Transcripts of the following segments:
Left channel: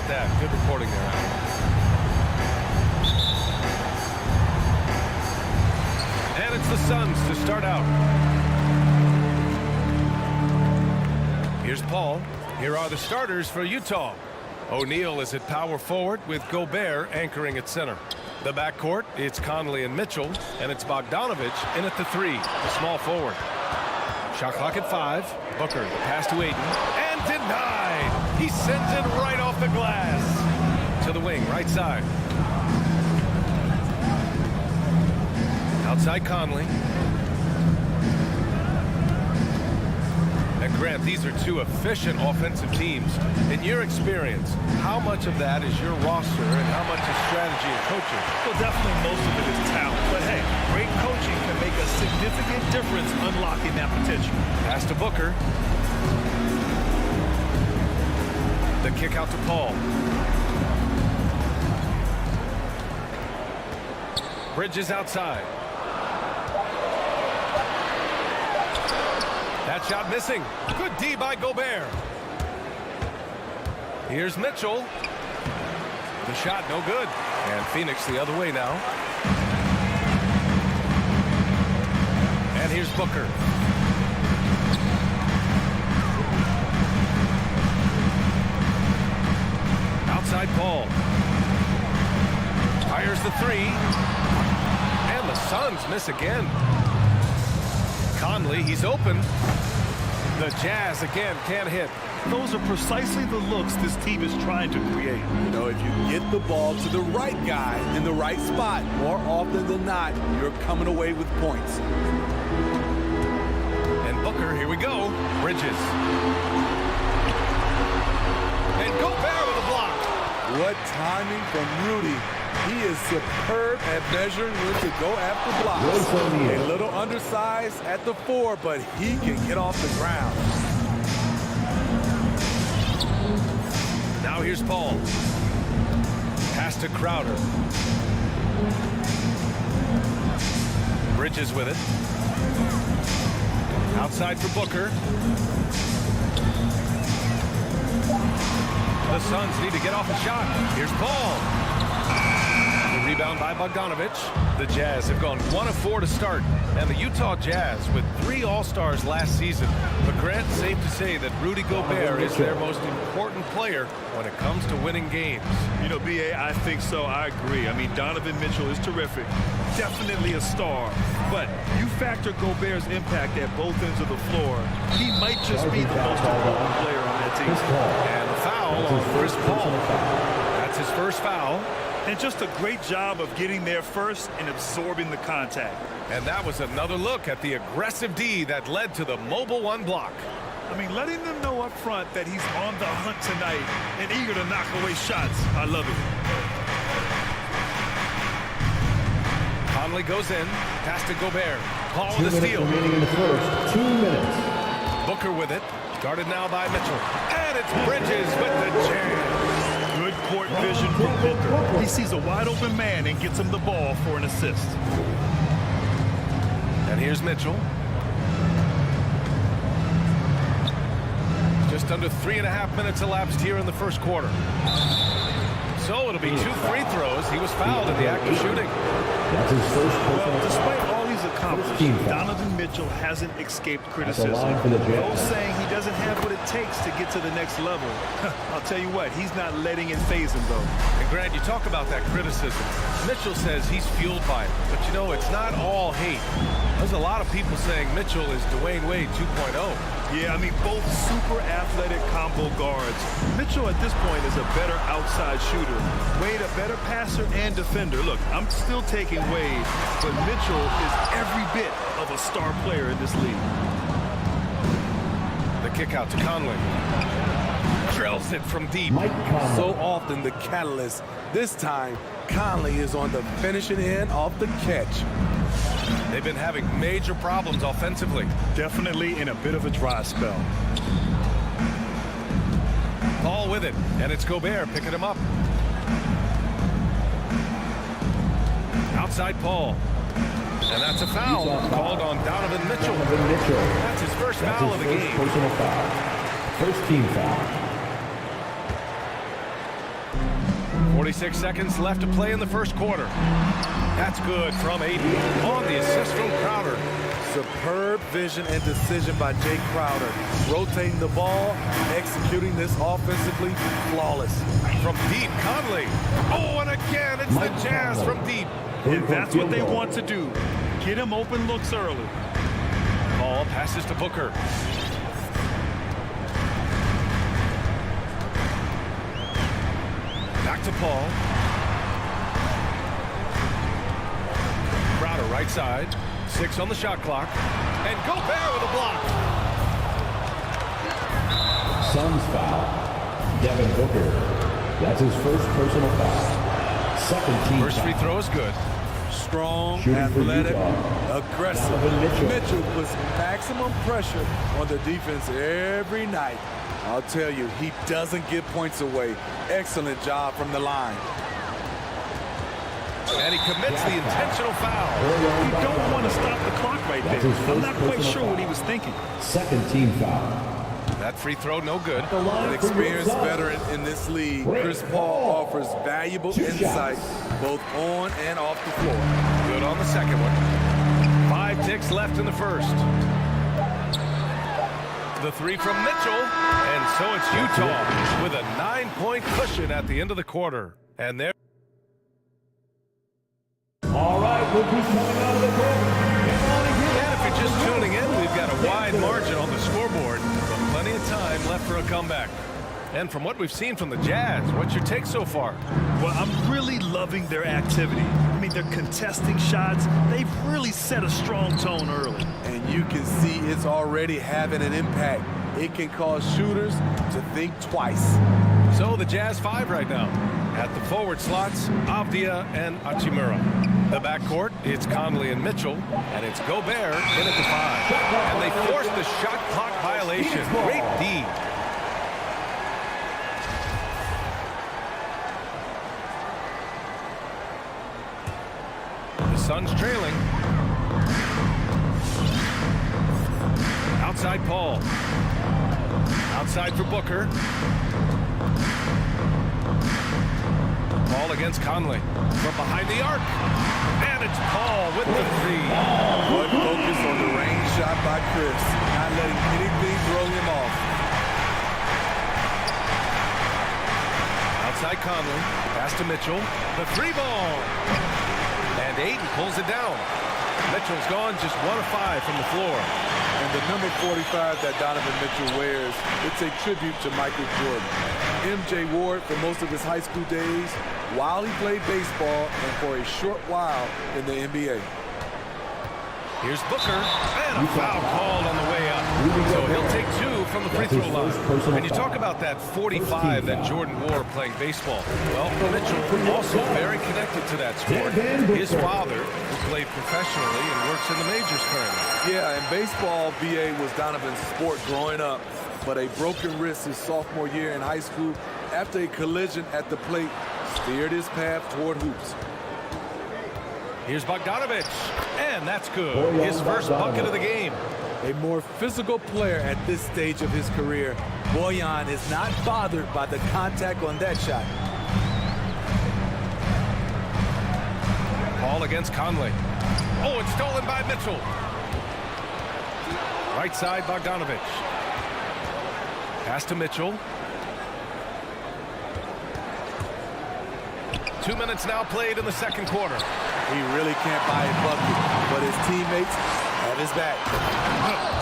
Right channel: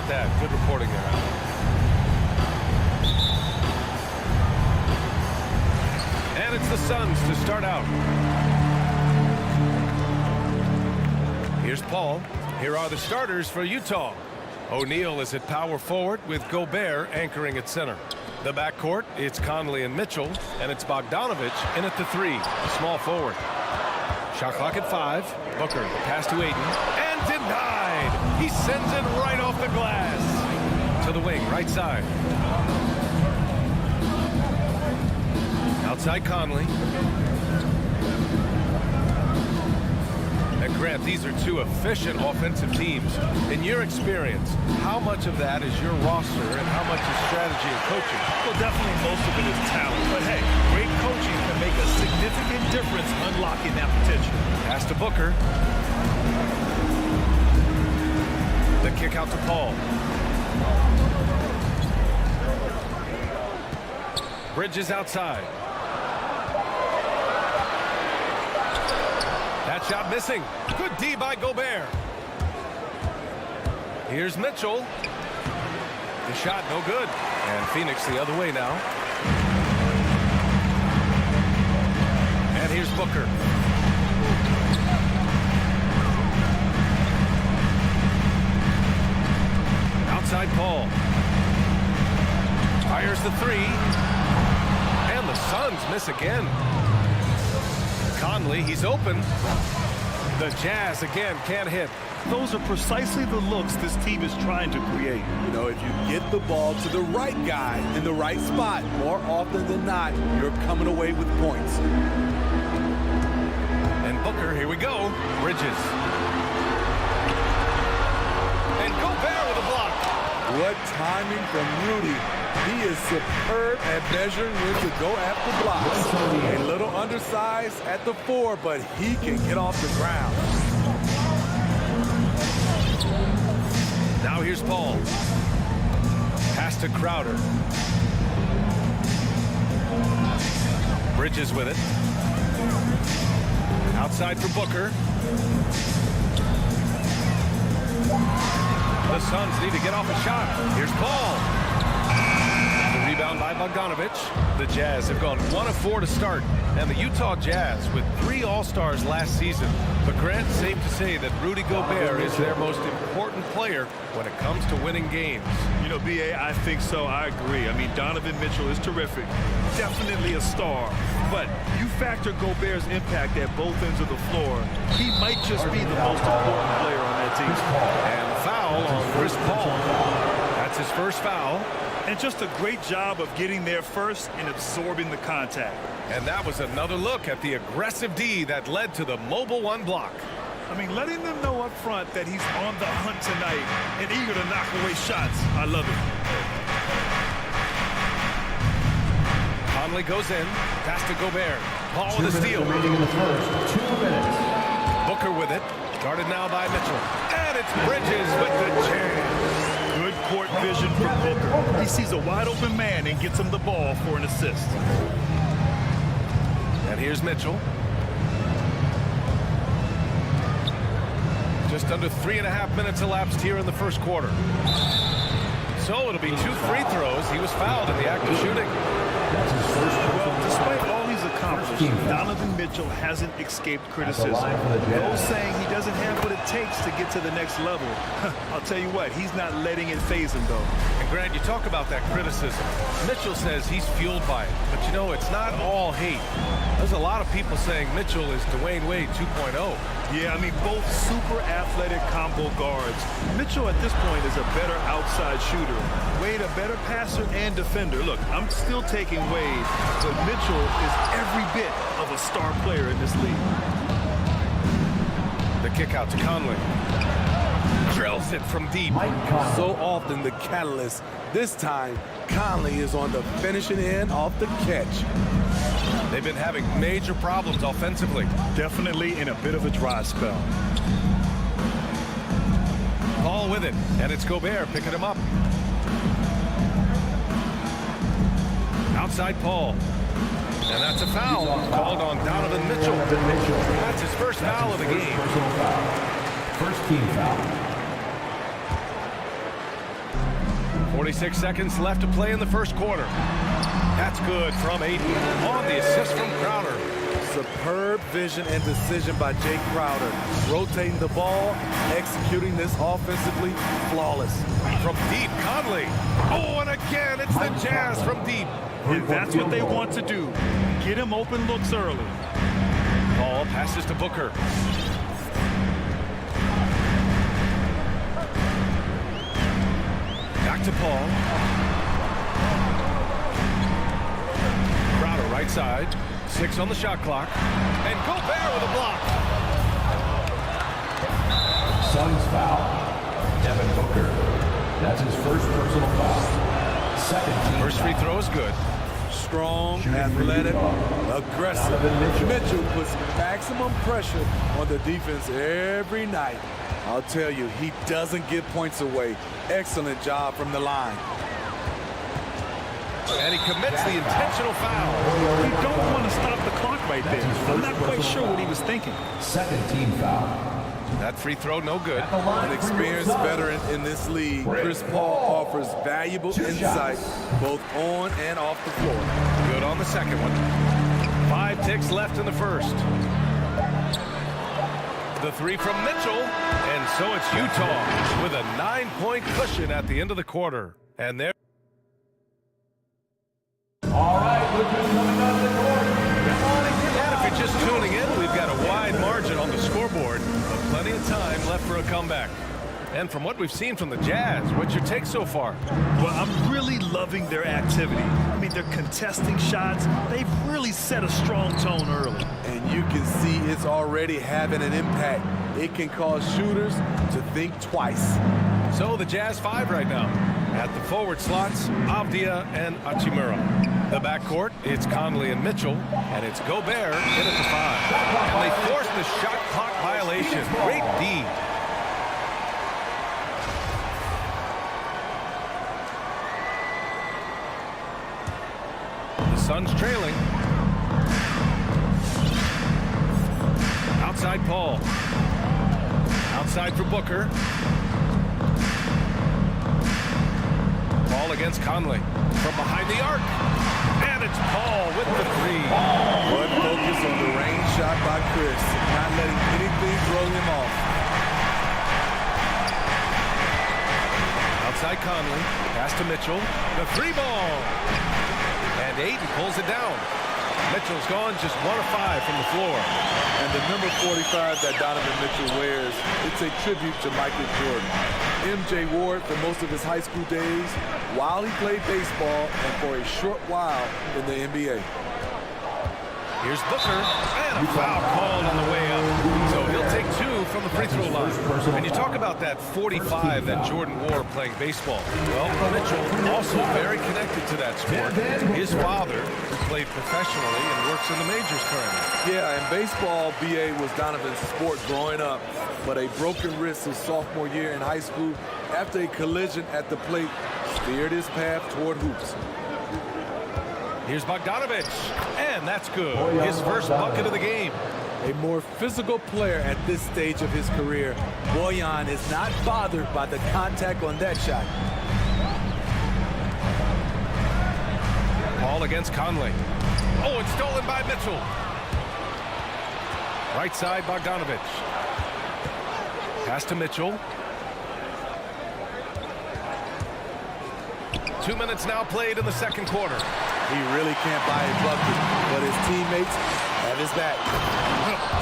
about that? Good reporting there, Alan. And it's the Suns to start out. Here's Paul. Here are the starters for Utah. O'Neal is at power forward with Gobert anchoring at center. The backcourt, it's Conley and Mitchell, and it's Bogdanovich in at the 3, a small forward. Shot clock at 5. Booker, the pass to Ayton, and denied. He sends it right off the glass. To the wing, right side. Outside Conley. And Grant, these are two efficient offensive teams. In your experience, how much of that is your roster and how much is strategy and coaching? Well, definitely most of it is talent. But hey, great coaching can make a significant difference unlocking that potential. Pass to Booker. The kick out to Paul. Bridges outside. That shot missing. Good D by Gobert. Here's Mitchell. The shot no good. And Phoenix the other way now. And here's Booker. Outside Paul. Fires the 3. And the Suns miss again. Conley, he's open. The Jazz again can't hit. Those are precisely the looks this team is trying to create. You know, if you get the ball to the right guy in the right spot, more often than not, you're coming away with points. And Booker, here we go. Bridges. And Gobert with a block. What timing from Rudy. He is superb at measuring when to go after blocks. A little undersized at the 4, but he can get off the ground. Now here's Paul. Pass to Crowder. Bridges with it. Outside for Booker. The Suns need to get off a shot. Here's Paul. The rebound by Bogdanovich. The Jazz have gone 1 of 4 to start. And the Utah Jazz with 3 All-Stars last season. But Grant, safe to say that Rudy Gobert is their most important player when it comes to winning games. You know, B.A., I think so. I agree. I mean, Donovan Mitchell is terrific. Definitely a star. But you factor Gobert's impact at both ends of the floor, he might just be the most important player on that team. And the foul on Chris Paul. That's his first foul. And just a great job of getting there first and absorbing the contact. And that was another look at the aggressive D that led to the mobile 1 block. I mean, letting them know up front that he's on the hunt tonight and eager to knock away shots. I love it. Conley goes in. Pass to Gobert. Paul with a steal. Remaining in the first. 2 minutes. Booker with it. Guarded now by Mitchell. And it's Bridges with the jam. Good court vision from Booker. He sees a wide open man and gets him the ball for an assist. And here's Mitchell. Just under 3.5 minutes elapsed here in the first quarter. So it'll be 2 free throws. He was fouled in the act of shooting. That's his first. Well, despite all he's accomplished, Donovan Mitchell hasn't escaped criticism. Those saying he doesn't have what it takes to get to the next level. I'll tell you what, he's not letting it faze him, though. And Grant, you talk about that criticism. Mitchell says he's fueled by it. But, you know, it's not all hate. There's a lot of people saying Mitchell is Dwayne Wade 2.0. Yeah, I mean, both super athletic combo guards. Mitchell at this point is a better outside shooter. Wade a better passer and defender. Look, I'm still taking Wade, but Mitchell is every bit of a star player in this league. The kick out to Conley. Drills it from deep. So often the catalyst. This time, Conley is on the finishing end off the catch. They've been having major problems offensively. Definitely in a bit of a dry spell. Paul with it, and it's Gobert picking him up. Outside Paul. And that's a foul called on Donovan Mitchell. That's his first foul of the game. Personal foul. First team foul. 46 seconds left to play in the first quarter. That's good from Aiden on the assist from Crowder. Superb vision and decision by Jay Crowder. Rotating the ball, executing this offensively, flawless. From deep, Conley. Oh, and again, it's the Jazz from deep. And that's what they want to do. Get him open looks early. Ball passes to Booker. Back to Paul. Crowder right side. 6 on the shot clock. And Gobert with a block. Suns foul. Devin Booker. That's his first personal foul. Second team First free foul. throw is good. Strong, Shooting for athletic, Utah. aggressive. Donovan Mitchell. Mitchell puts maximum pressure on the defense every night. I'll tell you, he doesn't give points away. Excellent job from the line. And he commits the intentional foul. You don't want to stop the clock right there. I'm not quite sure what he was thinking. Second team foul. That free throw no good. At the line An for experienced Utah. veteran in this league, Chris Paul offers valuable Two insight shots. both on and off the floor. Good on the second one. 5 ticks left in the first. The three from Mitchell. And so it's Utah with a 9-point cushion at the end of the quarter. And there. All right, look who's coming out of the corner. Come on and get And if you're just tuning in, we've got a wide margin on the scoreboard, but plenty of time left for a comeback. And from what we've seen from the Jazz, what's your take so far? Well, I'm really loving their activity. I mean, they're contesting shots. They've really set a strong tone early. And you can see it's already having an impact. It can cause shooters to think twice. So the Jazz 5 right now. At the forward slots, Avdia and Hachimura. The backcourt, it's Conley and Mitchell, and it's Gobert in at the 5. And they force the shot clock violation. Great D. The Suns trailing. Outside Paul. Outside for Booker. Paul against Conley. From behind the arc. And it's Paul with the 3. Good focus on the range shot by Chris, not letting anything throw him off. Outside Conley. Pass to Mitchell. The 3 ball. And Aiden pulls it down. Mitchell's gone just 1 of 5 from the floor. And the number 45 that Donovan Mitchell wears, it's a tribute to Michael Jordan. MJ wore it for most of his high school days while he played baseball and for a short while in the NBA. Here's Booker, and a foul called on the way up. So he'll take 2 from the free throw line. And you talk about that 45 that Jordan wore playing baseball. Well, Mitchell also very connected to that sport. His father, who played professionally and works in the majors currently. Yeah, and baseball, BA, was Donovan's sport growing up, but a broken wrist his sophomore year in high school after a collision at the plate steered his path toward hoops. Here's Bogdanovich, and that's good. His first bucket of the game. A more physical player at this stage of his career, Bojan is not bothered by the contact on that shot. Paul against Conley. Oh, it's stolen by Mitchell. Right side, Bogdanovich. Pass to Mitchell. 2 minutes now played in the second quarter. He really can't buy a bucket, but his teammates have his back.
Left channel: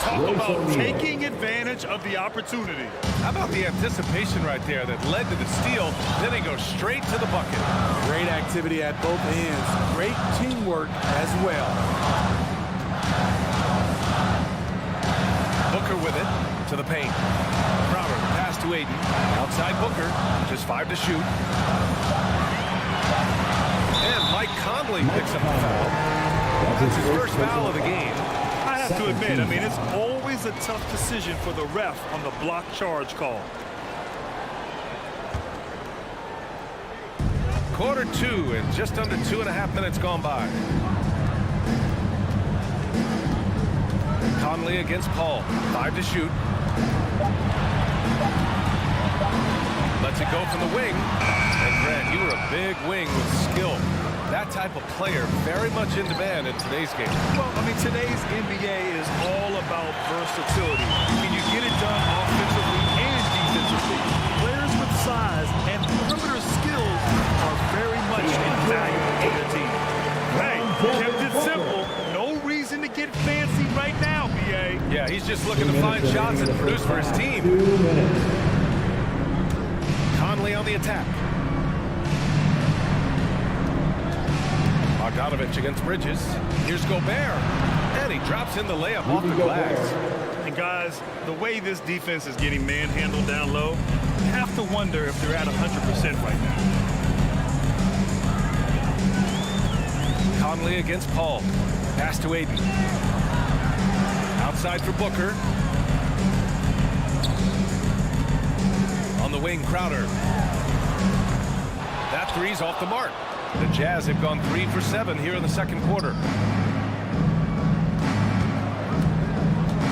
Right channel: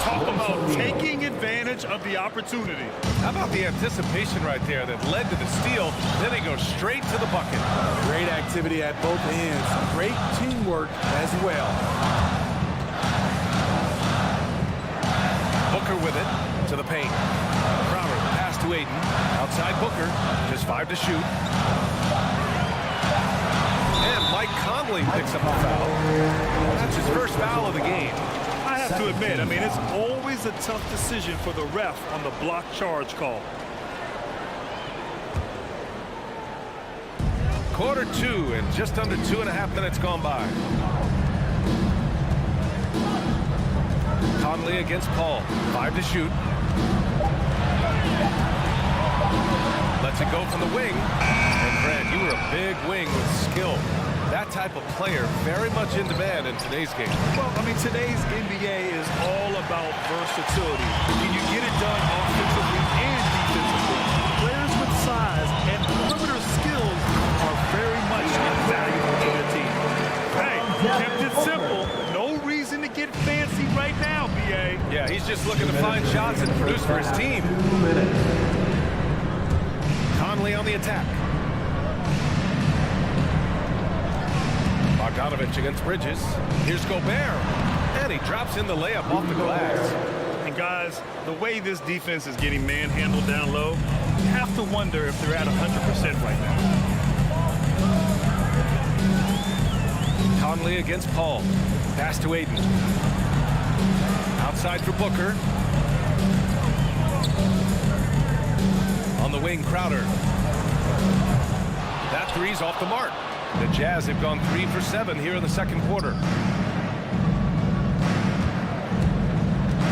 Talk about taking advantage of the opportunity. How about the anticipation right there that led to the steal? Then he goes straight to the bucket. Great activity at both ends. Great teamwork as well. Booker with it to the paint. Crowder, the pass to Aiden. Outside Booker, just 5 to shoot. And Mike Conley picks up a foul. That's his first foul of the game. I have to admit, I mean, it's always a tough decision for the ref on the block charge call. Quarter 2 and just under 2.5 minutes gone by. Conley against Paul. 5 to shoot. Lets it go from the wing. And Grant, you were a big wing with skill. That type of player very much in demand in today's game. Well, I mean, today's NBA is all about versatility. Can you get it done offensively and defensively? Players with size and perimeter skills are very much invaluable to their team. Hey, kept it simple. No reason to get fancy right now, B.A. Yeah, he's just looking to find shots and produce for his team. 2 minutes. Conley on the attack. Bogdanovich against Bridges. Here's Gobert. And he drops in the layup off the glass. And guys, the way this defense is getting manhandled down low, you have to wonder if they're at 100% right now. Conley against Paul. Pass to Aiden. Outside for Booker. On the wing, Crowder. That three's off the mark. The Jazz have gone 3 for 7 here in the second quarter.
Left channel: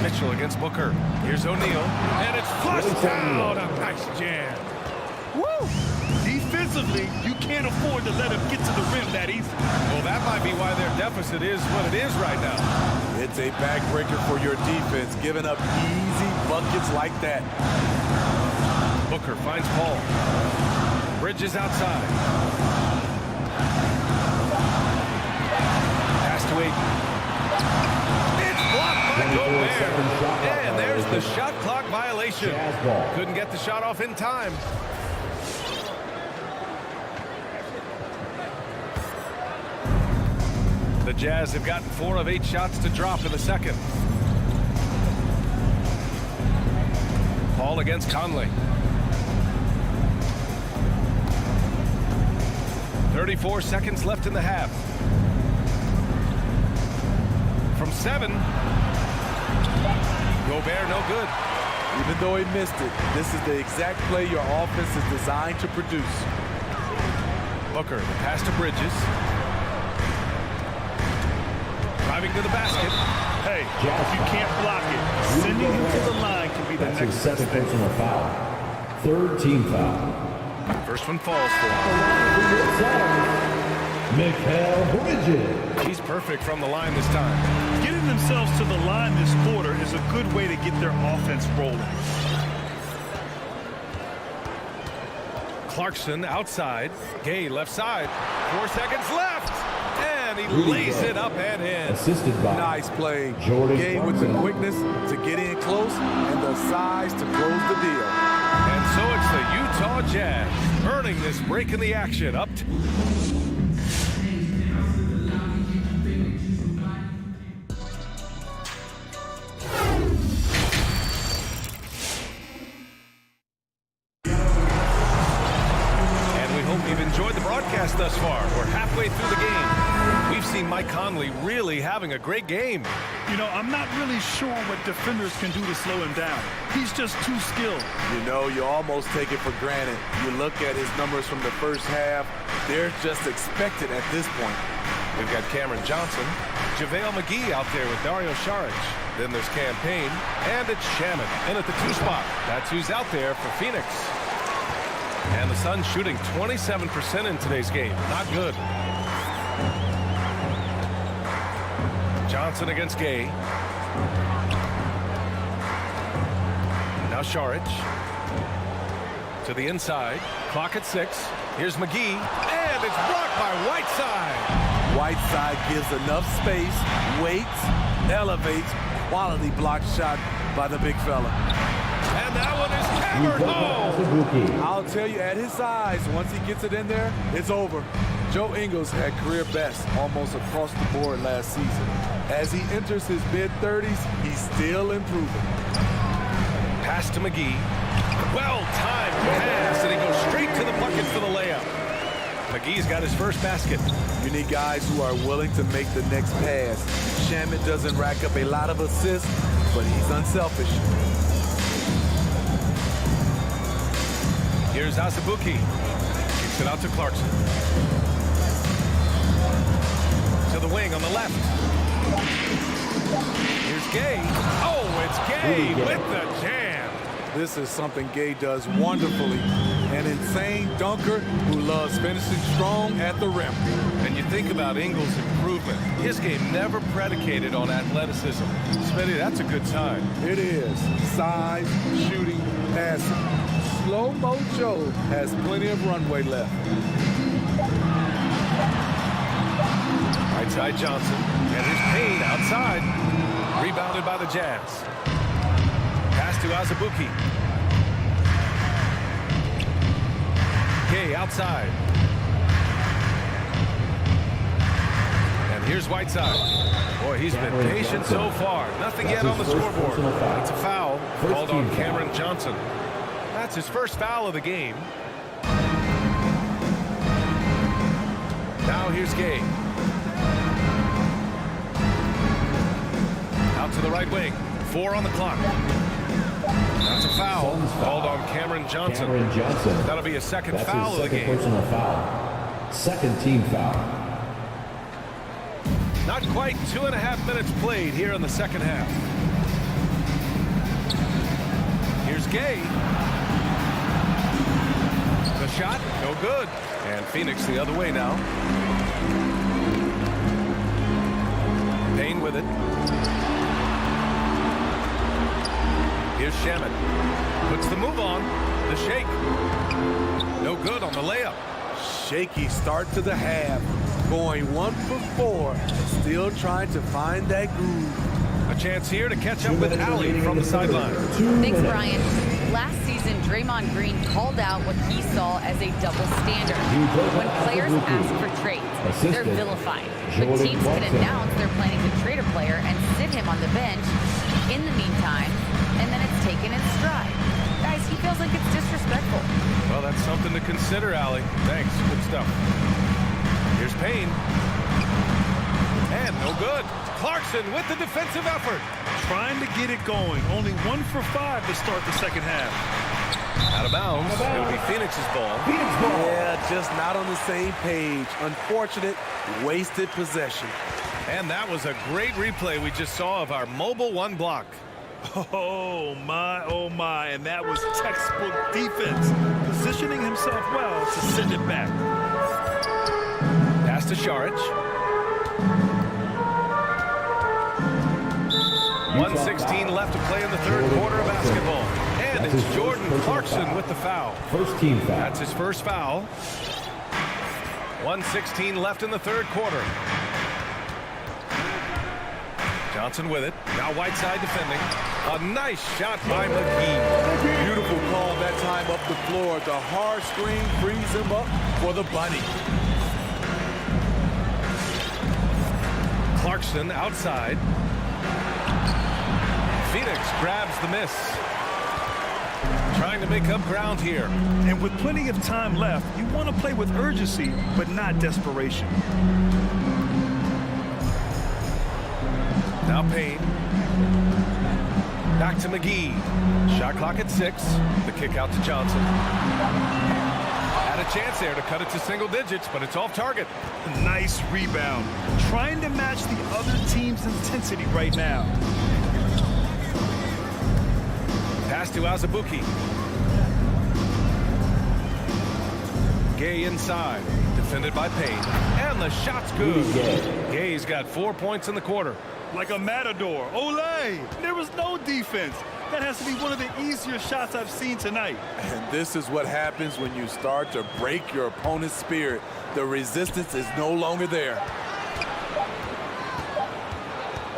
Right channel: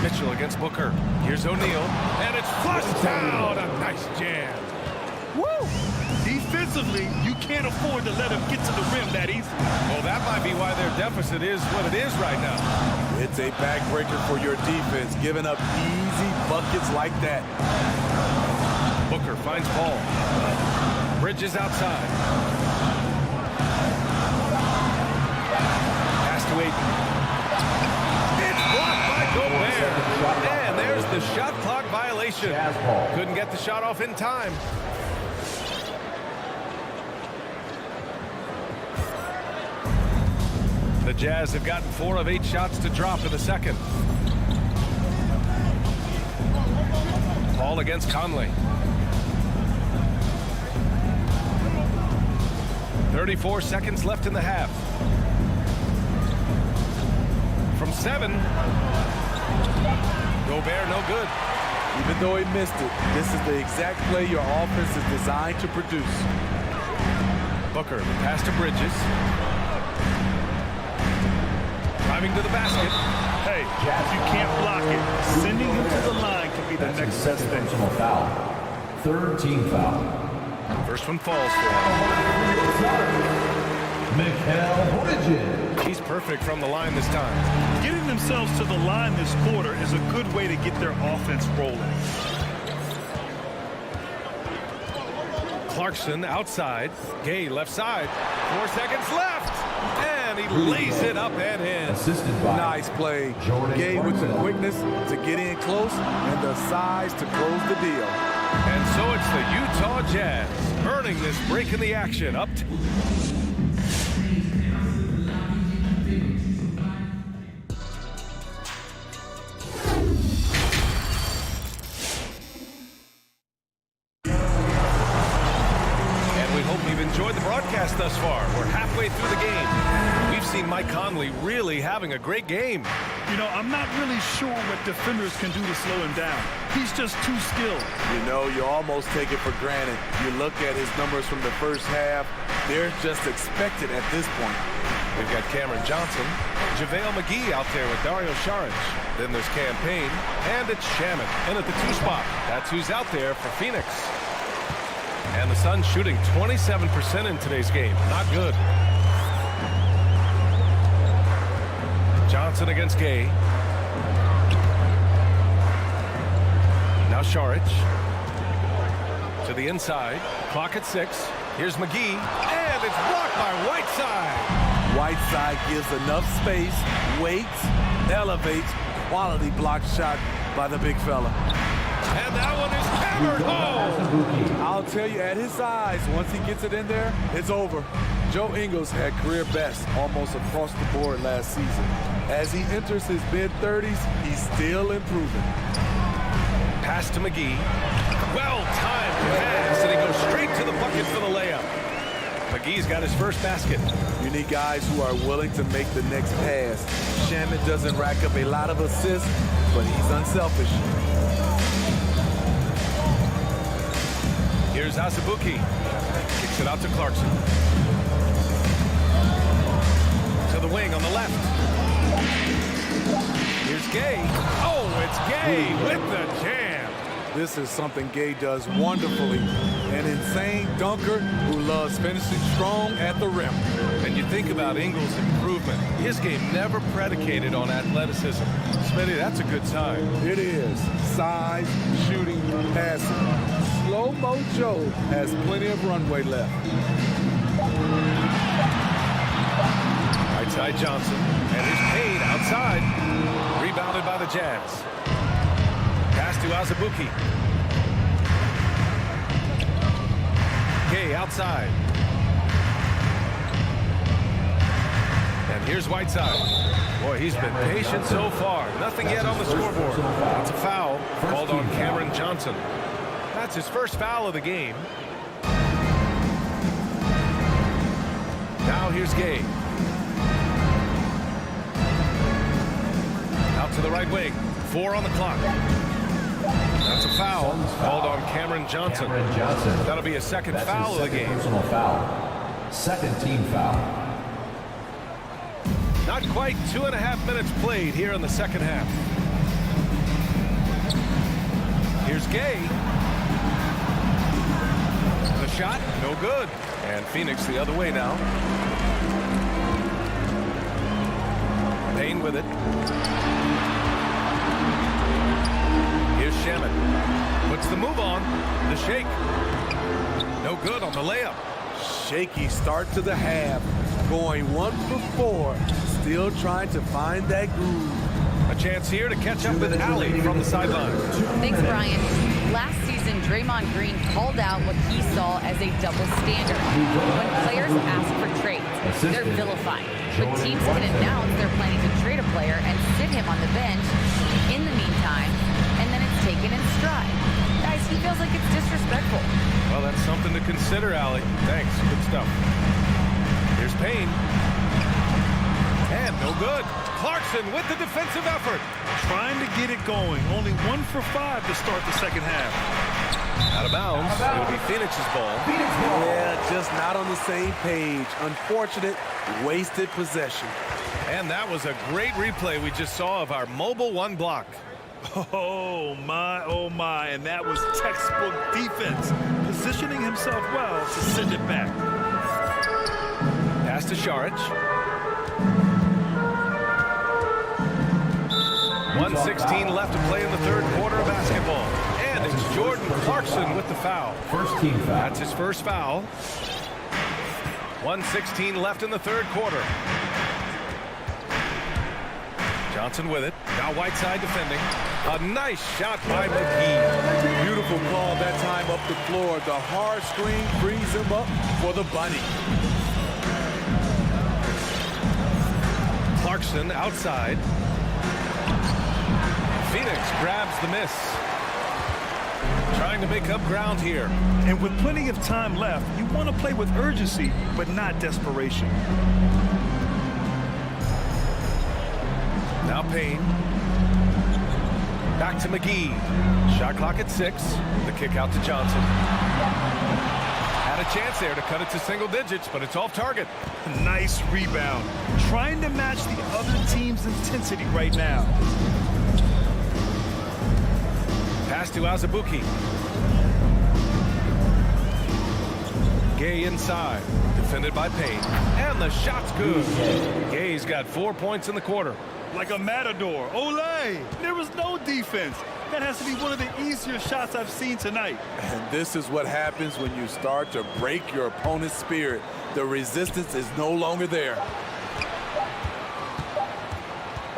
Mitchell against Booker. Here's O'Neal. And it's flushed out. A nice jam. Woo! Defensively, you can't afford to let him get to the rim that easily. Well, that might be why their deficit is what it is right now. It's a backbreaker for your defense, giving up easy buckets like that. Booker finds Paul. Bridges outside. Pass to Aiden. It's blocked by Gobert. And there's the shot clock violation. Couldn't get the shot off in time. The Jazz have gotten 4 of 8 shots to drop in the second. Paul against Conley. 34 seconds left in the half. From 7. Gobert no good. Even though he missed it, this is the exact play your offense is designed to produce. Booker, the pass to Bridges. Driving to the basket. Hey, if you can't block it, sending him to the line can be the That's next his best second thing. personal foul. Third team foul. First one falls for him. Mikal Bridges. He's perfect from the line this time. Getting themselves to the line this quarter is a good way to get their offense rolling. Clarkson outside. Gay left side. 4 seconds left. And he lays it up and in. Assisted by Nice play. Jordan Gay with the Clarkson. quickness to get in close and the size to close the deal. And so it's the Utah Jazz earning this break in the action up to you've enjoyed the broadcast thus far. We're halfway through the game. We've seen Mike Conley really having a great game. You know, I'm not really sure what defenders can do to slow him down. He's just too skilled. You know, you almost take it for granted. You look at his numbers from the first half, they're just expected at this point. We've got Cameron Johnson, JaVale McGee out there with Dario Saric. Then there's Cam Payne, and it's Shaman in at the 2 spot. That's who's out there for Phoenix. And the Suns shooting 27% in today's game. Not good. Johnson against Gay. Now Saric. To the inside. Clock at 6. Here's McGee. And it's blocked by Whiteside. Whiteside gives enough space, waits, elevates. Quality block shot by the big fella. And that one is hammered home. I'll tell you, at his size, once he gets it in there, it's over. Joe Ingles had career best almost across the board last season. As he enters his mid-30s, he's still improving. Pass to McGee. Well-timed pass, and he goes straight to the bucket for the layup. McGee's got his first basket. You need guys who are willing to make the next pass. Shaman doesn't rack up a lot of assists, but he's unselfish. Here's Azubuike. Kicks it out to Clarkson. To the wing on the left. Here's Gay. Oh, it's Gay with the jam. This is something Gay does wonderfully. an insane dunker who loves finishing strong at the rim. And you think about Ingles' improvement. His game never predicated on athleticism. Smitty, that's a good sign. It is. Size, shooting, passing. Slow-mo Joe has plenty of runway left. Right side Johnson. And here's Payne outside. Rebounded by the Jazz. Pass to Azubuike. Gay outside. And here's Whiteside. Boy, he's been patient so far. Nothing yet on the scoreboard. That's a foul called on Cameron Johnson. That's his first foul of the game. Now here's Gay. Out to the right wing. 4 on the clock. That's a foul called on Cameron Johnson. That'll be a second foul of the game. Personal foul. Second team foul. Not quite 2.5 minutes played here in the second half. Here's Gay. The shot, no good. And Phoenix the other way now. Payne with it. Here's Shamet. Puts the move on. The shake. No good on the layup. Shaky start to the half. Going 1 for 4. Still trying to find that groove. A chance here to catch up with Allie from the sideline. Thanks, Brian. Last season, Draymond Green called out what he saw as a double standard. When players ask for trades, they're vilified. But teams can announce they're planning to trade a player and sit him on the bench in the meantime, and then it's taken in stride. Guys, he feels like it's disrespectful. Well, that's something to consider, Allie. Thanks. Good stuff. Here's Payne. And no good. Clarkson with the defensive effort. Trying to get it going. Only 1 for 5 to start the second half. Out of bounds. It'll be Phoenix's ball. Yeah, just not on the same page. Unfortunate, wasted possession. And that was a great replay we just saw of our mobile 1 block. Oh, my. And that was textbook defense. Positioning himself well to send it back. Pass to Šarić. 1:16 left to play in the third quarter of basketball. And it's Jordan Clarkson with the foul. First team foul. That's his first foul. 1:16 left in the third quarter. Johnson with it. Now Whiteside defending. A nice shot by McGee. Beautiful call that time up the floor. The hard screen frees him up for the bunny. Clarkson outside. Phoenix grabs the miss. Trying to make up ground here. And with plenty of time left, you want to play with urgency, but not desperation. Now Payne. Back to McGee. Shot clock at 6. The kick out to Johnson. Had a chance there to cut it to single digits, but it's off target. Nice rebound. Trying to match the other team's intensity right now. Pass to Azubuike. Gay inside. Defended by Payne. And the shot's good. Gay's got 4 points in the quarter. Like a matador. Olay! There was no defense. That has to be one of the easier shots I've seen tonight. And this is what happens when you start to break your opponent's spirit. The resistance is no longer there.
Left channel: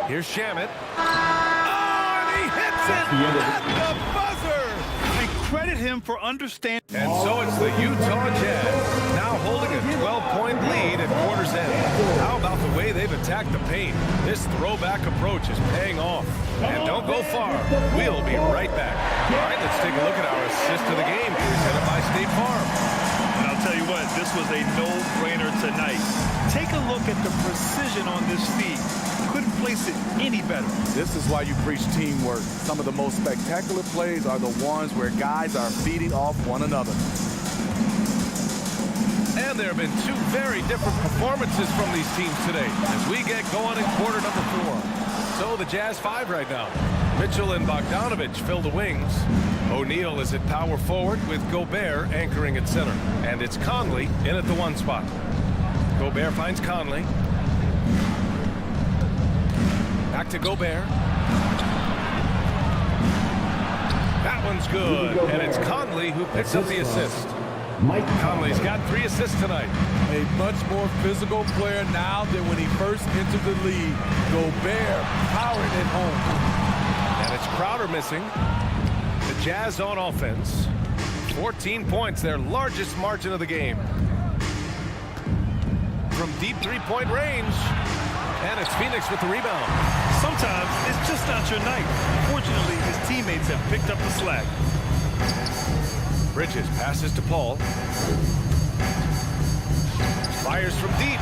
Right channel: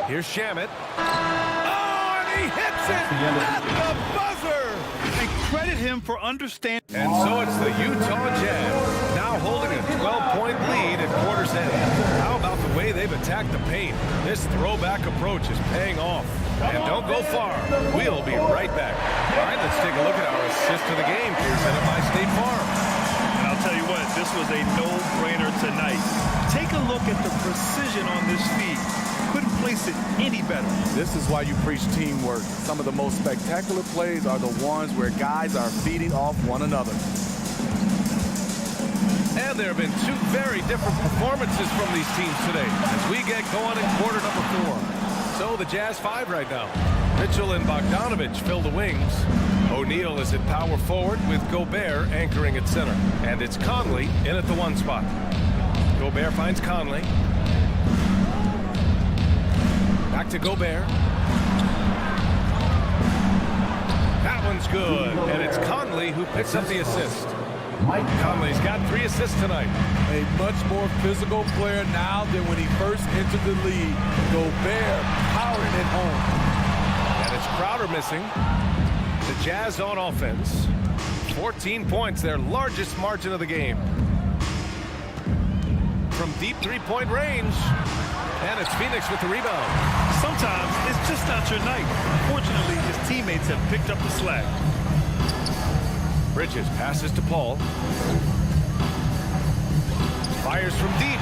Here's Shamet. Oh, and he hits it at the buzzer! And credit him for understanding. And so it's the Utah Jazz, now holding a 12-point lead at quarter's end. How about the way they've attacked the paint? This throwback approach is paying off. And don't go far. We'll be right back. All right, let's take a look at our assist of the game presented by State Farm. And I'll tell you what, this was a no-brainer tonight. Take a look at the precision on this feed. Couldn't place it any better. This is why you preach teamwork. Some of the most spectacular plays are the ones where guys are feeding off one another. And there have been 2 very different performances from these teams today as we get going in quarter number 4. So the Jazz 5 right now. Mitchell and Bogdanovich fill the wings. O'Neal is at power forward with Gobert anchoring at center. And it's Conley in at the 1 spot. Gobert finds Conley. Back to Gobert. That one's good, and it's Conley who picks up the assist. Conley's got 3 assists tonight. A much more physical player now than when he first entered the league. Gobert powering it home. And it's Crowder missing. The Jazz on offense. 14 points, their largest margin of the game. From deep 3-point range. And it's Phoenix with the rebound. Sometimes it's just not your night. Fortunately, his teammates have picked up the slack. Bridges passes to Paul. Fires from deep.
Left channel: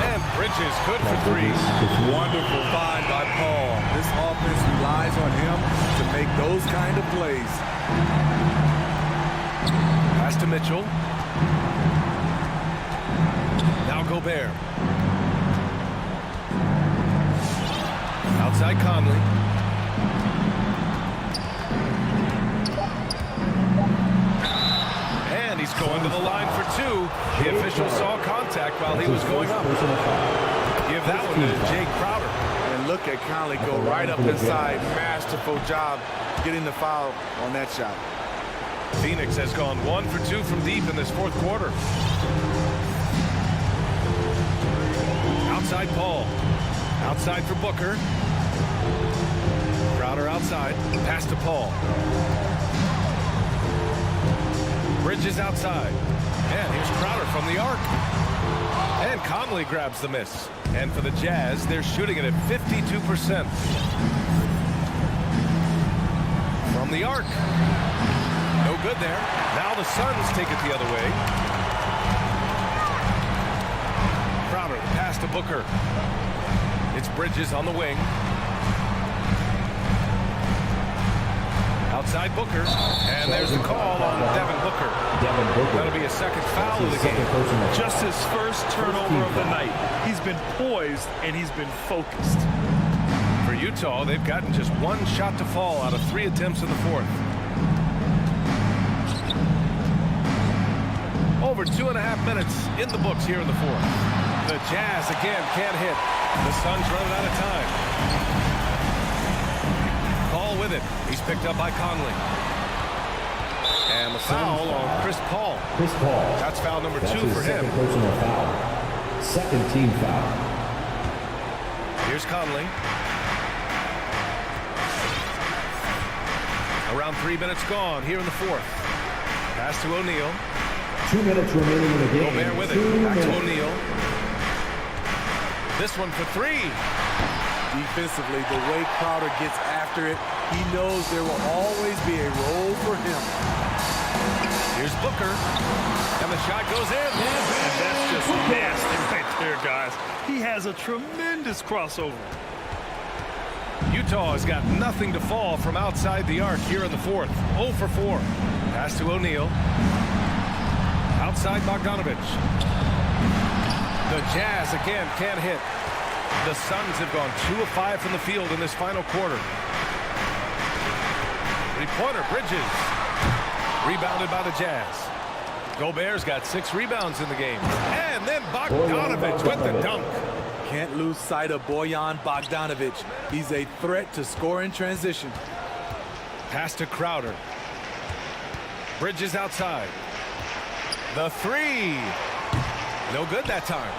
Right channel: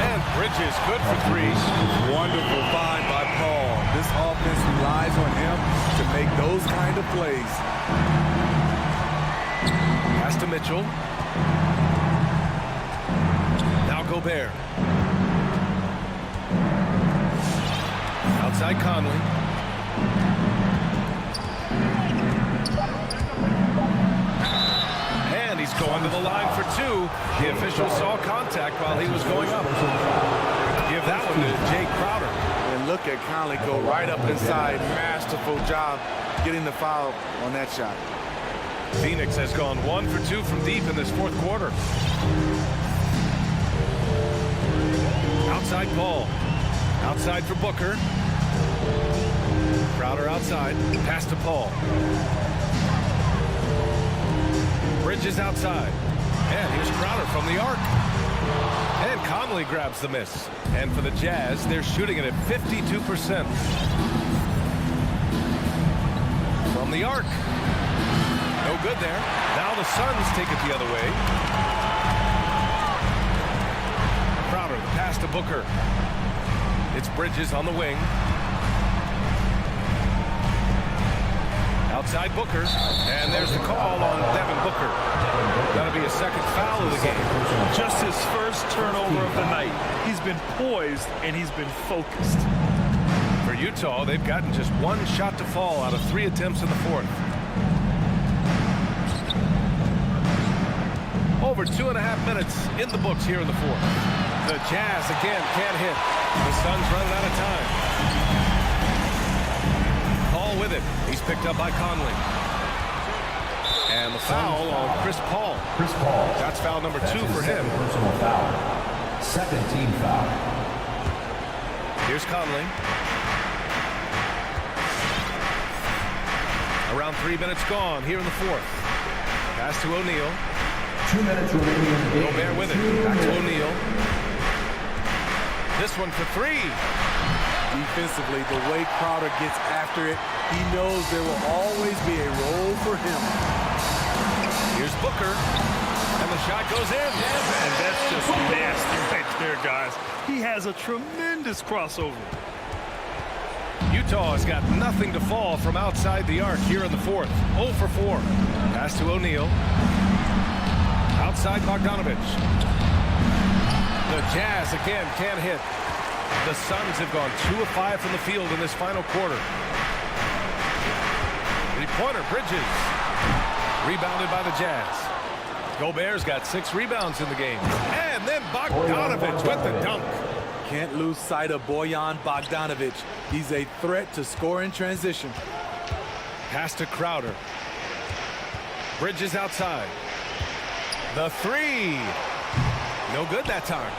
And Bridges good for 3. Wonderful find by Paul. This offense relies on him to make those kind of plays. Pass to Mitchell. Now Gobert. Outside Conley. And he's going to the line for 2. The official saw contact while he was going up. Give that one to Jay Crowder. And look at Conley go right up inside. Masterful job getting the foul on that shot. Phoenix has gone 1 for 2 from deep in this 4th quarter. Outside Paul. Outside for Booker. Crowder outside. Pass to Paul. Bridges outside. And here's Crowder from the arc. And Conley grabs the miss. And for the Jazz, they're shooting it at 52%. From the arc. No good there. Now the Suns take it the other way. Crowder, the pass to Booker. It's Bridges on the wing. Outside Booker. And there's the call on Devin Booker. That'll be a 2nd foul of the game. Just his first turnover of the night. He's been poised and he's been focused. For Utah, they've gotten just 1 shot to fall out of 3 attempts in the 4th. Over 2.5 minutes in the books here in the 4th. The Jazz again can't hit. The Suns running out of time. Paul with it. He's picked up by Conley. And the foul on Chris Paul. That's foul number 2 for him. Personal foul. 2nd team foul. Here's Conley. Around 3 minutes gone here in the 4th. Pass to O'Neal. 2 minutes remaining in the game. Gobert with it. Back to O'Neal. This one for 3. Defensively, the way Crowder gets after it, he knows there will always be a role for him. Here's Booker. And the shot goes in. And that's just nasty right there, guys. He has a tremendous crossover. Utah has got nothing to fall from outside the arc here in the 4th. 0 for 4. Pass to O'Neal. Outside Bogdanovich. The Jazz again can't hit. The Suns have gone 2 of 5 from the field in this final quarter. 3-pointer, Bridges. Rebounded by the Jazz. Gobert's got 6 rebounds in the game. And then Bogdanovich with the dunk. Can't lose sight of Bojan Bogdanovich. He's a threat to score in transition. Pass to Crowder. Bridges outside. The 3. No good that time.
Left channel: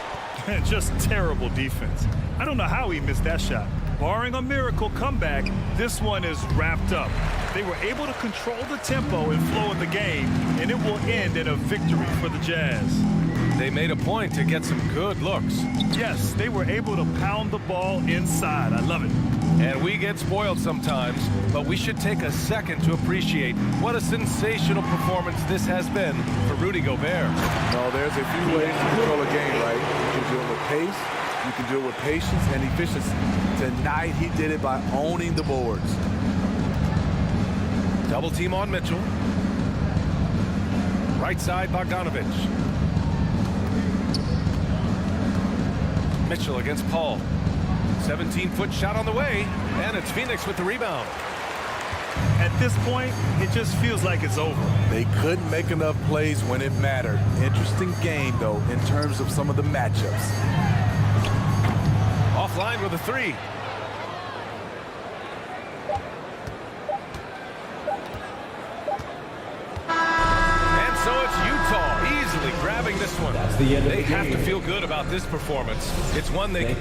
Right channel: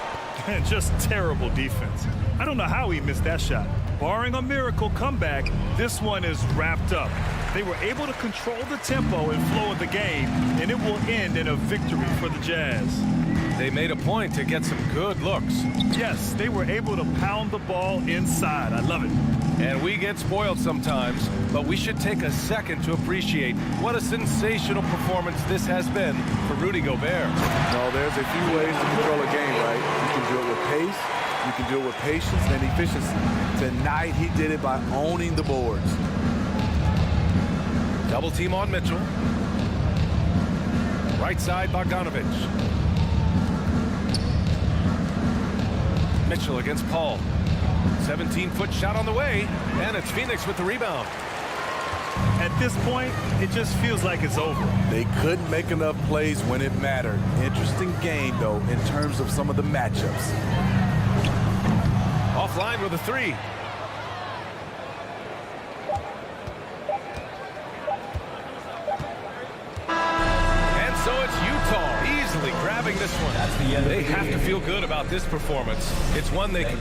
Just terrible defense. I don't know how he missed that shot. Barring a miracle comeback, this one is wrapped up. They were able to control the tempo and flow of the game, and it will end in a victory for the Jazz. They made a point to get some good looks. Yes, they were able to pound the ball inside. I love it. And we get spoiled sometimes, but we should take a second to appreciate what a sensational performance this has been for Rudy Gobert. No, there's a few ways to control a game, right? You can do it with pace, you can do it with patience and efficiency. Tonight, he did it by owning the boards. Double team on Mitchell. Right side, Bogdanovich. Mitchell against Paul. 17-foot shot on the way, and it's Phoenix with the rebound. At this point, it just feels like it's over. They couldn't make enough plays when it mattered. Interesting game, though, in terms of some of the matchups. Offline with a three. And so it's Utah easily grabbing this one. That's the end of They the have game. to feel good about this performance. It's one they...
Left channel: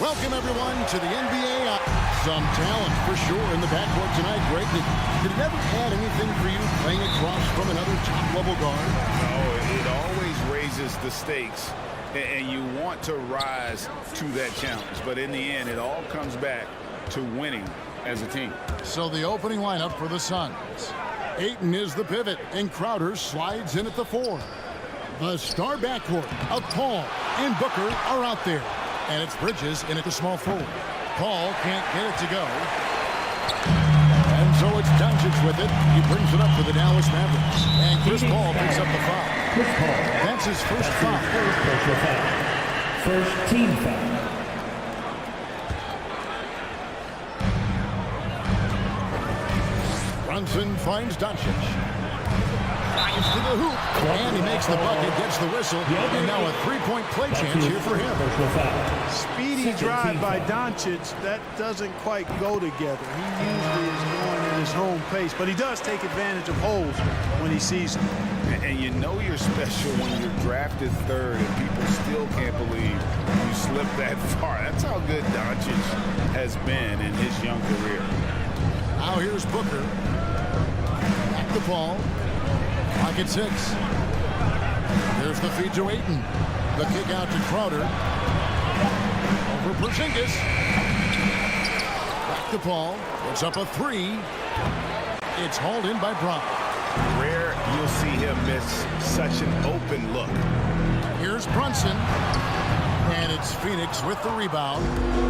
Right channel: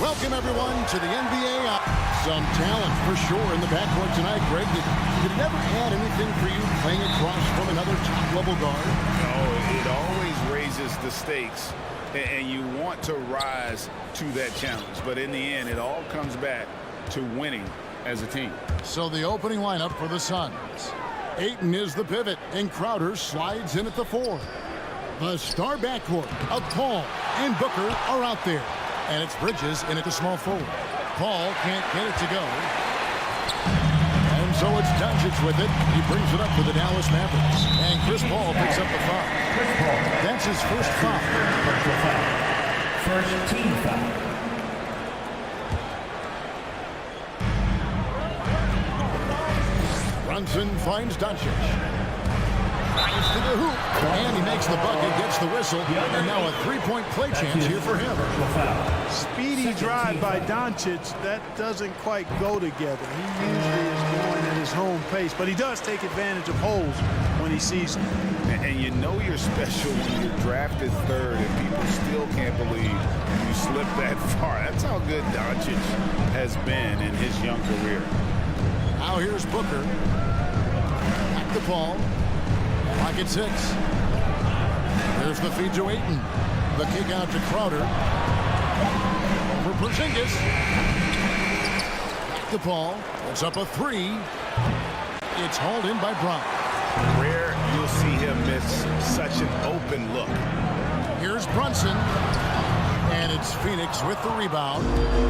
Welcome, everyone, to the NBA. Some talent for sure in the backcourt tonight, Greg. Did it ever add anything for you playing across from another top-level guard? No, it always raises the stakes, and you want to rise to that challenge. But in the end, it all comes back to winning as a team. So the opening lineup for the Suns. Ayton is the pivot, and Crowder slides in at the 4. The star backcourt of Paul and Booker are out there. And it's Bridges in at the small forward. Paul can't get it to go. And so it's Doncic with it. He brings it up for the Dallas Mavericks. And Chris Paul picks up the foul. Chris Paul. That's his first foul. First personal foul. First team foul. Brunson finds Doncic. Drives to the hoop, and he makes the bucket, gets the whistle, and now a three-point play chance here for him. Speedy drive by Doncic. That doesn't quite go together. He usually is going at his home pace, but he does take advantage of holes when he sees them. And you know you're special when you're drafted third and people still can't believe you slipped that far. That's how good Doncic has been in his young career. Now here's Booker. Back to Paul. Clock at 6. There's the feed to Ayton. The kick out to Crowder. Over Porzingis. Back to Paul. Puts up a 3. It's hauled in by Brown. Rare you'll see him miss such an open look. Here's Brunson. And it's Phoenix with the rebound.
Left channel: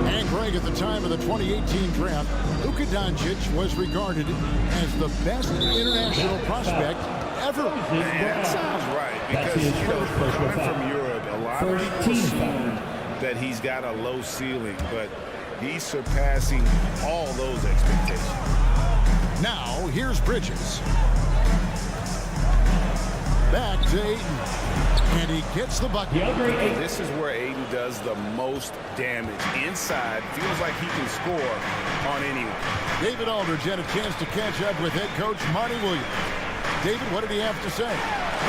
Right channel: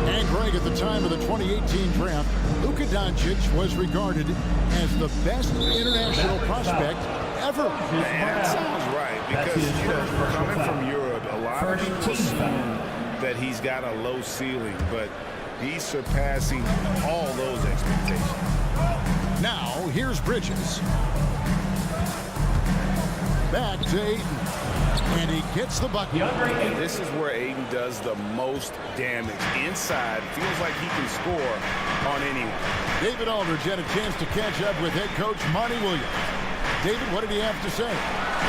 And Greg, at the time of the 2018 draft, Luka Doncic was regarded as the best international prospect ever. And that sounds right, because, you know, coming from Europe, a lot of people assume that he's got a low ceiling, but he's surpassing all those expectations. Now, here's Bridges. Back to Ayton. And he gets the bucket. This is where Ayton does the most damage. Inside, feels like he can score on anyone. David Aldridge had a chance to catch up with head coach Monty Williams. David, what did he have to say?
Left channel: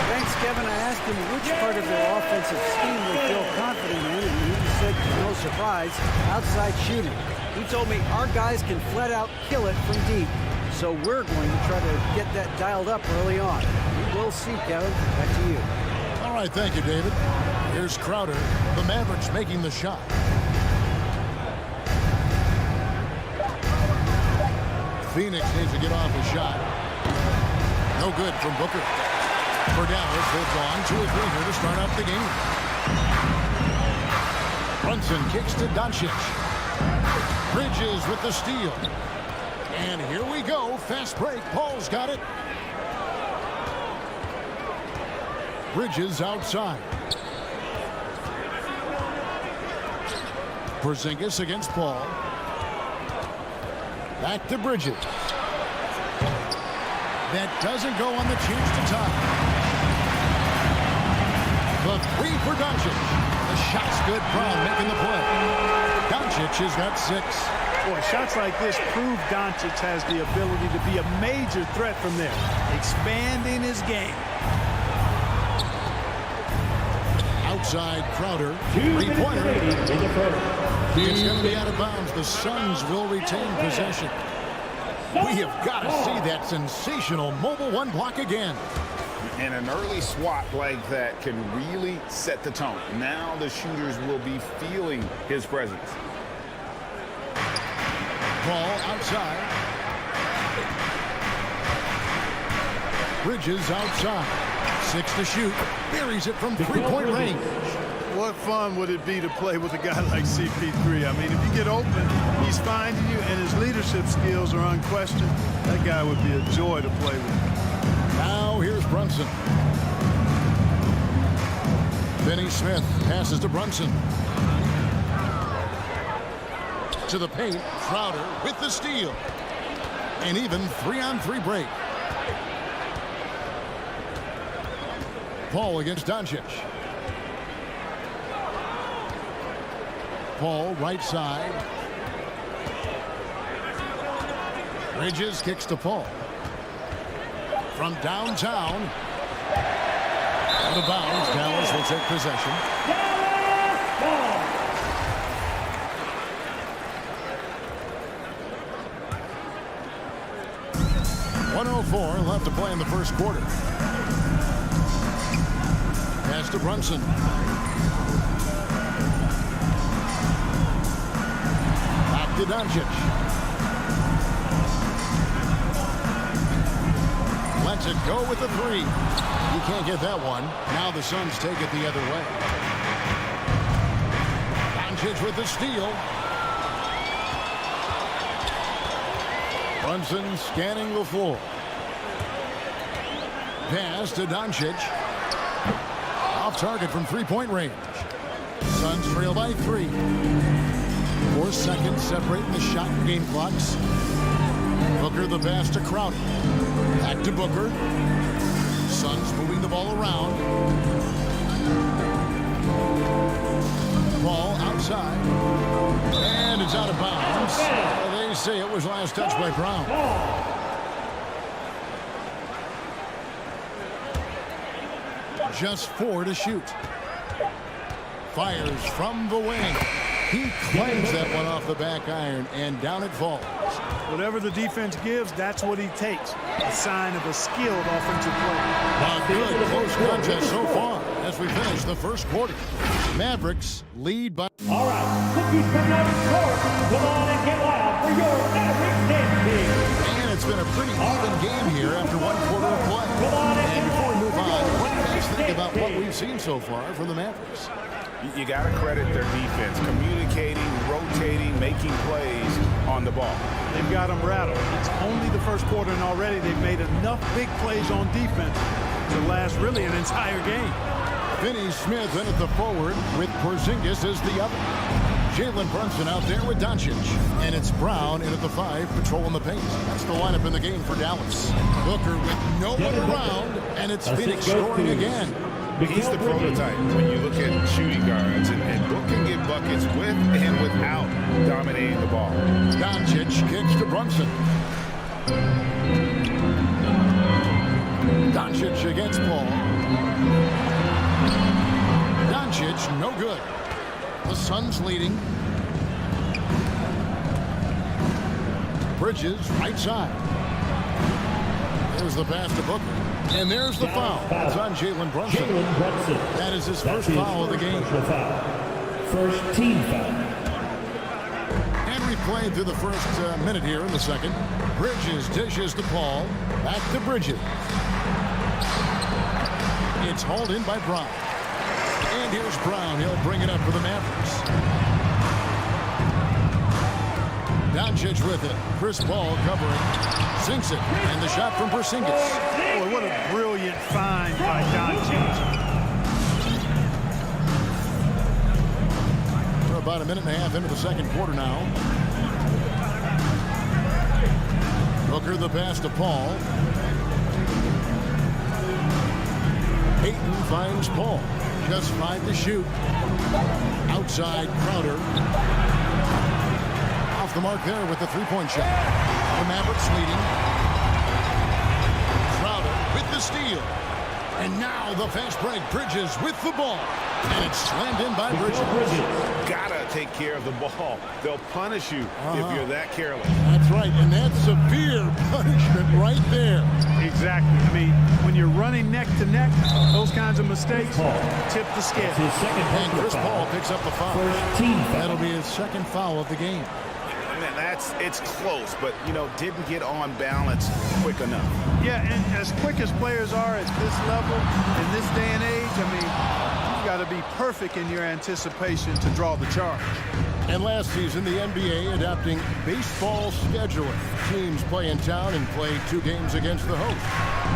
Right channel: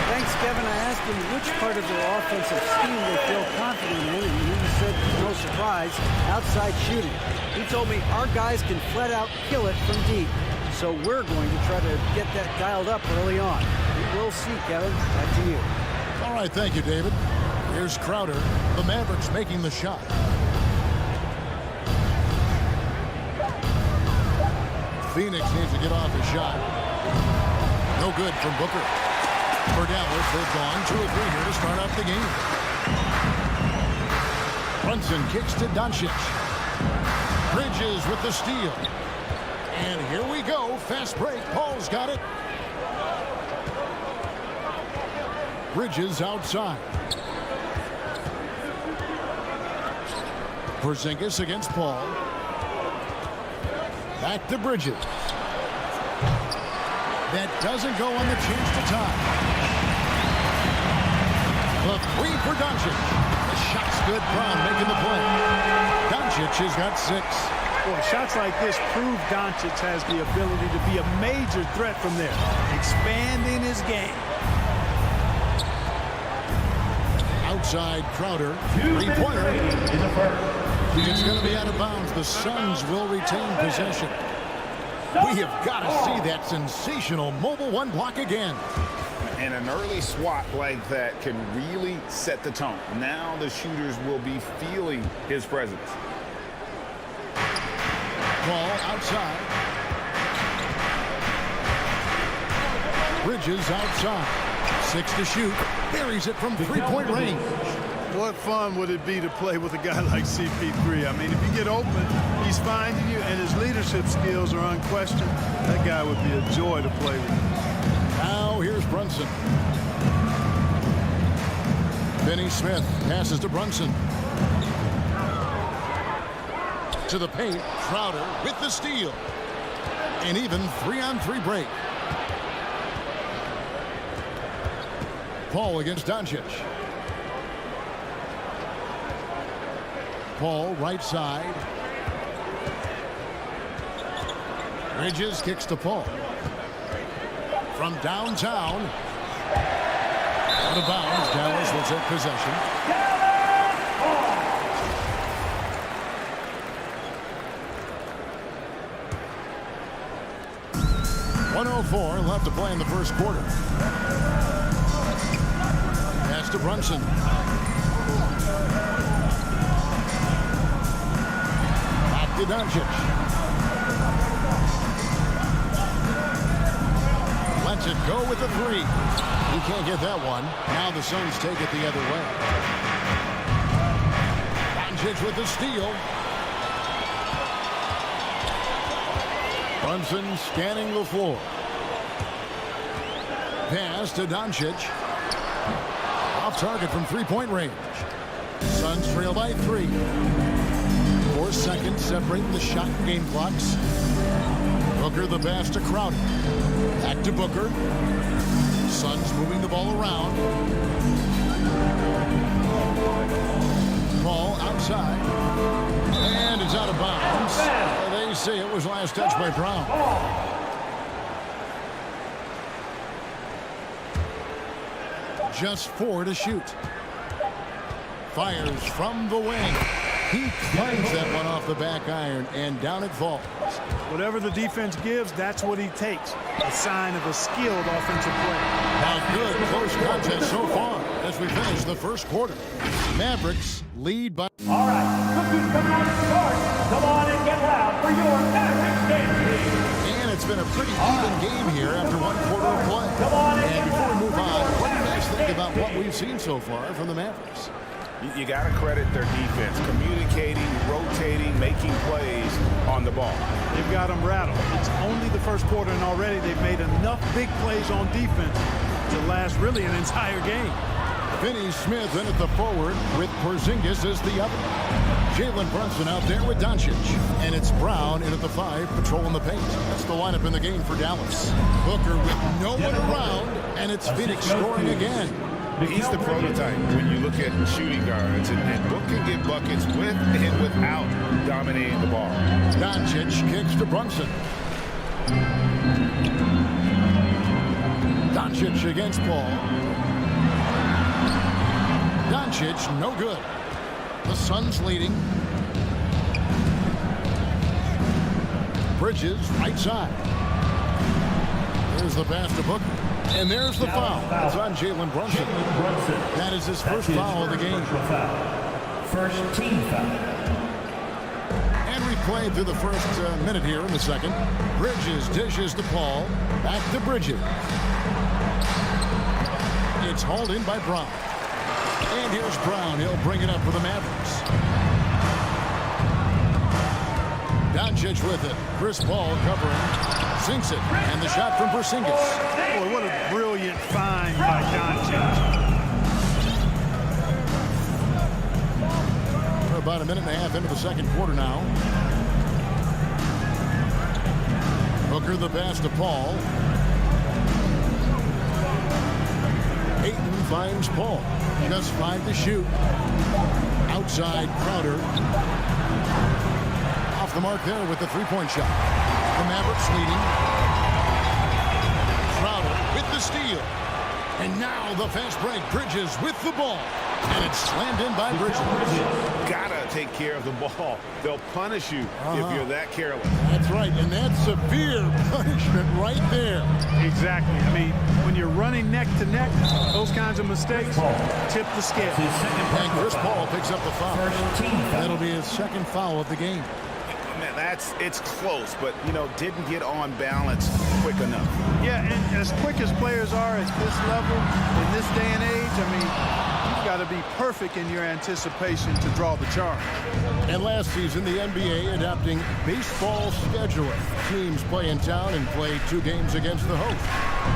Thanks, Kevin. I asked him which part of their offensive scheme they feel confident in, and he said, no surprise, outside shooting. He told me our guys can flat out kill it from deep, so we're going to try to get that dialed up early on. We will see, Kevin. Back to you. All right, thank you, David. Here's Crowder. The Mavericks making the shot. Phoenix needs to get off his shot. No good from Booker. For Dallas, they've gone 2 of 3 here to start off the game. Brunson kicks to Doncic. Bridges with the steal. And here we go. Fast break. Paul's got it. Bridges outside. Porzingis against Paul. Back to Bridges. That doesn't go on the chance to tie. The 3 for Doncic. The shot's good. Brown making the play. Doncic has got 6. Boy, shots like this prove Doncic has the ability to be a major threat from there, expanding his game. Outside Crowder. 3-pointer. It's going to be out of bounds. The Suns will retain possession. We have got to see that sensational mobile 1 block again. And an early swat like that can really set the tone. Now the shooters will be feeling his presence. Ball outside. Bridges outside. 6 to shoot. Buries it from 3-point range. What fun would it be to play with a guy like CP3? I mean, if you get open, he's finding you, and his leadership skills are unquestioned. That guy would be a joy to play with. Now here's Brunson. Finney Smith passes to Brunson. To the paint, Crowder with the steal. An even 3-on-3 break. Paul against Doncic. Paul right side. Bridges kicks to Paul. From downtown. Out of bounds. Dallas will take possession. 1:04 left to play in the first quarter. Pass to Brunson. Back to Doncic. Lets it go with the three. He can't get that one. Now the Suns take it the other way. Doncic with the steal. Brunson scanning the floor. Pass to Doncic. Off target from three-point range. Suns trail by 3. 4 seconds separating the shot and game clocks. Booker the pass to Crowder. Back to Booker. Suns moving the ball around. Ball outside. And it's out of bounds. They say it was last touched by Brown. Just 4 to shoot. Fires from the wing. He claims that one off the back iron, and down it falls. Whatever the defense gives, that's what he takes. A sign of a skilled offensive play. A good close contest so far as we finish the first quarter. Mavericks lead by... All right, look who's coming out to start. Come on and get loud for your Mavericks dance team. And it's been a pretty even game here after one quarter of play. And before we move on, what do you guys think about what we've seen so far from the Mavericks? You got to credit their defense, communicating, rotating, making plays on the ball. They've got them rattled. It's only the first quarter, and already they've made enough big plays on defense to last really an entire game. Finney Smith in at the forward with Porzingis as the other. Jalen Brunson out there with Doncic. And it's Brown in at the 5, patrolling the paint. That's the lineup in the game for Dallas. Booker with no one around, and it's Phoenix scoring again. He's the prototype when you look at shooting guards, and Book can get buckets with and without dominating the ball. Doncic kicks to Brunson. Doncic against Paul. Doncic, no good. The Suns leading. Bridges, right side. There's the pass to Booker. And there's the foul. It's on Jalen Brunson. That is his first foul of the game. First team foul. And replayed through the first minute here in the second. Bridges dishes to Paul. Back to Bridges. It's hauled in by Brown. And here's Brown. He'll bring it up for the Mavericks. Doncic with it. Chris Paul covering. Sinks it. And the shot from Porzingis. Boy, what a brilliant find by Doncic. We're about a minute and a half into the second quarter now. Booker the pass to Paul. Ayton finds Paul. Just 5 to shoot. Outside Crowder. Off the mark there with the three-point shot. The Mavericks leading. Crowder with the steal. And now the fast break. Bridges with the ball. And it's slammed in by Bridges. Gotta take care of the ball. They'll punish you if you're that careless. That's right, and that's severe punishment right there. Exactly. I mean, when you're running neck to neck, those kinds of mistakes tip the scale. And Chris Paul picks up the foul. First team foul. That'll be his second foul of the game. Man, it's close, but, didn't get on balance quick enough. Yeah, and as quick as players are at this level, in this day and age, I mean, you've got to be perfect in your anticipation to draw the charge. And last season, the NBA adopting baseball scheduling. Teams play in town and play 2 games against the host.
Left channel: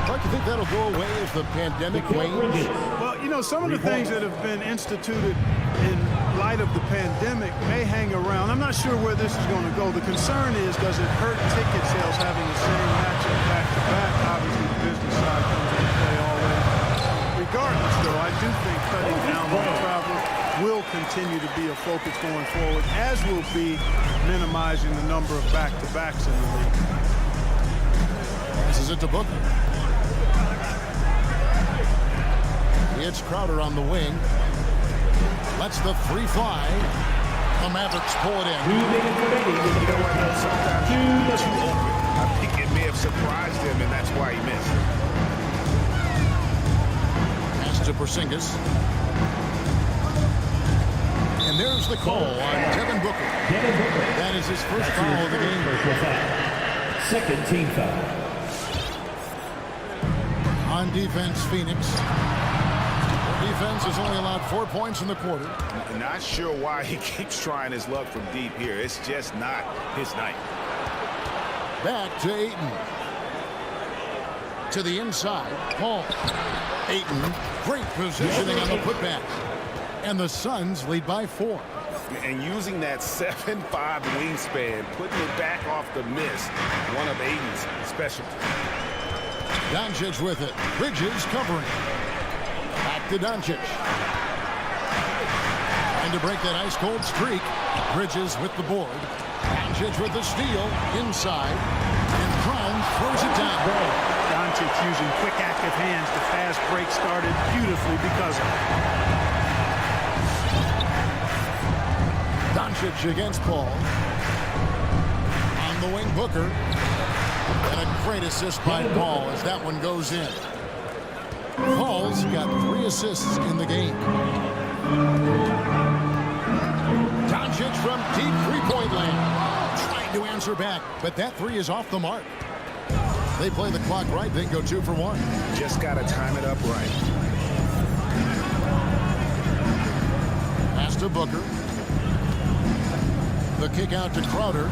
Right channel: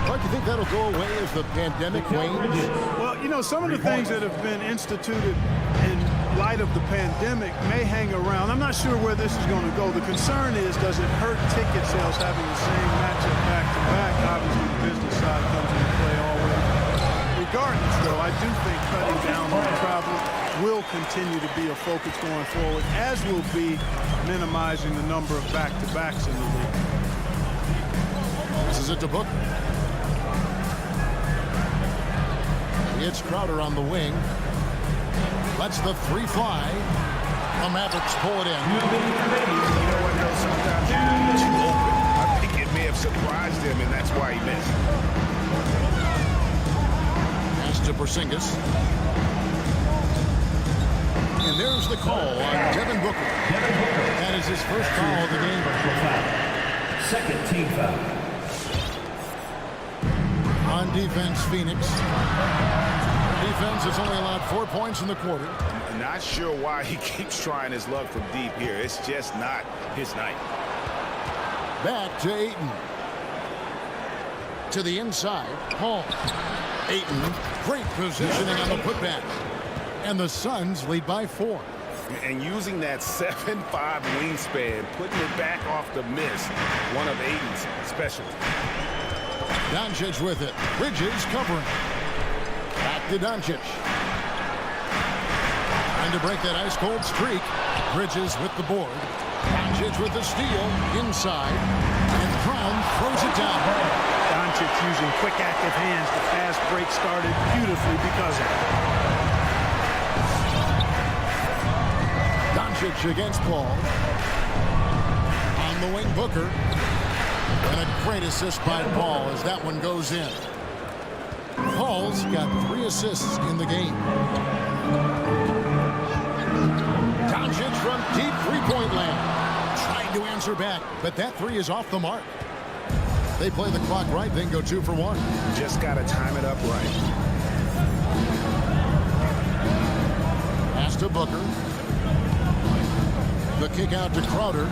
Clark, you think that'll go away as the pandemic wanes? Well, some of the things that have been instituted in light of the pandemic may hang around. I'm not sure where this is going to go. The concern is, does it hurt ticket sales having the same matchup back-to-back? Obviously, the business side comes into play always. Regardless, though, I do think cutting down on travel will continue to be a focus going forward, as will be minimizing the number of back-to-backs in the league. This is it to Booker. It's Crowder on the wing. Lets the 3 fly. The Mavericks pull it in. 2 minutes remaining. You know what, though? Sometimes you can be too open. I think it may have surprised him, and that's why he missed. Pass to Porzingis. And there's the call on Devin Booker. That is his first foul of the game. Second team foul. On defense, Phoenix. Their defense has only allowed 4 points in the quarter. Not sure why he keeps trying his luck from deep here. It's just not his night. Back to Ayton. To the inside, Paul. Ayton, great positioning on the putback. And the Suns lead by 4. And using that 7'5" wingspan, putting it back off the miss, one of Ayton's specialties. Doncic with it. Bridges covering. Back to Doncic. Trying to break that ice-cold streak. Bridges with the board. Doncic with the steal. Inside. And Brown throws it down. Doncic using quick, active hands. The fast break started beautifully because of it. Doncic against Paul. On the wing, Booker. And a great assist by Paul as that one goes in. Paul's got 3 assists in the game. Doncic from deep three-point land. Trying to answer back, but that 3 is off the mark. They play the clock right, then go 2 for 1. Just got to time it up right. Pass to Booker. The kick out to Crowder.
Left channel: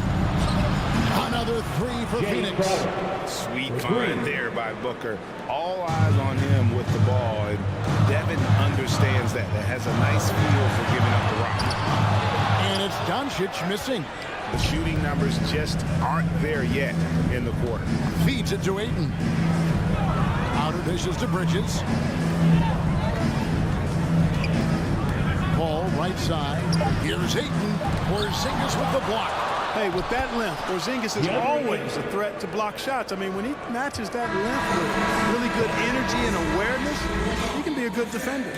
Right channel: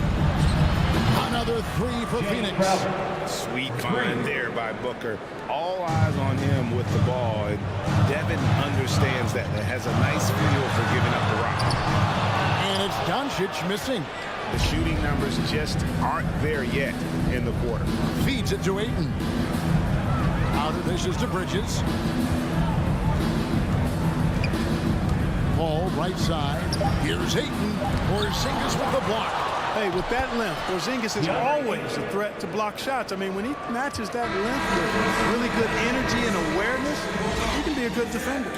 Another 3 for Phoenix. Sweet find there by Booker. All eyes on him with the ball, and Devin understands that. That has a nice feel for giving up the rock. And it's Doncic missing. The shooting numbers just aren't there yet in the quarter. Feeds it to Ayton. Outer dishes to Bridges. Paul right side. Here's Ayton. Porzingis with the block. Hey, with that length, Porzingis is always a threat to block shots. I mean, when he matches that length with really good energy and awareness, he can be a good defender.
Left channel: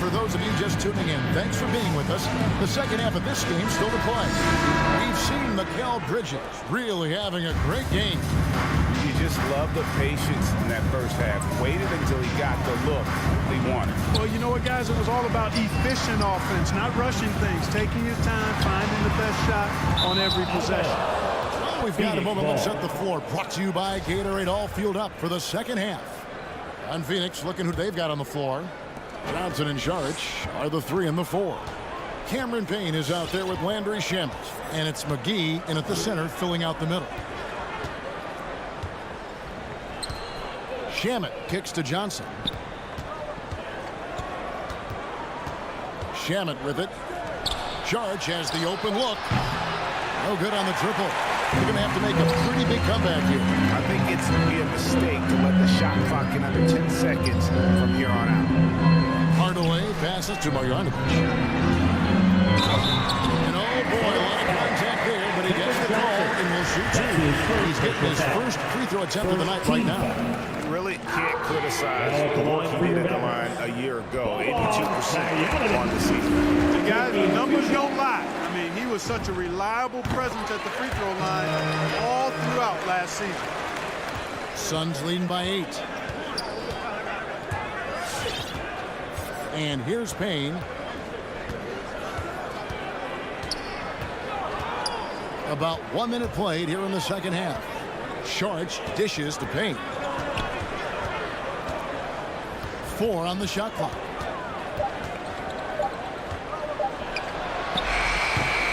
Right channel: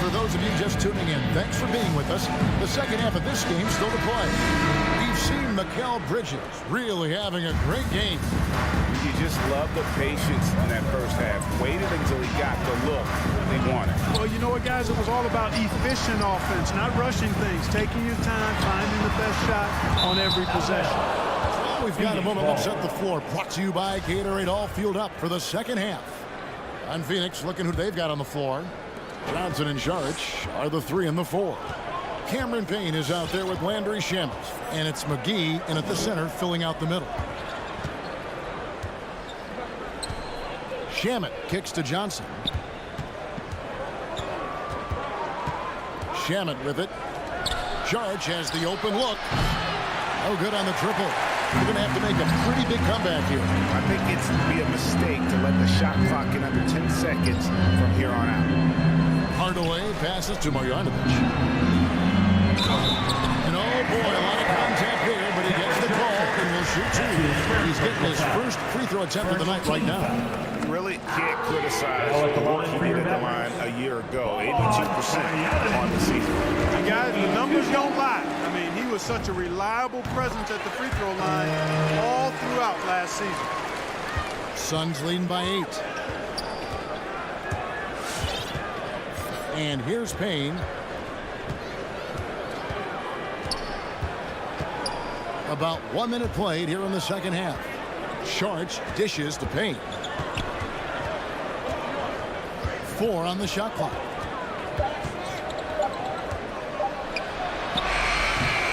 For those of you just tuning in, thanks for being with us. The second half of this game still to play. We've seen Mikal Bridges really having a great game. You just love the patience in that first half. Waited until he got the look he wanted. Well, you know what, guys? It was all about efficient offense, not rushing things, taking your time, finding the best shot on every possession. Well, we've got a moment. Let's set the floor. Brought to you by Gatorade. All fueled up for the second half. And Phoenix looking who they've got on the floor. Johnson and Saric are the 3 and the 4. Cameron Payne is out there with Landry Shamet. And it's McGee in at the center filling out the middle. Shamet kicks to Johnson. Shamet with it. Saric has the open look. No good on the triple. They're going to have to make a pretty big comeback here. I think it's going to be a mistake to let the shot clock in under 10 seconds from here on out. Hardaway passes to Marjanovic. And oh boy, a lot of contact there, but he gets the call and will shoot 2. He's getting his first free throw attempt of the night right now. Really can't criticize the work he did at the line a year ago. 82% on the season. And guys, the numbers don't lie. I mean, he was such a reliable presence at the free throw line all throughout last season. Suns leading by 8. And here's Payne. About 1 minute played here in the second half. Saric dishes to Payne. 4 on the shot clock.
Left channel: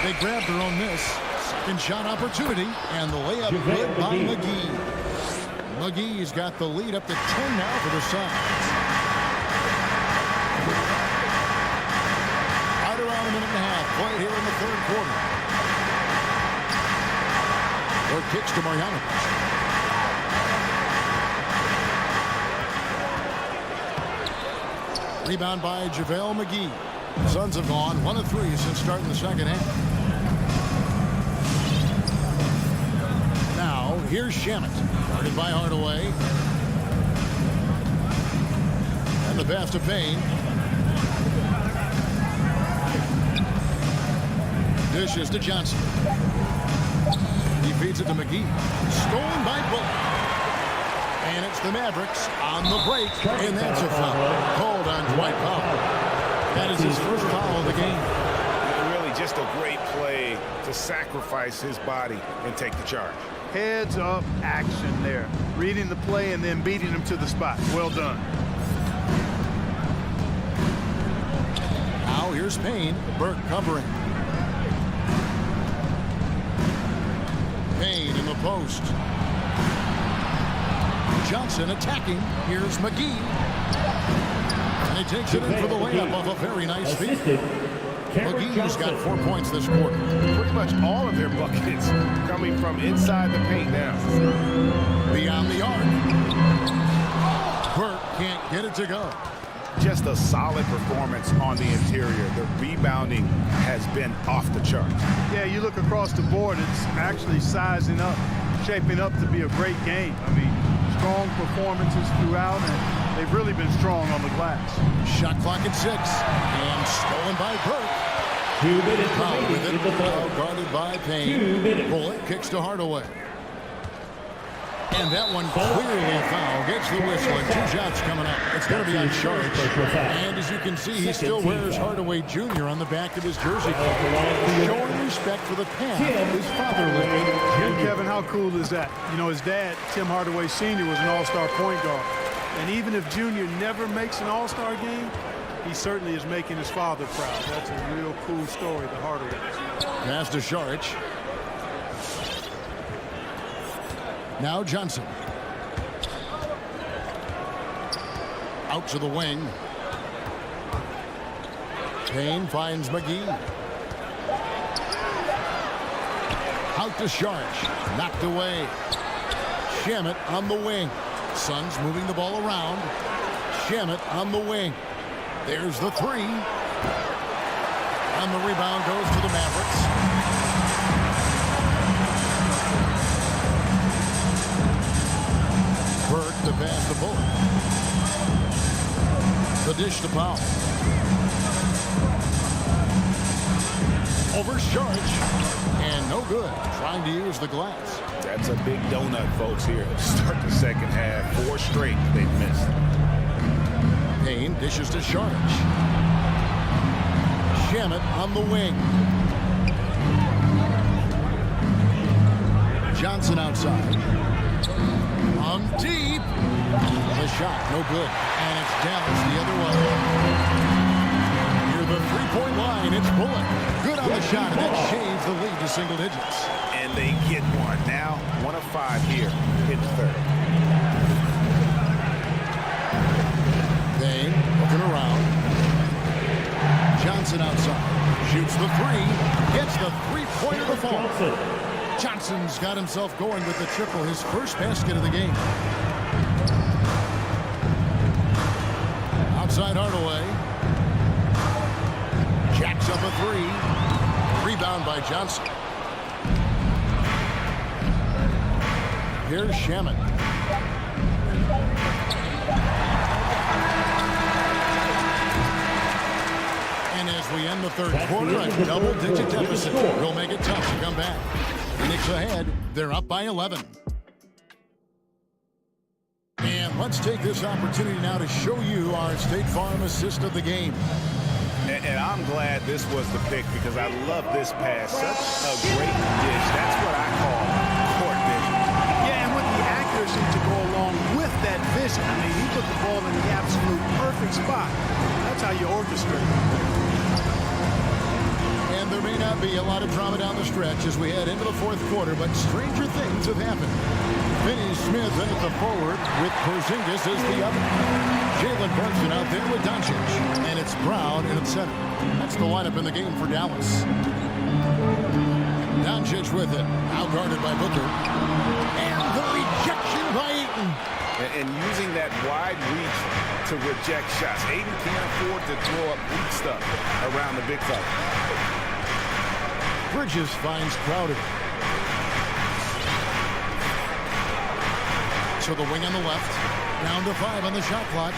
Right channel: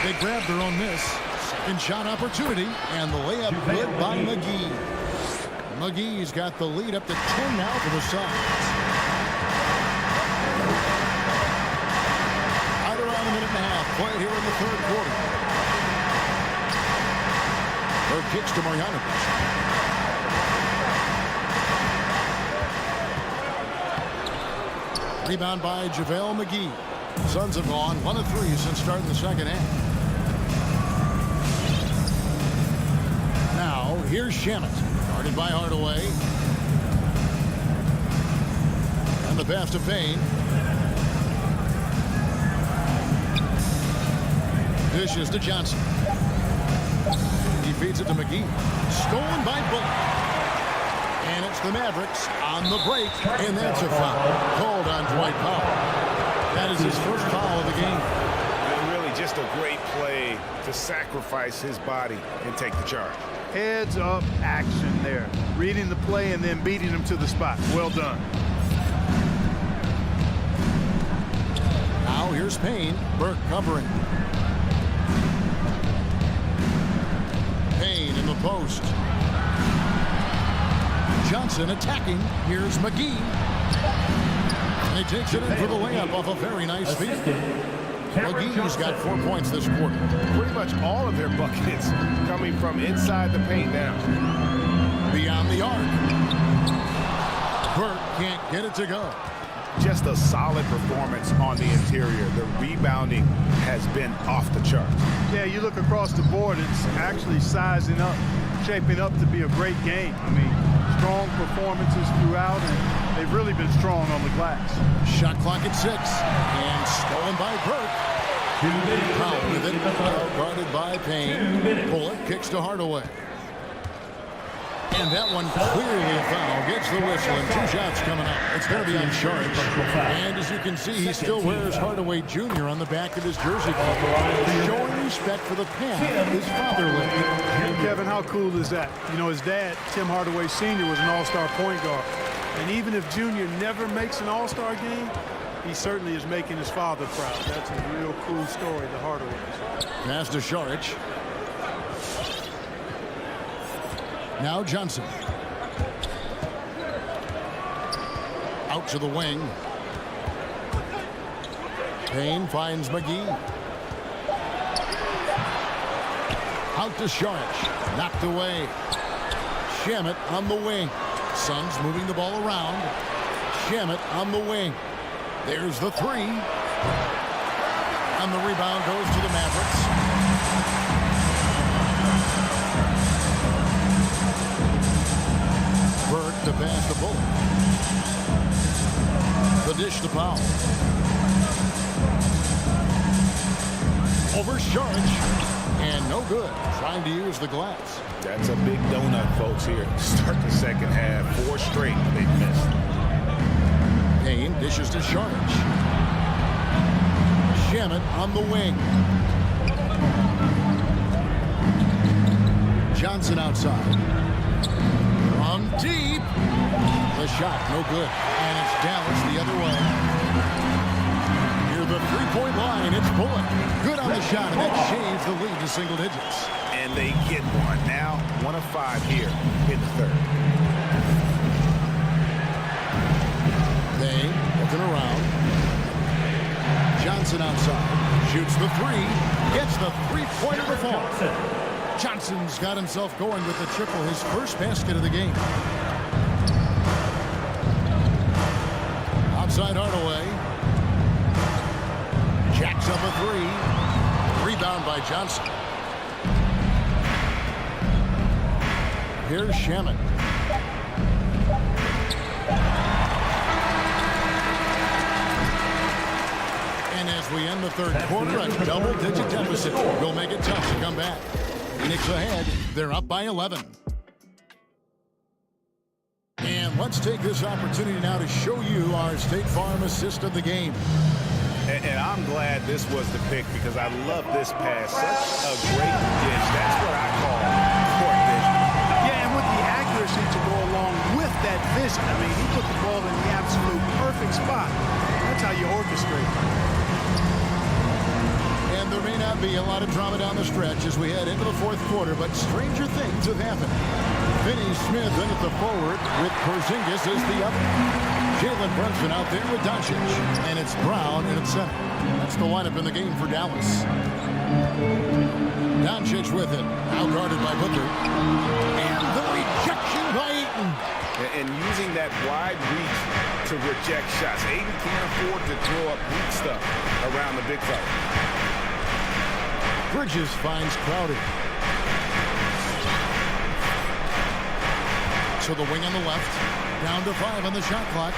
They grab their own miss. Second shot opportunity. And the layup good by McGee. McGee's got the lead up to 10 now for the Suns. Right around a minute and a half played here in the third quarter. Their kicks to Marjanovic. Rebound by JaVale McGee. The Suns have gone 1 of 3 since starting the second half. Here's Shamet, guarded by Hardaway. And the pass to Payne. Dishes to Johnson. He feeds it to McGee. Stolen by Bullock. And it's the Mavericks on the break. And that's a foul called on Dwight Powell. That is his first foul of the game. And really just a great play to sacrifice his body and take the charge. Heads up action there. Reading the play and then beating him to the spot. Well done. Now here's Payne. Burke covering. Payne in the post. Johnson attacking. Here's McGee. And he takes it in for the layup off a very nice feed. McGee's got 4 points this quarter. Pretty much all of their buckets coming from inside the paint now. Beyond the arc. Burke can't get it to go. Just a solid performance on the interior. The rebounding has been off the charts. Yeah, you look across the board, it's actually sizing up, shaping up to be a great game. I mean, strong performances throughout, and they've really been strong on the glass. Shot clock at 6, and stolen by Burke. 2 minutes Powell with it, in the third. guarded by Payne. 2 minutes. Bullock kicks to Hardaway. And that one clearly a foul. Gets the whistle, and 2 shots coming up. It's going to be on charge. And as you can see, he still wears Hardaway Jr. on the back of his jersey. Showing respect for the path his father lived. And Kevin, how cool is that? You know, his dad, Tim Hardaway Sr., was an all-star point guard. And even if Jr. never makes an all-star game, he certainly is making his father proud. That's a real cool story, the Hardaways. Pass to Saric. Now Johnson. Out to the wing. Payne finds McGee. Out to Saric. Knocked away. Shamet on the wing. Suns moving the ball around. Shamet on the wing. There's the 3. And the rebound goes to the Mavericks. Burke to pass to Bullock. The dish to Powell. Over Saric. And no good. Trying to use the glass. That's a big donut, folks, here. Start the second half. 4 straight they've missed. Payne dishes to Saric. Shamet on the wing. Johnson outside. From deep. The shot, no good. And it's Dallas the other way. Near the three-point line, it's Bullock. Good on the shot, and that shaves the lead to single digits. And they get one. Now 1 of 5 here in the third. Payne looking around. Johnson outside. Shoots the 3. Gets the three-pointer to fall. Johnson's got himself going with the triple, his first basket of the game. Outside Hardaway. Jacks up a 3. Rebound by Johnson. Here's Shamet. And as we end the third quarter, a double-digit deficit will make it tough to come back. Phoenix ahead. They're up by 11. And let's take this opportunity now to show you our State Farm assist of the game. And I'm glad this was the pick because I love this pass. Such a great dish. That's what I call court vision. Yeah, and with the accuracy to go along with that vision. I mean, he put the ball in the absolute perfect spot. That's how you orchestrate. And there may not be a lot of drama down the stretch as we head into the fourth quarter, but stranger things have happened. Finney Smith in at the forward with Porzingis as the other. Jalen Brunson out there with Doncic. And it's Brown in at center. That's the lineup in the game for Dallas. Doncic with it. Now guarded by Booker. And the rejection by Ayton. And using that wide reach to reject shots. Ayton can't afford to throw up weak stuff around the big fella. Bridges finds Crowder. to the wing on the left. Down to 5 on the shot clock.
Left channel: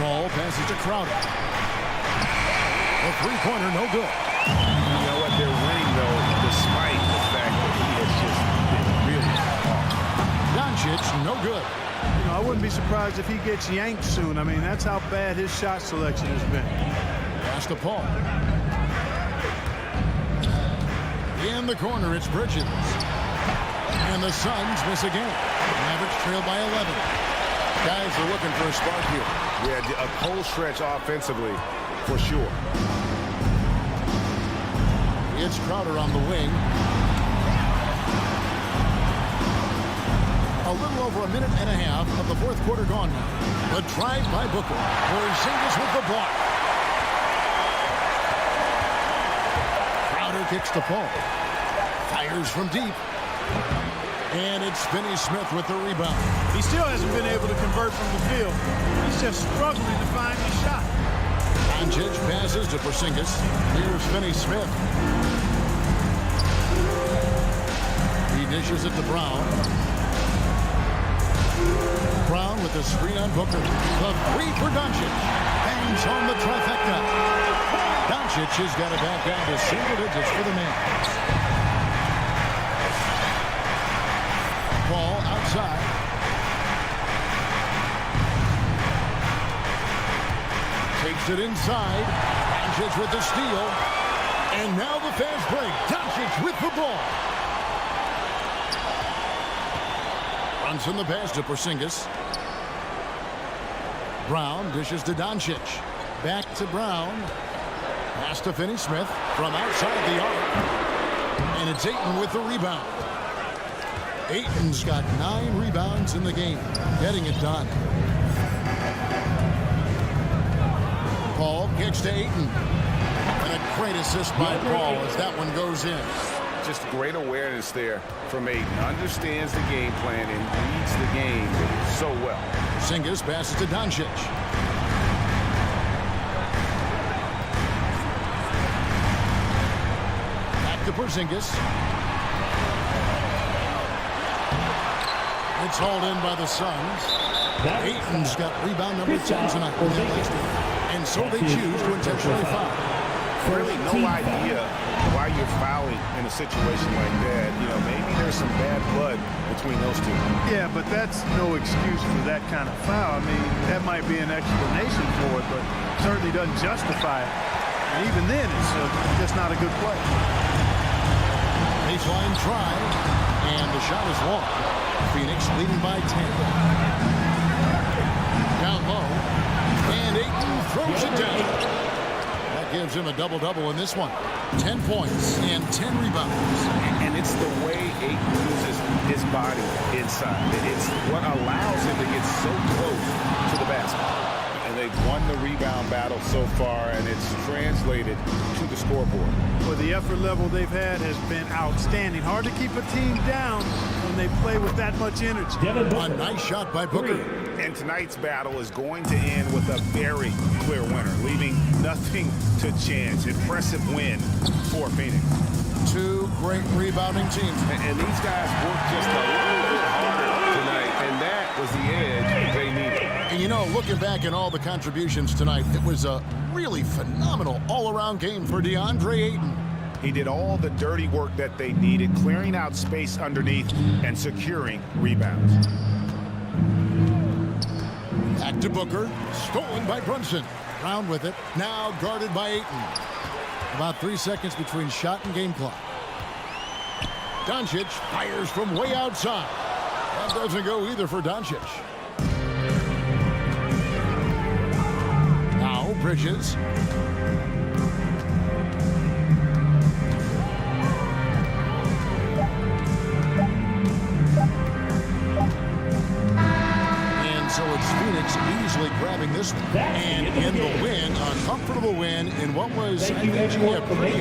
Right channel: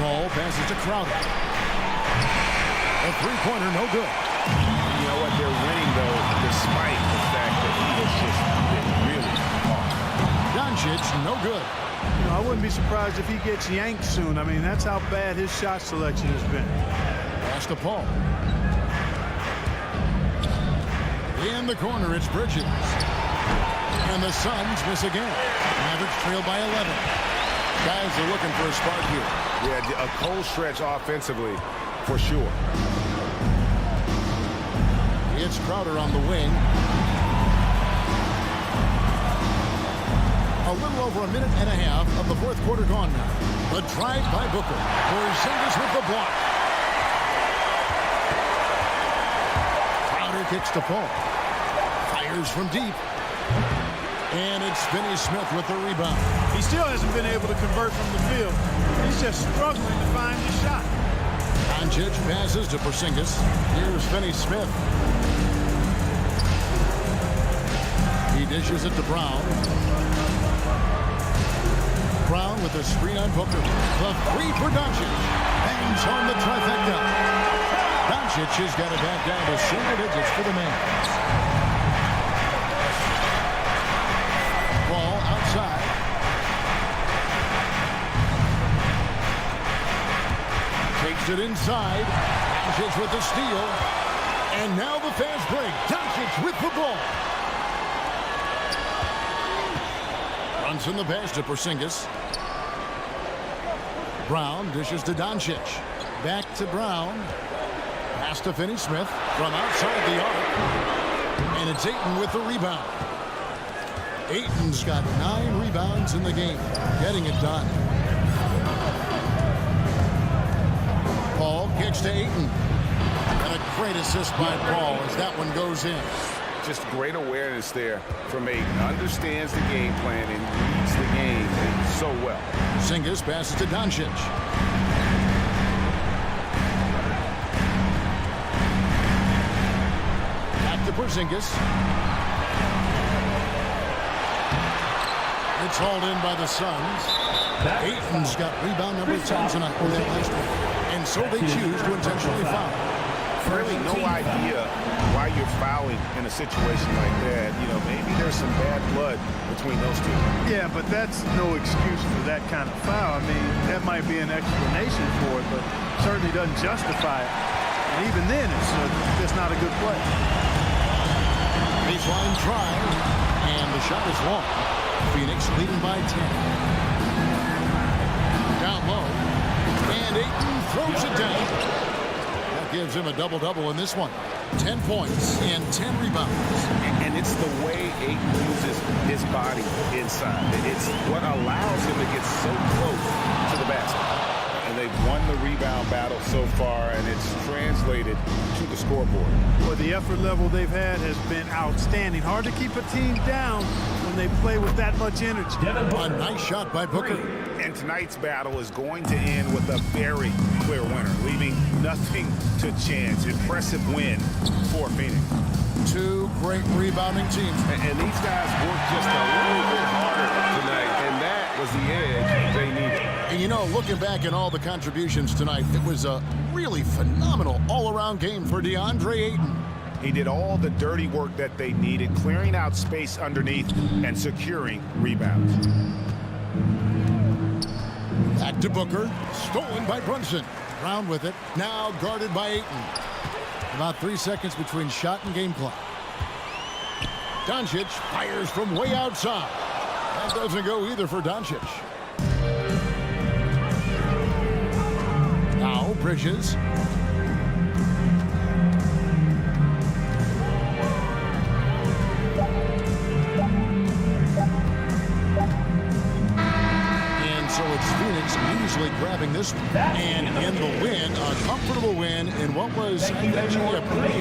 Ball passes to Crowder. A three-pointer, no good. You know what? They're winning, though, despite the fact that he has just been really off. Doncic, no good. You know, I wouldn't be surprised if he gets yanked soon. I mean, that's how bad his shot selection has been. Pass to Paul. In the corner, it's Bridges. And the Suns miss again. Mavericks trail by 11. Guys are looking for a spark here. Yeah, a cold stretch offensively, for sure. It's Crowder on the wing. A little over a minute and a half of the fourth quarter gone now. The drive by Booker. Porzingis with the block. Crowder kicks to Paul. Fires from deep. And it's Finney-Smith with the rebound. He still hasn't been able to convert from the field. He's just struggling to find the shot. Doncic passes to Porzingis. Here's Finney-Smith. He dishes it to Brown. Brown with the screen on Booker. The three for Doncic. Bangs home the trifecta. Doncic has got it back down to single digits for the Mavs. Ball outside. Takes it inside. Doncic with the steal. And now the fast break. Doncic with the ball. Runs in the pass to Porzingis. Brown dishes to Doncic. Back to Brown. Pass to Finney-Smith from outside the arc. And it's Ayton with the rebound. Ayton's got 9 rebounds in the game. Getting it done. Paul kicks to Ayton. And a great assist by Paul as that one goes in. Just great awareness there from Ayton. Understands the game plan and reads the game so well. Porzingis passes to Doncic. Back to Porzingis. It's hauled in by the Suns. Ayton's got rebound number 10 tonight with that last one. And so they choose to intentionally foul. Really no idea why you're fouling in a situation like that. You know, maybe there's some bad blood between those two. Yeah, but that's no excuse for that kind of foul. I mean, that might be an explanation for it, but certainly doesn't justify it. And even then, it's just not a good play. Baseline try, and the shot is long. Phoenix leading by 10. Down low, and Ayton throws it down. That gives him a double-double in this one. 10 points and 10 rebounds. And it's the way Ayton uses his body inside. It's what allows him to get so close to the basket. And they've won the rebound battle so far, and it's translated to the scoreboard. Well, the effort level they've had has been outstanding. Hard to keep a team down when they play with that much energy. A nice shot by Booker. And tonight's battle is going to end with a very clear winner, leaving nothing to chance. Impressive win for Phoenix. 2 great rebounding teams. And these guys worked just a little bit harder tonight, and that was the edge they needed. And you know, looking back at all the contributions tonight, it was a really phenomenal all-around game for DeAndre Ayton. He did all the dirty work that they needed, clearing out space underneath and securing rebounds. Back to Booker. Stolen by Brunson. Brown with it. Now guarded by Ayton. About 3 seconds between shot and game clock. Doncic fires from way outside. That doesn't go either for Doncic. Now Bridges. So it's Phoenix easily grabbing this one. And in the win, a comfortable win in what was, I think, a pretty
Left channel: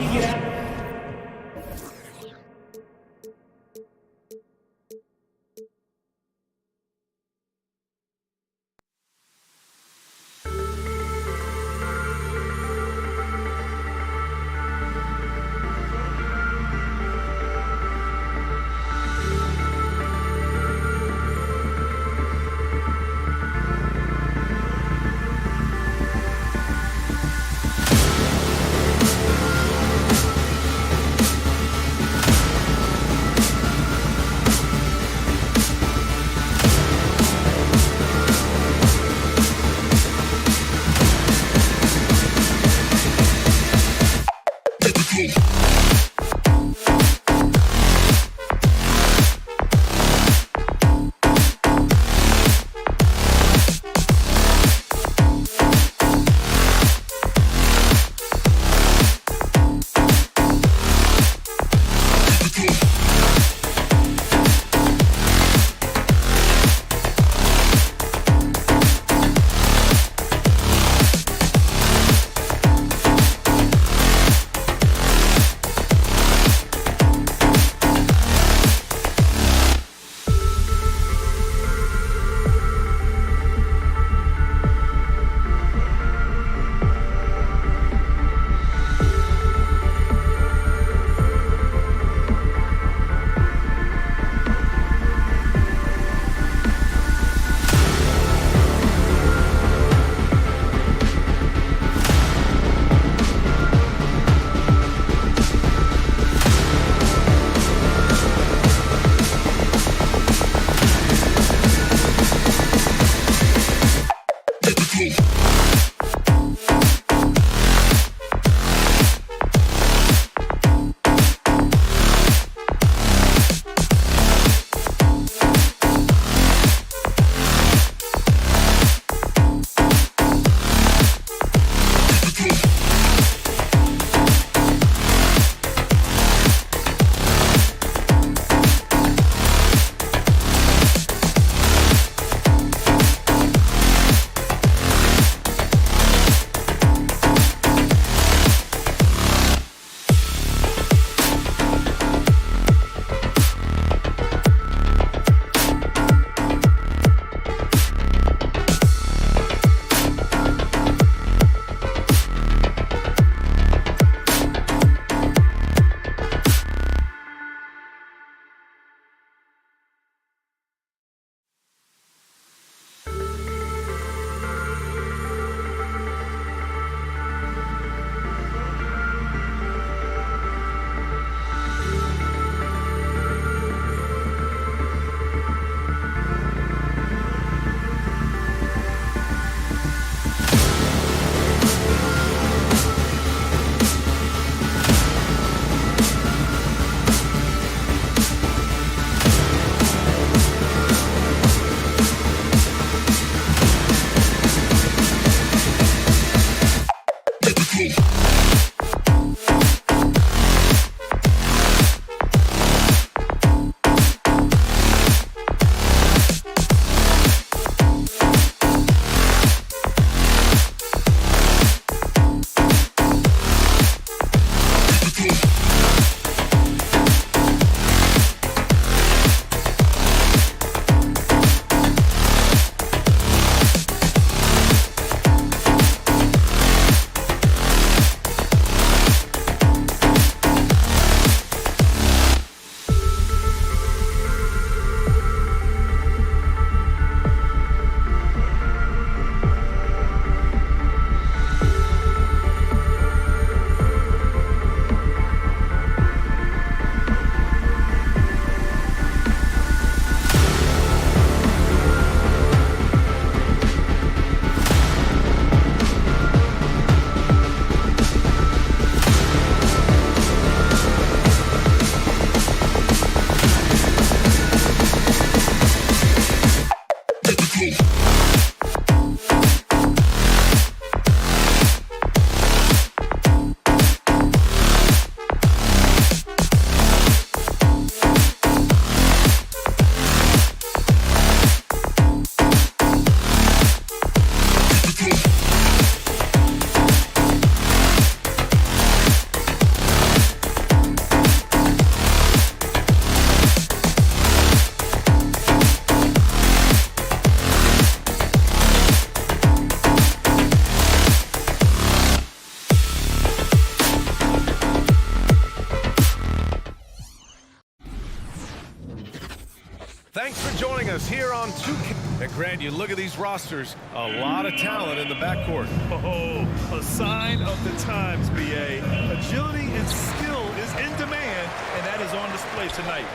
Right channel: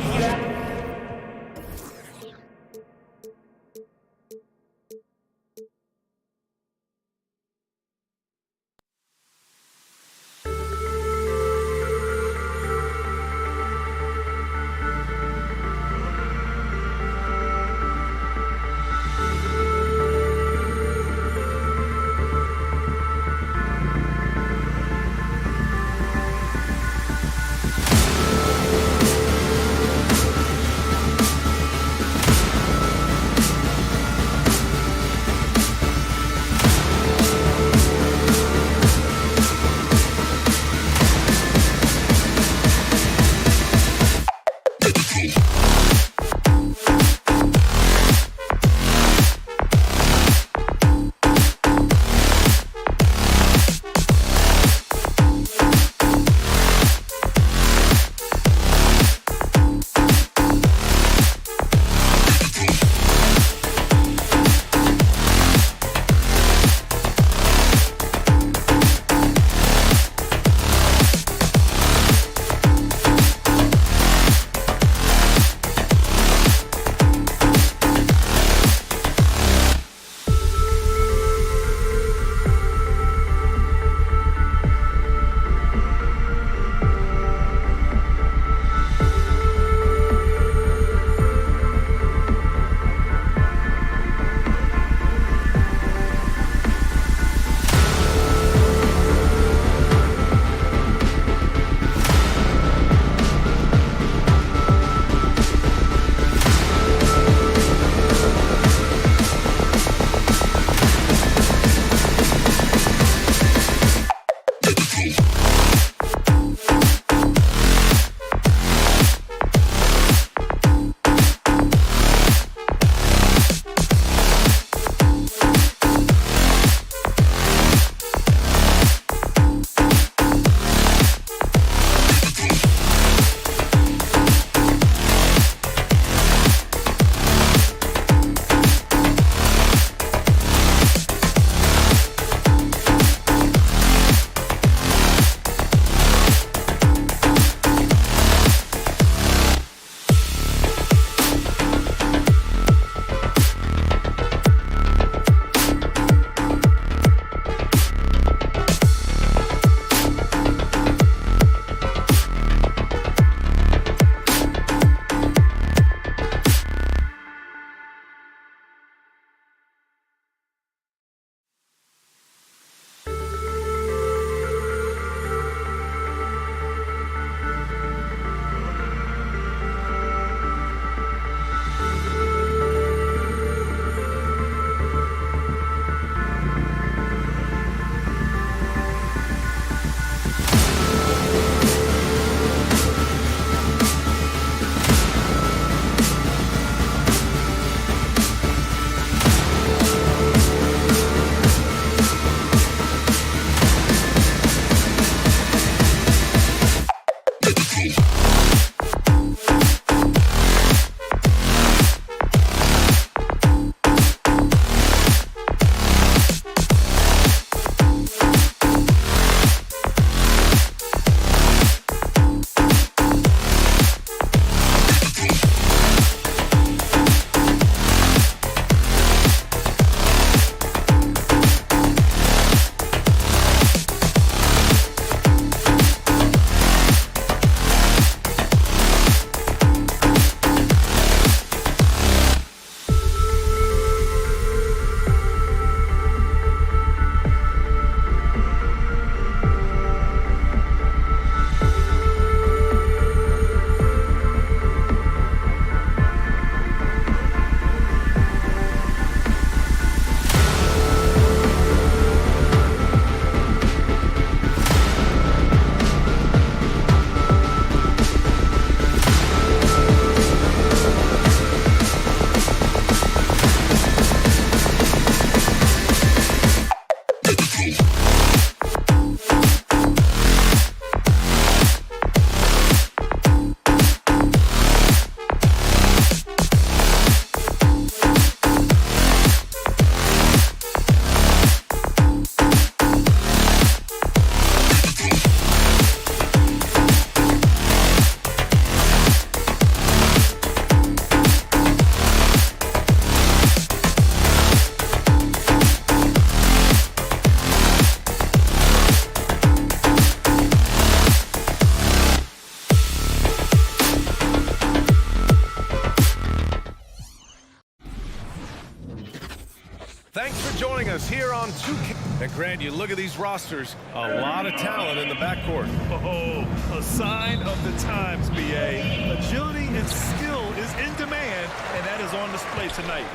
Thanks for joining us here on 2K. And Grant, you look at these rosters, a lot of talent in the backcourt. Oh, a sign of the times, BA. Agility and skill is in demand, and that is on display tonight.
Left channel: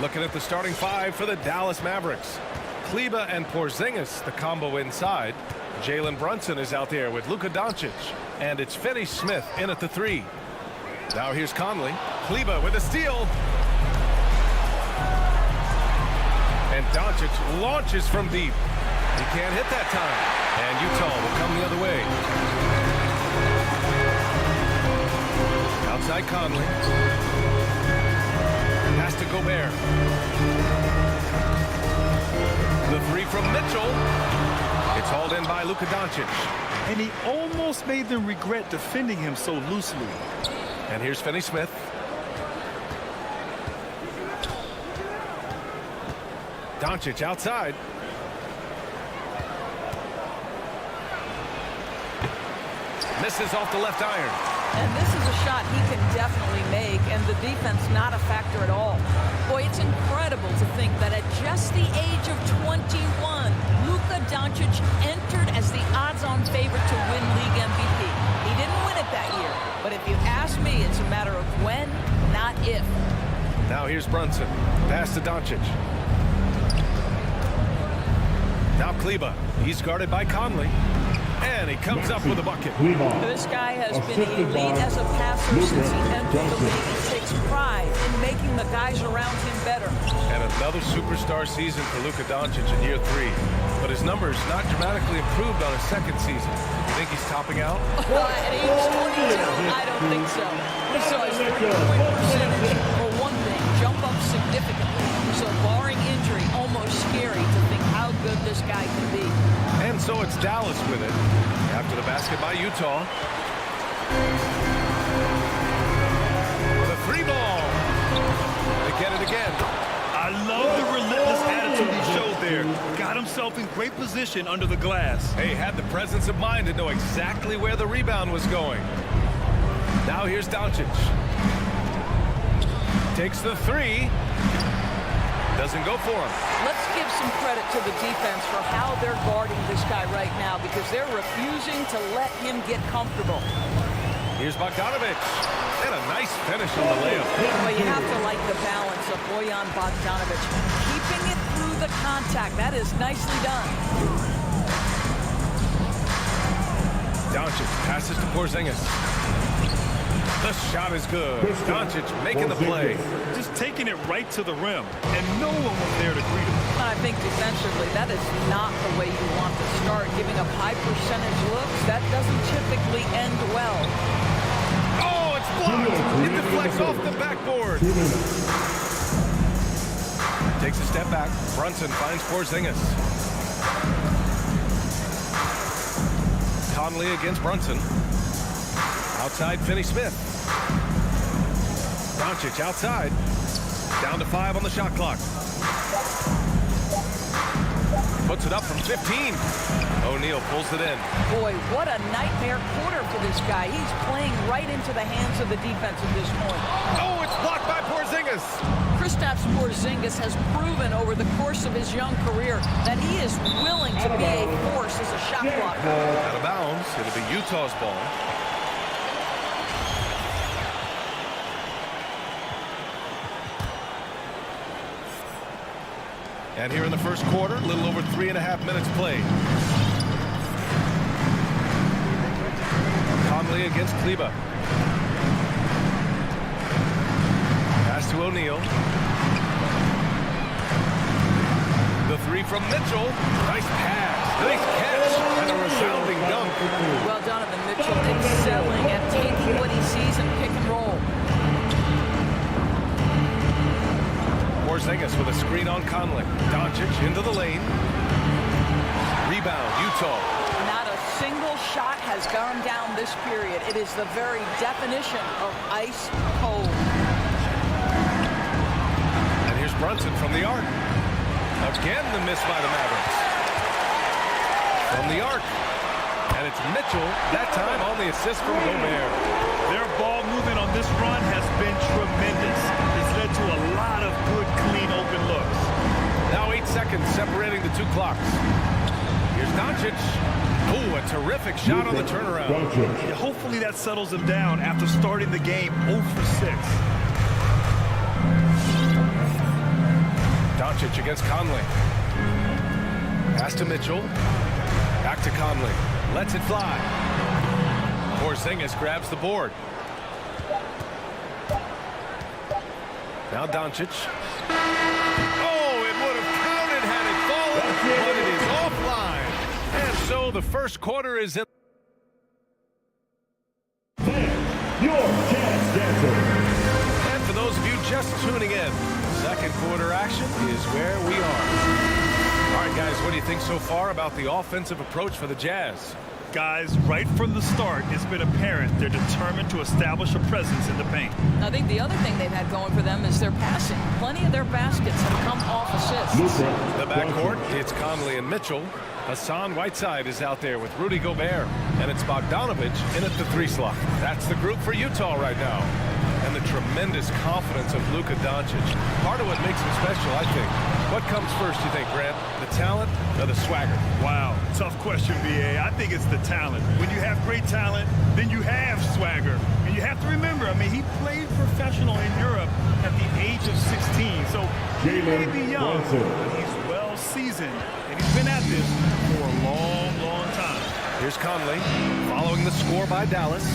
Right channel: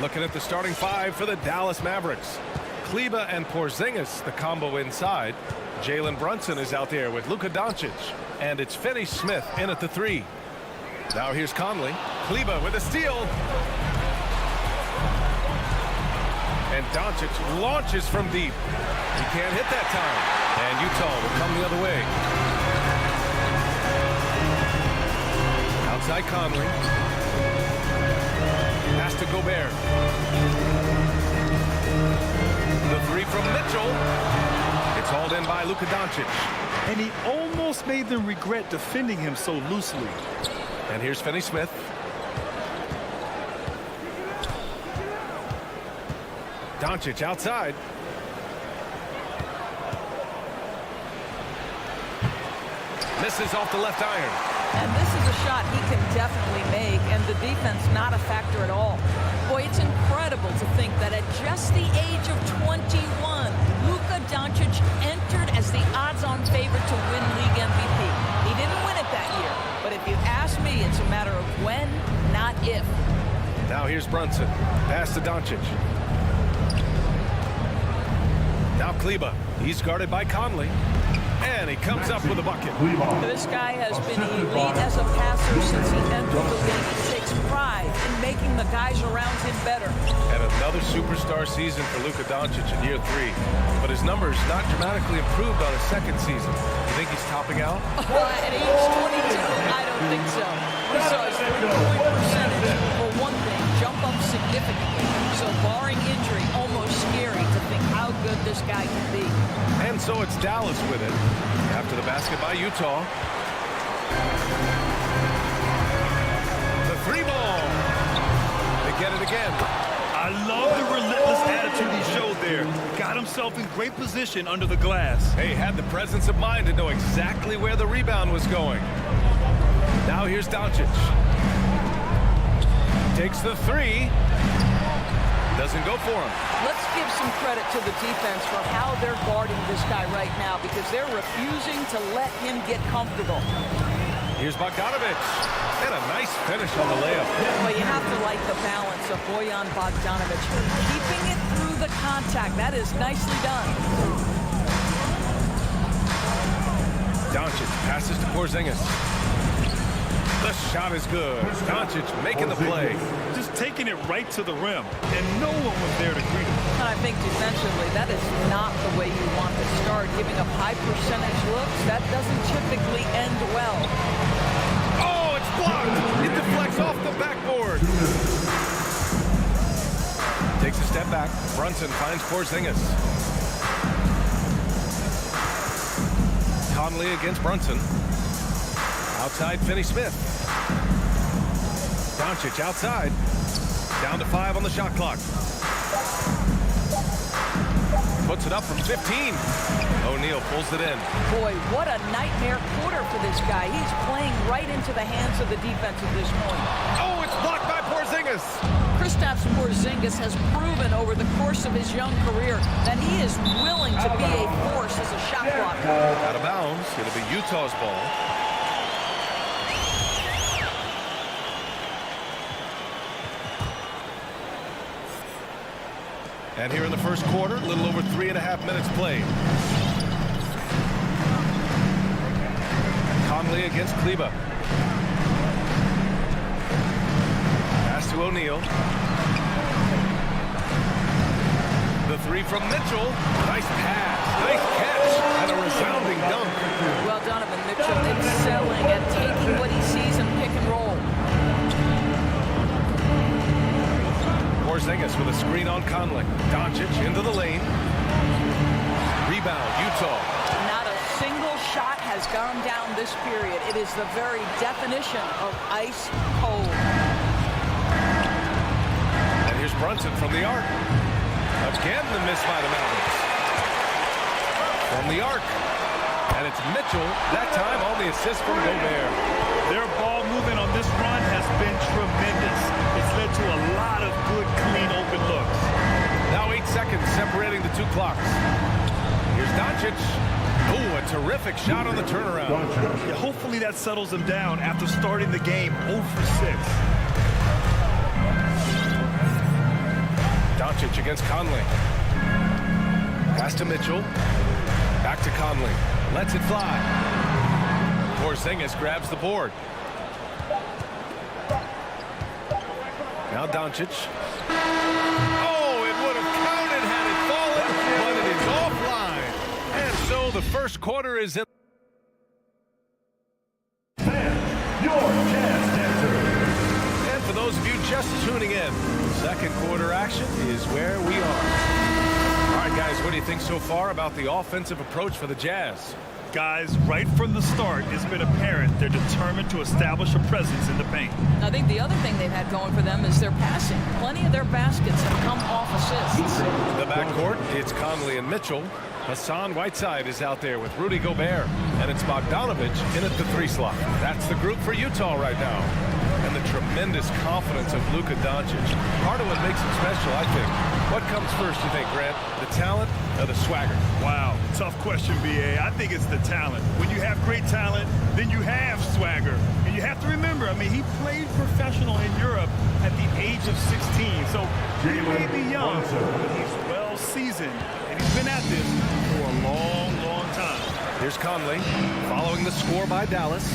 Looking at the starting five for the Dallas Mavericks. Kleber and Porzingis, the combo inside. Jalen Brunson is out there with Luka Doncic. And it's Finney Smith in at the 3. Now here's Conley. Kleber with a steal. And Doncic launches from deep. He can't hit that time. And Utah will come the other way. Outside Conley. Pass to Gobert. The 3 from Mitchell. It's hauled in by Luka Doncic. And he almost made them regret defending him so loosely. And here's Finney Smith. Doncic outside. Misses off the left iron. And this is a shot he can definitely make, and the defense not a factor at all. Boy, it's incredible to think that at just the age of 21, Luka Doncic entered as the odds-on favorite to win league MVP. He didn't win it that year, but if you ask me, it's a matter of when, not if. Now here's Brunson. Pass to Doncic. Now Kleber. He's guarded by Conley. And he comes up with a bucket. This guy has been elite as a passer since he entered the league. He takes pride in making the guys around him better. And another superstar season for Luka Doncic in year 3. But his numbers not dramatically improved on his second season. You think he's topping out? At age 22, I don't think so. We saw his three-point percentage, for one thing, jump up significantly. So barring injury, almost scary to think how good this guy can be. And so it's Dallas with it. After the basket by Utah. The 3 ball. They get it again. I love the relentless attitude he showed there. Got himself in great position under the glass. Hey, had the presence of mind to know exactly where the rebound was going. Now here's Doncic. Takes the 3. Doesn't go for him. Let's give some credit to the defense for how they're guarding this guy right now, because they're refusing to let him get comfortable. Here's Bogdanovic. And a nice finish on the layup. Well, you have to like the balance of Bojan Bogdanovic. Keeping it through the contact. That is nicely done. Doncic passes to Porzingis. The shot is good. Doncic making the play. Just taking it right to the rim, and no one was there to greet him. And I think defensively, that is not the way you want to start. Giving up high percentage looks, that doesn't typically end well. Oh, it's blocked. It deflects off the backboard. Takes a step back. Brunson finds Porzingis. Conley against Brunson. Outside, Finney Smith. Doncic outside. Down to 5 on the shot clock. Puts it up from 15. O'Neal pulls it in. Boy, what a nightmare quarter for this guy. He's playing right into the hands of the defense at this point. Oh, it's blocked by Porzingis. Kristaps Porzingis has proven over the course of his young career that he is willing to be a force as a shot blocker. Out of bounds. It'll be Utah's ball. And here in the first quarter, a little over 3.5 minutes played. Conley against Kleber. Pass to O'Neal. The 3 from Mitchell. Nice pass, nice catch, and a resounding dunk. Well, Donovan Mitchell excelling at taking what he sees in pick and roll. Porzingis with a screen on Conley. Doncic into the lane. Rebound, Utah. Not a single shot has gone down this period. It is the very definition of ice cold. And here's Brunson from the arc. Again, the miss by the Mavericks. From the arc. And it's Mitchell, that time on the assist from Gobert. Their ball movement on this run has been tremendous. It's led to a lot of good, clean, open looks. Now 8 seconds separating the two clocks. Here's Doncic. Oh, a terrific shot on the turnaround. Yeah, hopefully that settles him down after starting the game 0 for 6. Doncic against Conley. Pass to Mitchell. Back to Conley. Lets it fly. Porzingis grabs the board. Now Doncic. Oh, it would have counted had it fallen, but it is offline. And so the first quarter is in. Your Jazz Dancer. And for those of you just tuning in, second quarter action is where we are. All right, guys, what do you think so far about the offensive approach for the Jazz? Guys, right from the start, it's been apparent they're determined to establish a presence in the paint. I think the other thing they've had going for them is their passing. Plenty of their baskets have come off assists. The backcourt, it's Conley and Mitchell. Hassan Whiteside is out there with Rudy Gobert. And it's Bogdanovich in at the 3 slot. That's the group for Utah right now. And the tremendous confidence of Luka Doncic. Part of what makes him special, I think. What comes first, you think, Grant? The talent or the swagger? Wow, tough question, B.A. I think it's the talent. When you have great talent, then you have swagger. And you have to remember, I mean, he played professional in Europe at the age of 16. So he may be young, but he's well seasoned. And he's been at this for a long, long time. Here's Conley following the score by Dallas.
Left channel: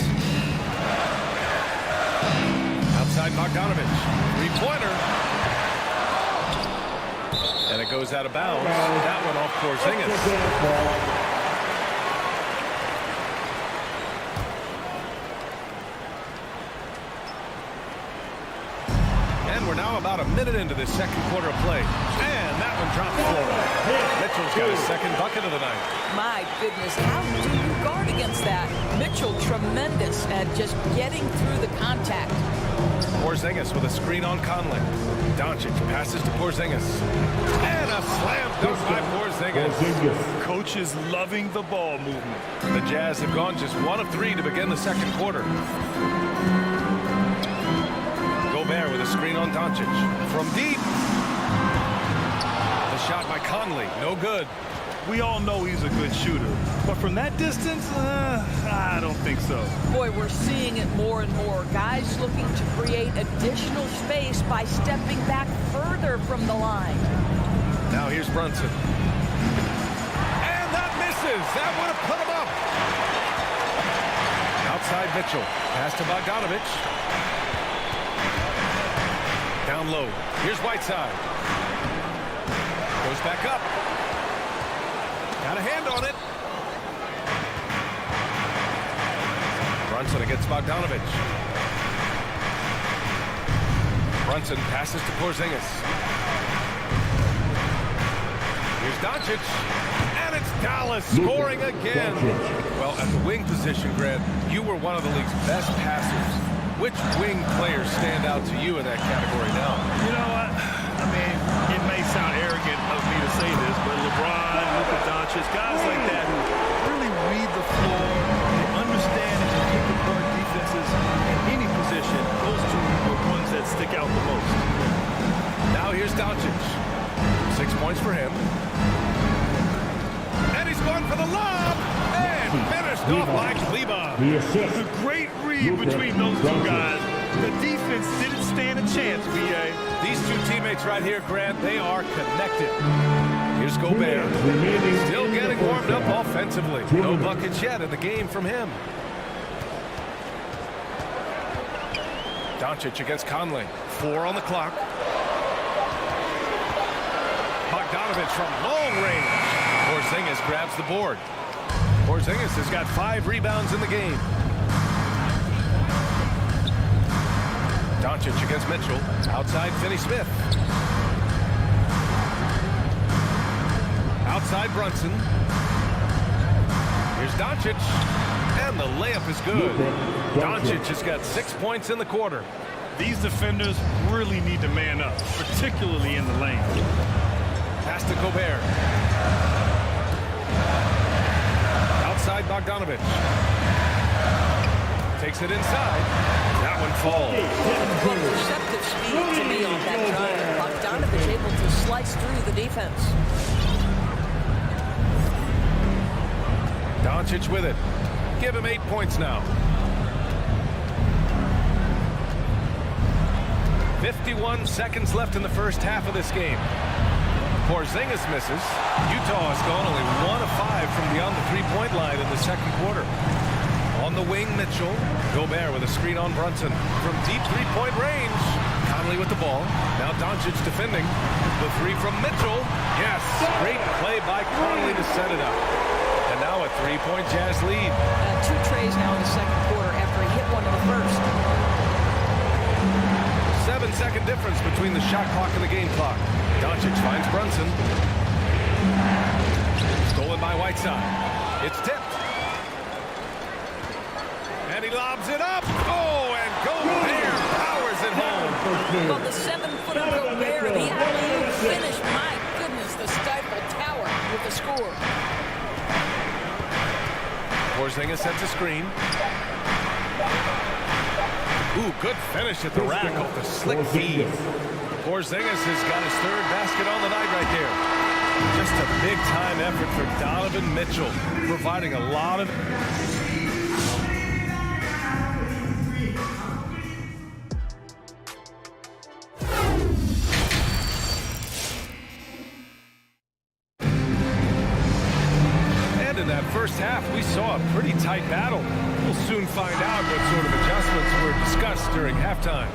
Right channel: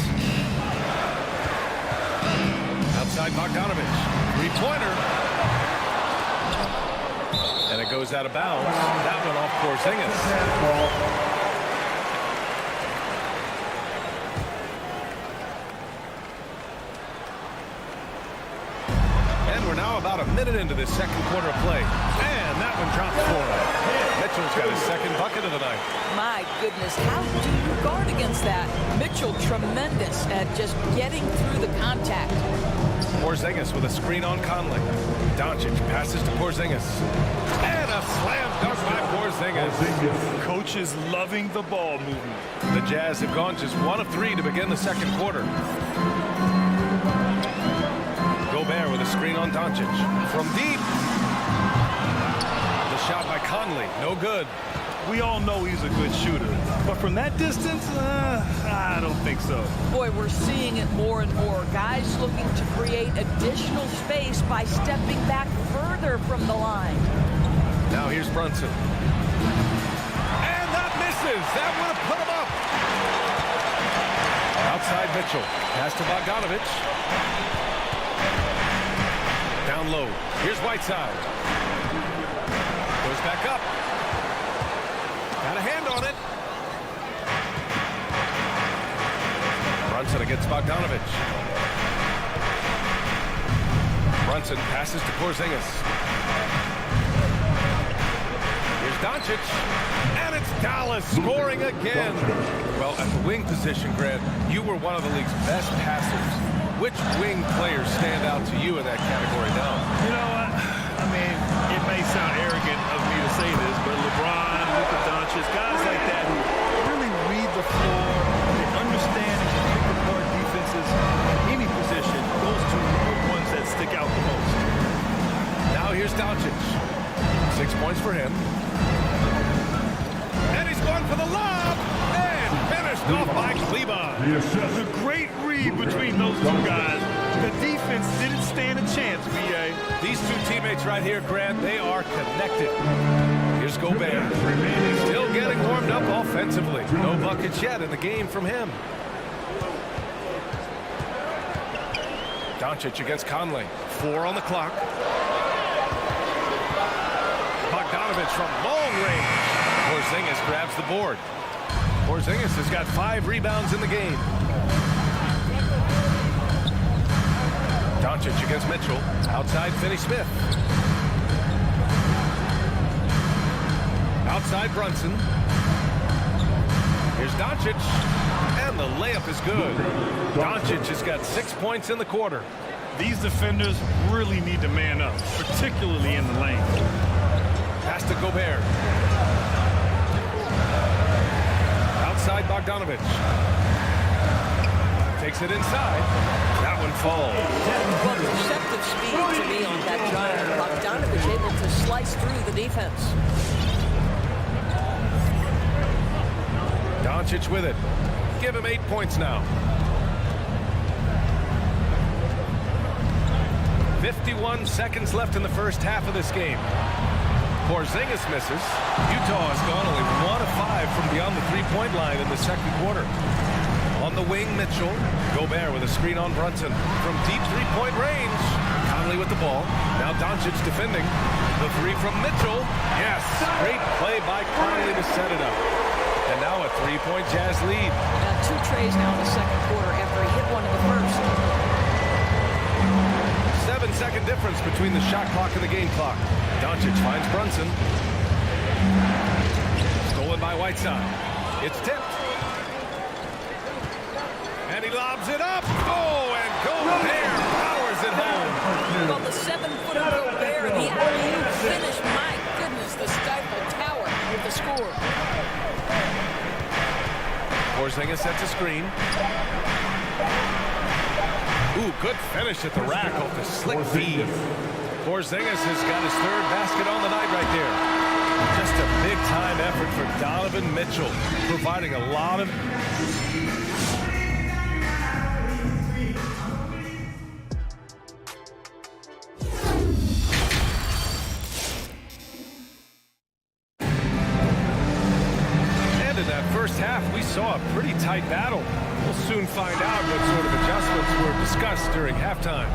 Outside Bogdanovich. Three-pointer. And it goes out of bounds. That one off Porzingis. And we're now about a minute into this second quarter of play. And that one drops for him. Mitchell's got his second bucket of the night. My goodness, how do you guard against that? Mitchell tremendous at just getting through the contact. Porzingis with a screen on Conley. Doncic passes to Porzingis. And a slam dunk by Porzingis. Coach is loving the ball movement. The Jazz have gone just 1 of 3 to begin the second quarter. Gobert with a screen on Doncic. From deep. The shot by Conley. No good. We all know he's a good shooter. But from that distance, I don't think so. Boy, we're seeing it more and more. Guys looking to create additional space by stepping back further from the line. Now here's Brunson. And that misses. That would have put him up. Outside Mitchell. Pass to Bogdanovich. Down low. Here's Whiteside. Goes back up. Got a hand on it. Brunson against Bogdanovich. Brunson passes to Porzingis. Here's Doncic. And it's Dallas scoring again. Well, at the wing position, Grant, you were one of the league's best passers. Which wing players stand out to you in that category now? You know what? I mean, it may sound arrogant of me to say this, but LeBron, Luka Doncic, guys like that who really read the floor, they understand and can pick apart defenses in any position. Those two are the ones that stick out the most. Now here's Doncic. 6 points for him. And he's going for the lob. And finished off by Kleba. A great read between those two guys. The defense didn't stand a chance, B.A. These two teammates right here, Grant, they are connected. Here's Gobert. Still getting warmed up offensively. No buckets yet in the game from him. Doncic against Conley. 4 on the clock. Bogdanovich from long range. Porzingis grabs the board. Porzingis has got 5 rebounds in the game. Doncic against Mitchell. Outside Finney-Smith. Outside Brunson. Here's Doncic. And the layup is good. Doncic has got 6 points in the quarter. These defenders really need to man up, particularly in the lane. Pass to Gobert. Outside Bogdanovich. Takes it inside. That one falls. Well, deceptive speed to me on that drive. Bogdanovich able to slice through the defense. Doncic with it. Give him 8 points now. 51 seconds left in the first half of this game. Porzingis misses. Utah has gone only 1 of 5 from beyond the three-point line in the second quarter. On the wing, Mitchell. Gobert with a screen on Brunson. From deep three-point range. Conley with the ball. Now Doncic defending. The three from Mitchell. Yes, great play by Conley to set it up. And now a three-point Jazz lead. 2 trays now in the second quarter after he hit one in the first. 7-second difference between the shot clock and the game clock. Doncic finds Brunson. Stolen by Whiteside. It's tipped. And he lobs it up. Oh, and Gobert powers it home. Well, the 7-footer Gobert, the alley-oop finish. My goodness, the Stifle Tower with the score. Porzingis sets a screen. Ooh, good finish at the rack off the slick feed. Porzingis has got his 3rd basket on the night right there. Just a big-time effort for Donovan Mitchell, providing a lot of... And in that first half, we saw a pretty tight battle. We'll soon find out what sort of adjustments were discussed during halftime.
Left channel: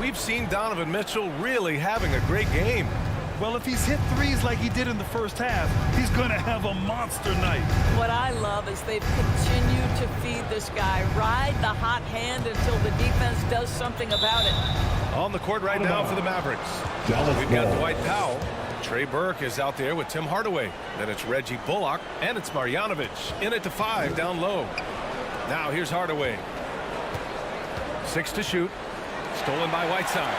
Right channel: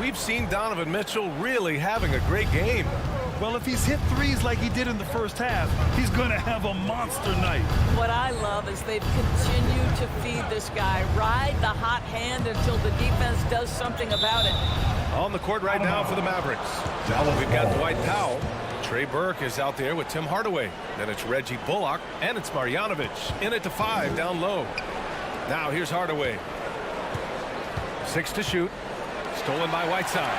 We've seen Donovan Mitchell really having a great game. Well, if he's hit threes like he did in the first half, he's going to have a monster night. What I love is they've continued to feed this guy, ride the hot hand until the defense does something about it. On the court right now for the Mavericks. We've got Dwight Powell. Trey Burke is out there with Tim Hardaway. Then it's Reggie Bullock, and it's Marjanovic. In at the 5, down low. Now here's Hardaway. 6 to shoot. Stolen by Whiteside.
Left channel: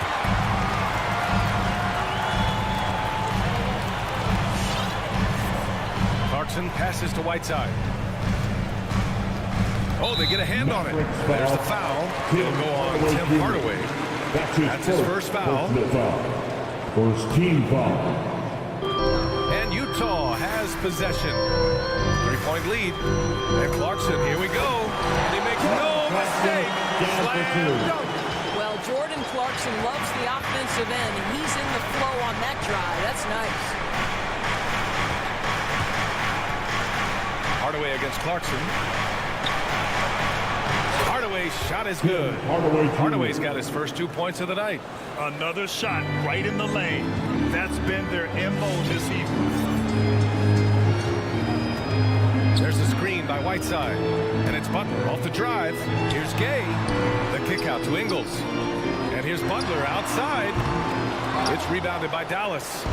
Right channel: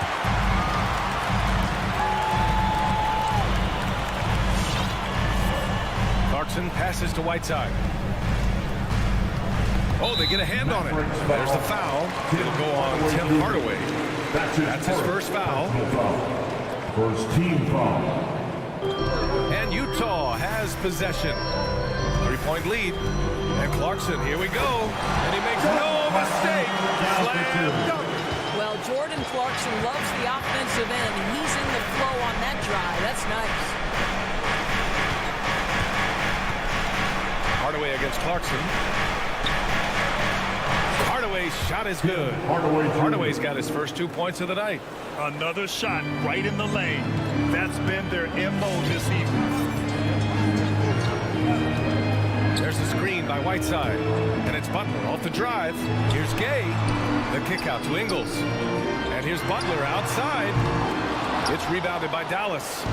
Clarkson passes to Whiteside. Oh, they get a hand on it. There's the foul. It'll go on Tim Hardaway. That's his first foul. First team foul. And Utah has possession. 3-point lead. And Clarkson, here we go. And he makes no mistake. Slam dunk. Well, Jordan Clarkson loves the offensive end. He's in the flow on that drive. That's nice. Hardaway against Clarkson. Hardaway's shot is good. Hardaway's got his first 2 points of the night. Another shot right in the lane. That's been their MO this evening. There's a screen by Whiteside. And it's Butler off the drive. Here's Gay. The kick out to Ingles. And here's Butler outside. It's rebounded by Dallas.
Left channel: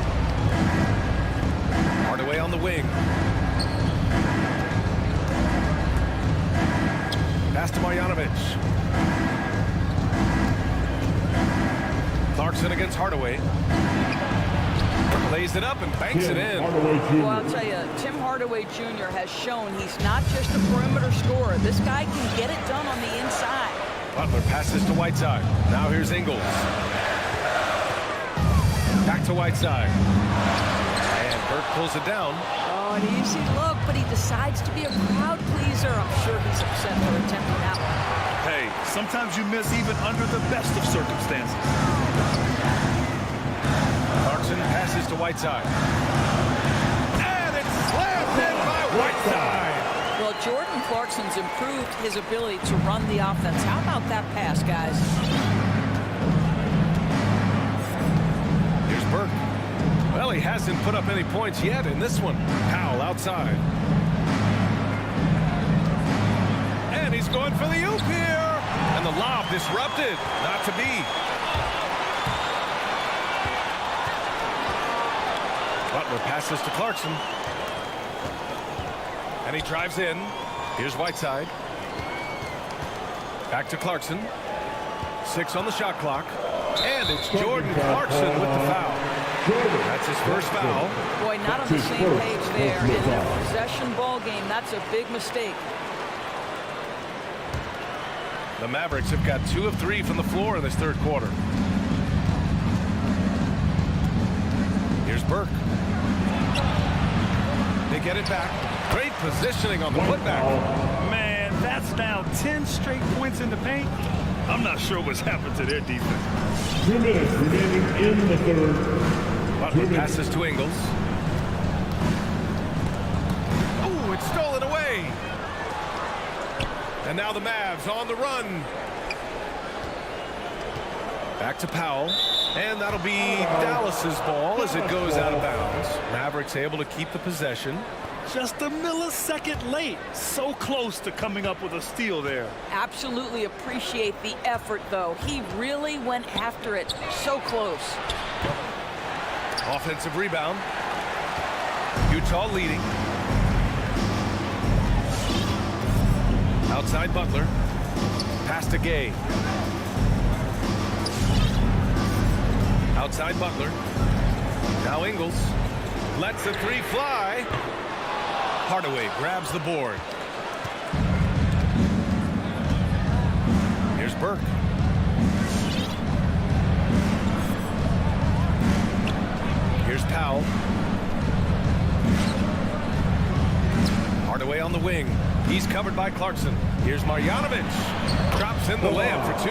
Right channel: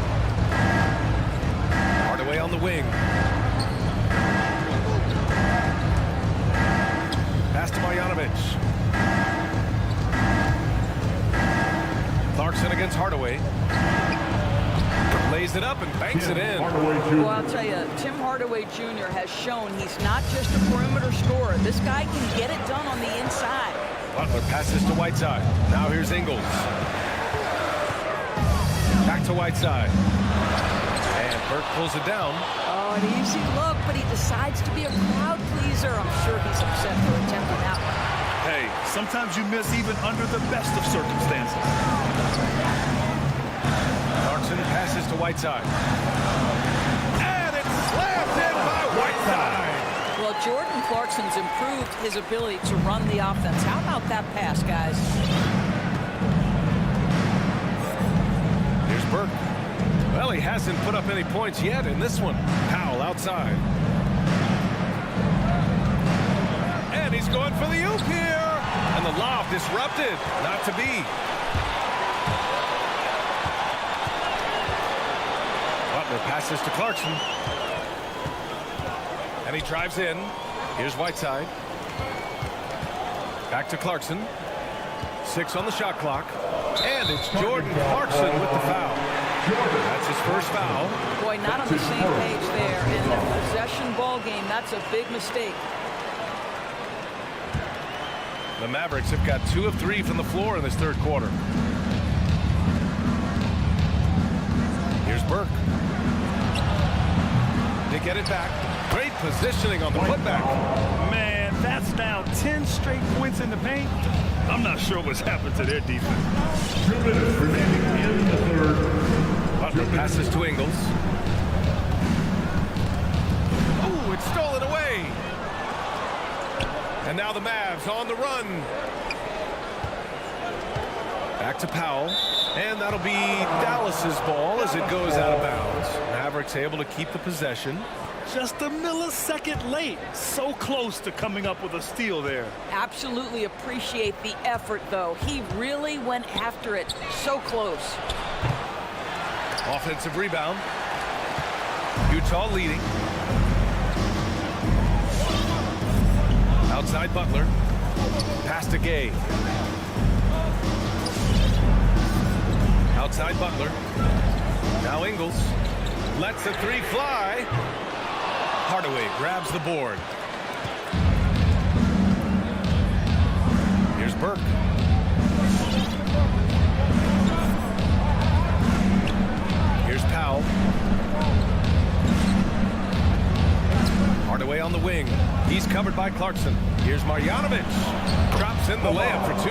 Hardaway on the wing. Pass to Marjanovic. Clarkson against Hardaway. Lays it up and banks it in. Well, I'll tell you, Tim Hardaway Jr. has shown he's not just a perimeter scorer. This guy can get it done on the inside. Butler passes to Whiteside. Now here's Ingles. Back to Whiteside. And Burke pulls it down. Oh, an easy look, but he decides to be a crowd pleaser. I'm sure he's upset for attempting that one. Hey, sometimes you miss even under the best of circumstances. Clarkson passes to Whiteside. And it's slammed in by Whiteside. Well, Jordan Clarkson's improved his ability to run the offense. How about that pass, guys? Here's Burke. Well, he hasn't put up any points yet in this one. Powell outside. And he's going for the oop here. And the lob disrupted. Not to be. Butler passes to Clarkson. And he drives in. Here's Whiteside. Back to Clarkson. 6 on the shot clock. And it's Jordan Clarkson with the foul. That's his first foul. Boy, not on the same page there. In a possession ball game, that's a big mistake. The Mavericks have got 2 of 3 from the floor in this third quarter. Here's Burke. They get it back. Great positioning on the putback. Man, that's now 10 straight points in the paint. I'm not sure what's happened to their defense. 2 minutes remaining in the third. Butler passes to Ingles. Oh, it's stolen away. And now the Mavs on the run. Back to Powell. And that'll be Dallas's ball as it goes out of bounds. Mavericks able to keep the possession. Just a millisecond late. So close to coming up with a steal there. Absolutely appreciate the effort, though. He really went after it. So close. Offensive rebound. Utah leading. Outside Butler. Pass to Gay. Outside Butler. Now Ingles. Lets the 3 fly. Hardaway grabs the board. Here's Burke. Here's Powell. Hardaway on the wing. He's covered by Clarkson. Here's Marjanovic. Drops in the layup for 2.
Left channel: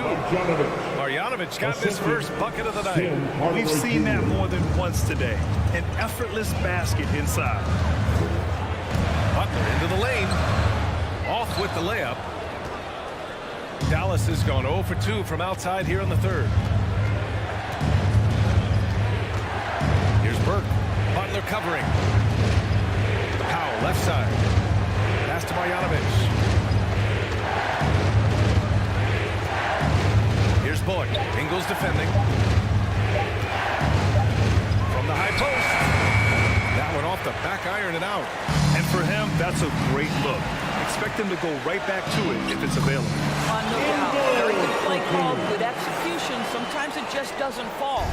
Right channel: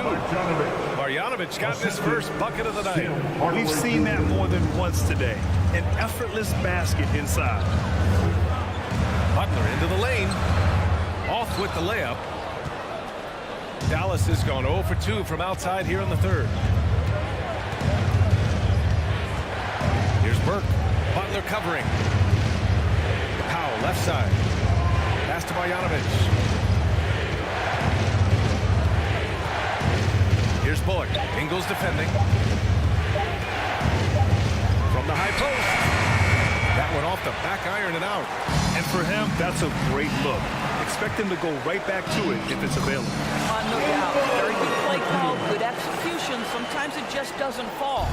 Marjanovic got his first bucket of the night. We've seen that more than once today. An effortless basket inside. Butler into the lane. Off with the layup. Dallas has gone 0 for 2 from outside here in the third. Here's Burke. Butler covering. Powell left side. Pass to Marjanovic. Here's Bullock. Ingles defending. From the high post. That one off the back iron and out. And for him, that's a great look. Expect him to go right back to it if it's available. No doubt. Very good play call, good execution. Sometimes it just doesn't fall.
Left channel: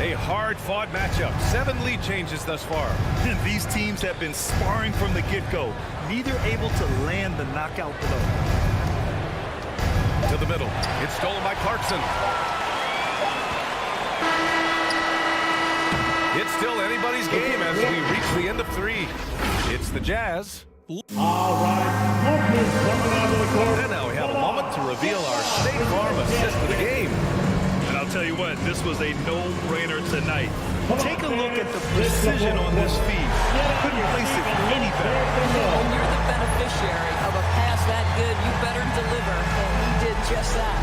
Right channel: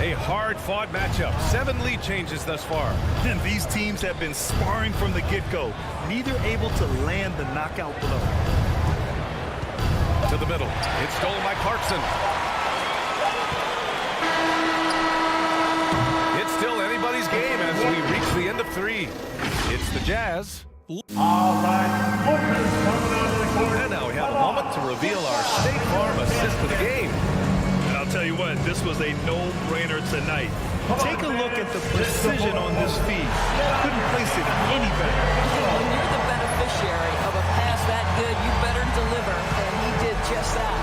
A hard-fought matchup. 7 lead changes thus far. And these teams have been sparring from the get-go. Neither able to land the knockout blow. To the middle. It's stolen by Clarkson. It's still anybody's game as we reach the end of 3. It's the Jazz. All right, Lucas coming onto the court. And now we have a moment to reveal our State Farm assist of the game. And I'll tell you what, this was a no-brainer tonight. Take a look at the precision on this feed. Couldn't place it any better. When you're the beneficiary of a pass that good, you better deliver, and he did just that.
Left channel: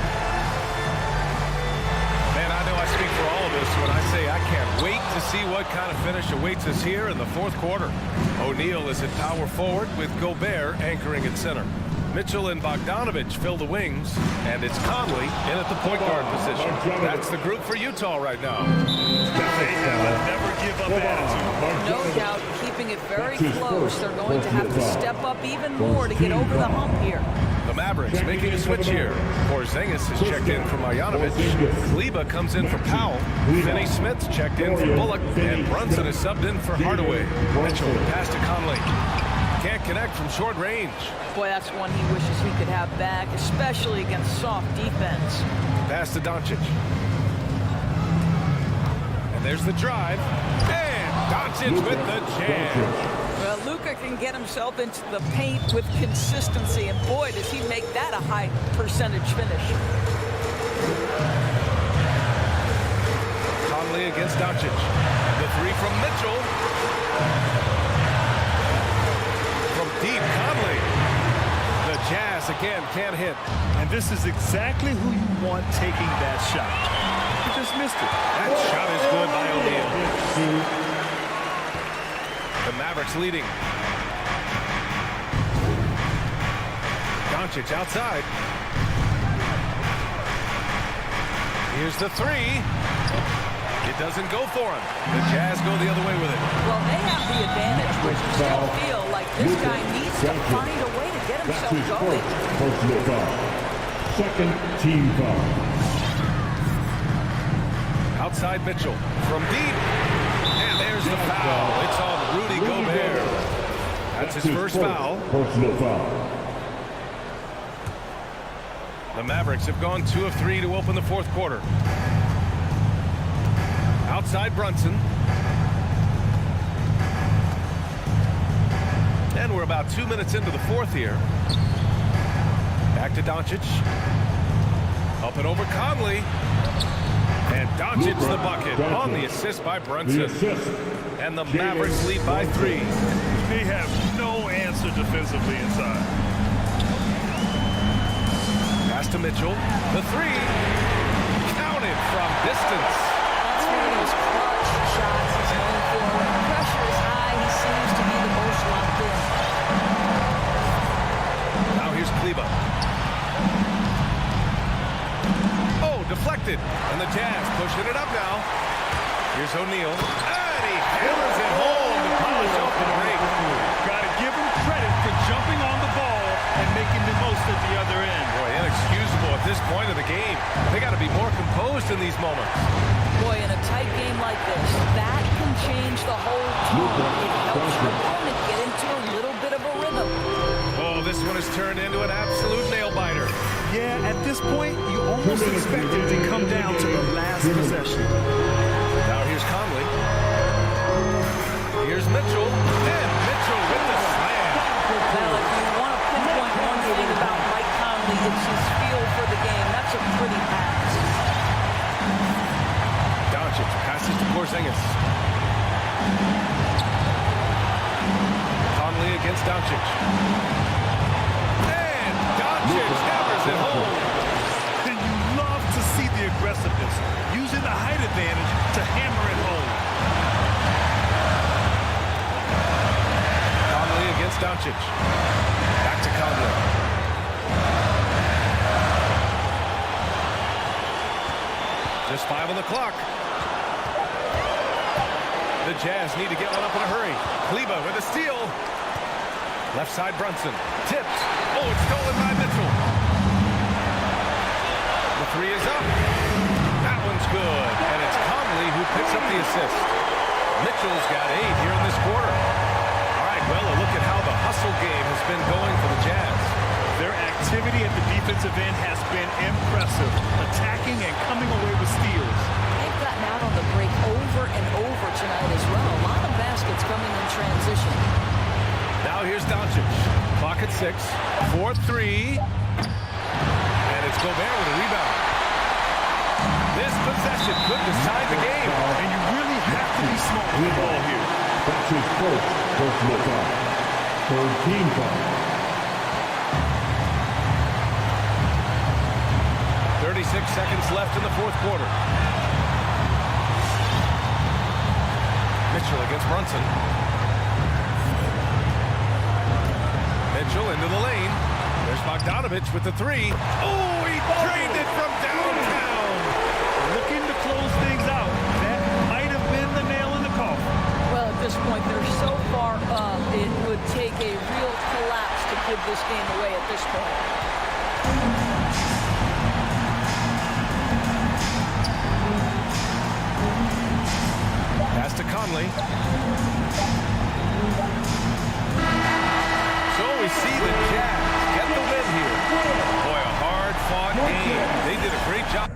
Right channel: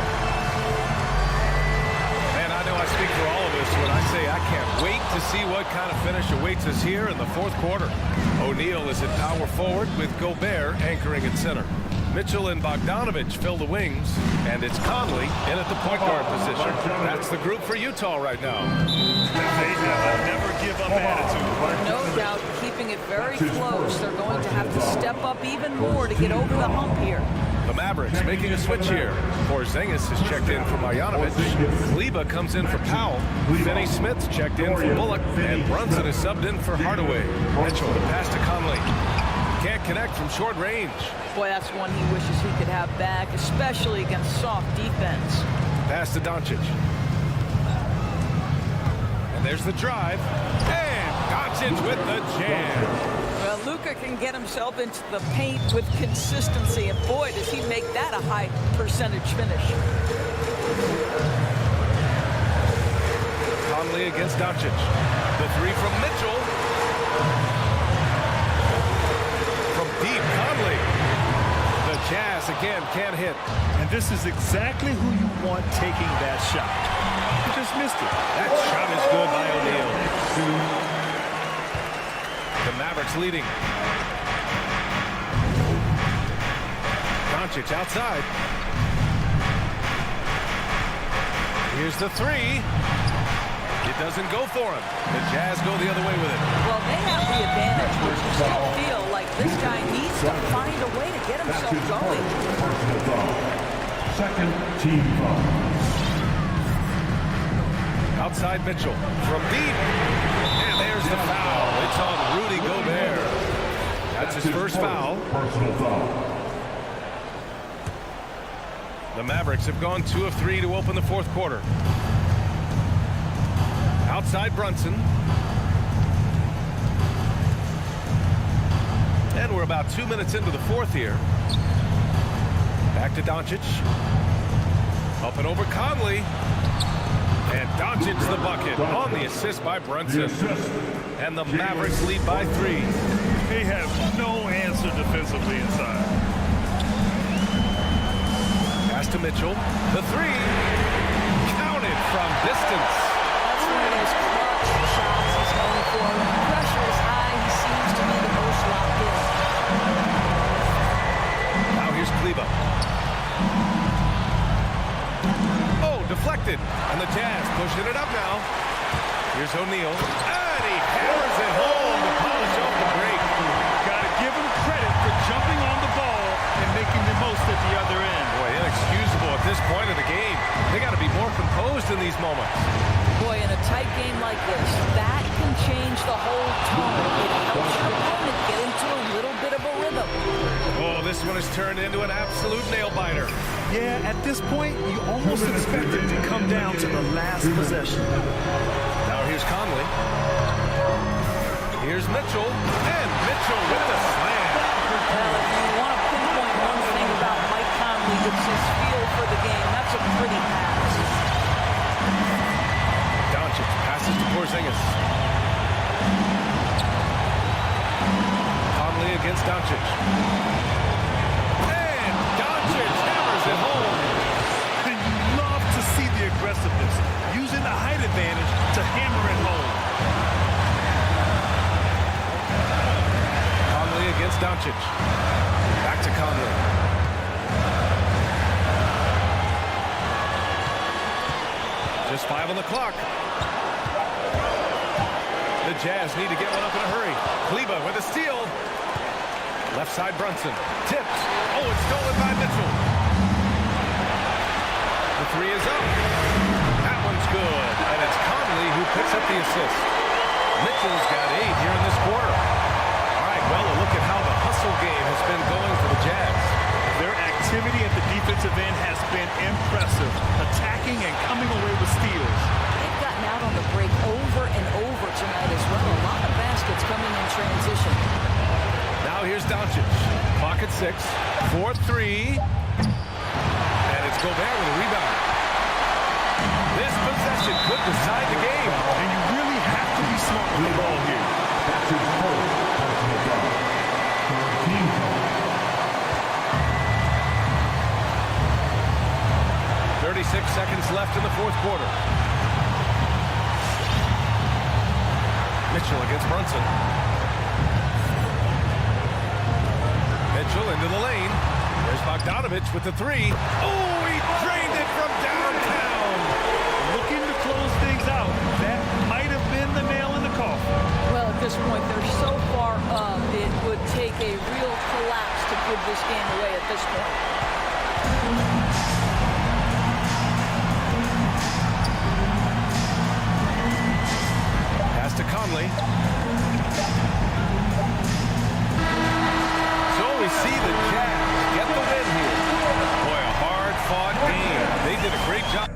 Man, I know I speak for all of us when I say I can't wait to see what kind of finish awaits us here in the fourth quarter. O'Neal is at power forward with Gobert anchoring at center. Mitchell and Bogdanovich fill the wings, and it's Conley in at the point guard position. That's the group for Utah right now. They have a never-give-up attitude. No doubt, keeping it very close. They're going to have to step up even more to get over the hump here. The Mavericks making a switch here. Porzingis is checked in for Marjanovic. Kleba comes in for Powell. Finney-Smith's checked in for Bullock. And Brunson is subbed in for Hardaway. Mitchell, the pass to Conley. Can't connect from short range. Boy, that's one he wishes he could have back, especially against soft defense. Pass to Doncic. And there's the drive. And Doncic with the jam. Well, Luka can get himself into the paint with consistency, and boy, does he make that a high percentage finish. Conley against Doncic. The 3 from Mitchell. From deep, Conley. The Jazz again can't hit. And this is exactly who you want taking that shot. He just missed it. That shot is good by O'Neal. The Mavericks leading. Doncic outside. Here's the 3. It doesn't go for him. The Jazz go the other way with it. Well, they have the advantage, but you still feel like this guy needs to find a way to get himself going. Personal foul. Second team foul. Outside Mitchell from deep. And there's the foul. It's on Rudy Gobert. That's his first foul. Personal foul. The Mavericks have gone 2 of 3 to open the fourth quarter. Outside Brunson. And we're about 2 minutes into the fourth here. Back to Doncic. Up and over Conley. And Doncic's the bucket on the assist by Brunson. And the Mavericks lead by 3. They have no answer defensively inside. Pass to Mitchell. The 3. Counted from distance. That's one of those clutch shots he's known for. When the pressure is high, he seems to be the most locked in. Now here's Kleber. Oh, deflected. And the Jazz pushing it up now. Here's O'Neal. And he hammers it home to polish off the break. Got to give him credit for jumping on the ball and making the most at the other end. Boy, inexcusable at this point of the game. They got to be more composed in these moments. Boy, in a tight game like this, that can change the whole tone. It helps your opponent get into a little bit of a rhythm. Oh, this one has turned into an absolute nail-biter. Yeah, at this point, you almost expect it to come down to the last possession. Now here's Conley. Here's Mitchell. And Mitchell with the slam. Well, if you want to pinpoint one thing about Mike Conley, it's his feel for the game. That's a pretty pass. Doncic passes to Porzingis. Conley against Doncic. And Doncic hammers it home. And you love to see the aggressiveness, using the height advantage to hammer it home. Conley against Doncic. Back to Conley. Just 5 on the clock. The Jazz need to get one up in a hurry. Kleber with a steal. Left side Brunson. Tipped. Oh, it's stolen by Mitchell. The 3 is up. That one's good. And it's Conley who picks up the assist. Mitchell's got 8 here in this quarter. All right, well, a look at how the hustle game has been going for the Jazz. Their activity at the defensive end has been impressive, attacking and coming away with steals. They've gotten out on the break over and over tonight as well. A lot of baskets coming in transition. Now here's Doncic. Clock at 6. 4-3. And it's Gobert with a rebound. This possession could decide the game. And you really have to be smart with the ball here. That's his first personal foul. Third team foul. 36 seconds left in the fourth quarter. Mitchell against Brunson. Mitchell into the lane. There's Bogdanovich with the 3. Oh, he drained it from downtown. Looking to close things out. That might have been the nail in the coffin. Well, at this point, they're so far up, it would take a real collapse to give this game away at this point. Pass to Conley. So we see the Jazz get the win here. Boy, a hard-fought game. They did a great job.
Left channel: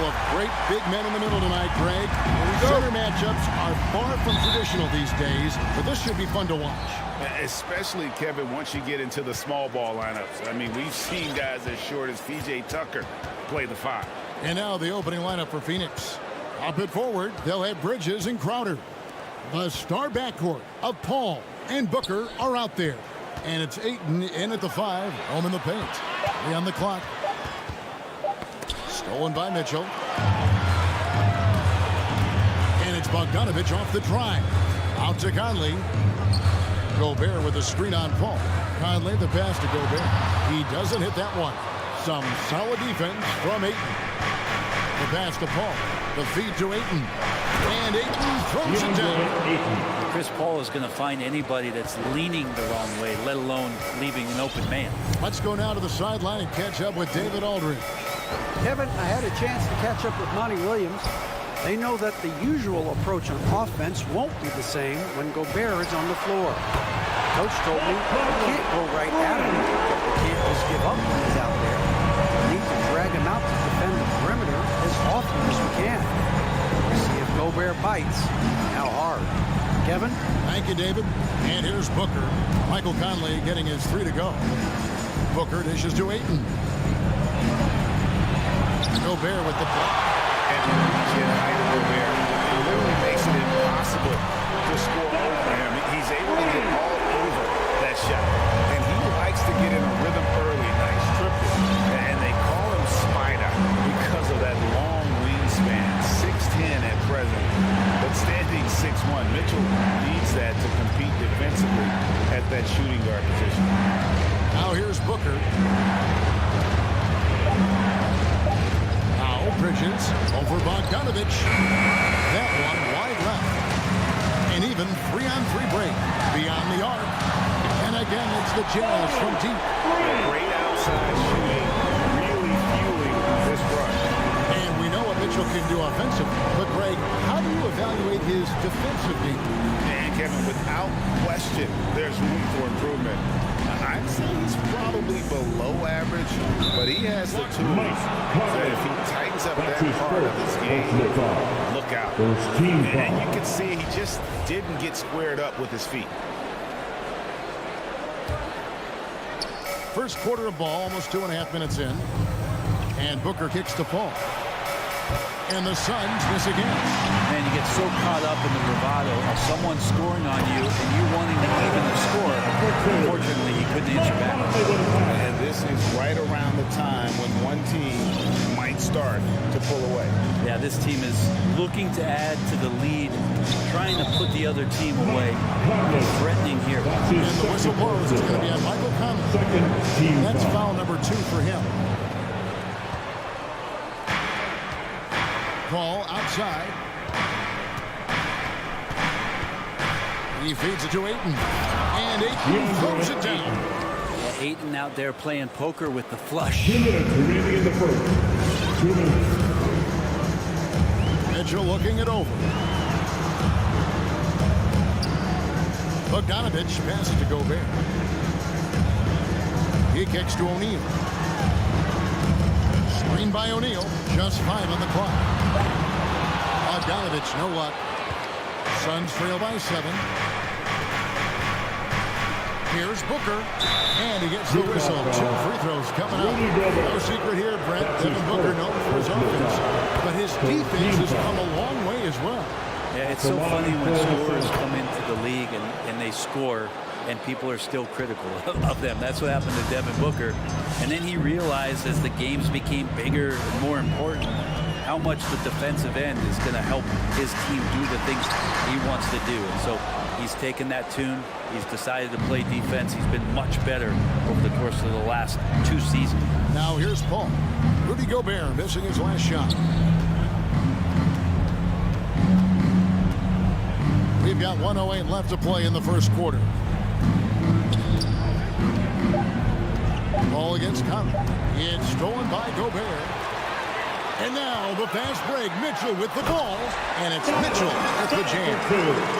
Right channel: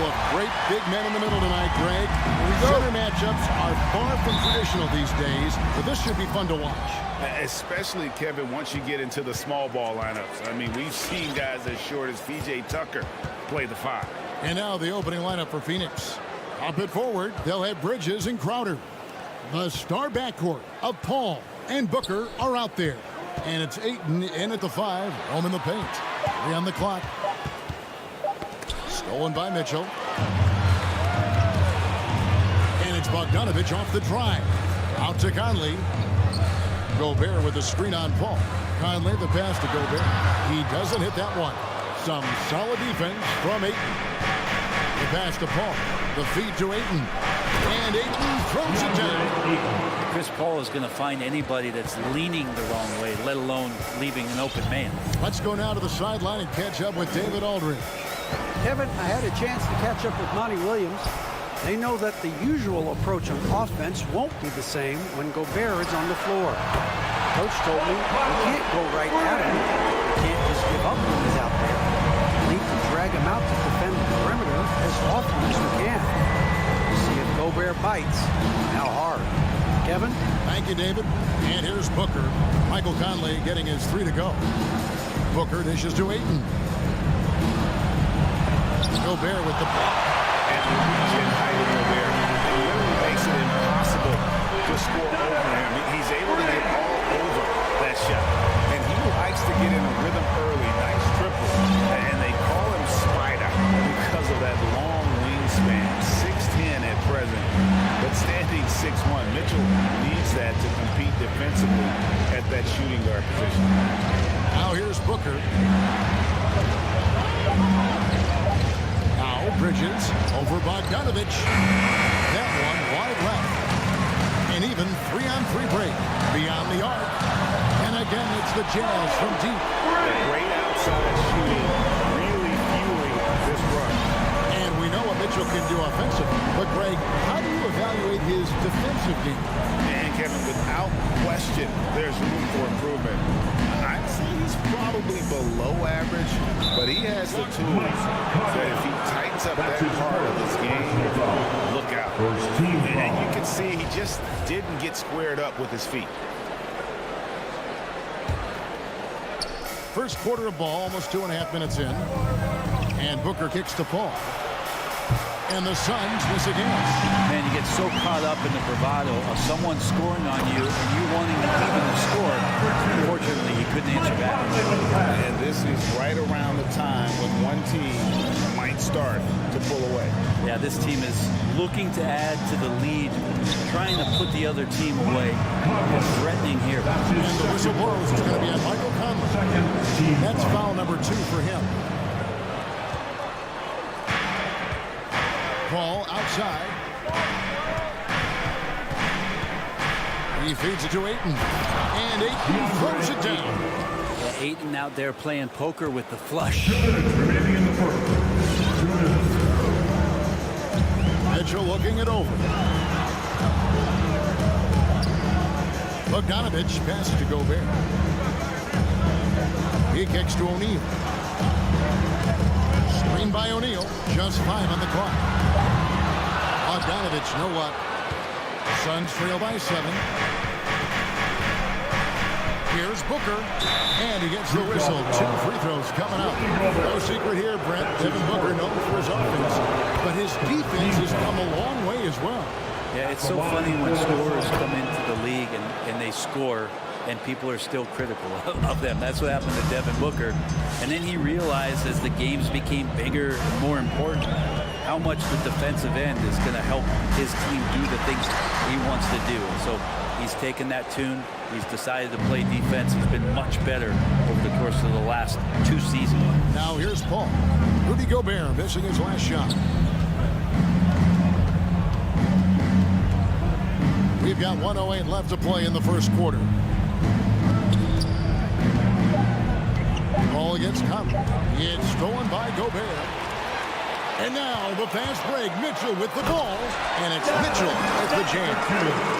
couple of great big men in the middle tonight, Greg. Center matchups are far from traditional these days, but this should be fun to watch. Especially, Kevin, once you get into the small ball lineups. I mean, we've seen guys as short as P.J. Tucker play the 5. And now the opening lineup for Phoenix. Up at forward, they'll have Bridges and Crowder. The star backcourt of Paul and Booker are out there. And it's Ayton in at the 5, home in the paint. 3 on the clock. Stolen by Mitchell. And it's Bogdanovich off the drive. Out to Conley. Gobert with the screen on Paul. Conley the pass to Gobert. He doesn't hit that one. Some solid defense from Ayton. The pass to Paul. The feed to Ayton. And Ayton throws it down. Chris Paul is going to find anybody that's leaning the wrong way, let alone leaving an open man. Let's go now to the sideline and catch up with David Aldridge. Kevin, I had a chance to catch up with Monty Williams. They know that the usual approach on offense won't be the same when Gobert is on the floor. Coach told me we can't go right at him. We can't just give up when he's out there. We need to drag him out to defend the perimeter as often as we can. See if Gobert bites. How hard. Kevin? Thank you, David. And here's Booker. Michael Conley getting his 3 to go. Booker dishes to Ayton. Gobert with the block. And the reach and height of Gobert, it literally makes it impossible to score over him. He's able to get all over that shot. And he likes to get in a rhythm early. Nice triple. And they call him Spider because of that long wingspan. 6'10" at present, but standing 6'1". Mitchell needs that to compete defensively at that shooting guard position. Now here's Booker. Now Bridges over Bogdanovich. That one wide left. An even 3-on-3 break beyond the arc. And again, it's the Jazz from deep. Great outside shooting, really fueling this rush. And we know what Mitchell can do offensively. But, Greg, how do you evaluate his defensive game? And, Kevin, without question, there's room for improvement. I'd say he's probably below average, but he has the tools that if he tightens up that part of his game, look out. And you can see he just didn't get squared up with his feet. First quarter of ball, almost 2.5 minutes in. And Booker kicks to Paul. And the Suns miss again. Man, you get so caught up in the bravado of someone scoring on you and you wanting to even the score. Unfortunately, he couldn't answer back. And this is right around the time when one team might start to pull away. Yeah, this team is looking to add to the lead, trying to put the other team away. And threatening here. And the whistle blows. It's going to be on Michael Conley. That's foul number 2 for him. Paul outside. He feeds it to Ayton. And Ayton throws it down. Yeah, Ayton out there playing poker with the flush. 2 minutes remaining in the first. 2 minutes. Mitchell looking it over. Bogdanovich passes to Gobert. He kicks to O'Neal. Screen by O'Neal. Just 5 on the clock. Bogdanovich, know what? Suns trail by 7. Here's Booker. And he gets the whistle. 2 free throws coming up. No secret here, Brent. Devin Booker known for his offense. But his defense has come a long way as well. Yeah, it's so funny when scorers come into the league and they score and people are still critical of them. That's what happened to Devin Booker. And then he realized as the games became bigger and more important, how much the defensive end is going to help his team do the things he wants to do. And so he's taken that tune. He's decided to play defense. He's been much better over the course of the last 2 seasons. Now here's Paul. Rudy Gobert missing his last shot. We've got 1:08 left to play in the first quarter. Ball against Conley. It's stolen by Gobert. And now the fast break. Mitchell with the ball. And it's Mitchell at the jam.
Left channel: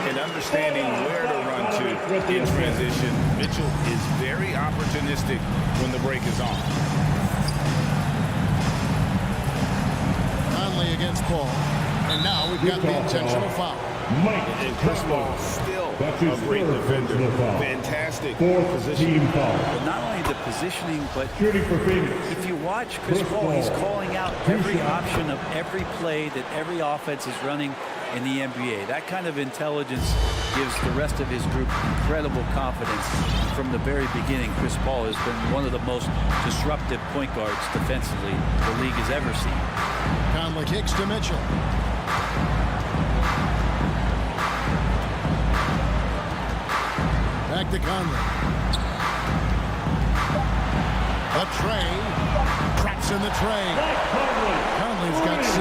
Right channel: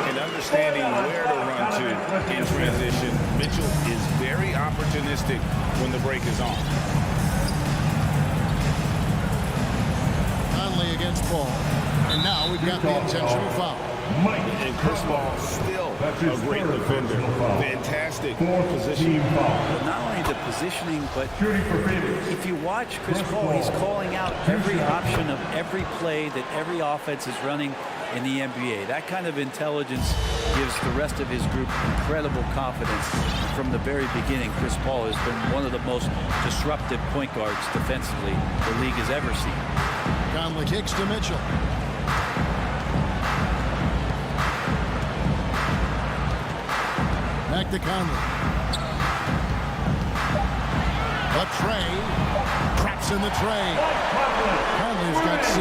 And understanding where to run to in transition. Mitchell is very opportunistic when the break is on. Conley against Paul. And now we've got the intentional foul. And Chris Paul still a great defender. Fantastic position. But not only the positioning, but if you watch Chris Paul, he's calling out every option of every play that every offense is running in the NBA. That kind of intelligence gives the rest of his group incredible confidence. From the very beginning, Chris Paul has been one of the most disruptive point guards defensively the league has ever seen. Conley kicks to Mitchell. Back to Conley. A tray. Traps in the tray. Conley's got 6.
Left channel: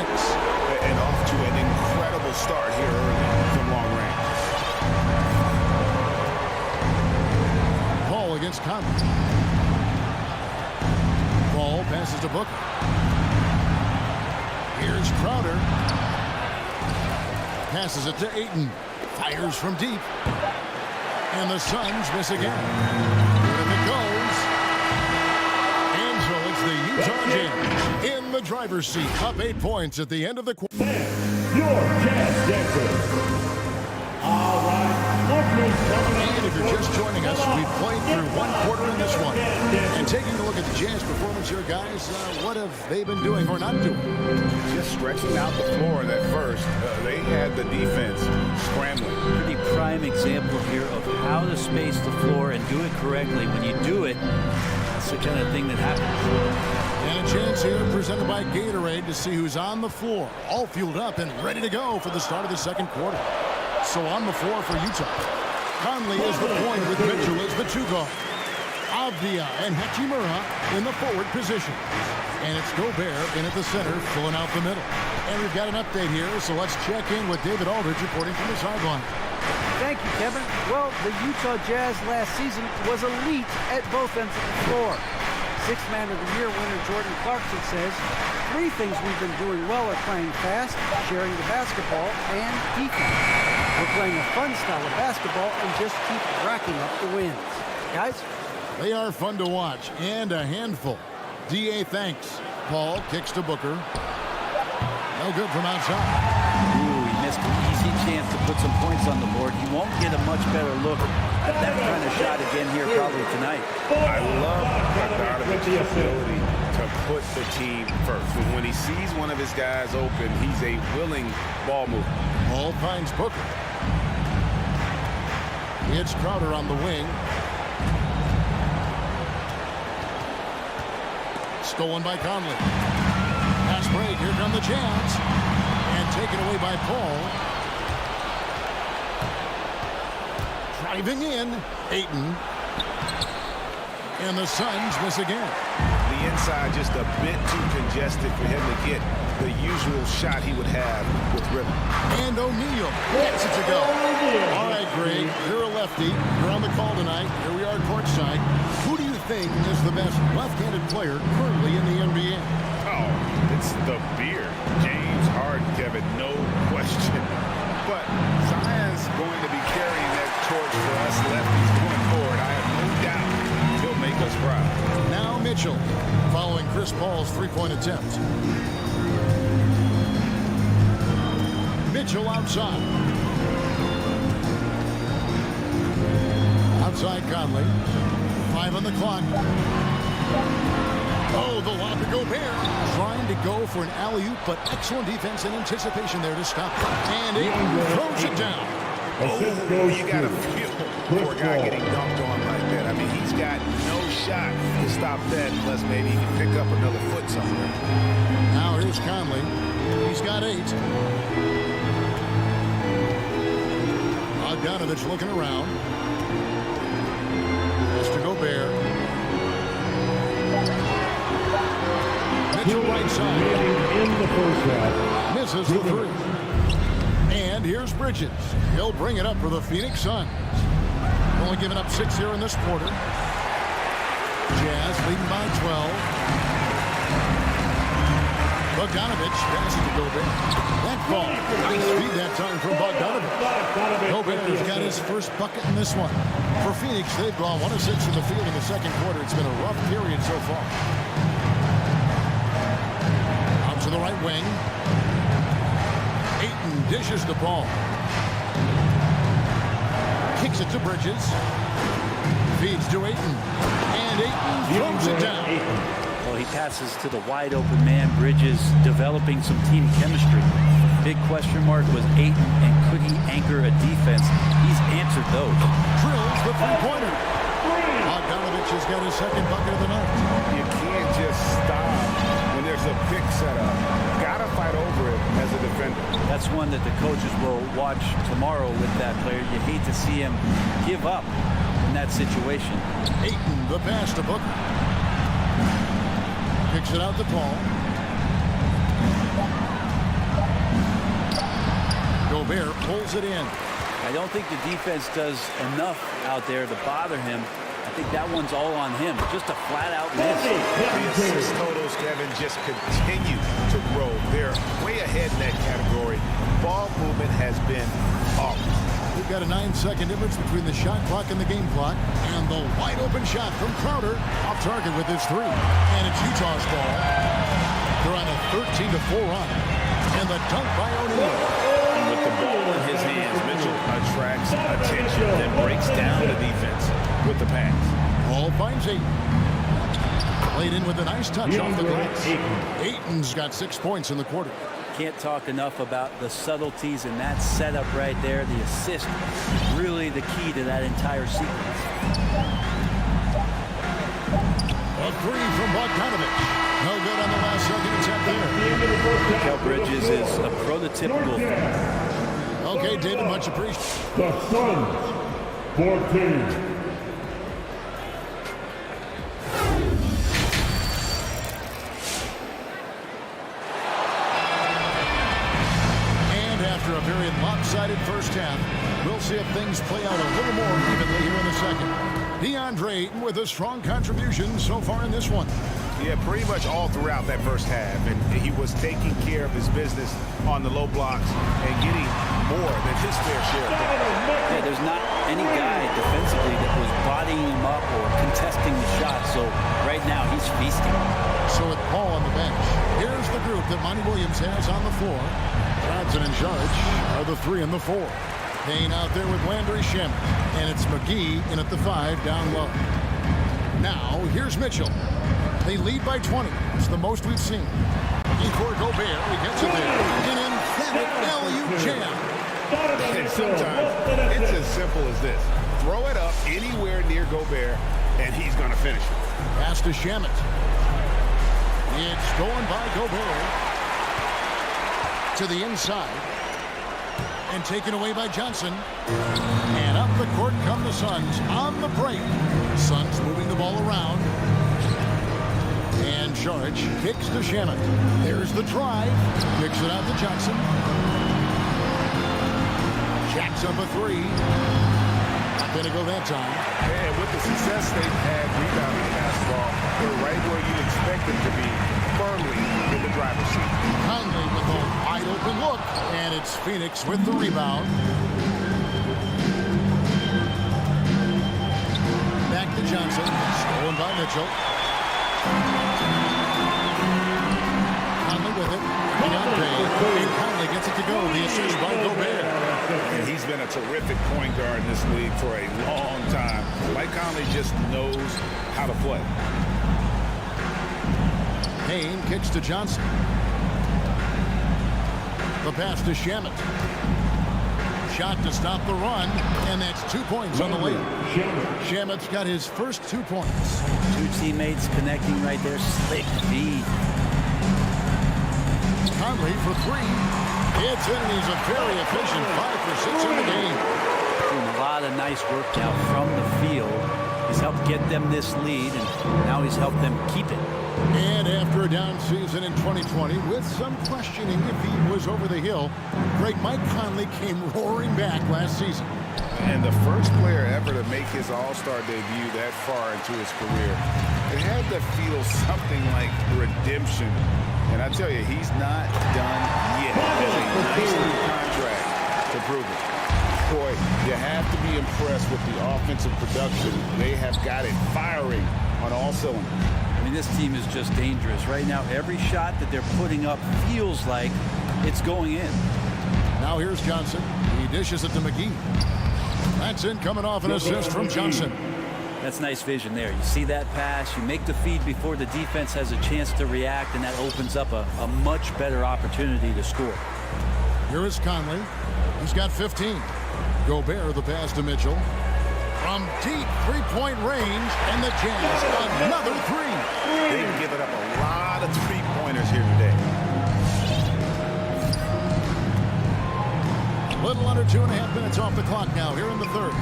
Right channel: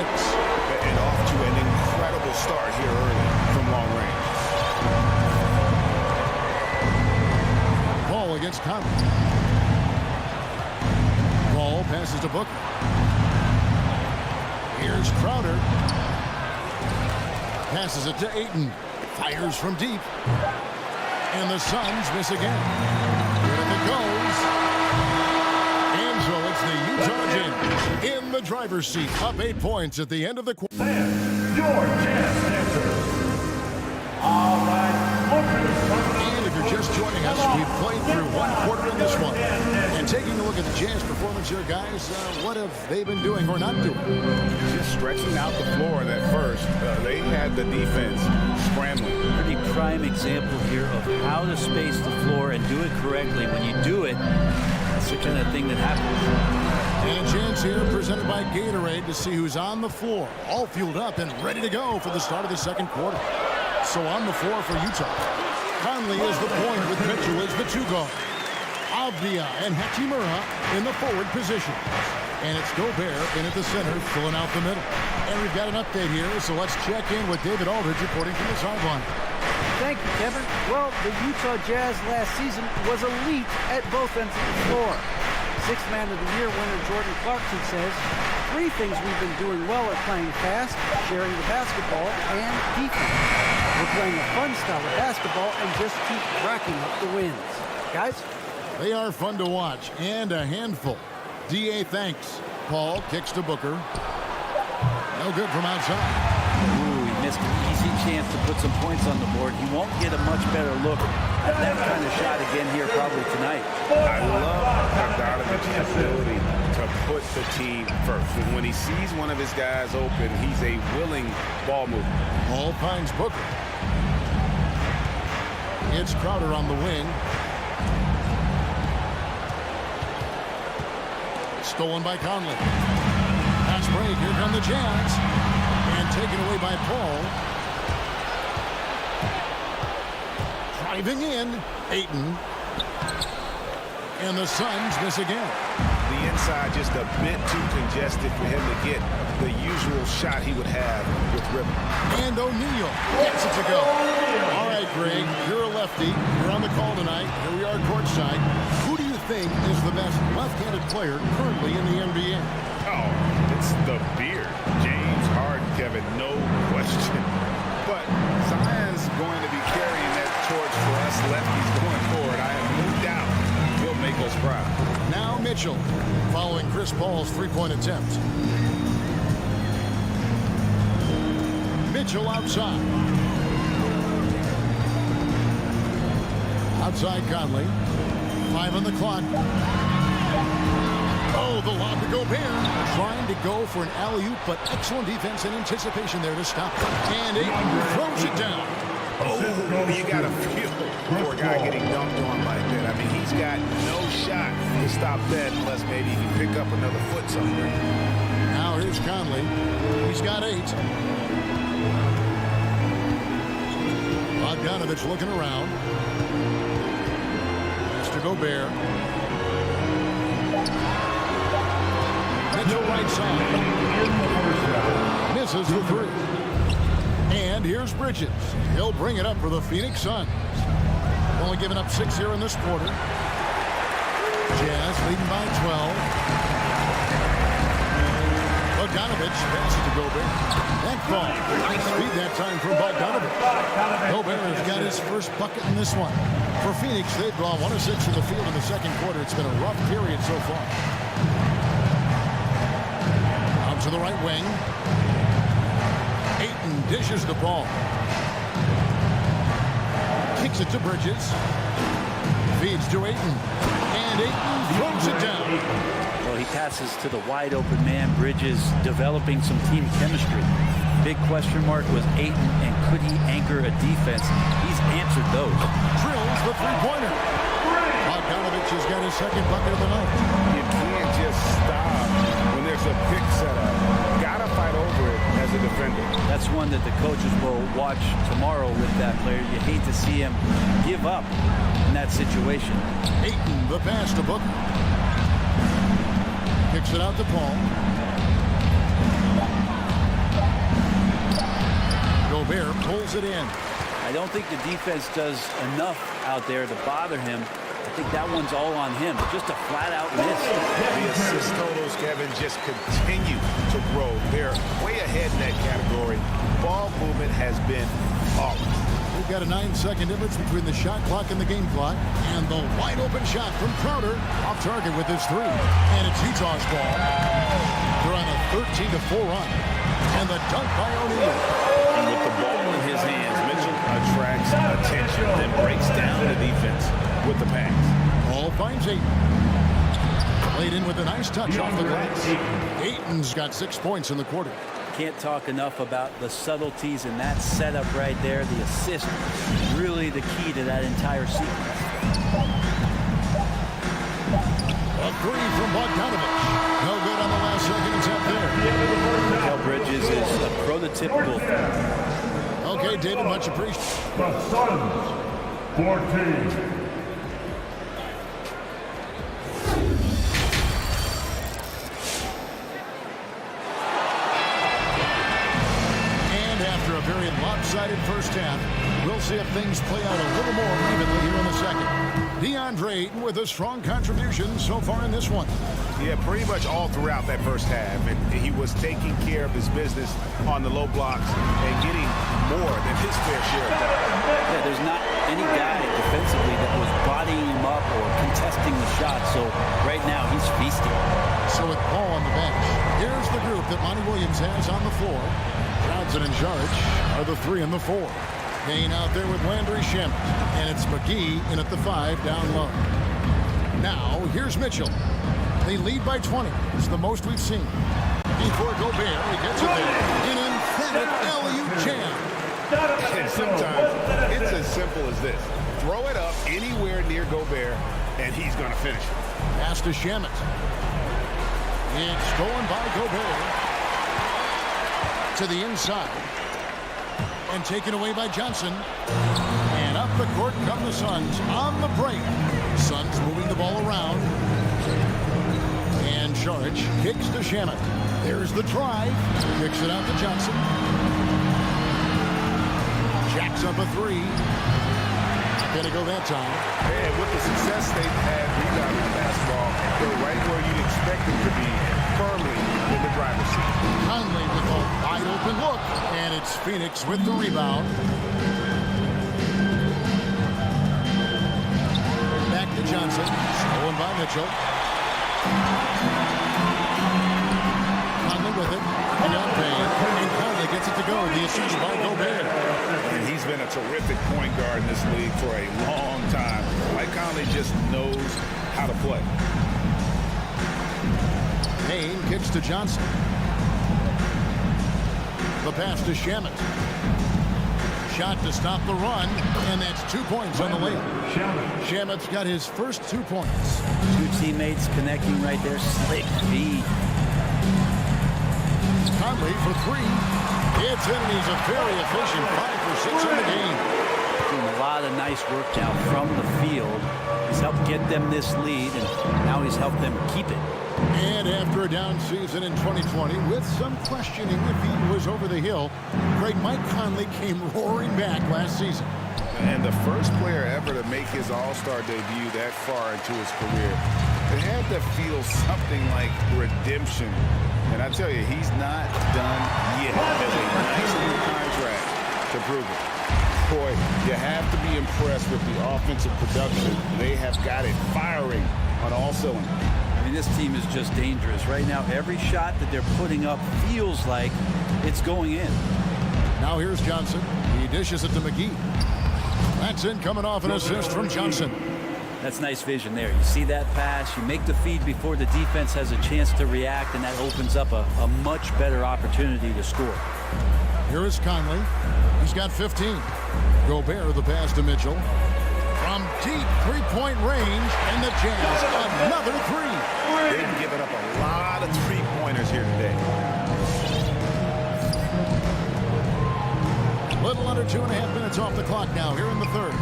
And off to an incredible start here early from long range. Paul against Conley. Paul passes to Booker. Here's Crowder. Passes it to Ayton. Fires from deep. And the Suns miss again. Good if it goes. And so it's the Utah Jazz in the driver's seat. Up 8 points at the end of the quarter. Your Jazz Dancer. All right. And if you're just joining us, we've played through 1 quarter in this one. And taking a look at the Jazz performance here, guys, what have they been doing or not doing? Just stretching out the floor that first. They had the defense scrambling. Pretty prime example here of how to space the floor and do it correctly. When you do it, that's the kind of thing that happens. And a chance here presented by Gatorade to see who's on the floor. All fueled up and ready to go for the start of the second quarter. So on the floor for Utah. Conley is the point with Mitchell as the 2 guard. Avdia and Hachimura in the forward position. And it's Gobert in at the center, filling out the middle. And we've got an update here, so let's check in with David Aldridge reporting from the sideline. Thank you, Kevin. Well, the Utah Jazz last season was elite at both ends of the floor. 6th Man of the Year winner Jordan Clarkson says, 3 things we've been doing well are playing fast, sharing the basketball, and defense. We're playing a fun style of basketball and just keep racking up the wins. Guys? They are fun to watch and a handful. D.A. thanks. Paul kicks to Booker. No good from outside. Ooh, he missed an easy chance to put some points on the board. He won't get a much better look at that kind of shot again here probably tonight. I love Bogdanovich's ability to put the team first. When he sees one of his guys open, he's a willing ball mover. Paul finds Booker. It's Crowder on the wing. Stolen by Conley. Pass break. Here come the Jazz. And taken away by Paul. Driving in. Ayton. And the Suns miss again. The inside just a bit too congested for him to get the usual shot he would have with rhythm. And O'Neal gets it to go. All right, Greg, you're a lefty. You're on the call tonight. Here we are courtside. Who do you think is the best left-handed player currently in the NBA? Oh, it's the beard. James Harden, Kevin, no question. But Zion's going to be carrying that torch for us lefties going forward. I have no doubt he'll make us proud. Now Mitchell, following Chris Paul's 3-point attempt. Mitchell outside. Outside Conley. 5 on the clock. Oh, the lob to Gobert. Trying to go for an alley-oop, but excellent defense and anticipation there to stop. And Ayton throws it down. Oh, you got to feel poor guy getting dunked on like that. I mean, he's got no shot to stop that unless maybe he can pick up another foot somewhere. Now here's Conley. He's got 8. Bogdanovic looking around. Pass to Gobert. Mitchell right side. In the first half. Misses the 3. And here's Bridges. He'll bring it up for the Phoenix Suns. Only giving up 6 here in this quarter. Jazz leading by 12. Bogdanovic passes to Gobert. That ball. Nice speed that time from Bogdanovic. Gobert's got his first bucket in this one. For Phoenix, they've gone 1 of 6 from the field in the second quarter. It's been a rough period so far. Out to the right wing. Dishes the ball. Kicks it to Bridges. Feeds to Ayton. And Ayton throws it down. Well, he passes to the wide open man. Bridges developing some team chemistry. Big question mark was Ayton, and could he anchor a defense? He's answered those. Drills the three-pointer. Donovan has got his second bucket of the night. You can't just stop when there's a pick set up. Got to fight over it as a defender. That's one that the coaches will watch tomorrow with that player. You hate to see him give up in that situation. Ayton, the pass to Booker. Kicks it out to Paul. Gobert pulls it in. I don't think the defense does enough out there to bother him. I think that one's all on him. Just a flat-out miss. The assist totals, Kevin, just continue to grow. They're way ahead in that category. Ball movement has been off. We've got a 9-second difference between the shot clock and the game clock. And the wide-open shot from Crowder off target with his three. And it's Utah's ball. They're on a 13-4 run. And the dunk by O'Neal. And with the ball in his hands, Mitchell attracts attention, then breaks down the defense with the pass. Paul finds Ayton. Played in with a nice touch off the glass. Ayton's got 6 points in the quarter. Can't talk enough about the subtleties in that setup right there. The assist, really the key to that entire sequence. A three from Bogdanovich. No good on the last second attempt there. Mikal Bridges is a prototypical. Okay, David, much appreciated. The Suns, 14. After a very lopsided first half, we'll see if things play out a little more evenly here in the second. DeAndre Ayton with a strong contribution so far in this one. Yeah, pretty much all throughout that first half, and he was taking care of his business on the low blocks and getting more than his fair share of that. Yeah, there's not any guy defensively that was bodying him up or contesting the shot, so right now he's feasting. So with Paul on the bench, here's the group that Monty Williams has on the floor. Johnson and Saric are the 3 and the 4. Payne out there with Landry Shamet, and it's McGee in at the 5 down low. Now, here's Mitchell. They lead by 20. It's the most we've seen. Before Gobert, he gets it there. An emphatic alley-oop jam. And sometimes it's as simple as this. Throw it up anywhere near Gobert, and he's going to finish it. Pass to Shamet. It's stolen by Gobert. To the inside. And taken away by Johnson. And up the court come the Suns on the break. Suns moving the ball around. And Saric kicks to Shamet. There's the drive. Kicks it out to Johnson. Jacks up a 3. Not going to go that time. And with the success they've had rebounding the basketball, they're right where you'd expect them to be, firmly in the driver's seat. Conley with a wide open look. And it's Phoenix with the rebound. Back to Johnson. Stolen by Mitchell. Conley with it. Working on Payne. And Conley gets it to go. The assist by Gobert. And he's been a terrific point guard in this league for a long time. Mike Conley just knows how to play. Payne kicks to Johnson. The pass to Shamet. Shot to stop the run, and that's 2 points on the layup. Shamet's got his first 2 points. 2 teammates connecting right there. Slick feed. Conley for 3. It's in, and he's a very efficient 5 for 6 in the game. Doing a lot of nice work now from the field. He's helped get them this lead, and now he's helped them keep it. And after a down season in 2020, with some questioning if he was over the hill, great Mike Conley came roaring back last season. And the first player ever to make his All-Star debut that far into his career, it had to feel something like redemption. And I tell you, he's not done yet. There's a nice new contract to prove it. Boy, you have to be impressed with the offensive production. They have got it firing on all cylinders. I mean, this team is just dangerous. Right now, every shot that they're putting up feels like it's going in. Now here's Johnson. He dishes it to McGee. That's in, coming off an assist from Johnson. That's nice vision there. You see that pass, you make the feed before the defense has a chance to react, and that opens up a much better opportunity to score. Here is Conley. He's got 15. Gobert, the pass to Mitchell. From deep three-point range, and the Jazz, another three. They've given up a lot of three-pointers here today. Little under 2.5 minutes off the clock now here in the third.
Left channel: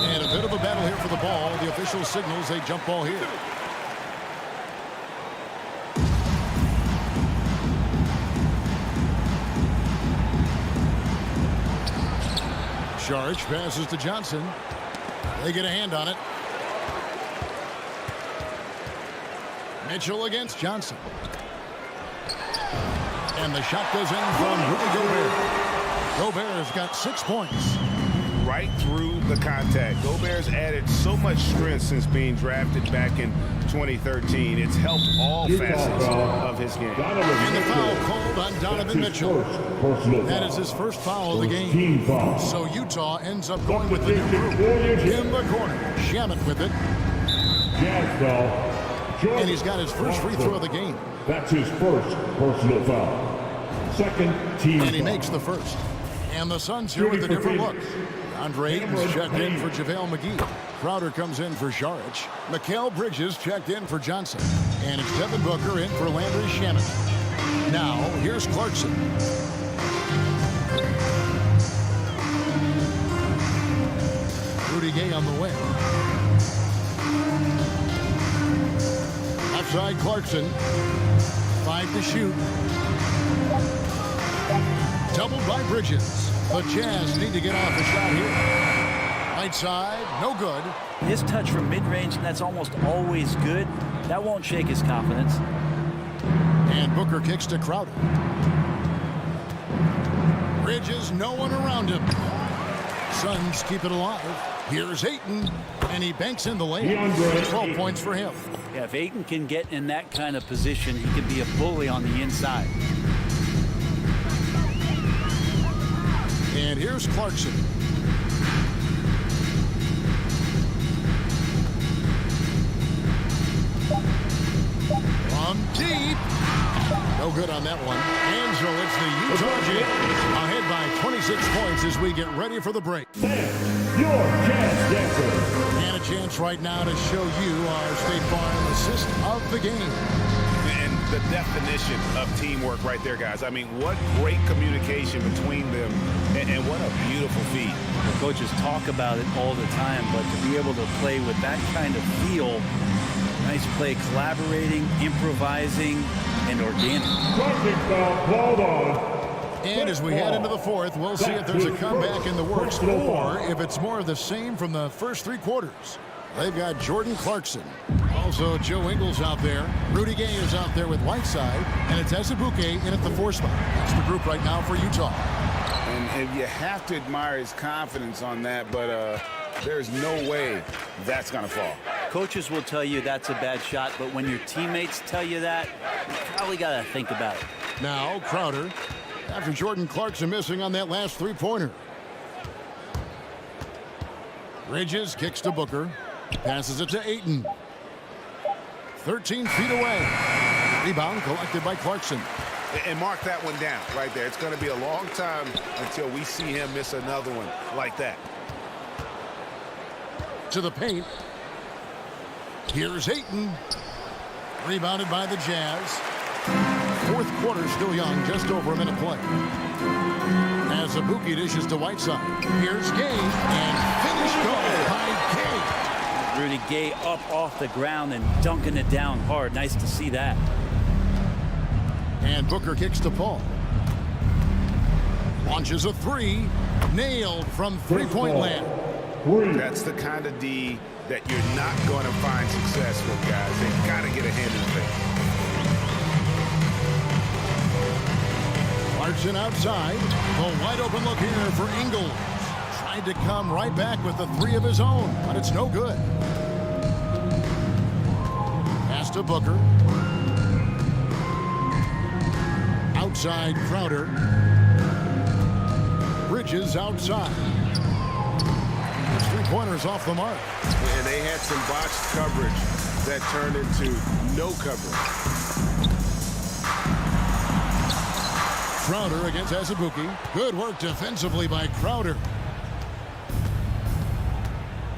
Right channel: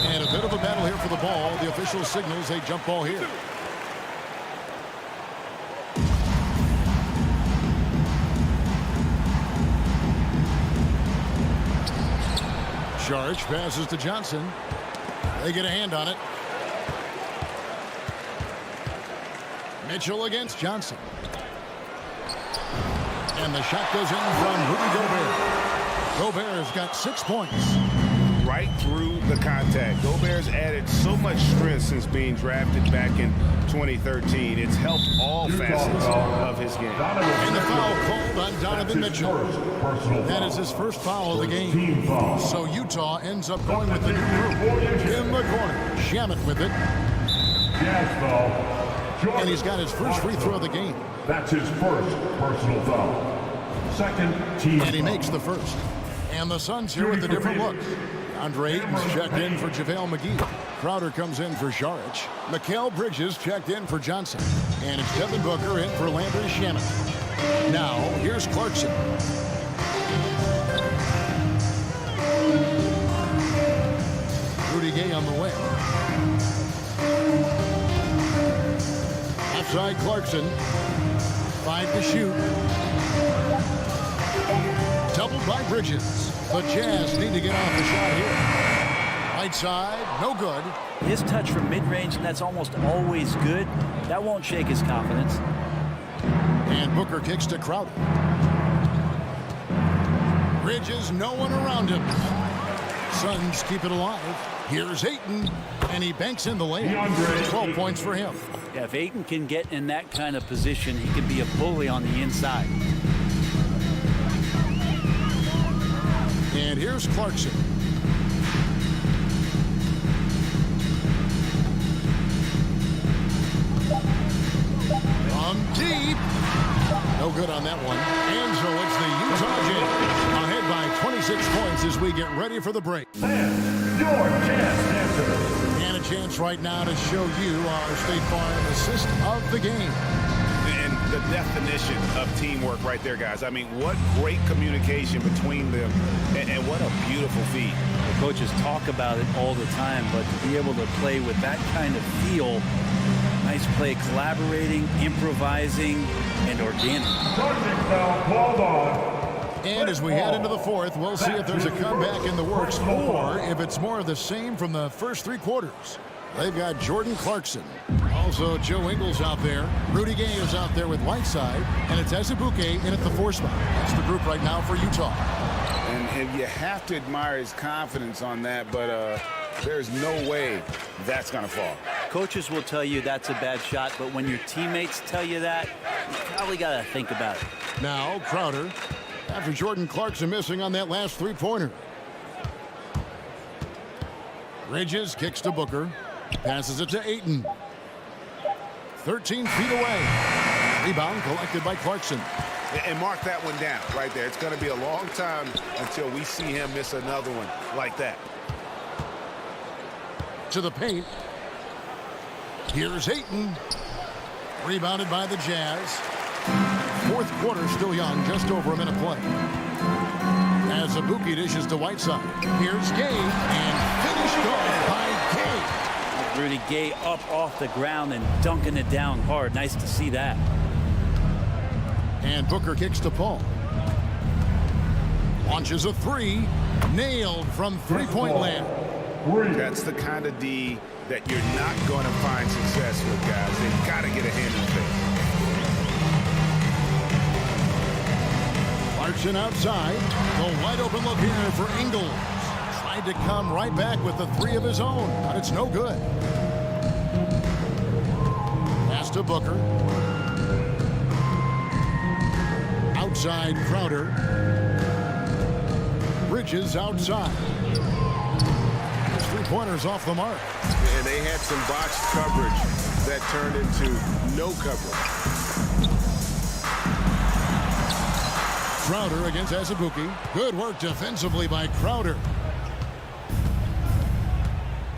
And a bit of a battle here for the ball. The official signals a jump ball here. Saric passes to Johnson. They get a hand on it. Mitchell against Johnson. And the shot goes in from Rudy Gobert. Gobert's got 6 points. Right through the contact. Gobert's added so much strength since being drafted back in 2013. It's helped all facets of his game. And the foul called on Donovan Mitchell. That is his first foul of the game. So Utah ends up going with the new group. In the corner, Shamet with it. And he's got his first free throw of the game. That's his first personal foul. Second team And he makes the first. And the Suns here with a different look. Andre Ayton's checked in for JaVale McGee. Crowder comes in for Saric. Mikal Bridges checked in for Johnson. And it's Devin Booker in for Landry Shamet. Now, here's Clarkson. Rudy Gay on the way. Outside Clarkson. 5 to shoot. Doubled by Bridges. The Jazz need to get off the shot here. Right side, no good. His touch from mid-range, and that's almost always good. That won't shake his confidence. And Booker kicks to Crowder. Bridges, no one around him. Suns keep it alive. Here's Ayton, and he banks in the layup. 12 points for him. Yeah, if Ayton can get in that kind of position, he can be a bully on the inside. And here's Clarkson. From deep. No good on that one. And so it's the Utah Jazz ahead by 26 points as we get ready for the break. And your Jazz Dancers. And a chance right now to show you our State Farm assist of the game. And the definition of teamwork right there, guys. I mean, what great communication between them, and what a beautiful feat. The coaches talk about it all the time, but to be able to play with that kind of feel, nice play, collaborating, improvising, and organic. Foul called on. And as we head into the fourth, we'll see if there's a comeback in the works or if it's more of the same from the first 3 quarters. They've got Jordan Clarkson. Also, Joe Ingles out there. Rudy Gay is out there with Whiteside. And it's Azubuike in at the 4 spot. That's the group right now for Utah. And you have to admire his confidence on that, but there's no way that's going to fall. Coaches will tell you that's a bad shot, but when your teammates tell you that, you probably got to think about it. Now, Crowder, after Jordan Clarkson missing on that last 3-pointer. Bridges kicks to Booker. Passes it to Ayton. 13 feet away. Rebound collected by Clarkson. And mark that one down right there. It's going to be a long time until we see him miss another one like that. To the paint. Here's Ayton. Rebounded by the Jazz. Fourth quarter still young, just over a minute play. As Azubuike dishes to Whiteside. Here's Gay, and finished off by Gay. Rudy Gay up off the ground and dunking it down hard. Nice to see that. And Booker kicks to Paul. Launches a 3. Nailed from 3-point land. That's the kind of D that you're not going to find success with, guys. They've got to get a hand in the face. Clarkson outside. The wide open look here for Ingles. Tried to come right back with the 3 of his own, but it's no good. Pass to Booker. Outside Crowder. Bridges outside. His three-pointers off the mark. And they had some botched coverage that turned into no coverage. Crowder against Azubuike. Good work defensively by Crowder.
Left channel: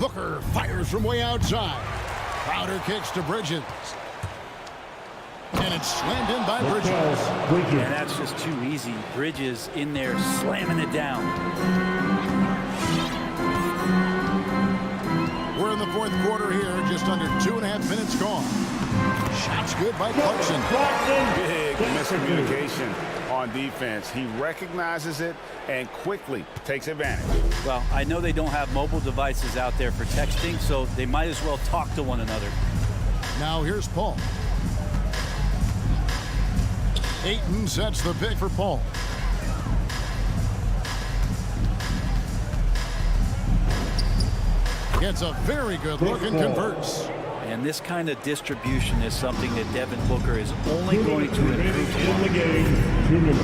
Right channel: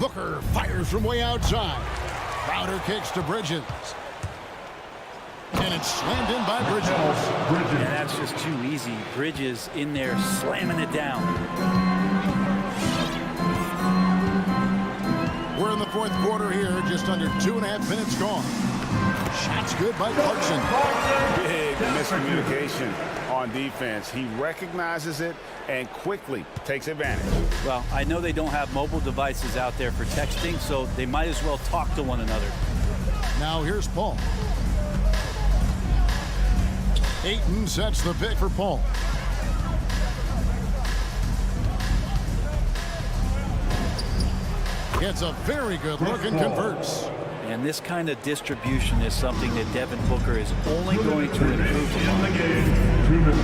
Booker fires from way outside. Crowder kicks to Bridges. And it's slammed in by Bridges. And that's just too easy. Bridges in there slamming it down. We're in the fourth quarter here, just under 2.5 minutes gone. Shots good by Clarkson. Big miscommunication on defense. He recognizes it and quickly takes advantage. Well, I know they don't have mobile devices out there for texting, so they might as well talk to one another. Now here's Paul. Ayton sets the pick for Paul. Gets a very good look and converts. And this kind of distribution is something that Devin Booker is only going to improve upon. 2 minutes.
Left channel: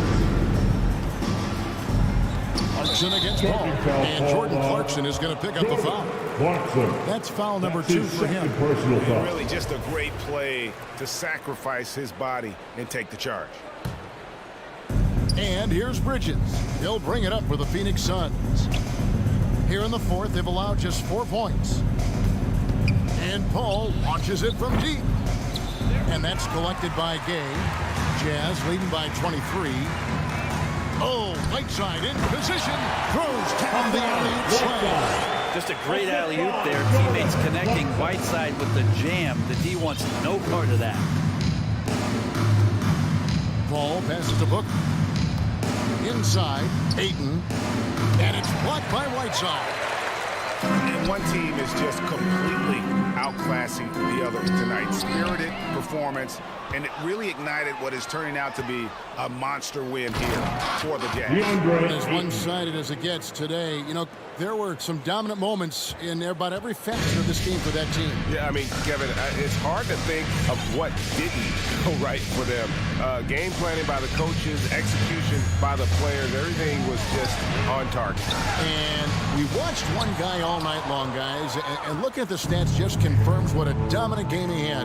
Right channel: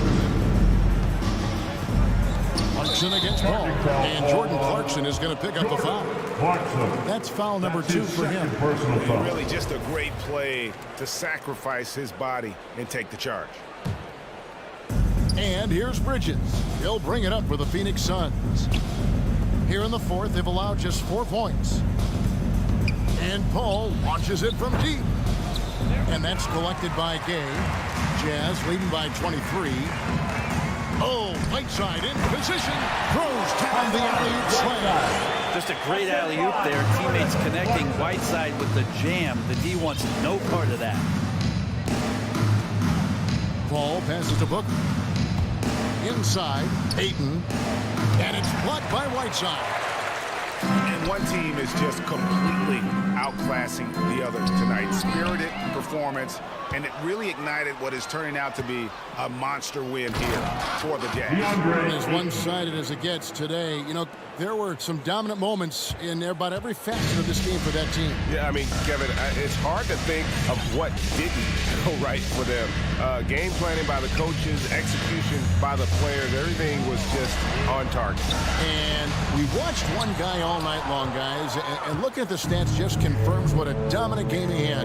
Clarkson against Paul. And Jordan Clarkson is going to pick up the foul. Clarkson. That's foul number 2 for him. Personal foul. Really just a great play to sacrifice his body and take the charge. And here's Bridges. He'll bring it up for the Phoenix Suns. Here in the fourth, they've allowed just 4 points. And Paul launches it from deep. And that's collected by Gay. Jazz leading by 23. Oh, Whiteside in position. Throws down the alley-oop slam. Just a great alley-oop there. Teammates connecting. Whiteside with the jam. The D wants no part of that. Paul passes to Booker. Inside, Ayton. And it's blocked by Whiteside. And one team is just completely outclassing the other tonight. Spirited performance, and it really ignited what is turning out to be a monster win here for the Jazz. As one-sided as it gets today, you know, there were some dominant moments in about every facet of this game for that team. Yeah, I mean, Kevin, it's hard to think of what didn't go right for them. Game planning by the coaches, execution by the players, everything was just on target. And we watched one guy all night long, guys, and looking at the stats just confirms what a dominant game he had.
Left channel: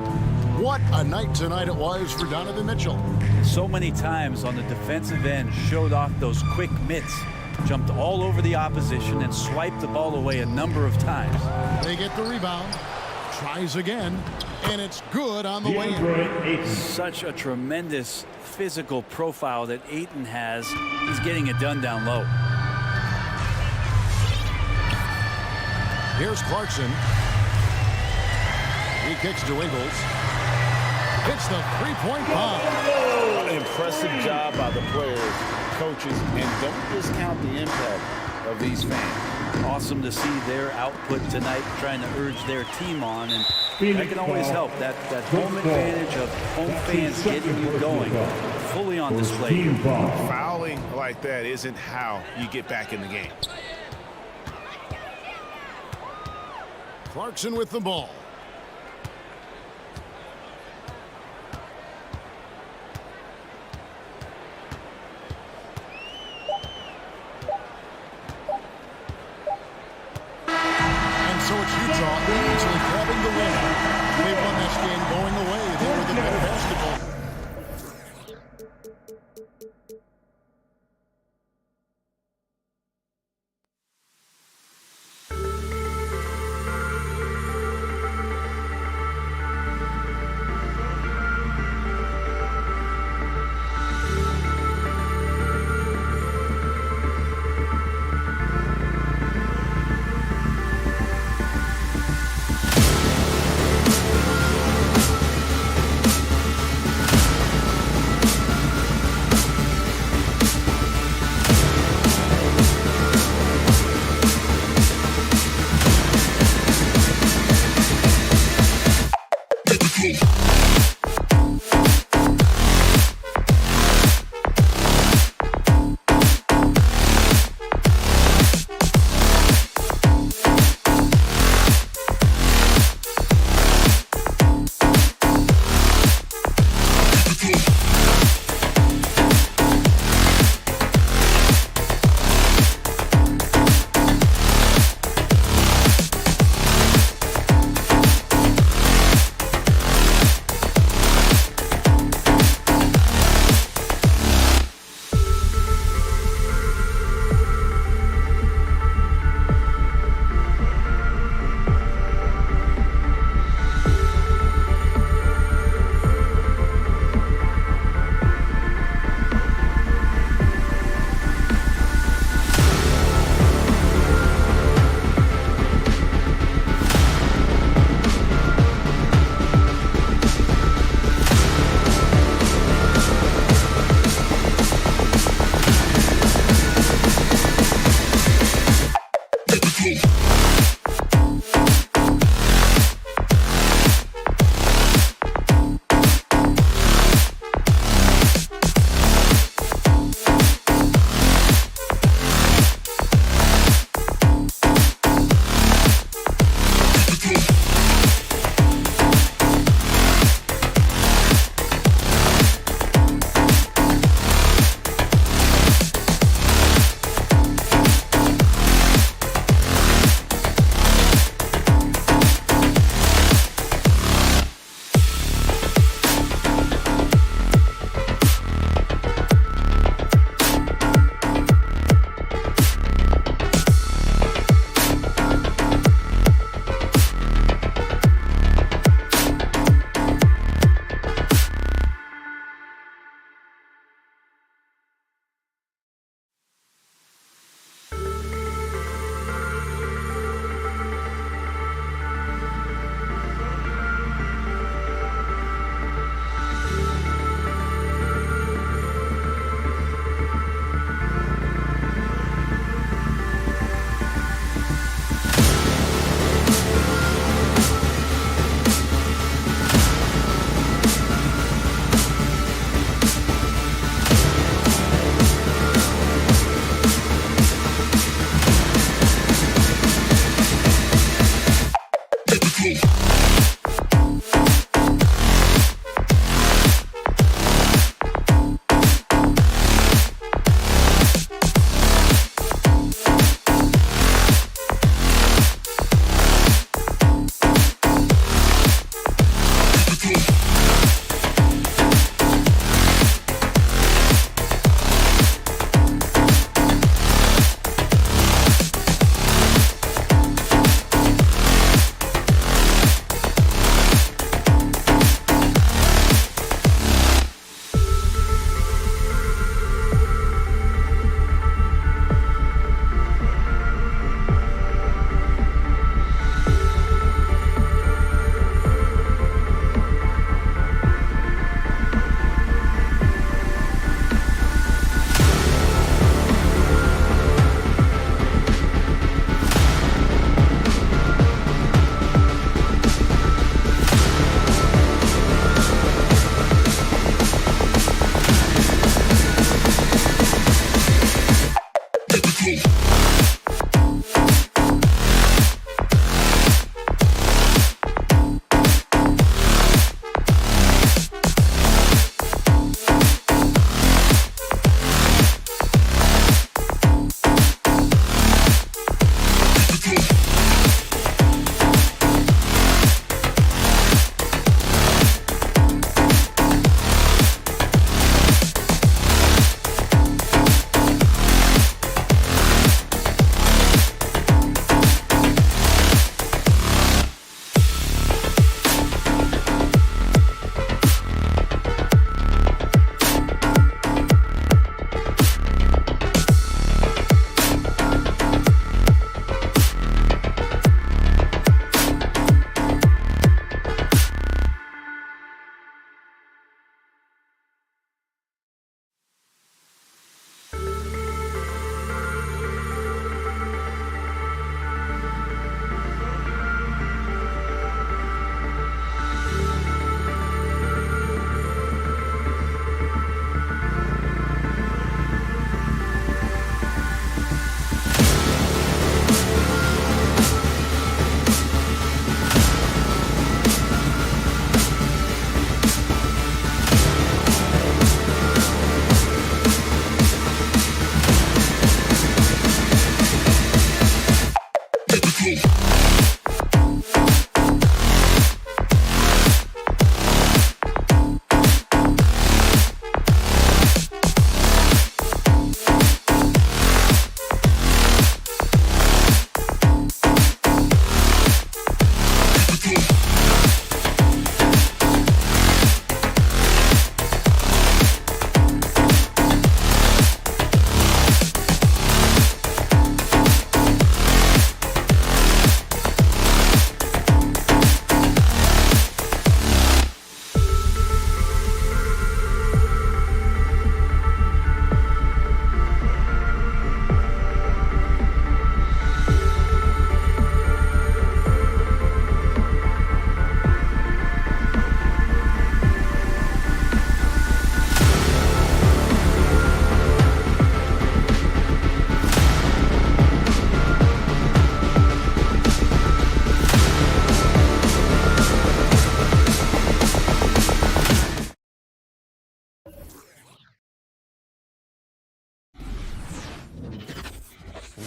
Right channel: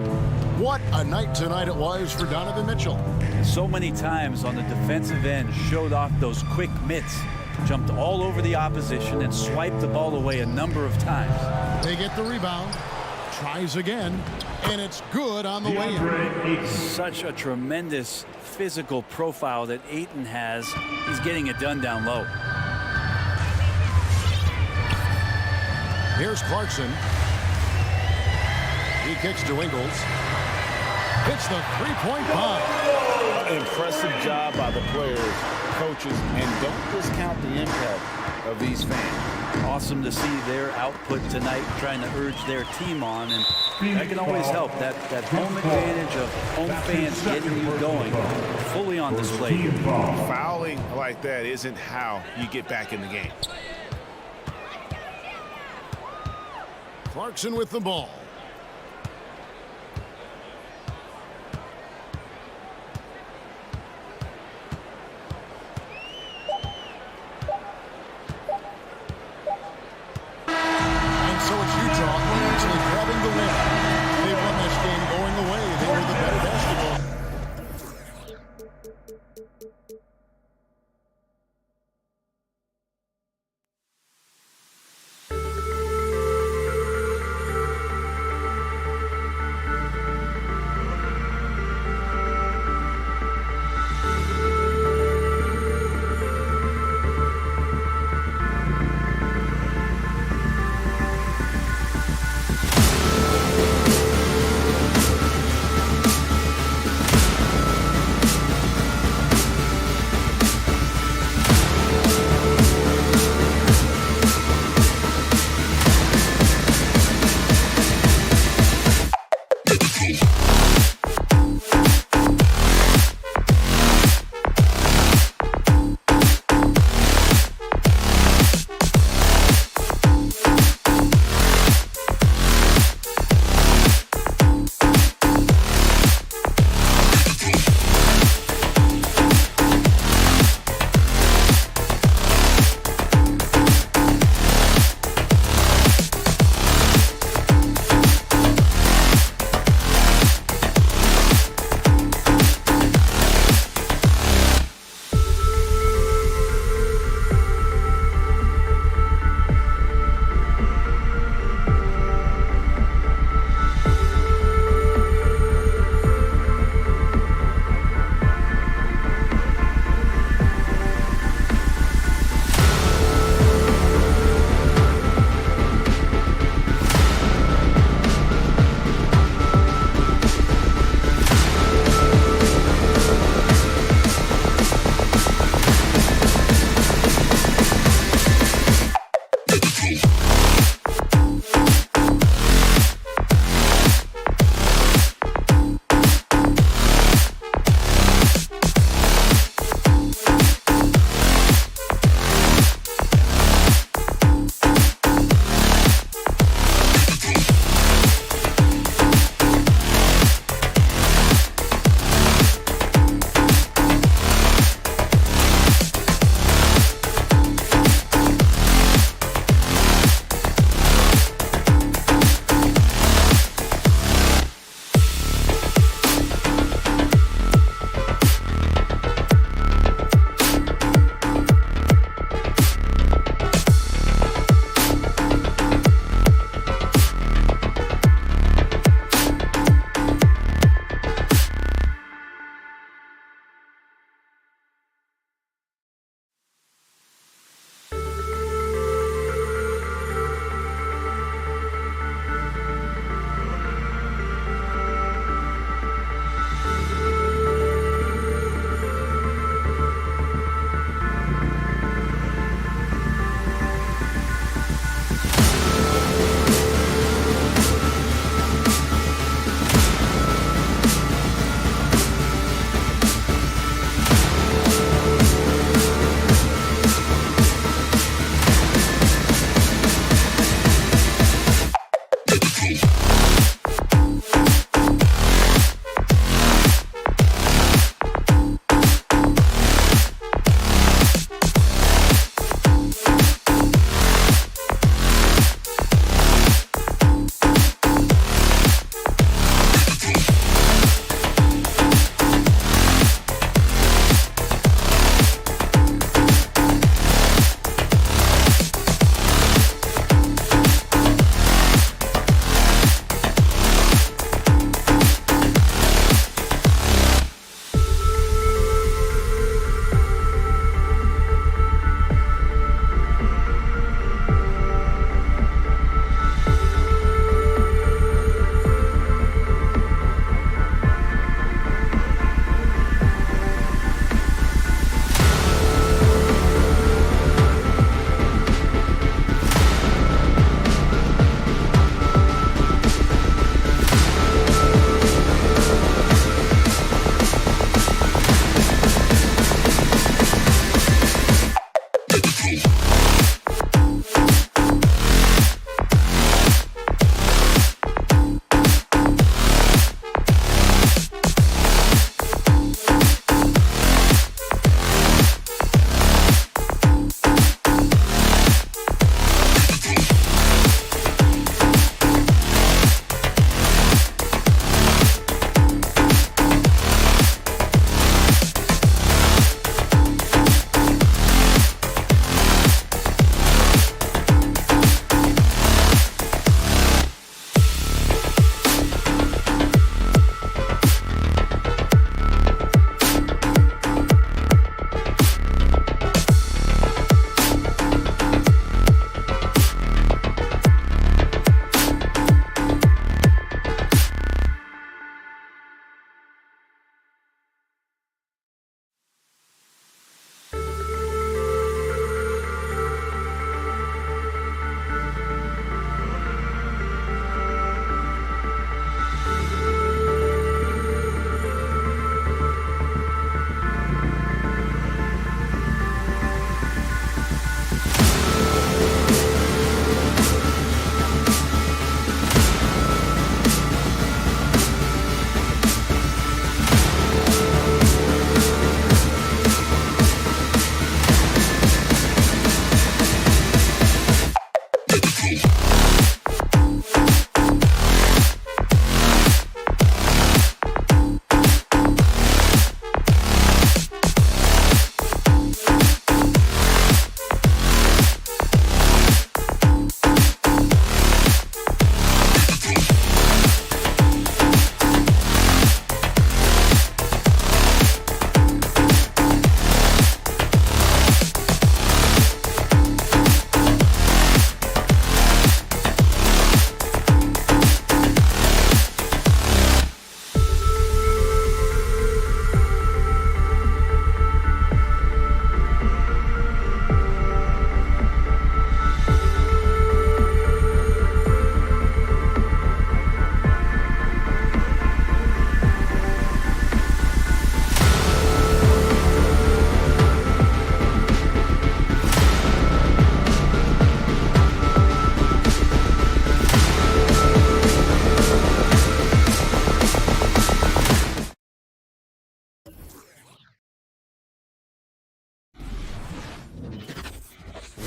What a night tonight it was for Donovan Mitchell. And so many times on the defensive end showed off those quick mitts. Jumped all over the opposition and swiped the ball away a number of times. They get the rebound. Tries again. And it's good on the way in. Such a tremendous physical profile that Ayton has. He's getting it done down low. Here's Clarkson. He kicks to Ingles. Hits the three-point bomb. Impressive job by the players, coaches, and don't discount the impact of these fans. Awesome to see their output tonight, trying to urge their team on, and that can always help. That home advantage of home fans getting you going, fully on display here. Fouling like that isn't how you get back in the game. Clarkson with the ball. So it's Utah easily grabbing the win. They won this game going away. They were the better basketball.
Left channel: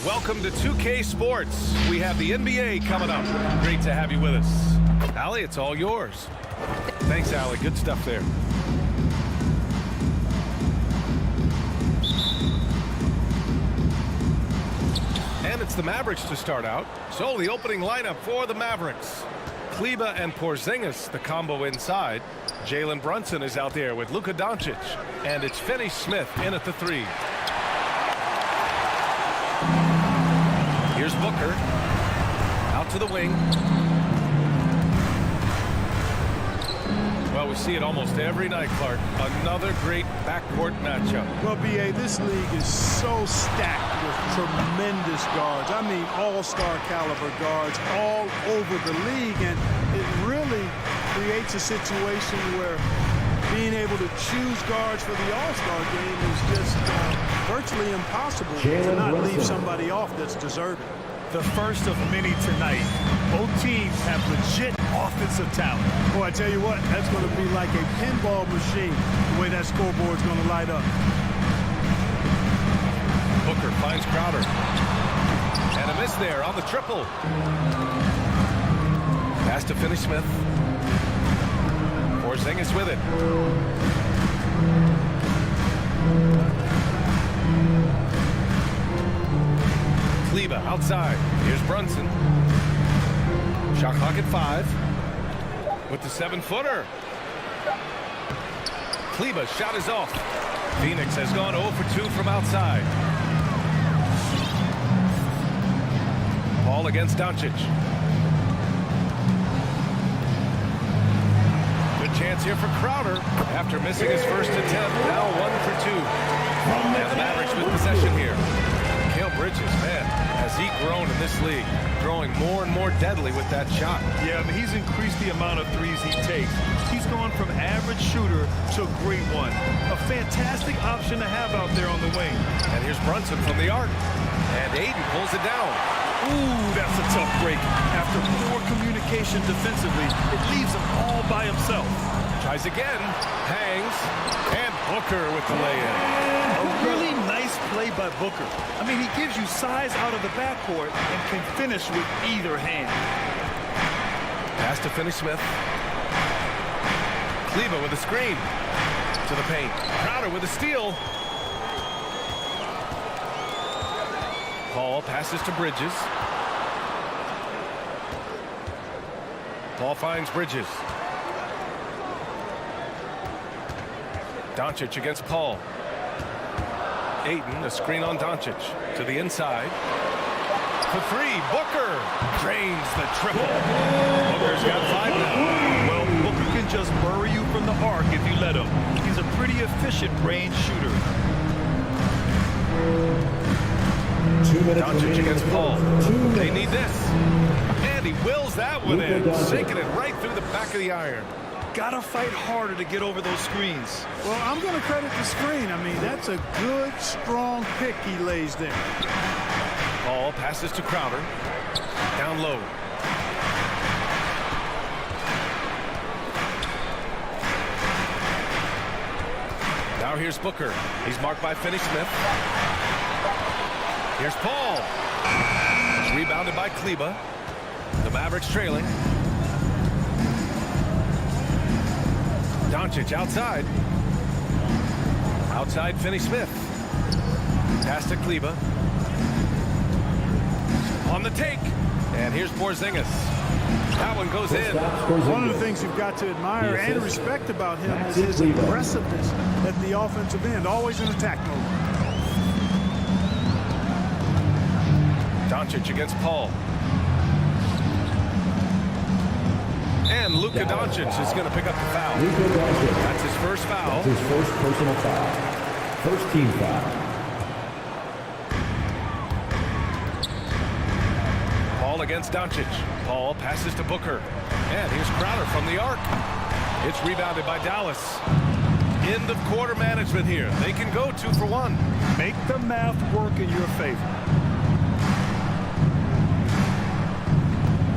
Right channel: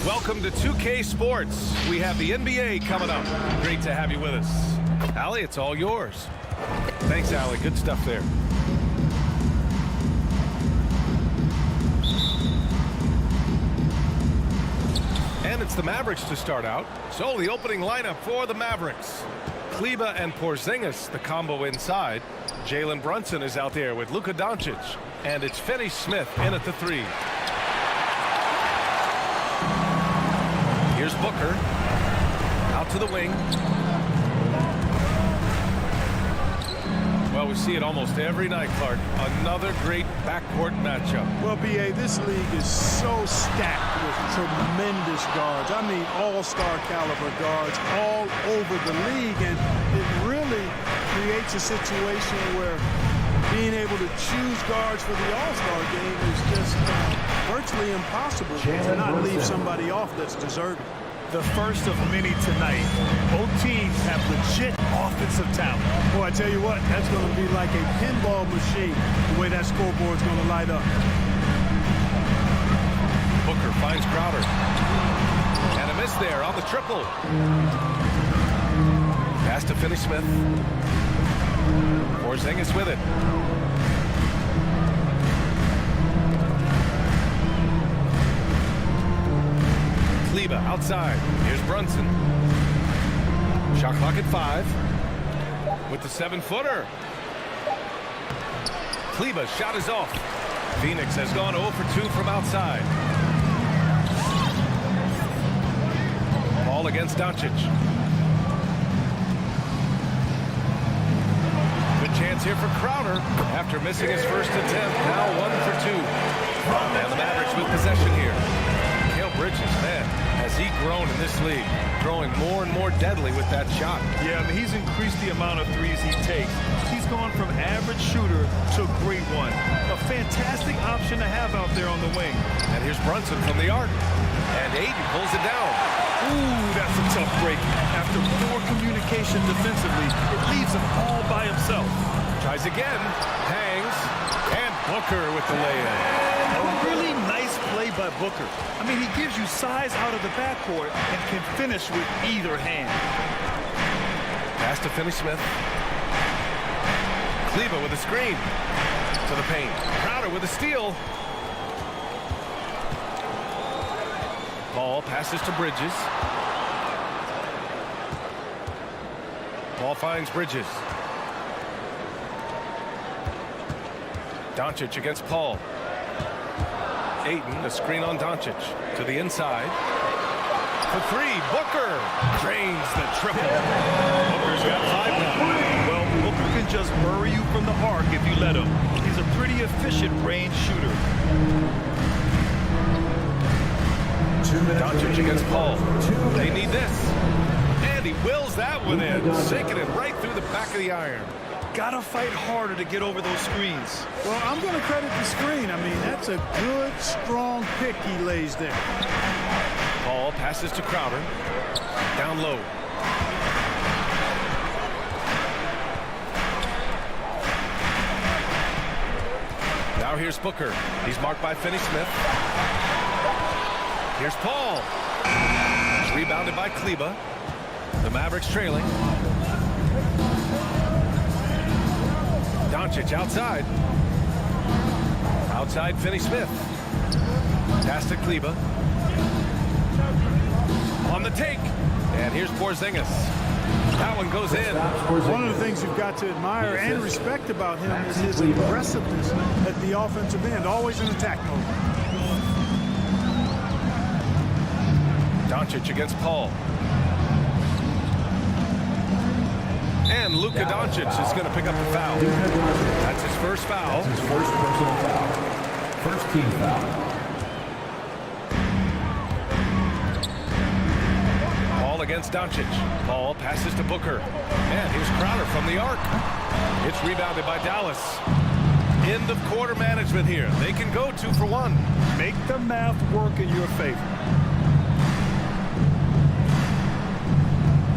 Welcome to 2K Sports. We have the NBA coming up. Great to have you with us. Allie, it's all yours. Thanks, Allie. Good stuff there. And it's the Mavericks to start out. So the opening lineup for the Mavericks. Kleber and Porzingis, the combo inside. Jalen Brunson is out there with Luka Doncic. And it's Finney-Smith in at the 3. Here's Booker. Out to the wing. Well, we see it almost every night, Clark. Another great backcourt matchup. Well, B.A., this league is so stacked with tremendous guards. I mean, all-star caliber guards all over the league. And it really creates a situation where being able to choose guards for the all-star game is just virtually impossible to not leave somebody off that's deserving. The first of many tonight. Both teams have legit offensive talent. Boy, I tell you what, that's going to be like a pinball machine, the way that scoreboard's going to light up. Booker finds Crowder. And a miss there on the triple. Pass to Finney-Smith. Porzingis with it. Kleber outside. Here's Brunson. Shot clock at 5. With the 7-footer. Kleber's shot is off. Phoenix has gone 0 for 2 from outside. Ball against Doncic. Good chance here for Crowder after missing his first attempt. Now 1 for 2. And the Mavericks with possession here. Mikal Bridges, man, has he grown in this league, growing more and more deadly with that shot. Yeah, I mean, he's increased the amount of threes he takes. He's gone from average shooter to a great one. A fantastic option to have out there on the wing. And here's Brunson from the arc. And Aiden pulls it down. Ooh, that's a tough break. After poor communication defensively, it leaves him all by himself. Tries again, hangs, and Booker with the lay-in. A really nice play by Booker. I mean, he gives you size out of the backcourt and can finish with either hand. Pass to Finney-Smith. Kleber with a screen. To the paint. Crowder with a steal. Paul passes to Bridges. Paul finds Bridges. Doncic against Paul. Ayton, a screen on Doncic. To the inside. For 3, Booker drains the triple. Booker's got 5 now. Well, Booker can just bury you from the arc if you let him. He's a pretty efficient range shooter. Doncic against Paul. They need this. And he wills that one in, sinking it right through the back of the iron. Gotta fight harder to get over those screens. Well, I'm going to credit the screen. I mean, that's a good, strong pick he lays there. Paul passes to Crowder. Down low. Now here's Booker. He's marked by Finney-Smith. Here's Paul. It's rebounded by Kleber. The Mavericks trailing. Doncic outside. Outside Finney-Smith. Pass to Kleber. On the take. And here's Porzingis. That one goes in. One of the things you've got to admire and respect about him is his aggressiveness at the offensive end. Always in attack mode. Doncic against Paul. And Luka Doncic is going to pick up the foul. That's his first foul. That's his first personal foul. First team foul. Paul against Doncic. Paul passes to Booker. And here's Crowder from the arc. It's rebounded by Dallas. End of quarter management here. They can go 2 for 1. Make the math work in your favor.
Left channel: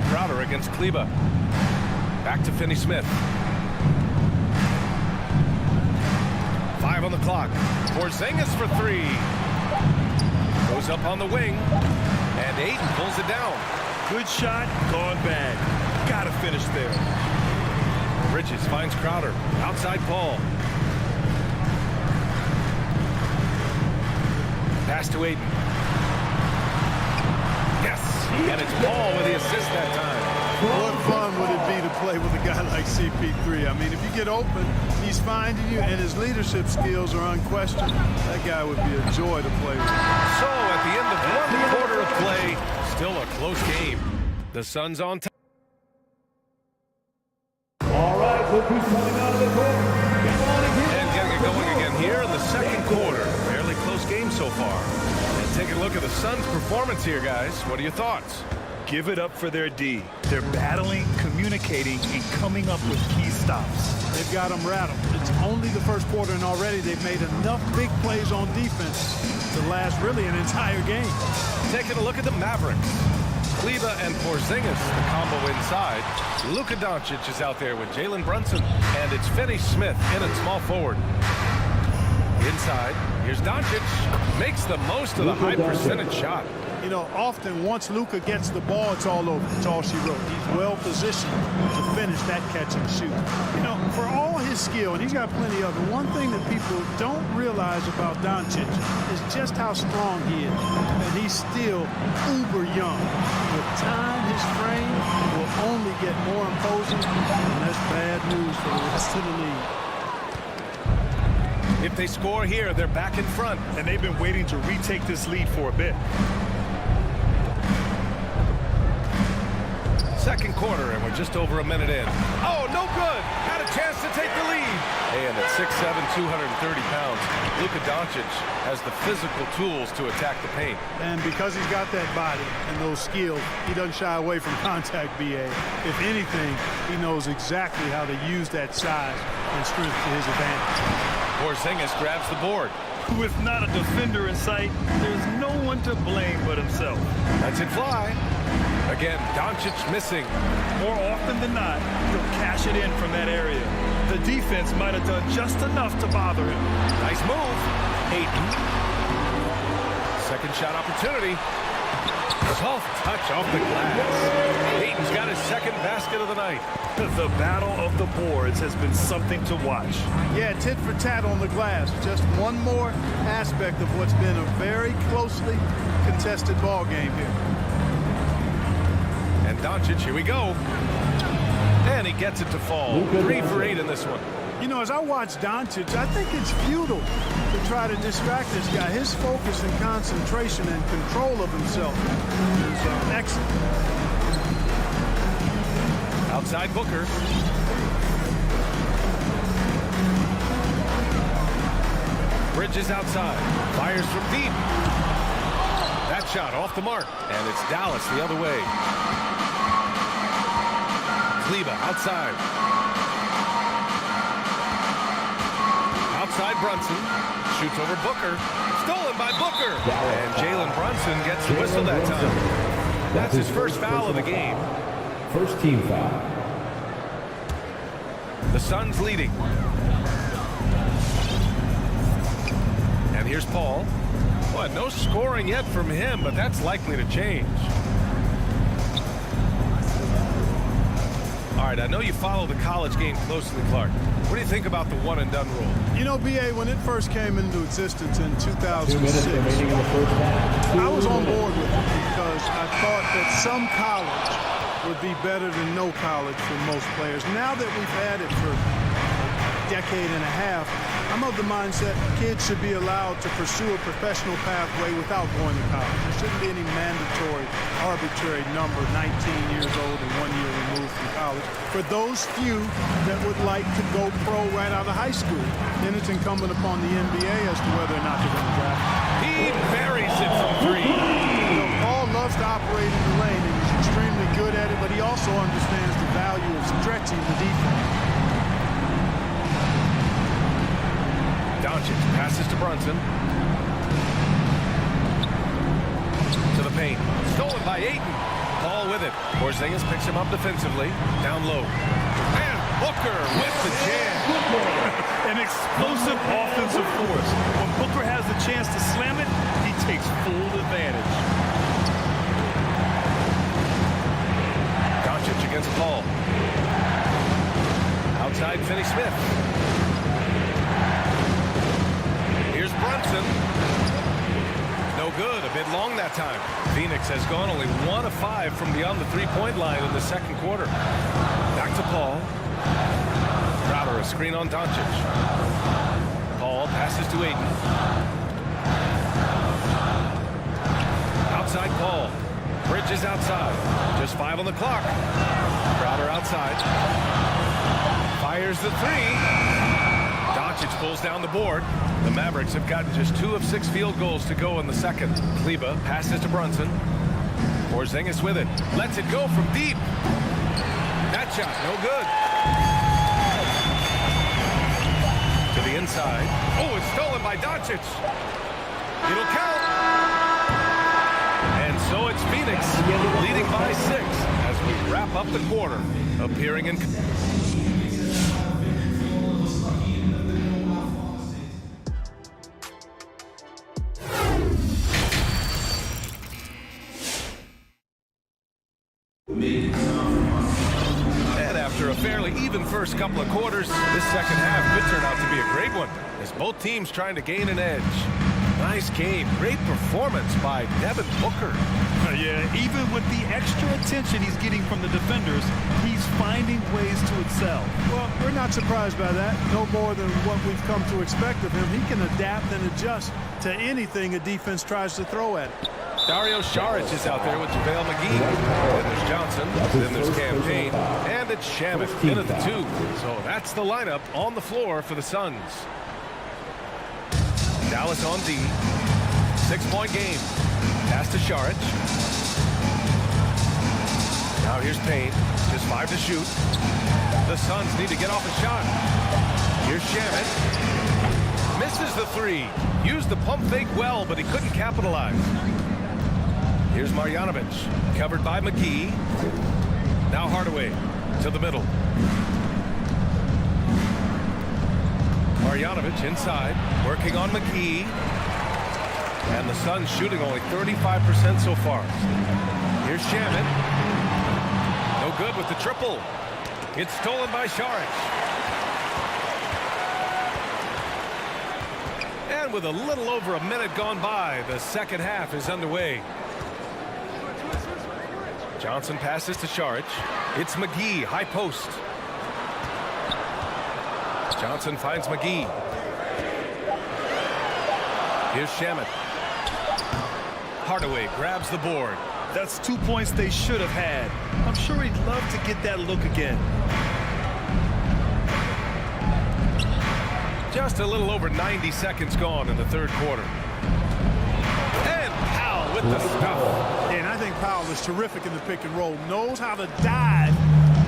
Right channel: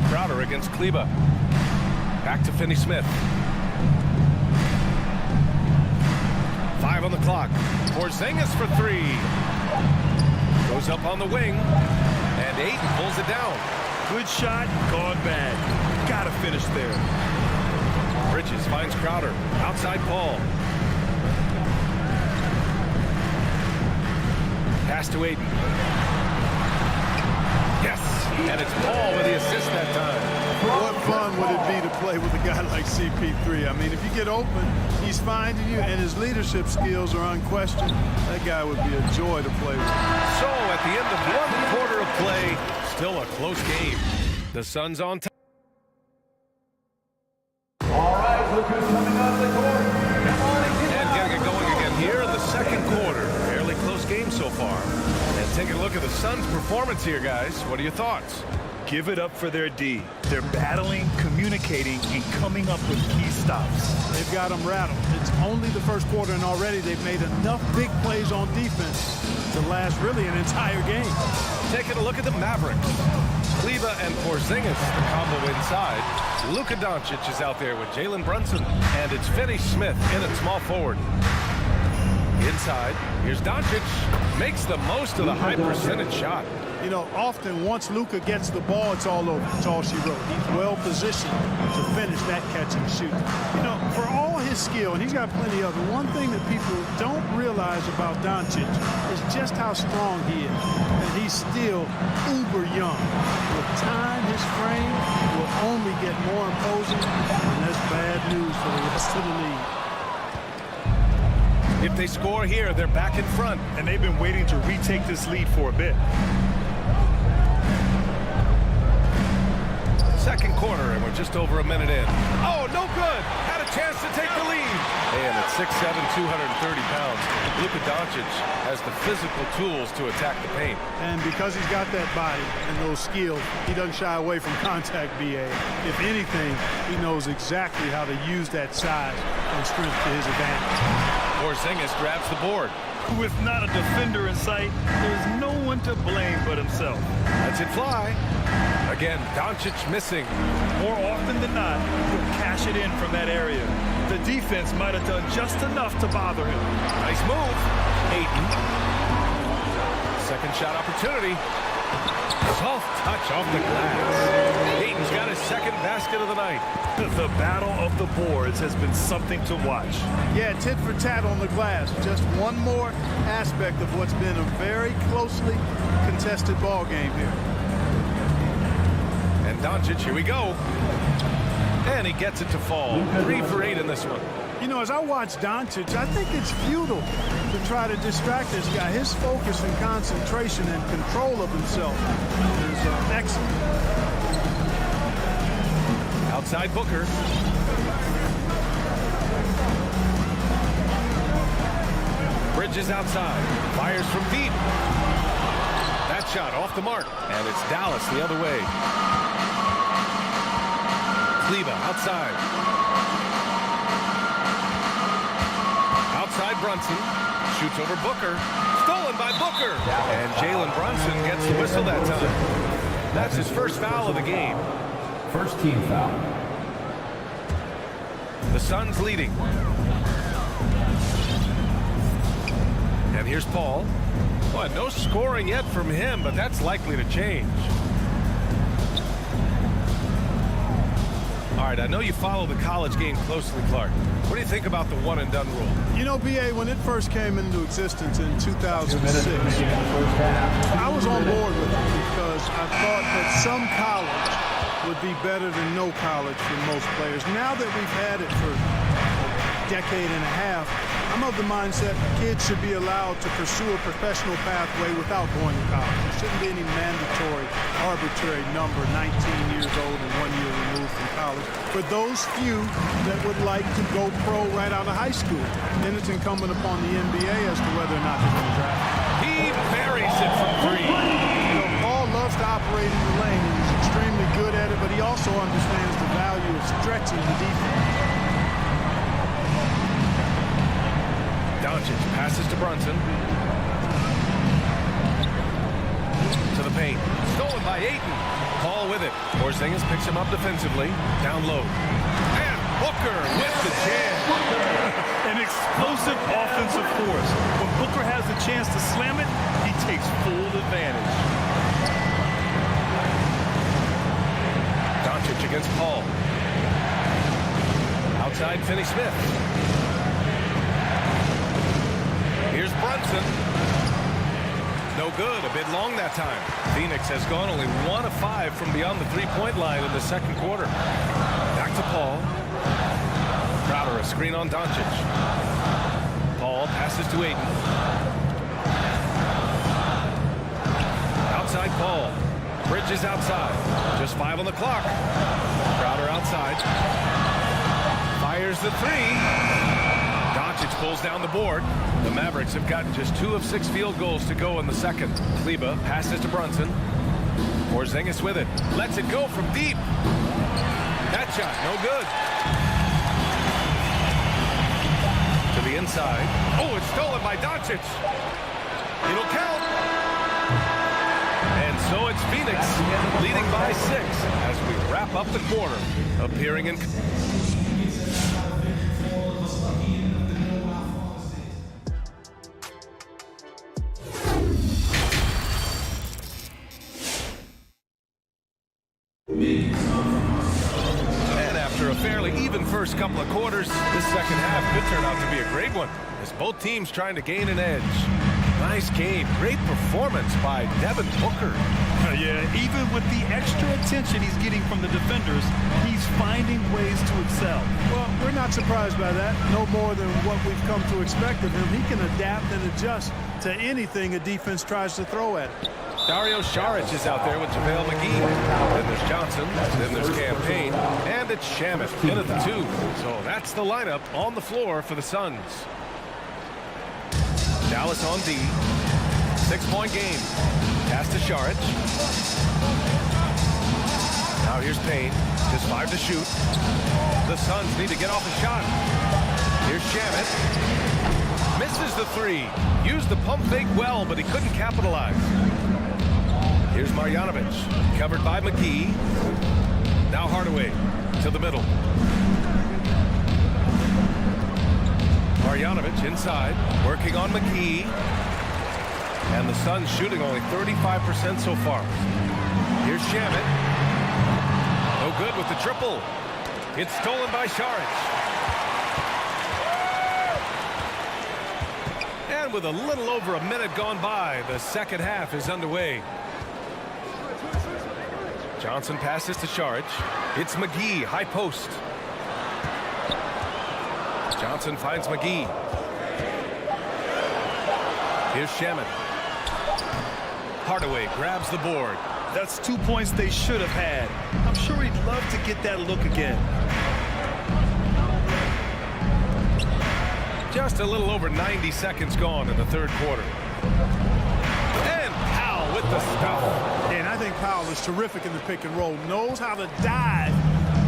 Crowder against Kleber. Back to Finney-Smith. 5 on the clock. Porzingis for 3. Goes up on the wing. And Ayton pulls it down. Good shot, gone bad. Gotta finish there. Bridges finds Crowder. Outside Paul. Pass to Ayton. Yes, and it's Paul with the assist that time. What fun would it be to play with a guy like CP3? I mean, if you get open, he's finding you, and his leadership skills are unquestioned. That guy would be a joy to play with. So at the end of one quarter of play, still a close game. The Suns on top. All right, look who's coming onto the court. Come on again. And getting it going again here in the second quarter. Fairly close game so far. And taking a look at the Suns' performance here, guys. What are your thoughts? Give it up for their D. They're battling, communicating, and coming up with key stops. They've got them rattled. It's only the first quarter, and already they've made enough big plays on defense to last really an entire game. Taking a look at the Mavericks. Kleba and Porzingis, the combo inside. Luka Doncic is out there with Jalen Brunson. And it's Finney Smith in at small forward. Inside, here's Doncic. Makes the most of the high percentage shot. You know, often once Luka gets the ball, it's all over. It's all she wrote. He's well positioned to finish that catch and shoot. You know, for all his skill, and he's got plenty of it, one thing that people don't realize about Doncic is just how strong he is. And he's still uber young. With time, his frame will only get more imposing, and that's bad news for the rest of the league. If they score here, they're back in front. And they've been waiting to retake this lead for a bit. Second quarter, and we're just over a minute in. Oh, no good. Had a chance to take the lead. And at 6'7", 230 pounds, Luka Doncic has the physical tools to attack the paint. And because he's got that body and those skills, he doesn't shy away from contact, BA. If anything, he knows exactly how to use that size and strength to his advantage. Porzingis grabs the board. With not a defender in sight, there's no one to blame but himself. Lets it fly. Again, Doncic missing. More often than not, he'll cash it in from that area. The defense might have done just enough to bother him. Nice move. Ayton. Second shot opportunity. Soft touch off the glass. Ayton's got his second basket of the night. The battle of the boards has been something to watch. Yeah, tit for tat on the glass. Just one more aspect of what's been a very closely contested ball game here. And Doncic, here we go. And he gets it to fall. 3 for 8 in this one. You know, as I watch Doncic, I think it's futile to try to distract this guy. His focus and concentration and control of himself is excellent. Outside Booker. Bridges outside. Fires from deep. That shot off the mark. And it's Dallas the other way. Kleba outside. Outside Brunson. Shoots over Booker. Stolen by Booker. And Jalen Brunson gets the whistle that time. That's his first foul of the game. First team foul. The Suns leading. And here's Paul. Boy, no scoring yet from him, but that's likely to change. All right, I know you follow the college game closely, Clark. What do you think about the one-and-done rule? You know, BA, when it first came into existence in 2006, I was on board with it because I thought that some college would be better than no college for most players. Now that we've had it for a decade and a half, I'm of the mindset kids should be allowed to pursue a professional pathway without going to college. There shouldn't be any mandatory, arbitrary number, 19 years old and 1 year removed from college. For those few that would like to go pro right out of high school, then it's incumbent upon the NBA as to whether or not they're going to draft. He buries it from 3. You know, Paul loves to operate in the lane, and he's extremely good at it, but he also understands the value of stretching the defense. Doncic passes to Brunson. To the paint. Stolen by Ayton. Paul with it. Porzingis picks him up defensively. Down low. And Booker with the jam. An explosive offensive force. When Booker has the chance to slam it, he takes full advantage. Doncic against Paul. Outside Finney-Smith. Here's Brunson. No good. A bit long that time. Phoenix has gone only 1 of 5 from beyond the three-point line in the second quarter. Back to Paul. Crowder, a screen on Doncic. Paul passes to Ayton. Outside Paul. Bridges outside. Just 5 on the clock. Crowder outside. Fires the three. Doncic pulls down the board. The Mavericks have gotten just 2 of 6 field goals to go in the second. Kleba passes to Brunson. Porzingis with it. Lets it go from deep. That shot, no good. To the inside. Oh, it's stolen by Doncic. It'll count. And so it's Phoenix leading by 6 as we wrap up the quarter. Appearing in... And after a fairly even first couple of quarters, this second half could turn out to be a great one as both teams trying to gain an edge. Nice game. Great performance by Devin Booker. Yeah, even with the extra attention he's getting from the defenders, he's finding ways to excel. Well, we're not surprised by that. No more than what we've come to expect of him. He can adapt and adjust to anything a defense tries to throw at him. Dario Saric is out there with JaVale McGee. Then there's Johnson. Then there's Campaign. And it's Shamet in at the 2. So that's the lineup on the floor for the Suns. Dallas on D. 6-point game. Pass to Saric. Now here's Payne. Just 5 to shoot. The Suns need to get off a shot. Here's Shamet. Misses the 3. Used the pump fake well, but he couldn't capitalize. Here's Marjanovic. Covered by McGee. Now Hardaway to the middle. Marjanovic inside, working on McGee. And the Suns shooting only 35% so far. Here's Shamet. No good with the triple. It's stolen by Saric. And with a little over a minute gone by, the second half is underway. Johnson passes to Saric. It's McGee, high post. Johnson finds McGee. Here's Shamet. Hardaway grabs the board. That's 2 points they should have had. I'm sure he'd love to get that look again. Just a little over 90 seconds gone in the third quarter. And Powell with the stuff. And I think Powell is terrific in the pick and roll. Knows how to dive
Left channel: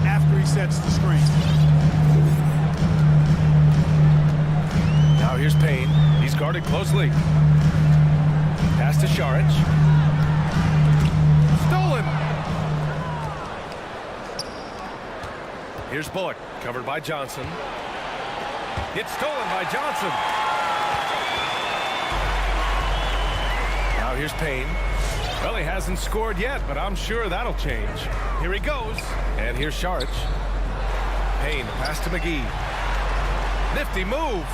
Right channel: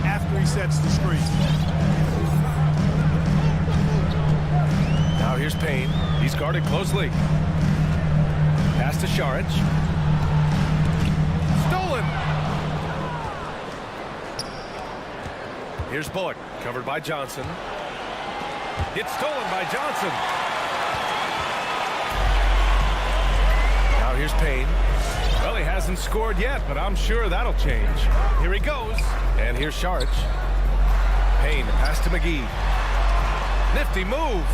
after he sets the screen. Now here's Payne. He's guarded closely. Pass to Saric. Stolen. Here's Bullock, covered by Johnson. It's stolen by Johnson. Now here's Payne. Well, he hasn't scored yet, but I'm sure that'll change. Here he goes. And here's Saric. Payne, pass to McGee. Nifty move.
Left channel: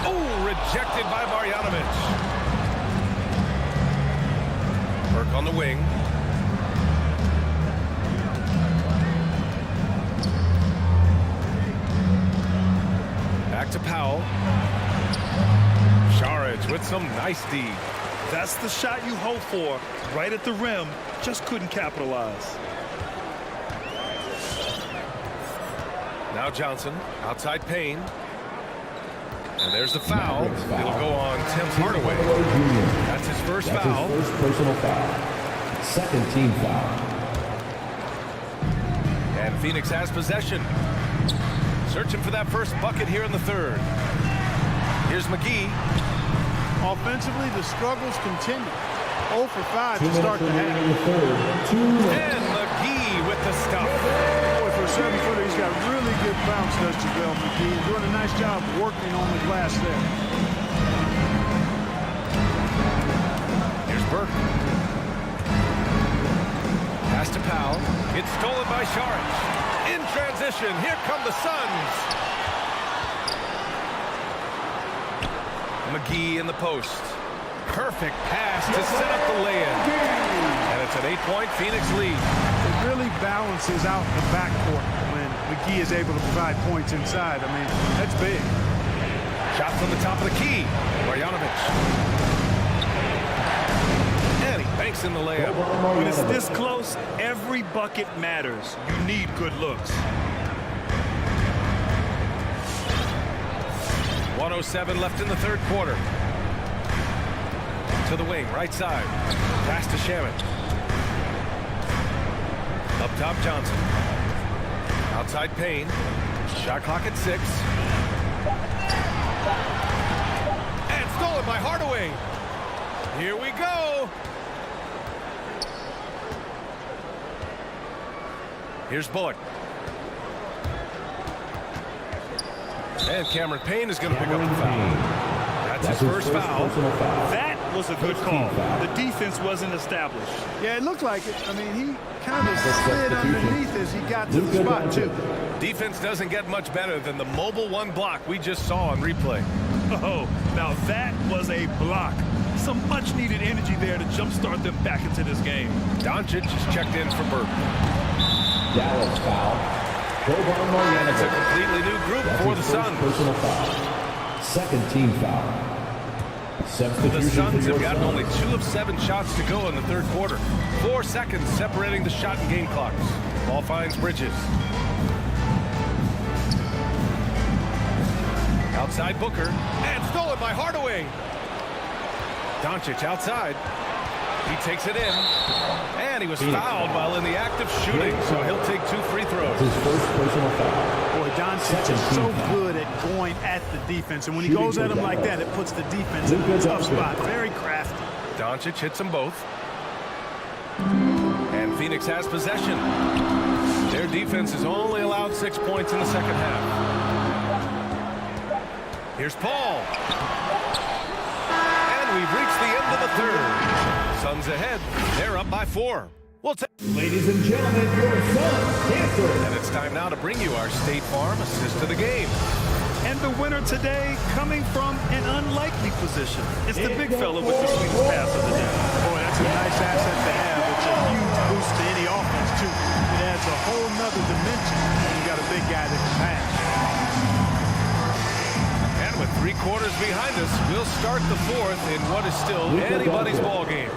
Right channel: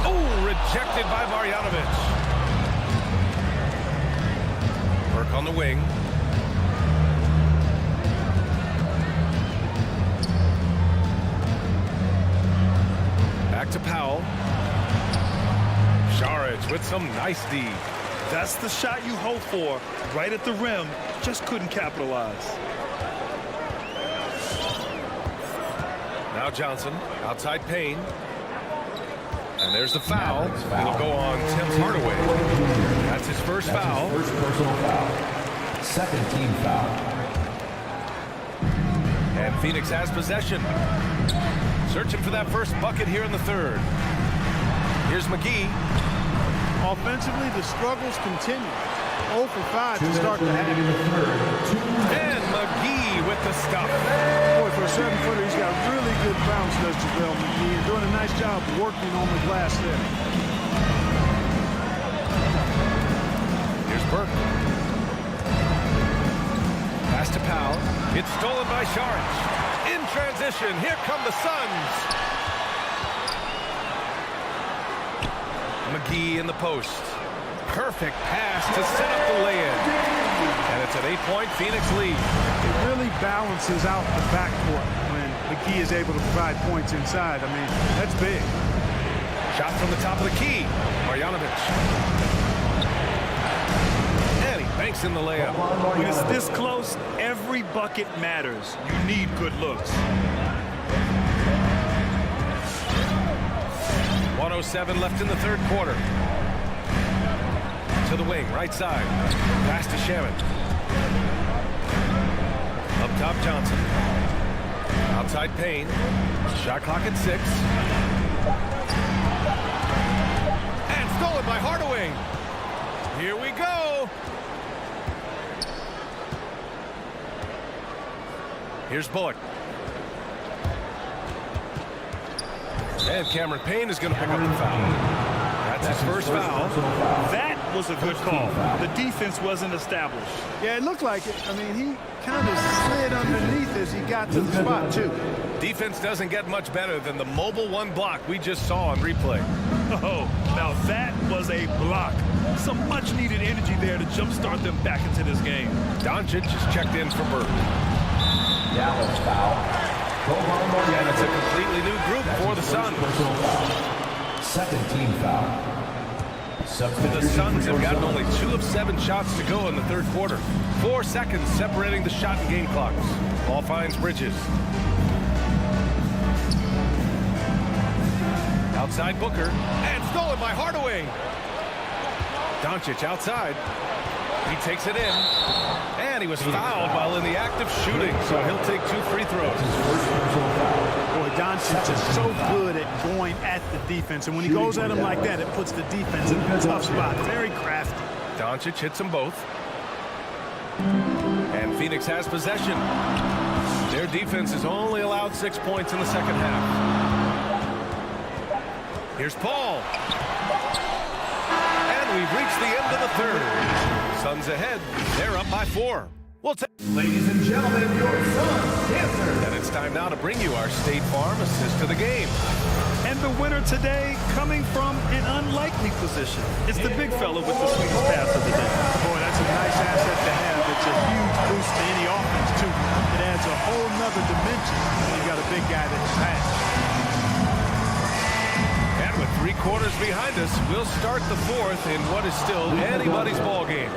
Oh, rejected by Marjanovic. Burke on the wing. Back to Powell. Saric with some nice D. That's the shot you hope for. Right at the rim. Just couldn't capitalize. Now Johnson. Outside Payne. And there's the foul. It'll go on Tim Hardaway. That's his first foul. His first personal foul. Second team foul. And Phoenix has possession. Searching for that first bucket here in the third. Here's McGee. Offensively, the struggles continue. 0 for 5 to start the half. And McGee with the stuff. Boy, for a 7-footer, he's got really good bounce, does JaVale McGee, and doing a nice job working on the glass there. Here's Burke. Pass Pass to Powell. It's stolen by Saric. In transition, here come the Suns. McGee in the post. Perfect pass to set up the lay-in. And it's an 8-point Phoenix lead. It really balances out the backcourt when McGee is able to provide points inside. I mean, that's big. Shot from the top of the key. Marjanovic. And he banks in the layup. When it's this close, every bucket matters. You need good looks. 1:07 left in the third quarter. To the wing, right side. Pass to Shaman. Up top, Johnson. Outside, Payne. Shot clock at 6. And stolen by Hardaway. Here we go. Here's Bullock. And Cameron Payne is going to pick up the foul. That's his first foul. That was a good call. The defense wasn't established. Yeah, it looked like it. I mean, he kind of slid underneath as he got to the spot, too. Defense doesn't get much better than the mobile one block we just saw on replay. Oh, now that was a block. Some much-needed energy there to jumpstart them back into this game. Doncic is checked in for Burke. Dallas foul. And it's a completely new group for the Suns. Personal foul. Second team foul. The Suns have gotten only 2 of 7 shots to go in the third quarter. 4 seconds separating the shot and game clocks. Ball finds Bridges. Outside Booker. And stolen by Hardaway. Doncic outside. He takes it in. And he was fouled while in the act of shooting, so he'll take 2 free throws. His first personal foul. Boy, Doncic is so good at going at the defense, and when he goes at him like that, it puts the defense in a tough spot. Very crafty. Doncic hits them both. And Phoenix has possession. Their defense has only allowed 6 points in the second half. Here's Paul. And we've reached the end of the third. Suns ahead. They're up by 4. Ladies and gentlemen, your Suns dancer. And it's time now to bring you our State Farm assist to the game. And the winner today coming from an unlikely position. It's the big fella with the sweetest pass of the day. Boy, that's a nice asset to have. It's a huge boost to any offense, too. It adds a whole nother dimension when you've got a big guy that can pass. And with 3 quarters behind us, we'll start the fourth in what is still anybody's ball game.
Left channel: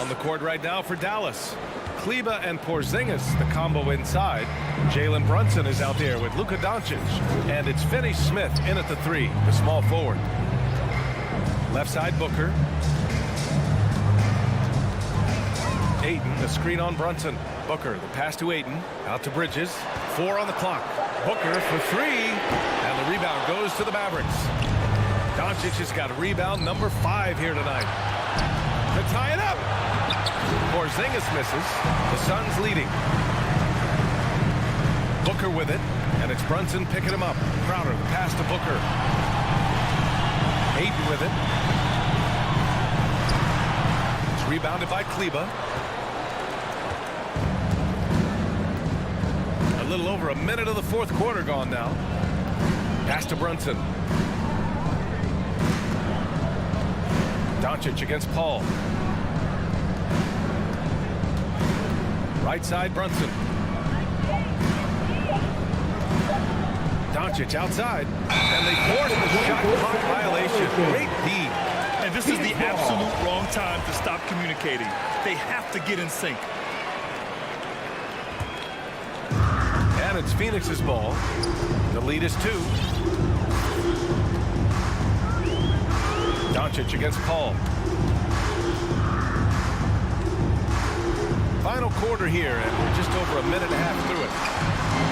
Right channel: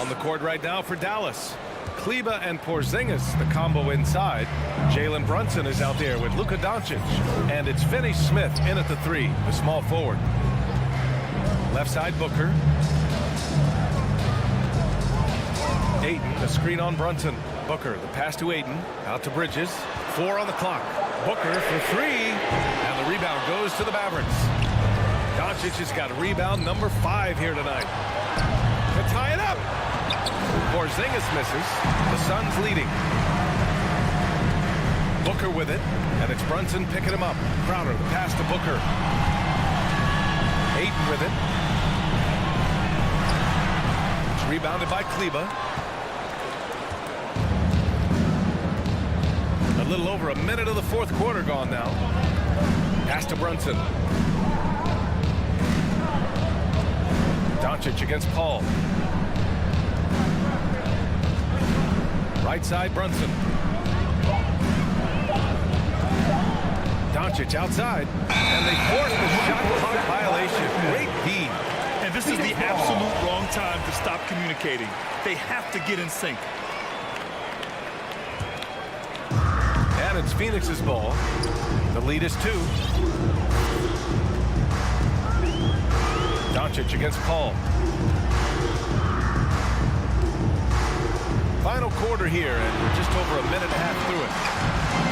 On the court right now for Dallas. Kleber and Porzingis, the combo inside. Jalen Brunson is out there with Luka Doncic. And it's Finney-Smith in at the 3, the small forward. Left side, Booker. Ayton, the screen on Brunson. Booker, the pass to Ayton. Out to Bridges. 4 on the clock. Booker for 3. And the rebound goes to the Mavericks. Doncic has got a rebound number 5 here tonight. To tie it up. Porzingis misses. The Suns leading. Booker with it. And it's Brunson picking him up. Crowder, the pass to Booker. Ayton with it. It's rebounded by Kleber. A little over a minute of the fourth quarter gone now. Pass to Brunson. Doncic against Paul. Right side, Brunson. Doncic outside. And they force the shot clock violation. Great D. And this is the absolute wrong time to stop communicating. They have to get in sync. And it's Phoenix's ball. The lead is 2. Doncic against Paul. Final quarter here, and we're just over a minute and a half through it.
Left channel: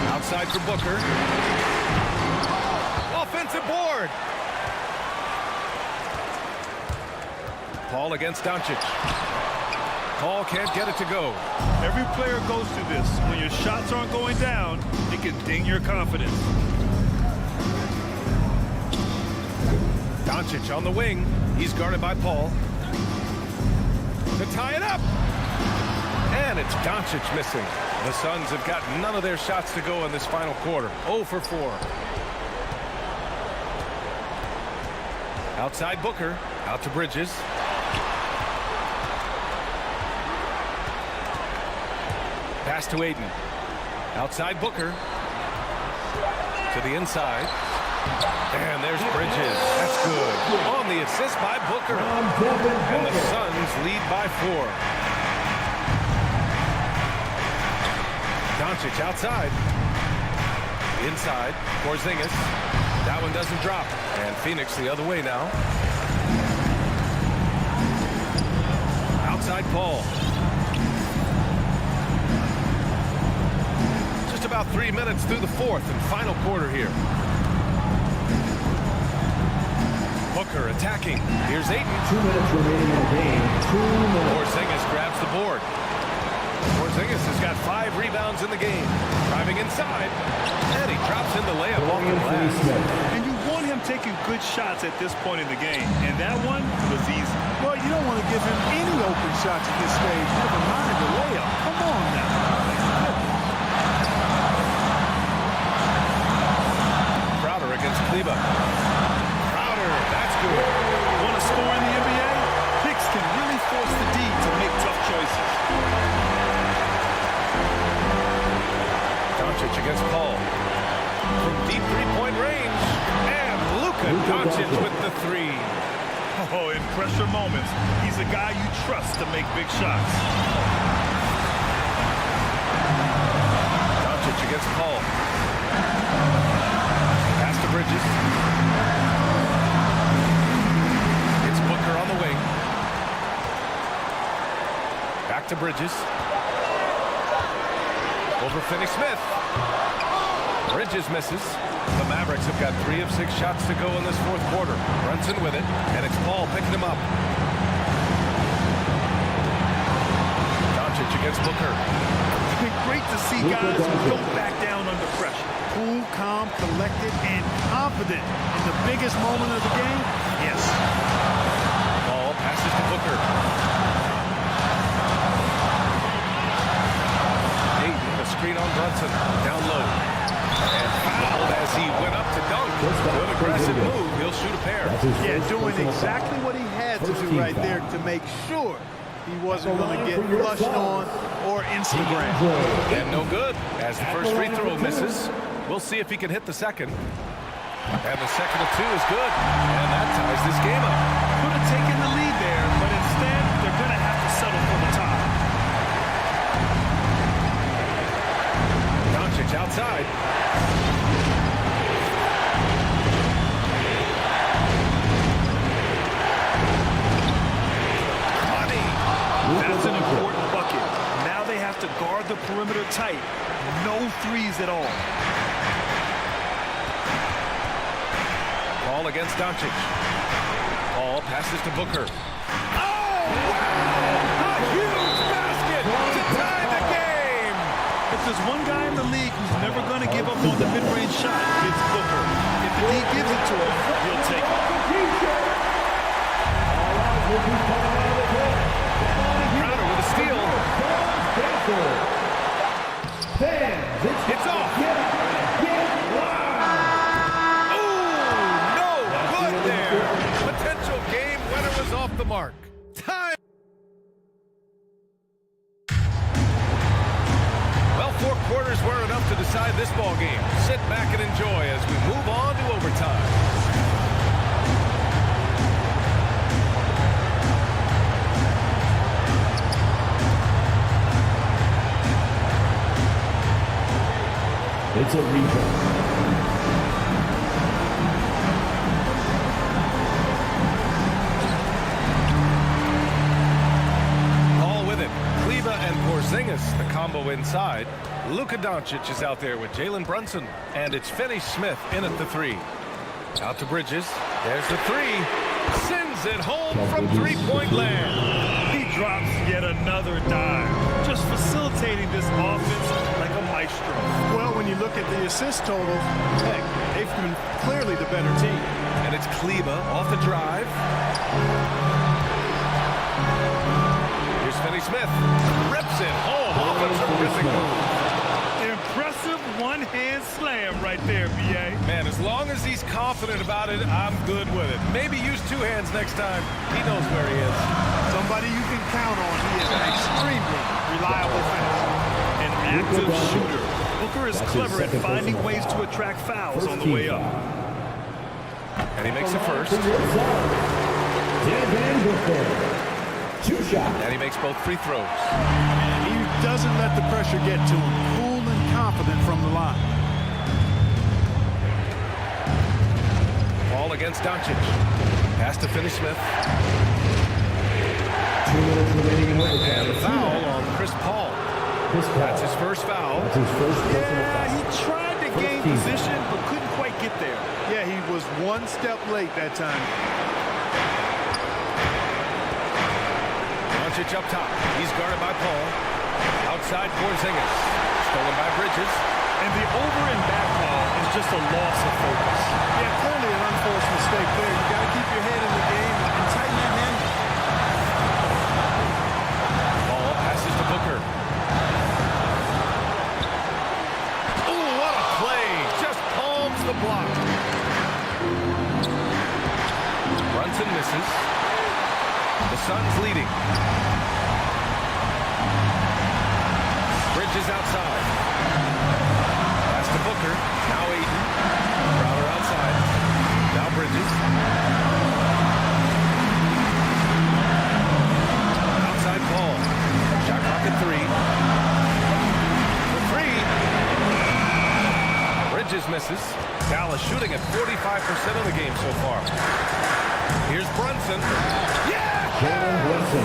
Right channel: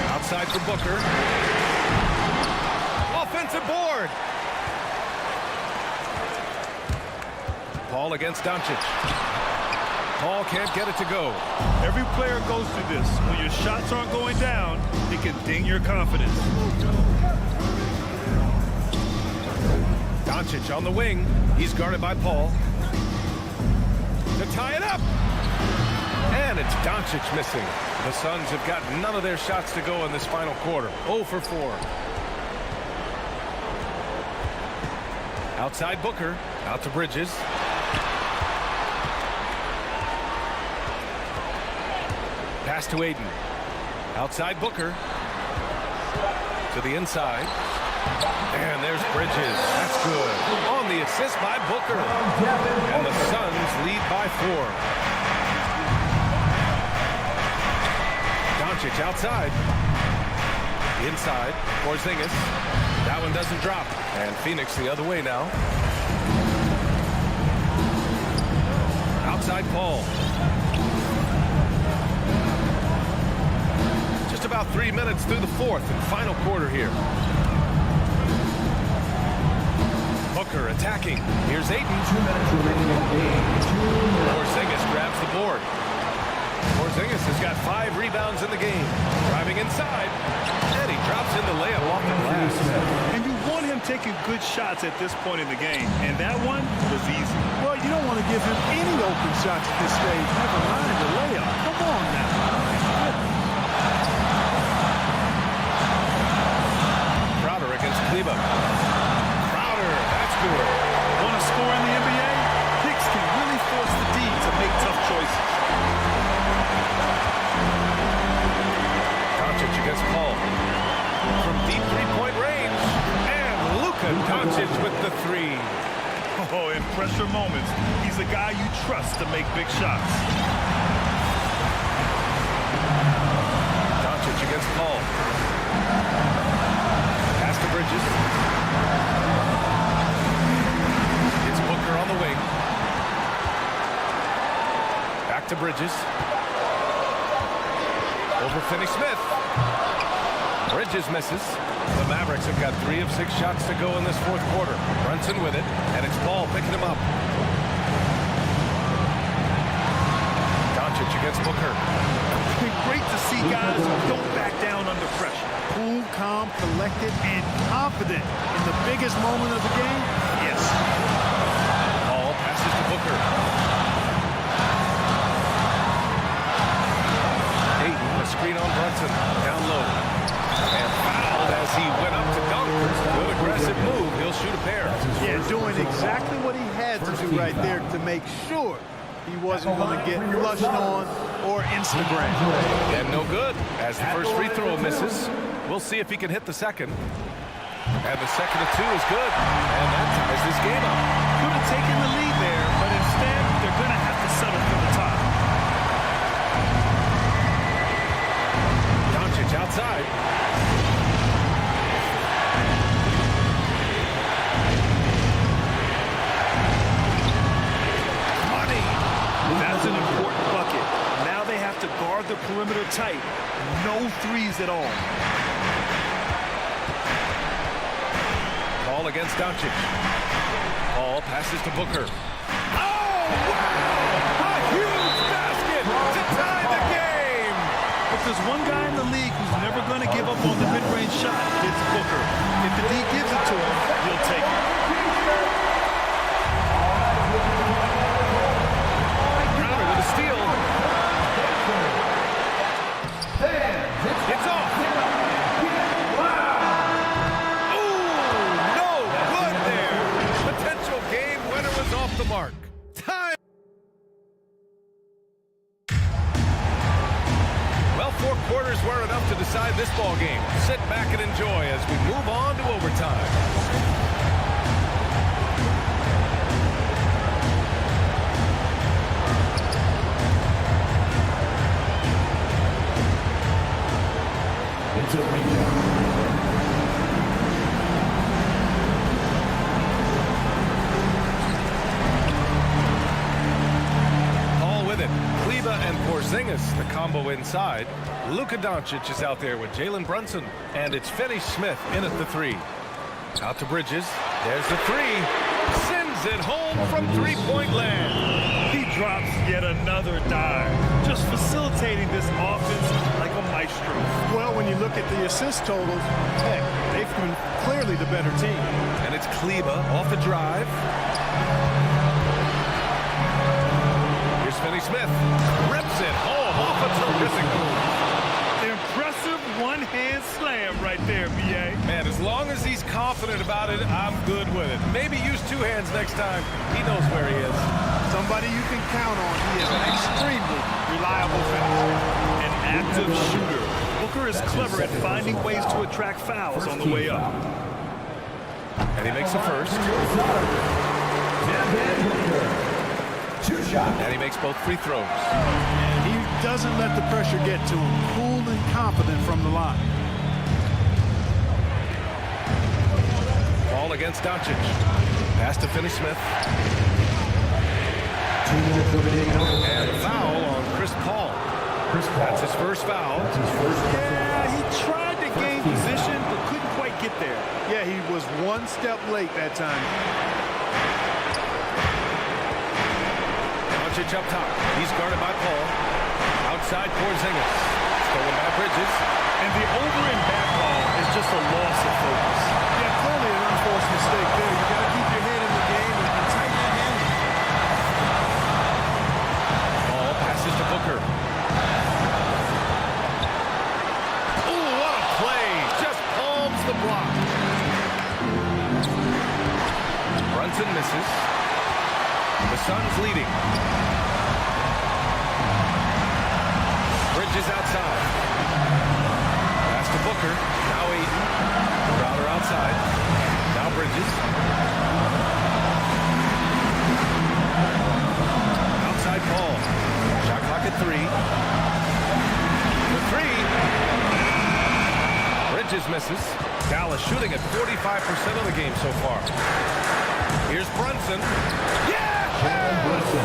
Outside for Booker. Offensive board. Paul against Doncic. Paul can't get it to go. Every player goes through this. When your shots aren't going down, it can ding your confidence. Doncic on the wing. He's guarded by Paul. To tie it up. And it's Doncic missing. The Suns have got none of their shots to go in this final quarter. 0 for 4. Outside Booker. Out to Bridges. Pass to Aiden. Outside Booker. To the inside. And there's Bridges. That's good. On the assist by Booker. And the Suns lead by 4. Doncic outside. Inside. Porzingis. That one doesn't drop. And Phoenix the other way now. Outside Paul. Just about 3 minutes through the fourth and final quarter here. Booker attacking. Here's Ayton. 2 minutes remaining in the game. 2 minutes. Porzingis grabs the board. Porzingis has got 5 rebounds in the game. Driving inside. And he drops in the layup off the glass. And you want him taking good shots at this point in the game. And that one was easy. Well, you don't want to give him any open shots at this stage. Never mind the layup. Come on now. Crowder against Kleber. Crowder, that's good. Want to score in the NBA? Hicks can really force the D to make tough choices. Doncic against Paul. From deep three-point range. And Luka Doncic with the 3. Oh, in pressure moments, he's a guy you trust to make big shots. Doncic against Paul. Pass to Bridges. It's Booker on the wing. Back to Bridges. Over Finney-Smith. Bridges misses. The Mavericks have got 3 of 6 shots to go in this fourth quarter. Brunson with it, and it's Paul picking him up. Doncic against Booker. Great to see guys who don't back down under pressure. Cool, calm, collected, and confident in the biggest moment of the game. Yes. Paul passes to Booker. Ayton, a screen on Brunson. Down low. And fouled as he went up to dunk. Good aggressive move. He'll shoot a pair. Yeah, doing exactly what he had to do right there to make sure he wasn't going to get flushed on or Instagram. And no good as the first free throw misses. We'll see if he can hit the second. And the second of 2 is good. And that ties this game up. Could have taken the lead there, but instead they're going to have to settle for the tie. Doncic outside. Money. That's an important bucket. Now they have to guard the perimeter tight. No threes at all. Paul against Doncic. Paul passes to Booker. Oh, wow! A huge basket to tie the game! If there's one guy in the league who's never going to give up on the mid-range shot, it's Booker. If the D gives it to him, he'll take it. Crowder with a steal. It's off. Ooh, no good there. Potential game winner was off the mark. Time. Well, 4 quarters were enough to decide this ball game. Sit back and enjoy as we move on to overtime. It's a rebound. With it, Kleber and Porzingis, the combo inside. Luka Doncic is out there with Jalen Brunson, and it's Finney-Smith in at the 3. Out to Bridges. There's the 3. Sends it home from three-point land. He drops yet another dime, just facilitating this offense like a maestro. Well, when you look at the assist totals, heck, they've been clearly the better team. And it's Kleber off the drive. Here's Finney Smith. Rips it home off a terrific move. Impressive one-hand slam right there, B.A. Man, as long as he's confident about it, I'm good with it. Maybe use two hands next time. He knows where he is. Somebody you can count on. He is an extremely reliable finisher. An active shooter. Booker is clever at finding ways to attract fouls on the way up. And he makes the first. Devin Booker. 2 shots. And he makes both free throws. And he doesn't let the pressure get to him. Cool and confident from the line. Ball against Doncic. Pass to Finney Smith. 2 minutes remaining in overtime. And the foul on Chris Paul. That's his first foul. That's his first personal Yeah, foul. he tried to gain position, but couldn't quite get there. Yeah, he was one step late that time. Doncic up top. He's guarded by Paul. Outside Porzingis. Stolen by Bridges. And the over and back call is just a loss of focus. Yeah, clearly an unforced mistake there. You got to keep your head in the game and tighten that handle. Ball passes to Booker. Oh, what a play. Just palms the block. Brunson misses. The Suns leading. Bridges outside. Pass to Booker. Now Aiden. Crowder outside. Now Bridges. Outside Paul. Shot clock at 3. The 3. Bridges misses. Dallas shooting at 45% of the game so far. Here's Brunson. Yeah! Brunson.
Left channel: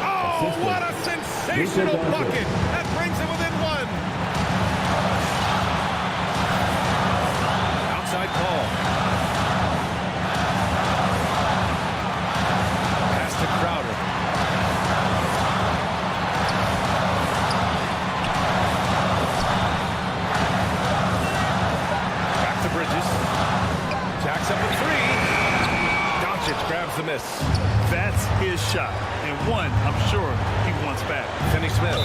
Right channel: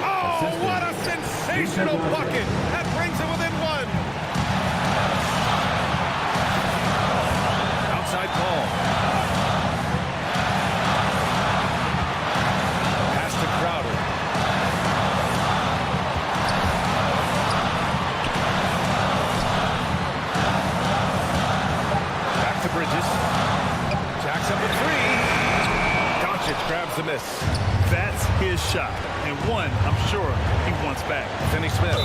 Oh, what a sensational bucket! That brings it within 1. Outside Paul. Pass to Crowder. Back to Bridges. Jacks up a 3. Doncic grabs the miss. That's his shot, and one I'm sure he wants back. Finney Smith.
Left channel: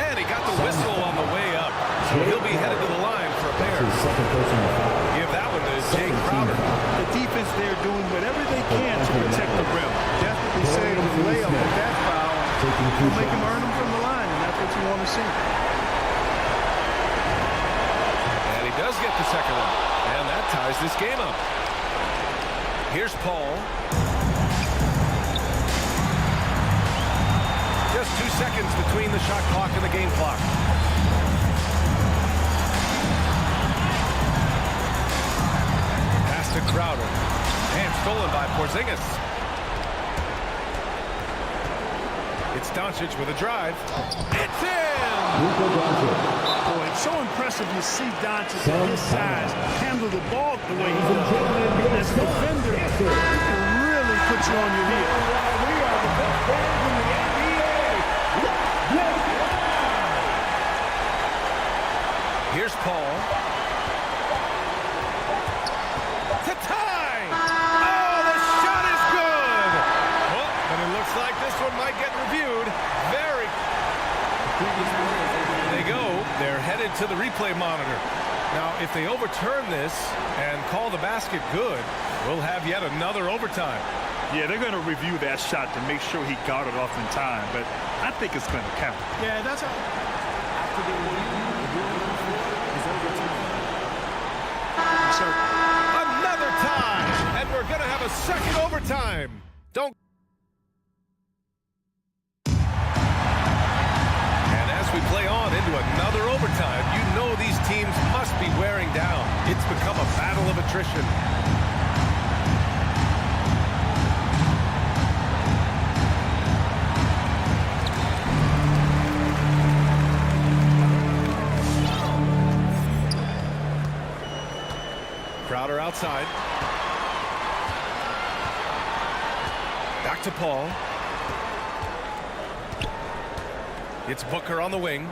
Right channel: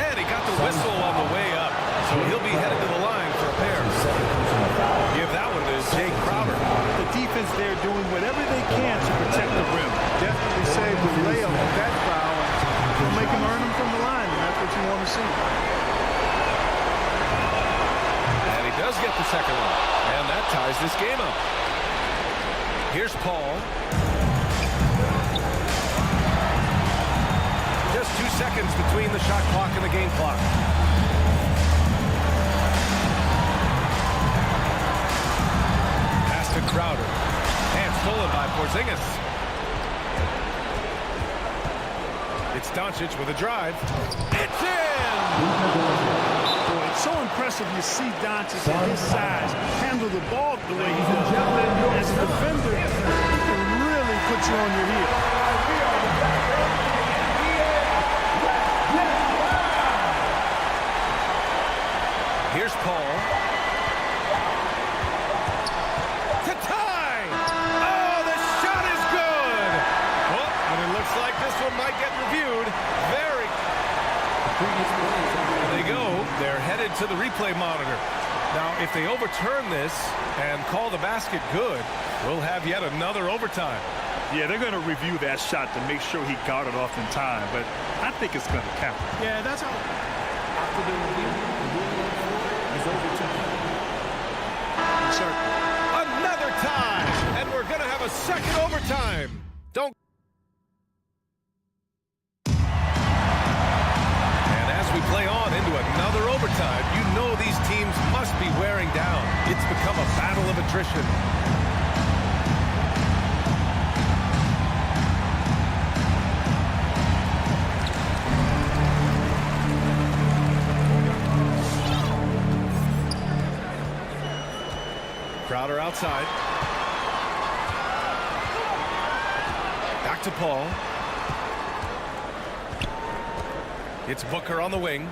And he got the whistle on the way up, so he'll be headed to the line for a pair. Second personal foul. Give that one to Jake Crowder. The defense there doing whatever they can to protect the rim. Definitely saved the layup with that foul, and will make him earn them from the line, and that's what you want to see. And he does get the second one, and that ties this game up. Here's Paul. Just 2 seconds between the shot clock and the game clock. Pass to Crowder. And stolen by Porzingis. It's Doncic with a drive. It's in! Boy, it's so impressive you see Doncic at his size handle the ball the way he does. As a defender, he can really put you on your heel. We are the best fans in the NBA. Let's get loud! Here's Paul. To tie! Oh, the shot is good! Oh, but it looks like this one might get reviewed. There they go. They're headed to the replay monitor. Now, if they overturn this and call the basket good, we'll have yet another overtime. Yeah, they're going to review that shot to make sure he got it off in time, but I think it's going to count. Yeah, that's how. After the review, the ruling on the floor is overturned. Certainly. Another tie, and we're going to have a second overtime. Don't. And as we play on into another overtime, you know these teams must be wearing down. It's become a battle of attrition. Crowder outside. Back to Paul. It's Booker on the wing.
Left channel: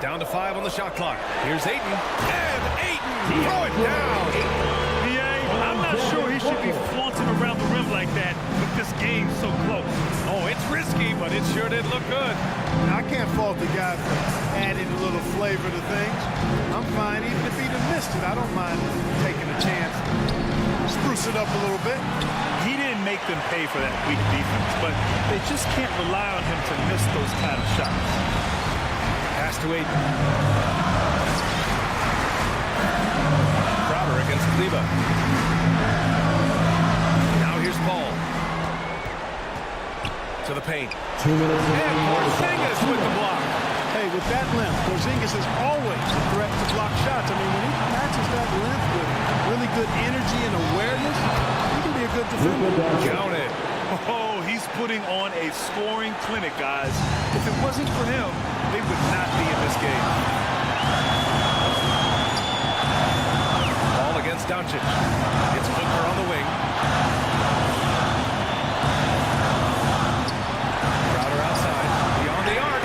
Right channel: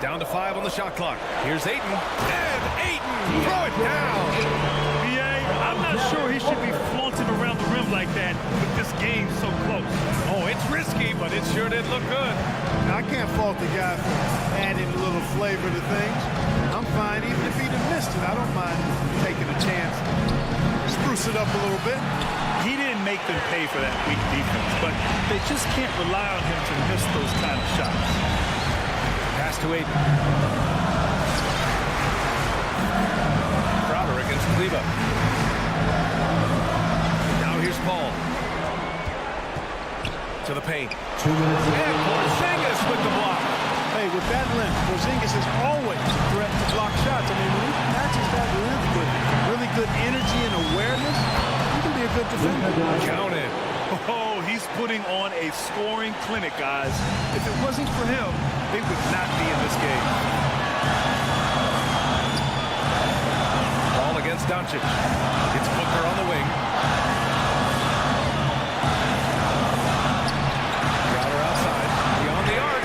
Down to 5 on the shot clock. Here's Ayton. And Ayton! Throw it down! B.A., I'm not sure he should be flaunting around the rim like that, but this game so close. Oh, it's risky, but it sure did look good. Now, I can't fault the guy for adding a little flavor to things. I'm fine. Even if he'd have missed it, I don't mind taking a chance. Spruce it up a little bit. He didn't make them pay for that weak defense, but they just can't rely on him to miss those kind of shots. Pass to Aiden. Crowder against Kleba. Now here's Paul. To the paint. 2 minutes. And Porzingis with the block. Hey, with that length, Porzingis is always a threat to block shots. I mean, when he matches that length with really good energy and awareness, he can be a good defender. Count it. Oh, he's putting on a scoring clinic, guys. If it wasn't for him, they would not be in this game. Ball against Doncic. It's Booker on the wing. Crowder outside. Beyond the arc.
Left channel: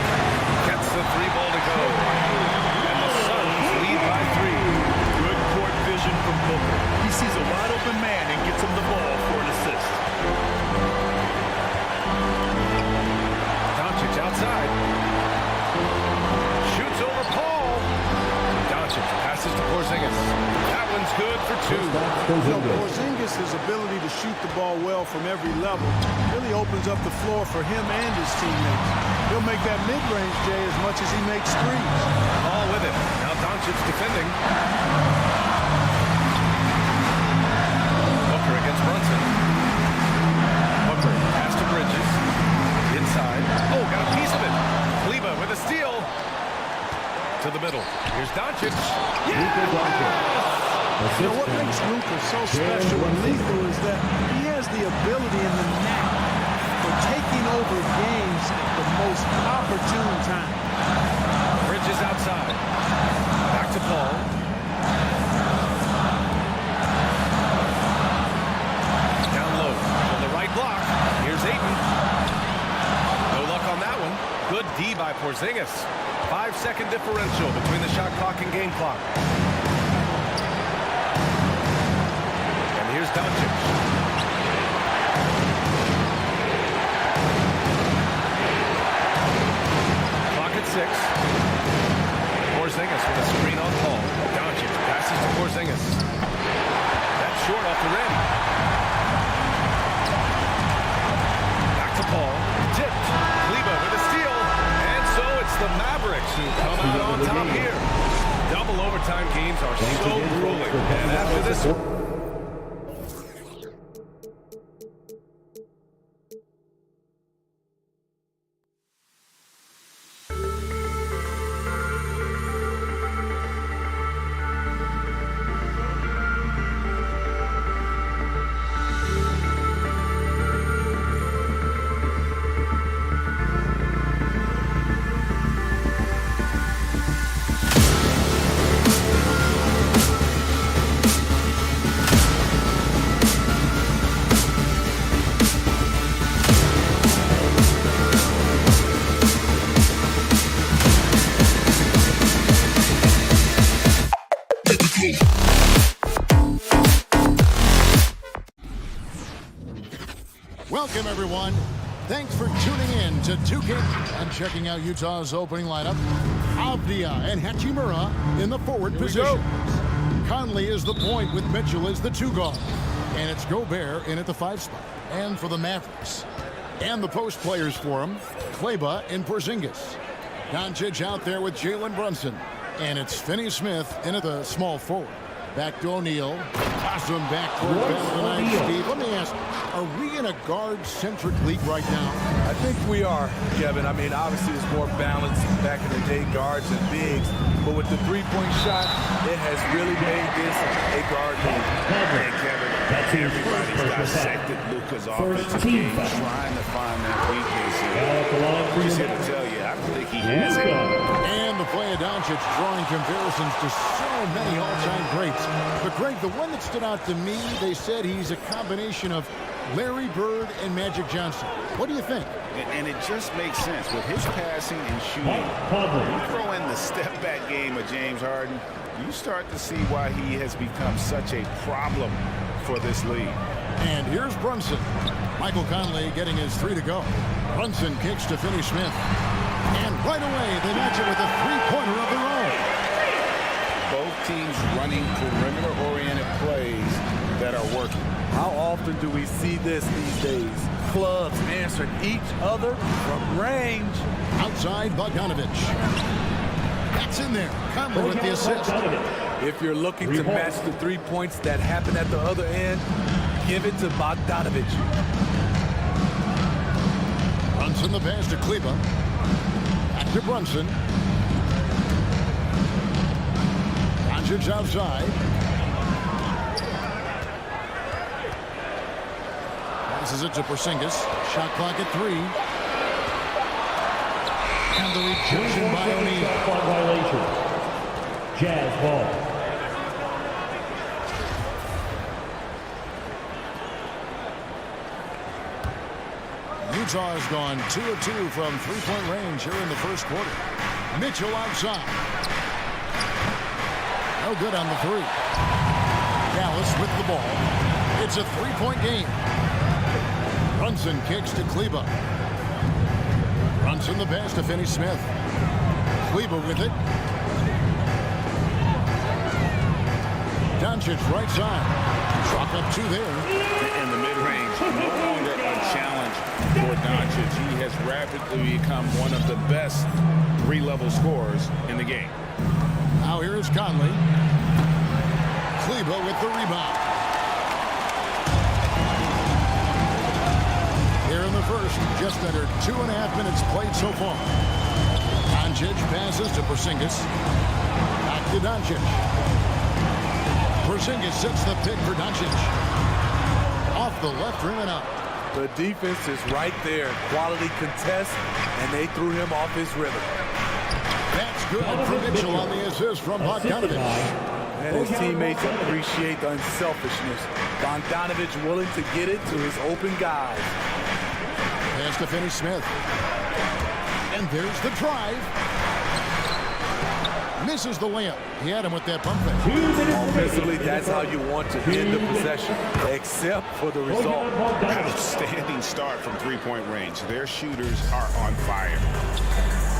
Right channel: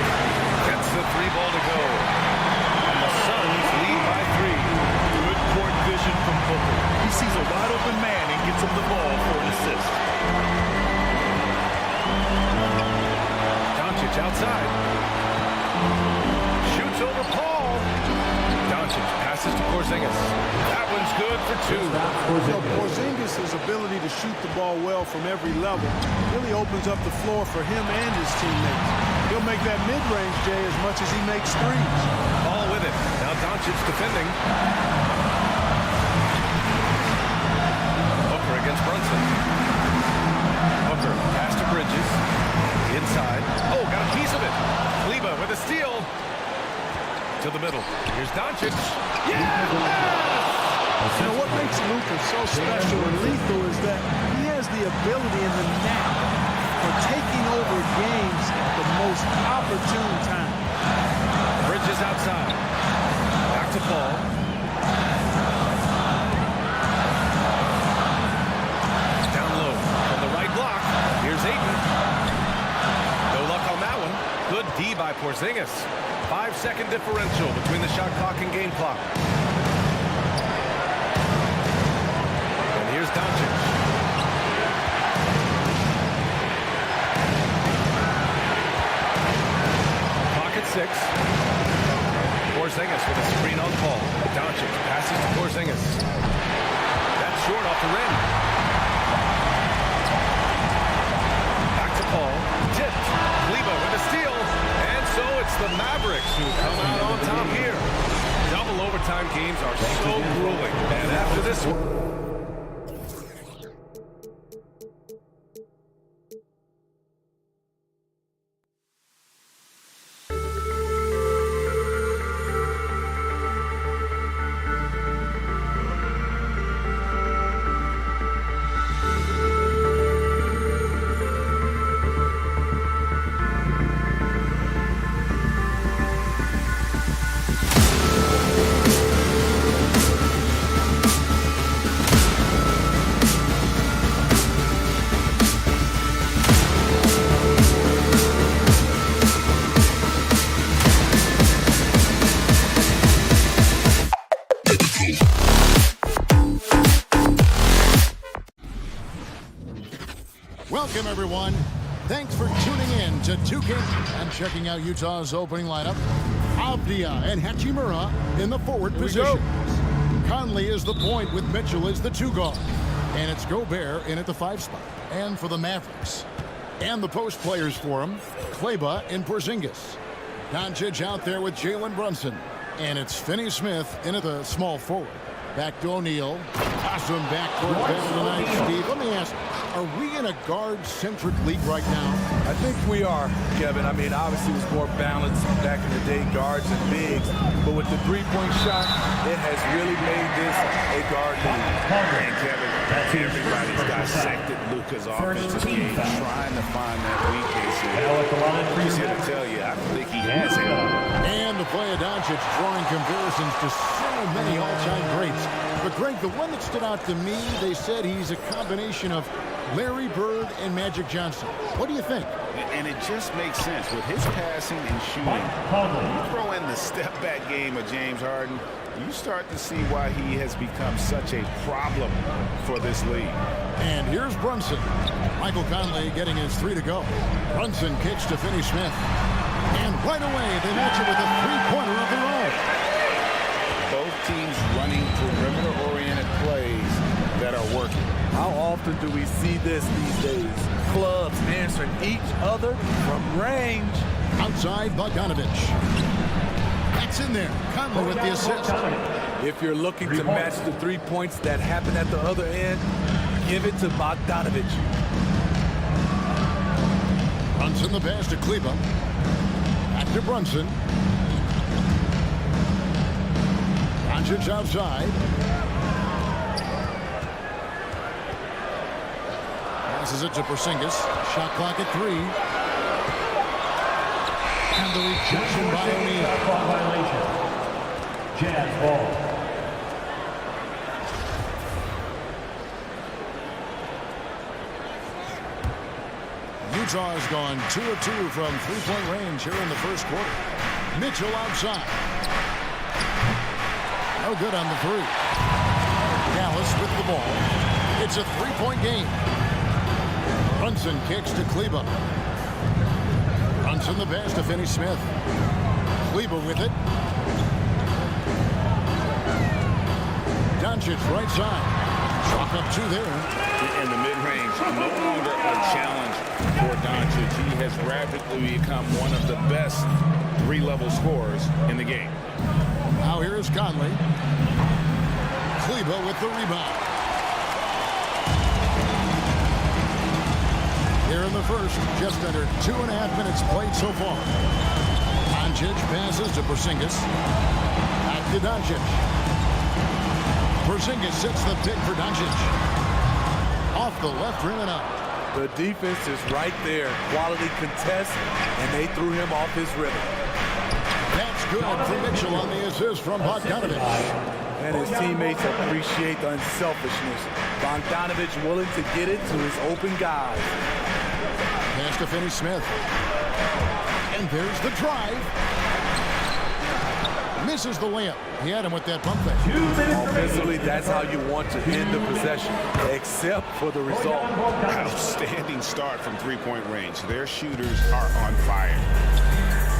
Gets the 3-ball to go. And the Suns lead by 3. Good court vision from Booker. He sees a wide open man and gets him the ball for an assist. Doncic outside. Shoots over Paul. Doncic passes to Porzingis. That one's good for 2. You know, Porzingis' ability to shoot the ball well from every level really opens up the floor for him and his teammates. He'll make that mid-range, Jay, as much as he makes threes. All with it. Now Doncic defending. Booker against Brunson. Booker pass to Bridges. Inside. Oh, got a piece of it. Kleba with a steal. To the middle. Here's Doncic. Yeah! You know, what makes Luka so special and lethal is that he has the ability and the knack for taking over games at the most opportune time. Bridges outside. Back to Paul. Down low from the right block. Here's Ayton. No luck on that one. Good D by Porzingis. 5-second differential between the shot clock and game clock. And here's Doncic. Clock at 6. Porzingis with a screen on Paul. Doncic passes to Porzingis. That's short off the rim. Back to Paul. Tipped. Kleba with a steal. And so it's the Mavericks who come out on top here. Double overtime games are so grueling. And after this one, Welcome, everyone. Thanks for tuning in to 2K and checking out Utah's opening lineup. Avdia and Hachimura in the forward positions. Conley is the point with Mitchell as the 2 guard. And it's Gobert in at the 5 spot. And for the Mavericks. And the post players for him, Kleba and Porzingis. Doncic out there with Jalen Brunson. And it's Finney-Smith in at the small forward. Back to O'Neal. Awesome backcourt battle tonight, Steve. Let me ask, are we in a guard-centric league right now? I think we are, Kevin. I mean, obviously it was more balanced back in the day, guards and bigs. But with the three-point shot, it has really made this a guard league. And Kevin, everybody's dissected Luka's offensive game, trying to find that weakness. And just here to tell you, I don't think he has it. And the play of Doncic drawing comparisons to so many all-time greats. But Greg, the one that stood out to me, they said he's a combination of Larry Bird and Magic Johnson. What do you think? And it just makes sense. With his passing and shooting, you throw in the step-back game of James Harden, you start to see why he has become such a problem for this league. And here's Brunson. Michael Conley getting his 3 to go. Brunson kicks to Finney Smith. And right away, they match it with a three-pointer of their own. Both teams running perimeter-oriented plays that are working. How often do we see this these days? Clubs answering each other from range. Outside, Bogdanovich. That's in there. Conley with the assist. If you're looking to match the 3 points that happen at the other end, give it to Bogdanovich. Brunson the pass to Kleba. Back to Brunson. Doncic outside. Passes it to Porzingis. Shot clock at 3. And the rejection by O'Neal. Shot clock violation. Jazz ball. Utah has gone 2 of 2 from three-point range here in the first quarter. Mitchell outside. No good on the 3. Dallas with the ball. It's a three-point game. Brunson kicks to Kleba. Brunson the pass to Finney Smith. Kleba with it. Doncic right side. Drop up 2 there. In the mid-range, no longer a challenge for Doncic. He has rapidly become one of the best three-level scorers in the game. Now here is Conley. Kleba with the rebound. Here in the first, just under 2.5 minutes played so far. Doncic passes to Porzingis. Back to Doncic. Porzingis sets the pick for Doncic. Off the left rim and out. The defense is right there. Quality contest, and they threw him off his rhythm. That's good for Mitchell on the assist from Bogdanovich. And his teammates appreciate the unselfishness. Bogdanovich willing to get it to his open guys. Pass to Finney Smith. And there's the drive. Misses the layup. He had him with that pump fake. Offensively, that's how you want to end the possession, except for the result. Outstanding start from three-point range. Their shooters are on fire.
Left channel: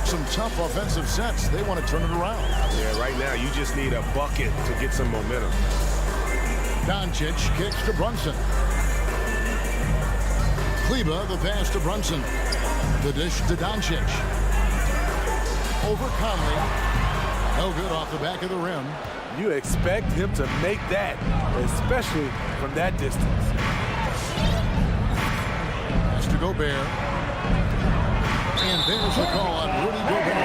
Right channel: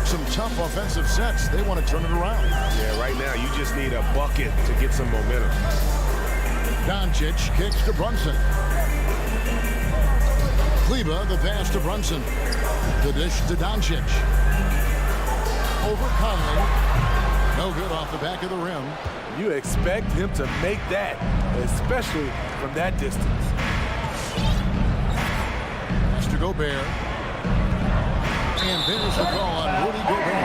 Some tough offensive sets. They want to turn it around. Yeah, right now you just need a bucket to get some momentum. Doncic kicks to Brunson. Kleba, the pass to Brunson. The dish to Doncic. Over Conley. No good off the back of the rim. You expect him to make that, especially from that distance. Pass to Gobert. And there's the call on Rudy Gobert.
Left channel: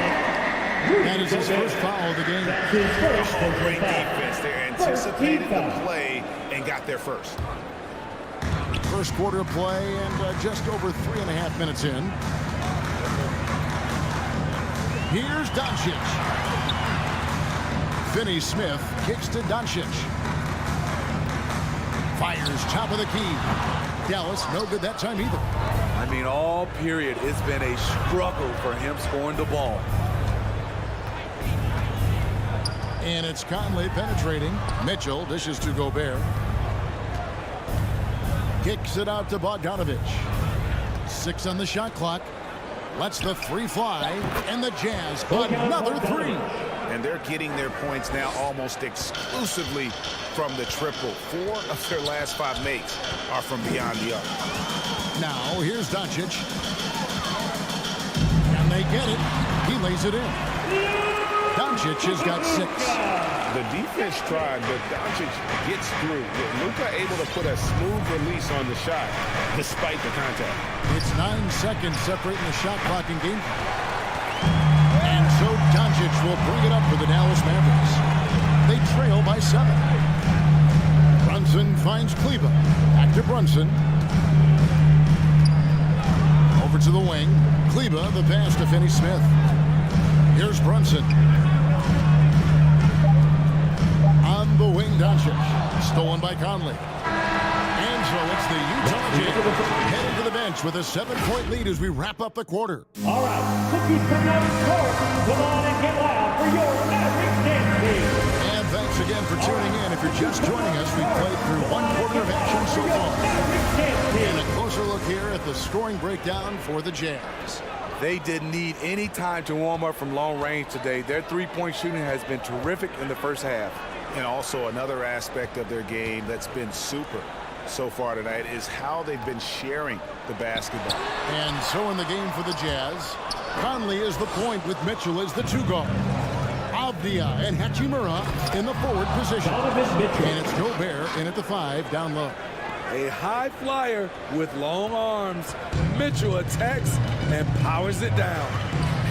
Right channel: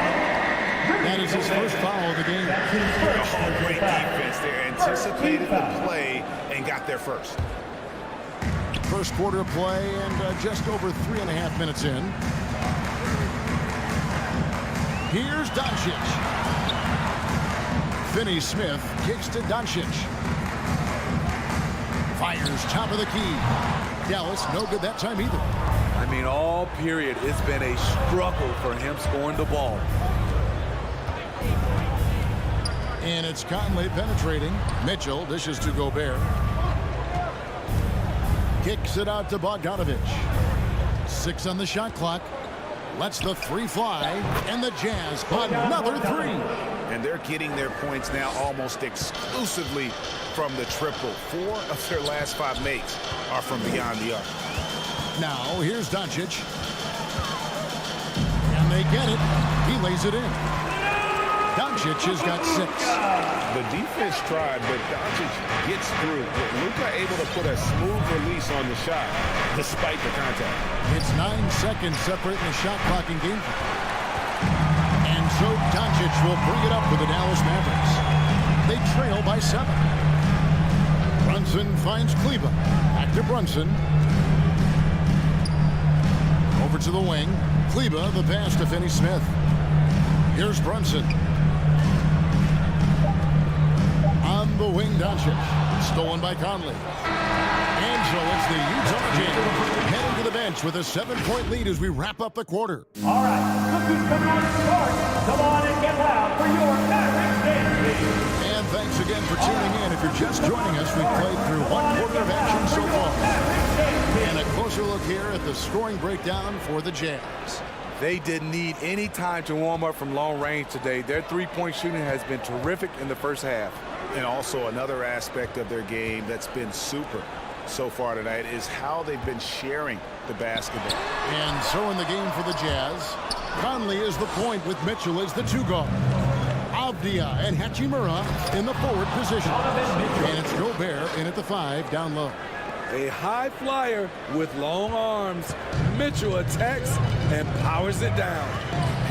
That is his first foul of the game. Oh, great defense. They anticipated the play and got there first. First quarter play and just over 3.5 minutes in. Here's Doncic. Finney Smith kicks to Doncic. Fires top of the key. Dallas no good that time either. I mean, all period, it's been a struggle for him scoring the ball. And it's Conley penetrating. Mitchell dishes to Gobert. Kicks it out to Bogdanovich. 6 on the shot clock. Lets the 3 fly. And the Jazz another 3. And they're getting their points now almost exclusively from the triple. 4 of their last 5 makes are from beyond the arc. Now here's Doncic. And they get it. He lays it in. Doncic has got 6. The defense tried, but Doncic gets through. Luka able to put a smooth release on the shot despite the contact. It's 9 seconds separating the shot clock and game. And so Doncic will bring it up for the Dallas Mavericks. They trail by 7. Brunson finds Kleba. Back to Brunson. Over to the wing. Kleba, the pass to Finney Smith. Here's Brunson. On the wing, Doncic. Stolen by Conley. And so it's the Utah Jazz heading to the bench with a 7-point lead as we wrap up the quarter. All right, look who's coming out to start. Come on and get loud for your Mavericks dance team. And thanks again for tuning in. If you're just joining us, we've played through one quarter of action so far. And a closer look here at the scoring breakdown for the Jazz. They didn't need any time to warm up from long range today. Their three-point shooting has been terrific in the first half. And also another aspect of their game that's been super so far tonight is how they've been sharing the basketball. And so in the game for the Jazz, Conley is the point with Mitchell as the two guard. Avdia and Hachimura in the forward position. And it's Gobert in at the 5 down low. A high flyer with long arms. Mitchell attacks and powers it down.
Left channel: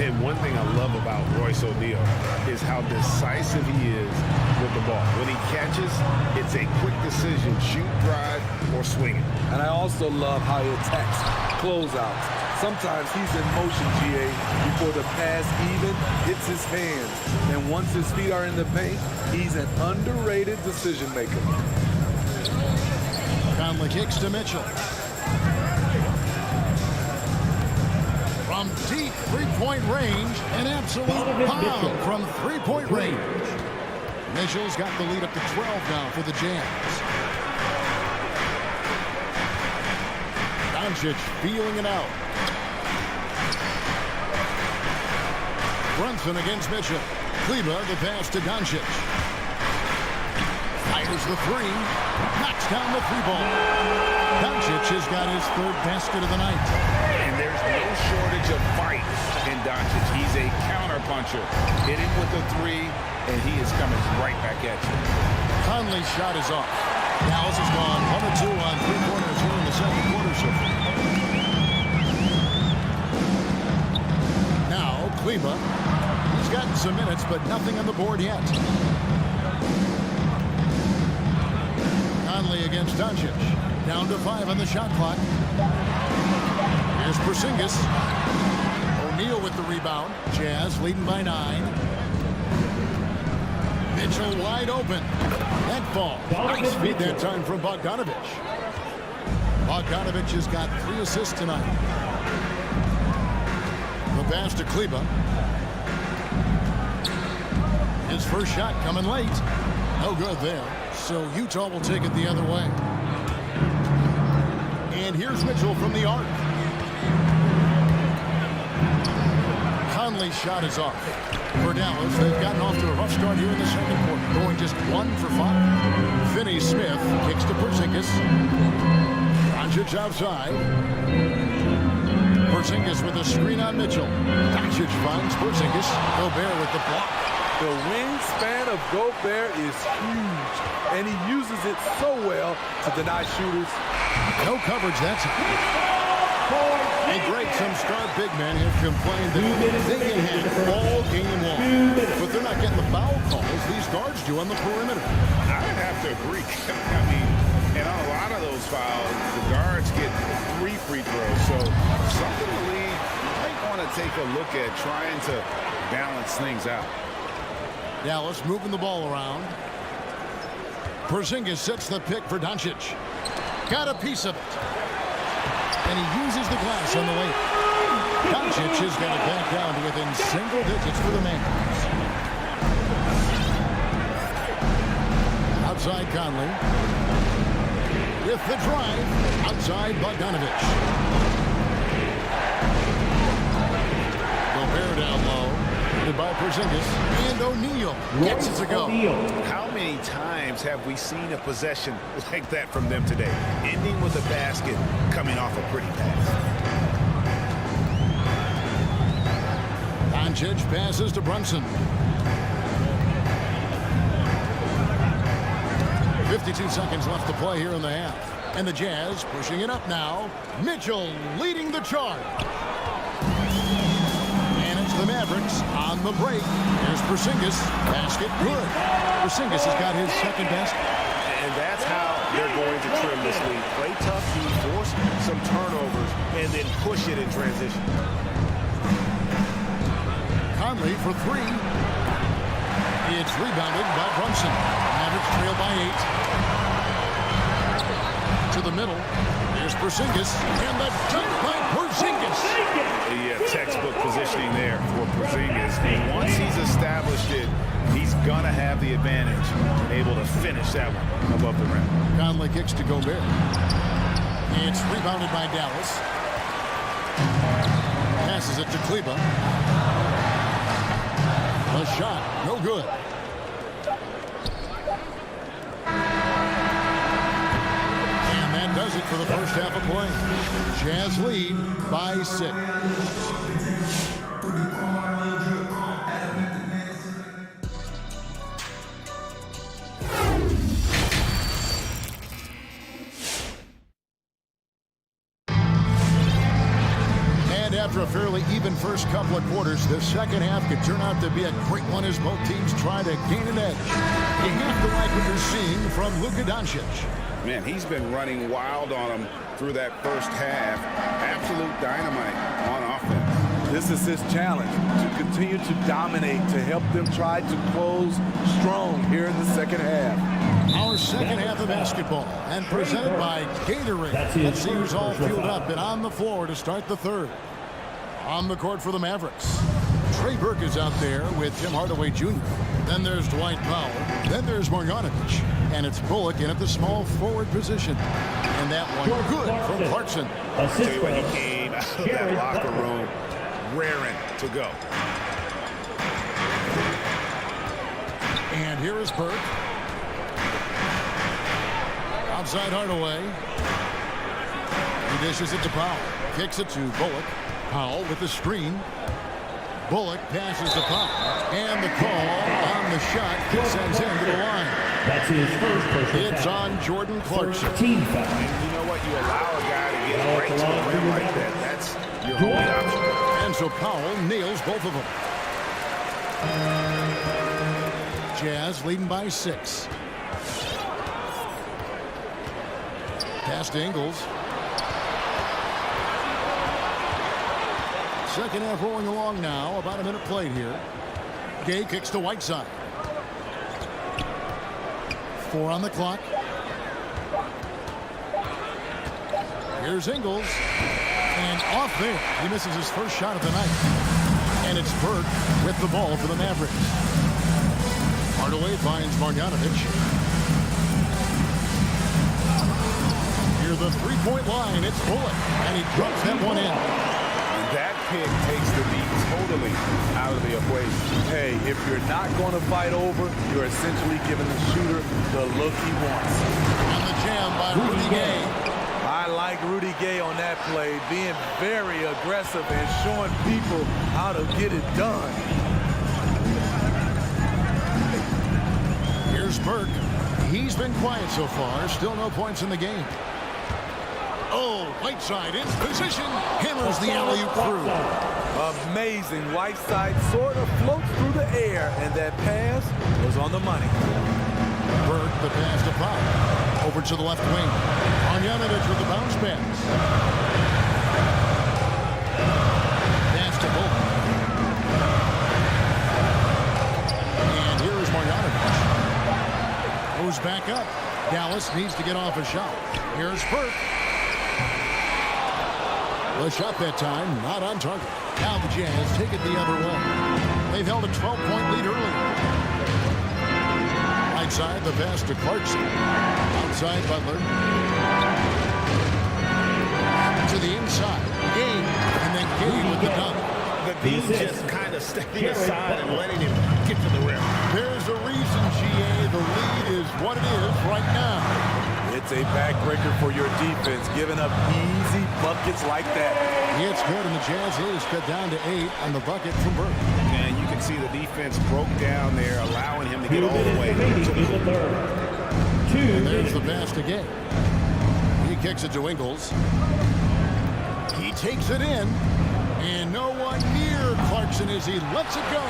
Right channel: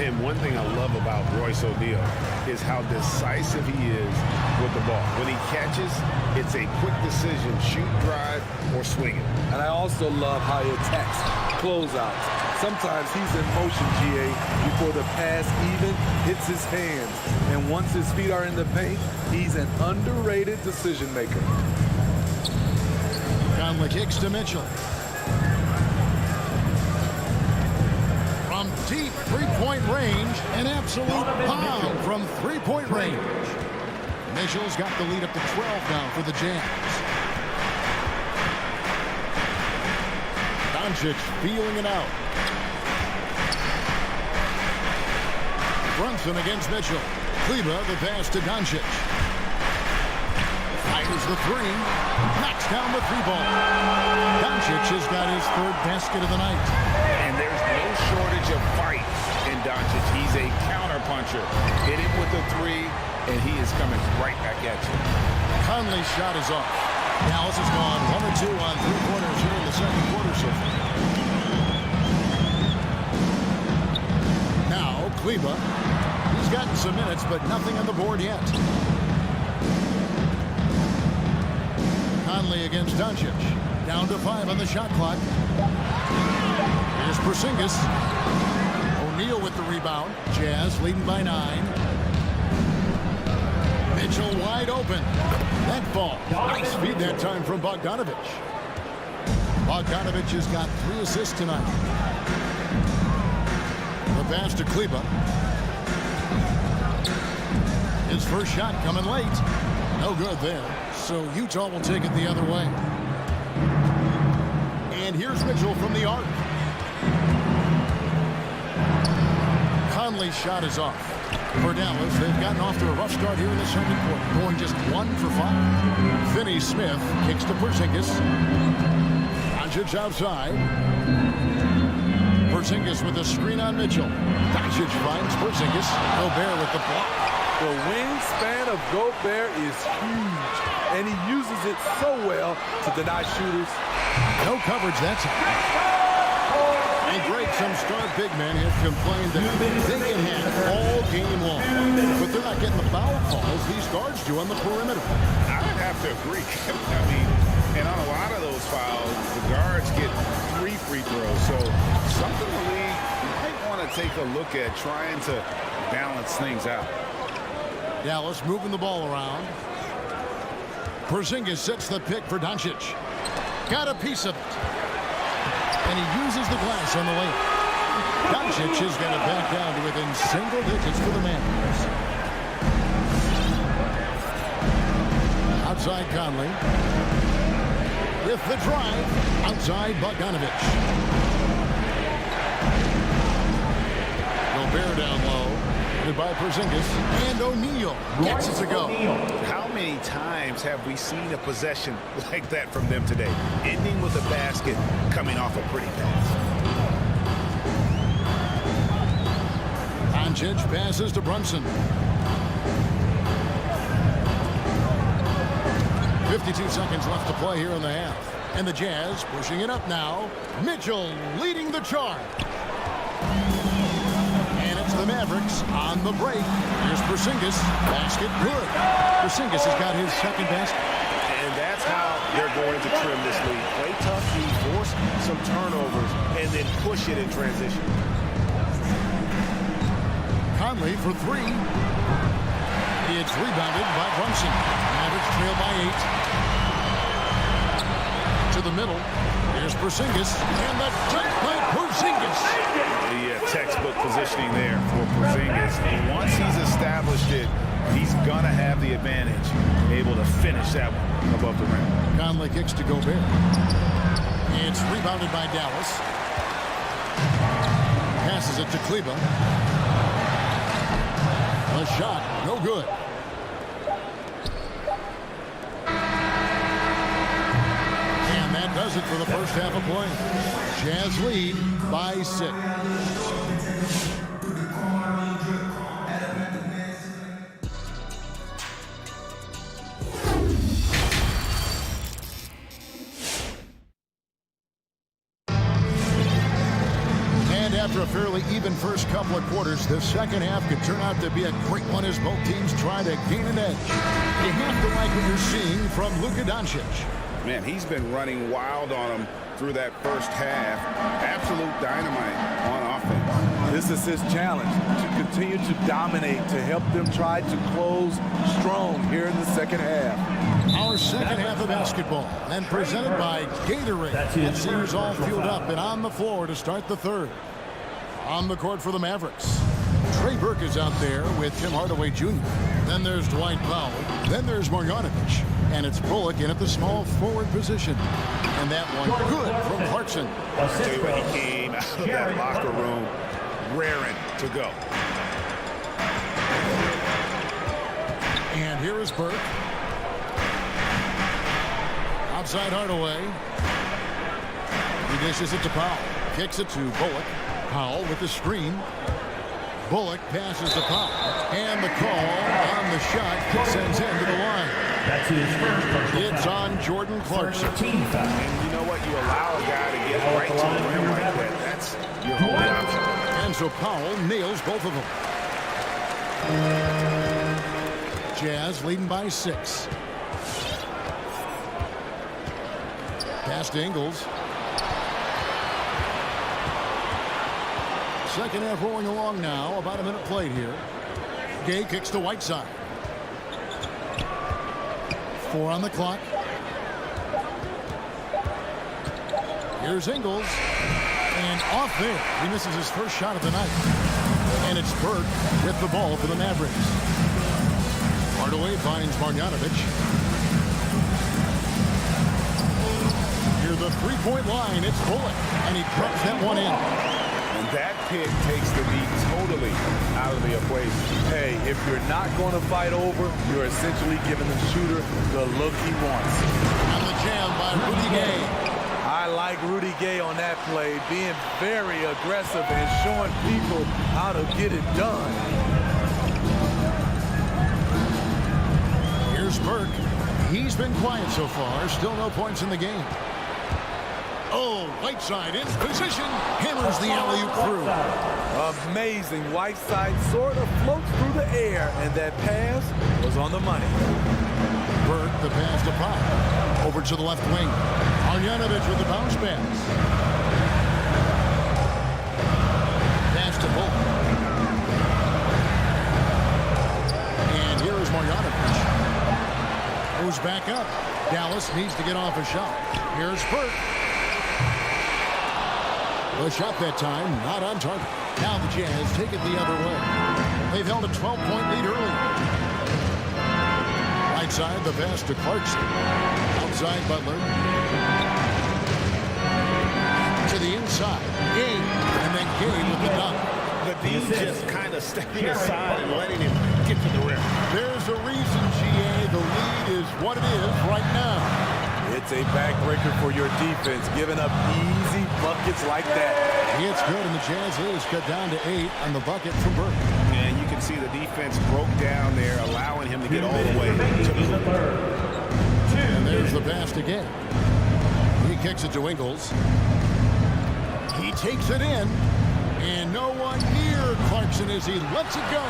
And one thing I love about Royce O'Neal is how decisive he is with the ball. When he catches, it's a quick decision, shoot, drive, or swing it. And I also love how he attacks closeouts. Sometimes he's in motion, GA, before the pass even hits his hands. And once his feet are in the paint, he's an underrated decision maker. Conley kicks to Mitchell. From deep three-point range, an absolute bomb from three-point range. Mitchell's got the lead up to 12 now for the Jazz. Doncic feeling it out. Brunson against Mitchell. Kleba the pass to Doncic. Fires the three. Knocks down the three ball. Doncic has got his third basket of the night. And there's no shortage of fight in Doncic. He's a counterpuncher. Hit him with a three, and he is coming right back at you. Conley's shot is off. Dallas has gone 1 or 2 on three-pointers here in the second quarter so far. Now, Kleba. He's gotten some minutes, but nothing on the board yet. Conley against Doncic. Down to 5 on the shot clock. Here's Porzingis. O'Neal with the rebound. Jazz leading by 9. Mitchell wide open. That ball. Nice feed that time from Bogdanovich. Bogdanovich has got 3 assists tonight. The pass to Kleba. His first shot coming late. No good there. So Utah will take it the other way. And here's Mitchell from the arc. Conley's shot is off. For Dallas, they've gotten off to a rough start here in the second quarter, going just 1 for 5. Finney-Smith kicks to Porzingis. Doncic outside. Porzingis with a screen on Mitchell. Doncic finds Porzingis. Gobert with the block. The wingspan of Gobert is huge, and he uses it so well to deny shooters. No coverage that time. And Greg, some star big men have complained that they get hacked all game long. But they're not getting the foul calls these guards do on the perimeter. I'd have to agree. I mean, and on a lot of those fouls, the guards get 3 free throws. So something the league might want to take a look at, trying to balance things out. Dallas moving the ball around. Porzingis sets the pick for Doncic. Got a piece of it. And he uses the glass on the layup. Doncic has got it back down to within single digits for the Mavs. Outside Conley. With the drive. Outside Bogdanovich. Gobert down low. By Porzingis, and O'Neal gets it to go. How many times have we seen a possession like that from them today, ending with a basket coming off a pretty pass? Doncic passes to Brunson. 52 seconds left to play here in the half, and the Jazz pushing it up now. Mitchell leading the charge. The Mavericks on the break. Here's Porzingis. Basket good. Porzingis has got his second basket. And that's how they're going to trim this lead. Play tough, force some turnovers, and then push it in transition. Conley for 3. It's rebounded by Brunson. Mavericks trail by 8. To the middle. Here's Porzingis, and the dunk by Porzingis. Yeah, textbook positioning there for Porzingis. And once he's established it, he's going to have the advantage and able to finish that one above the rim. Conley kicks to Gobert. It's rebounded by Dallas. Passes it to Kleba. A shot, no good. And that does it for the first half of play. Jazz lead by 6. After a fairly even first couple of quarters, the second half could turn out to be a great one as both teams try to gain an edge. You have to like what you're seeing from Luka Doncic. Man, he's been running wild on him through that first half. Absolute dynamite on offense. This is his challenge, to continue to dominate, to help them try to close strong here in the second half. Our second half of basketball, and presented by Gatorade. Let's see who's all fueled up and on the floor to start the third. On the court for the Mavericks, Trey Burke is out there with Tim Hardaway Jr. Then there's Dwight Powell. Then there's Marjanovic. And it's Bullock in at the small forward position. And that one good from Clarkson. I tell you what, he came out of that locker room raring to go. And here is Burke. Outside Hardaway. He dishes it to Powell. Kicks it to Bullock. Powell with the screen. Bullock passes to Powell. And the call on the shot sends him to the line. That's his first personal It's foul. on Jordan Clarkson. Team foul. And you know what? You allow a guy to get right to the rim like that. That's your only option. And so Powell nails both of them. Jazz leading by 6. Pass to Ingles. Second half rolling along now. About a minute played here. Gay kicks to Whiteside. 4 on the clock. Here's Ingles. And off there. He misses his first shot of the night. And it's Burke with the ball for the Mavericks. Hardaway finds Marjanovic. Near the three-point line, it's Bullock. And he drops that one in. And that pick takes the beat totally out of the equation. Hey, if you're not going to fight over, you're essentially giving the shooter the look he wants. And the jam by Rudy Gay. I like Rudy Gay on that play, being very aggressive and showing people how to get it done. Here's Burke. He's been quiet so far. Still no points in the game. Oh, Whiteside in position. Hammers the alley-oop through. Amazing. Whiteside sort of floats through the air, and that pass was on the money. Burke, the pass to Powell. Over to the left wing. Marjanovic with the bounce pass. Pass to Bullock. And here is Marjanovic. Moves back up. Dallas needs to get off a shot. Here's Burke. The shot that time, not on target. Now the Jazz take it the other way. They've held a 12-point lead early. Right side, the pass to Clarkson. Outside, Butler. To the inside. Gay. And then Gay with the dunk. The D just kind of stepping aside and letting him get to the rim. There's a reason, GA. The lead is what it is right now. It's a backbreaker for your defense, giving up easy buckets like that. It's good, and the Jazz is cut down to 8 on the bucket from Burke. And you can see the defense broke down there, allowing him to get all the way to the hoop. And there's the pass to Gay. He kicks it to Ingles. He takes it in. And no one near Clarkson as he lets it go.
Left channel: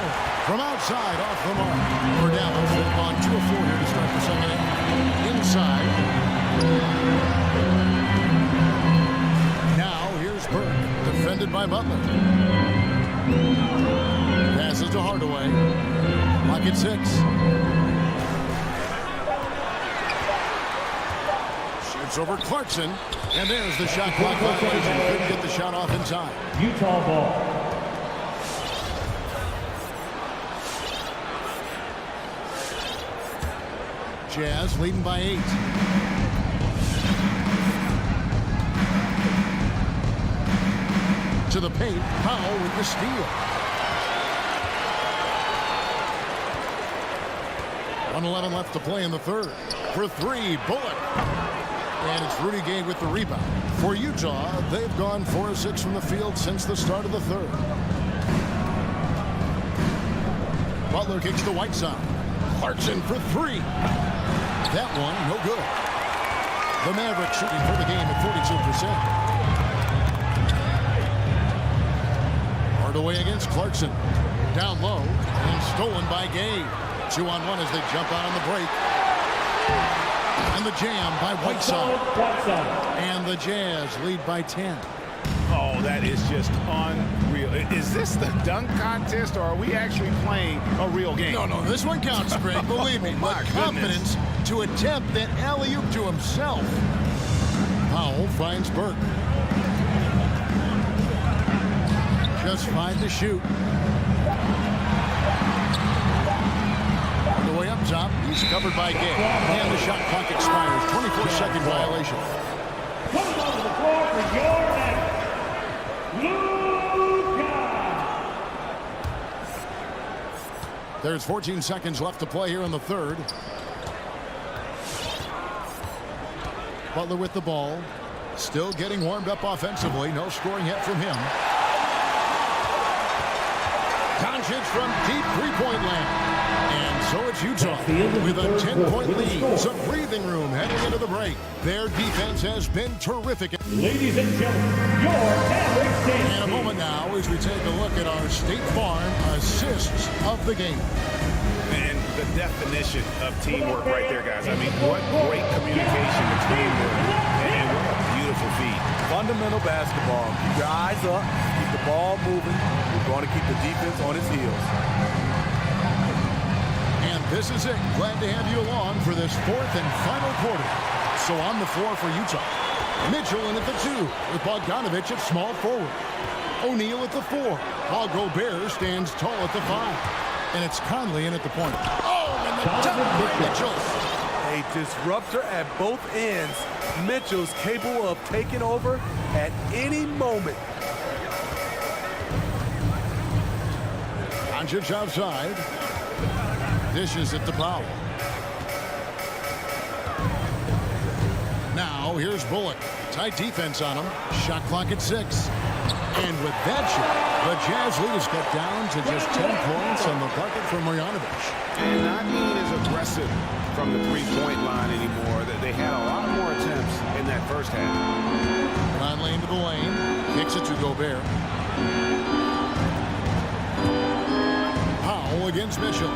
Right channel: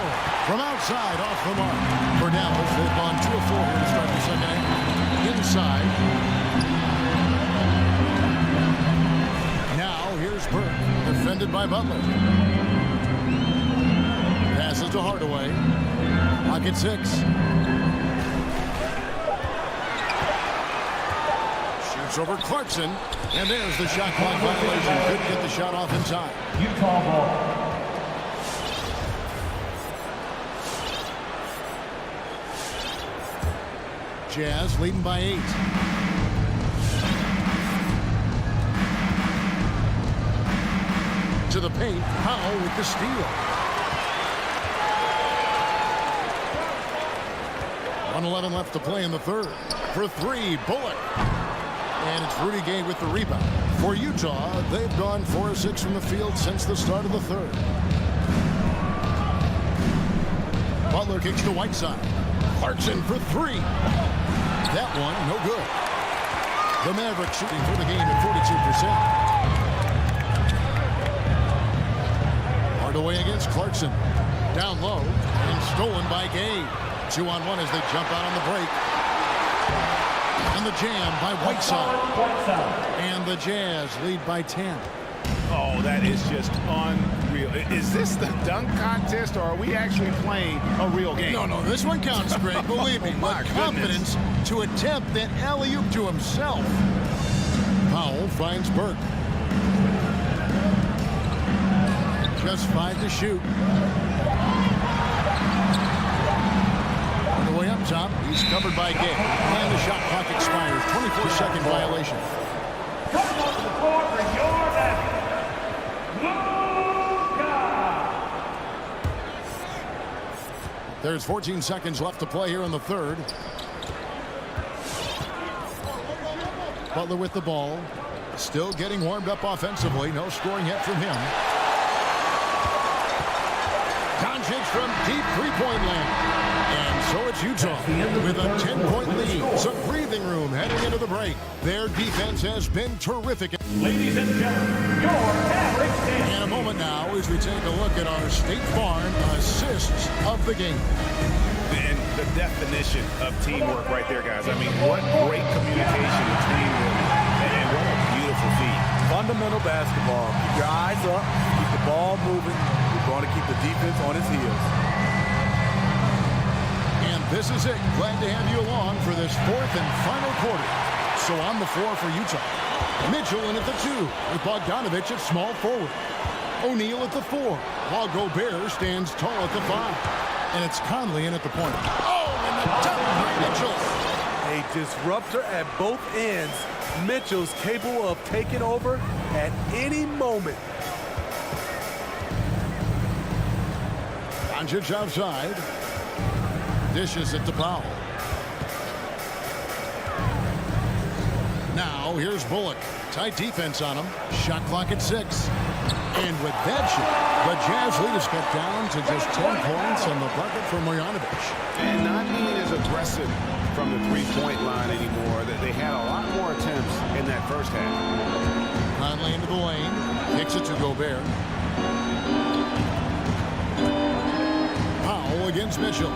From outside, off the mark. For Dallas, they've gone 2 of 4 here to start the second half. Inside. Now, here's Burke, defended by Butler. Passes to Hardaway. Clock at 6. Shoots over Clarkson. And there's the shot clock violation. Couldn't get the shot off in time. Utah ball. Jazz leading by 8. To the paint, Powell with the steal. 1:11 left to play in the third. For 3, Bullock. And it's Rudy Gay with the rebound. For Utah, they've gone 4 of 6 from the field since the start of the third. Butler kicks to Whiteside. Clarkson for 3. That one, no good. The Mavericks shooting for the game at 42%. Hardaway against Clarkson. Down low and stolen by Gay. 2-on-1 as they jump out on the break. And the jam by Whiteside. And the Jazz lead by 10. Oh, that is just unreal. Is this the dunk contest, or are we actually playing a real game? No, this one counts, Greg. Believe me. My But confidence to attempt that alley-oop to himself. Powell finds Burke. Just 5 to shoot. On the way up top, he's covered by Gay. And the shot clock expires. 24-second violation. Coming onto the floor for your Mavericks, Luka. There's 14 seconds left to play here in the third. Butler with the ball. Still getting warmed up offensively. No scoring yet from him. Doncic from deep three-point land. And so it's Utah with a 10-point lead. Some breathing room heading into the break. Their defense has been terrific. Ladies and gentlemen, your Mavericks team. In a moment now as we take a look at our State Farm assists of the game. And the definition of teamwork right there, guys. I mean, what great communication between them, and what a beautiful feat. Fundamental basketball. Keep your eyes up. Keep the ball moving. We're going to keep the defense on its heels. And this is it. Glad to have you along for this fourth and final quarter. So on the floor for Utah. Mitchell in at the 2 with Bogdanovich at small forward. O'Neal at the 4 while Gobert stands tall at the 5. And it's Conley in at the point. Oh, and the dunk by Mitchell. A disruptor at both ends. Mitchell's capable of taking over at any moment. Doncic outside. Dishes it to Powell. Now here's Bullock. Tight defense on him. Shot clock at 6. And with that shot, the Jazz lead is cut down to just 10 points on the bucket for Marjanovic. And not being as aggressive from the three-point line anymore. They had a lot more attempts in that first half. Conley into the lane. Kicks it to Gobert. Powell against Mitchell.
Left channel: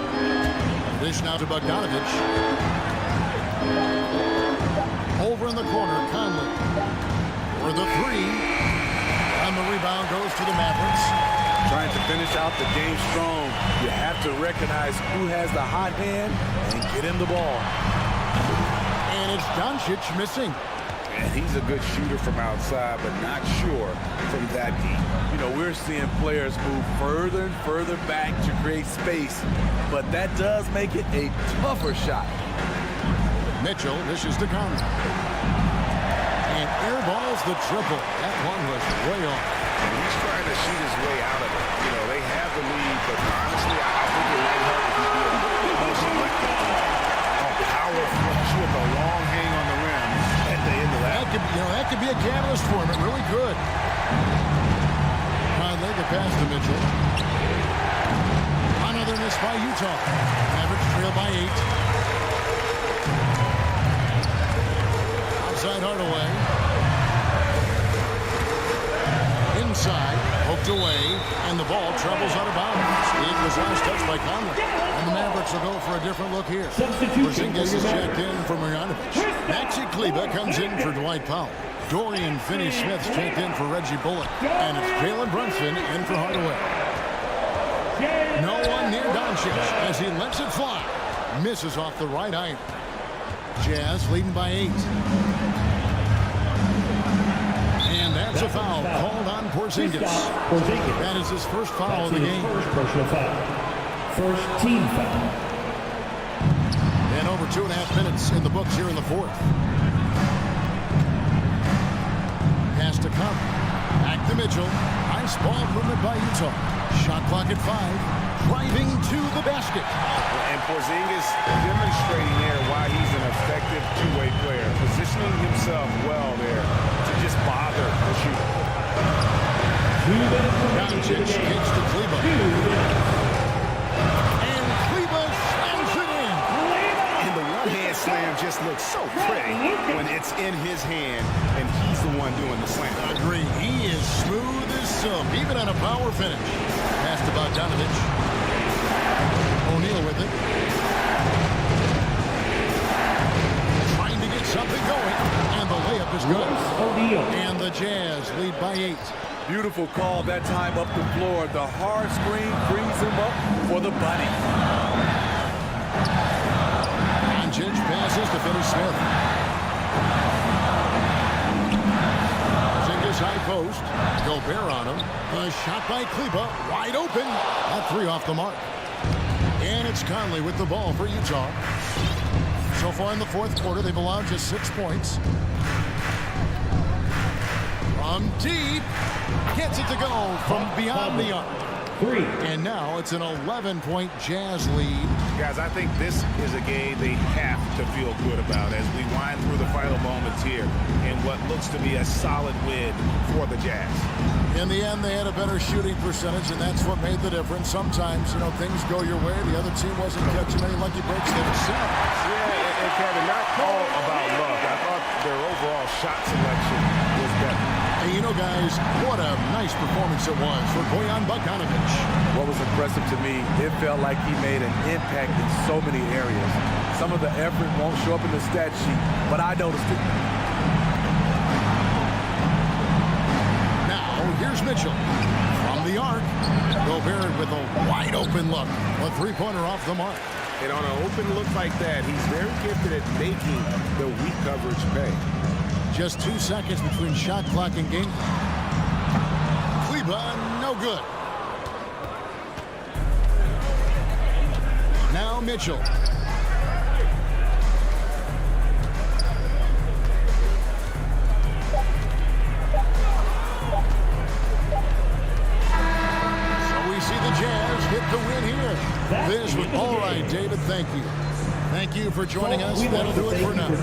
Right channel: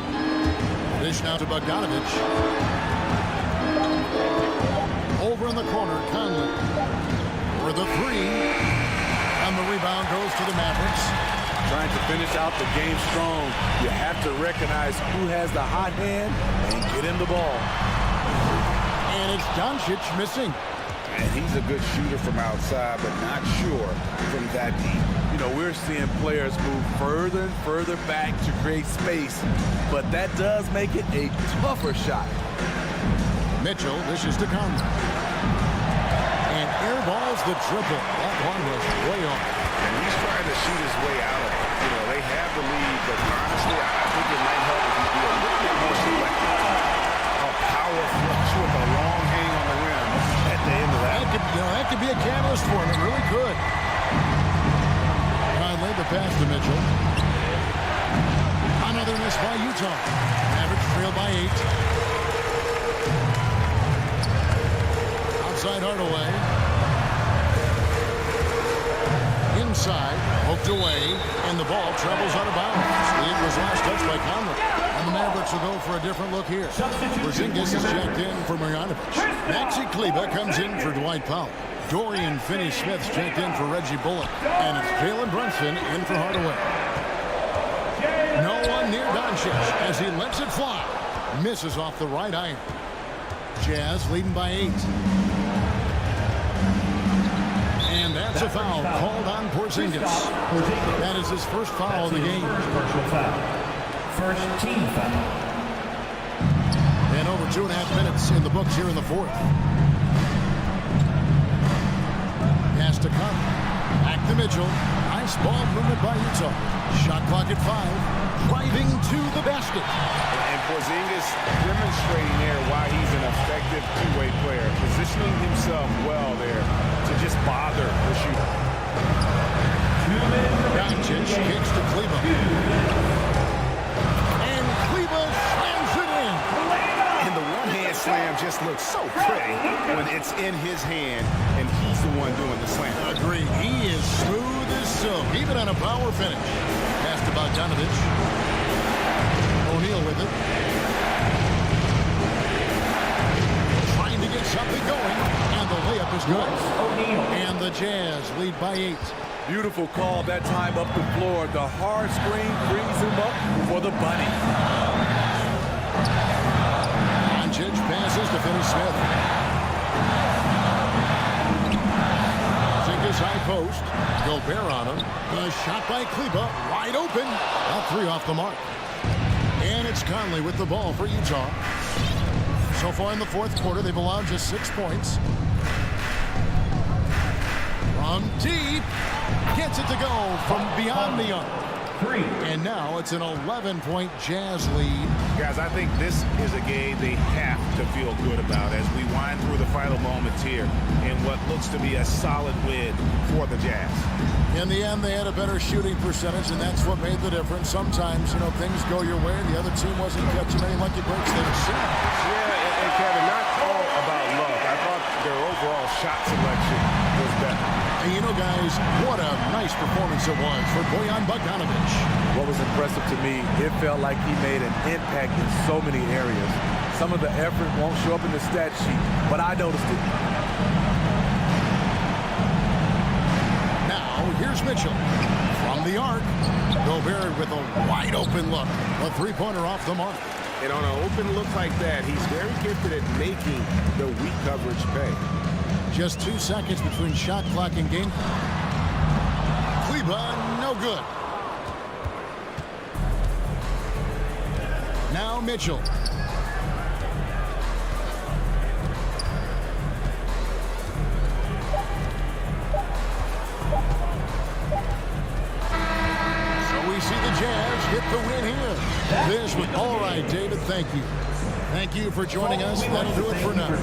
Dish now to Bogdanovich. Over in the corner, Conley. For the 3. And the rebound goes to the Mavericks. Trying to finish out the game strong. You have to recognize who has the hot hand and get him the ball. And it's Doncic missing. And he's a good shooter from outside, but not sure from that deep. You know, we're seeing players move further and further back to create space, but that does make it a tougher shot. Mitchell dishes to Conley. And airballs the triple. That one was way off. And he's trying to shoot his way out of it. You know, they have the lead, but honestly, I think it might help if he be a little bit more selective tonight. A power flush with a long hang on the rim at the end of that. That could be a catalyst for him. It really could. Conley, the pass to Mitchell. Another miss by Utah. Mavericks trail by 8. Outside Hardaway. Inside, poked away, and the ball travels out of bounds. It was last touched by Conley. And the Mavericks will go for a different look here. Porzingis is checked in for Marjanovic. Maxi Kleber comes in for Dwight Powell. Dorian Finney-Smith's checked in for Reggie Bullock. And it's Jalen Brunson in for Hardaway. No one near Doncic as he lets it fly. Misses off the right iron. Jazz leading by 8. And that's a foul called on Porzingis. That is his first foul of the game. First personal foul. First team foul. And over 2.5 minutes in the books here in the fourth. Pass to Conley. Back to Mitchell. Nice ball movement by Utah. Shot clock at 5. Driving to the basket. And Porzingis demonstrating there why he's an effective two-way player. Positioning himself well there to just bother the shooter. Doncic kicks to Kleba. And Kleba slams it in. And the one-hand slam just looks so pretty when it's in his hand and he's the one doing the slam. Agreed. He is smooth as silk, even on a power finish. Pass to Bogdanovich. O'Neal with it. Trying to get something going. And the layup is good. O'Neal. And the Jazz lead by 8. Beautiful call that time up the floor. The hard screen frees him up for the bunny. Doncic passes to Finney Smith. Porzingis high post. Gobert on him. A shot by Kleba. Wide open. At 3 off the mark. And it's Conley with the ball for Utah. So far in the fourth quarter, they've allowed just 6 points. From deep. Gets it to go from beyond the arc. 3. And now it's an 11-point Jazz lead. Guys, I think this is a game they have to feel good about as we wind through the final moments here in what looks to be a solid win for the Jazz. In the end, they had a better shooting percentage, and that's what made the difference. Sometimes, things go your way. The other team wasn't catching many lucky breaks themselves. Yeah, and Kevin, not all about luck. I thought their overall shot selection was better. And guys, what a nice performance it was for Bojan Bogdanovich. What was impressive to me, it felt like he made an impact in so many areas. Some of the effort won't show up in the stat sheet, but I noticed it. Now, here's Mitchell. From the arc, Gobert with a wide open look. A three-pointer off the mark. And on an open look like that, he's very gifted at making the weak coverage pay. Just 2 seconds between shot clock and game clock. Kleba, no good. Now Mitchell. So we see the Jazz get the win here. This was all right, David. Thank you. Thank you for joining us. That'll do it for now.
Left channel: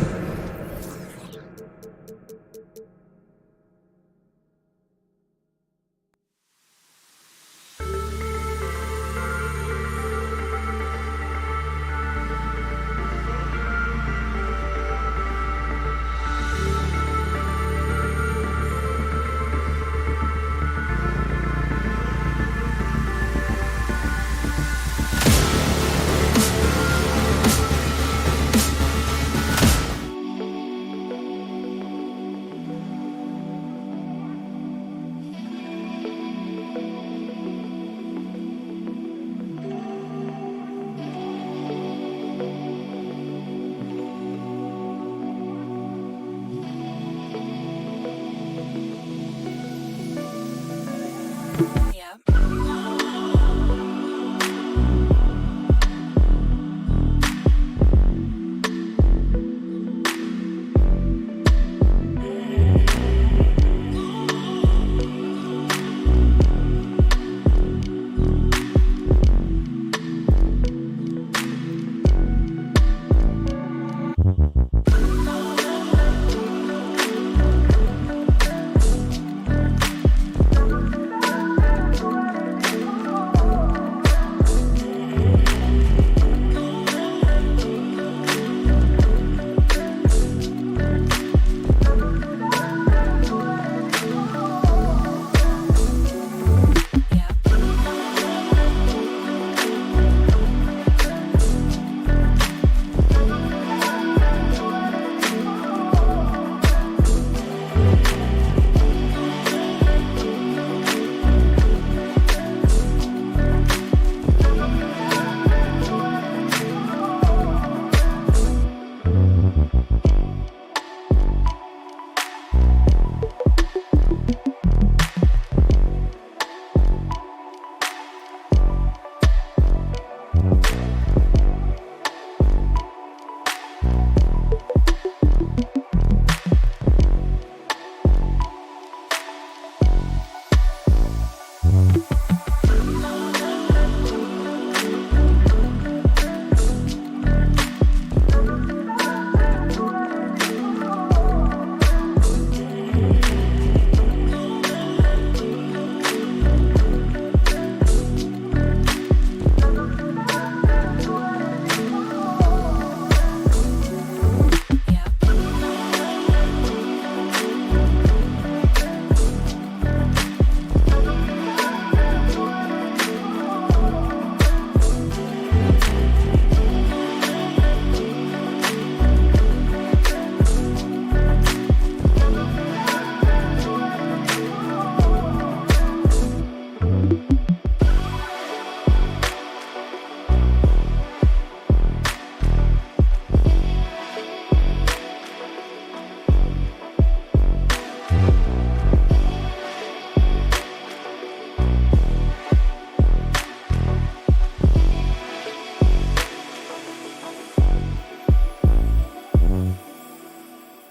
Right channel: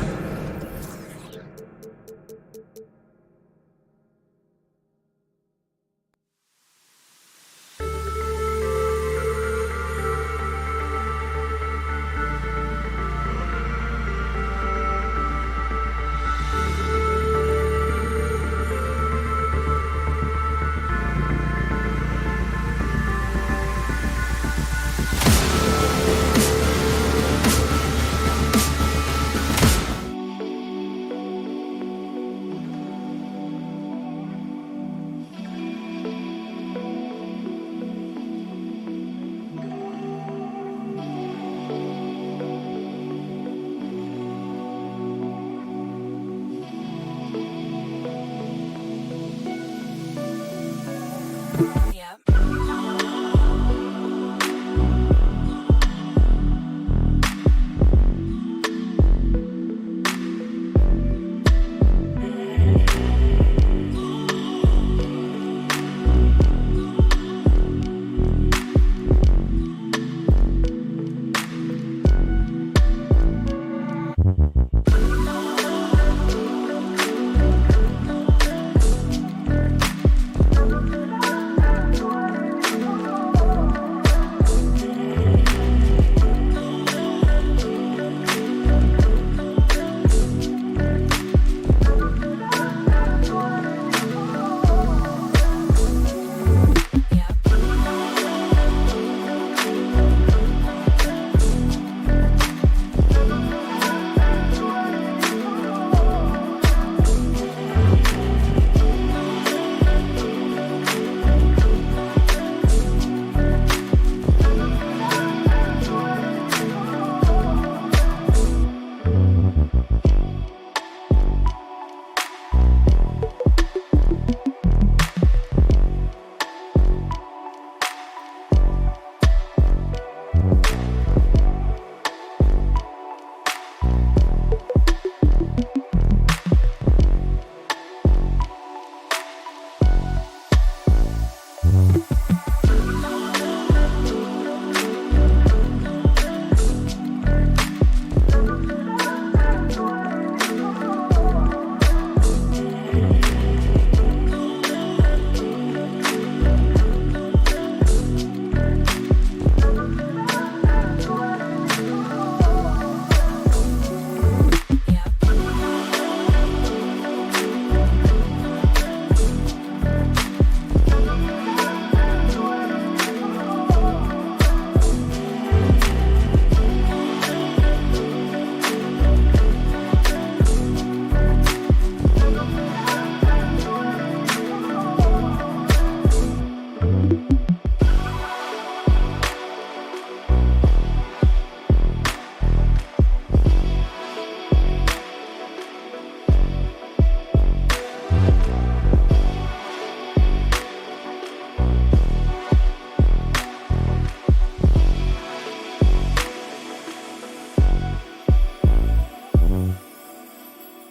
Bye.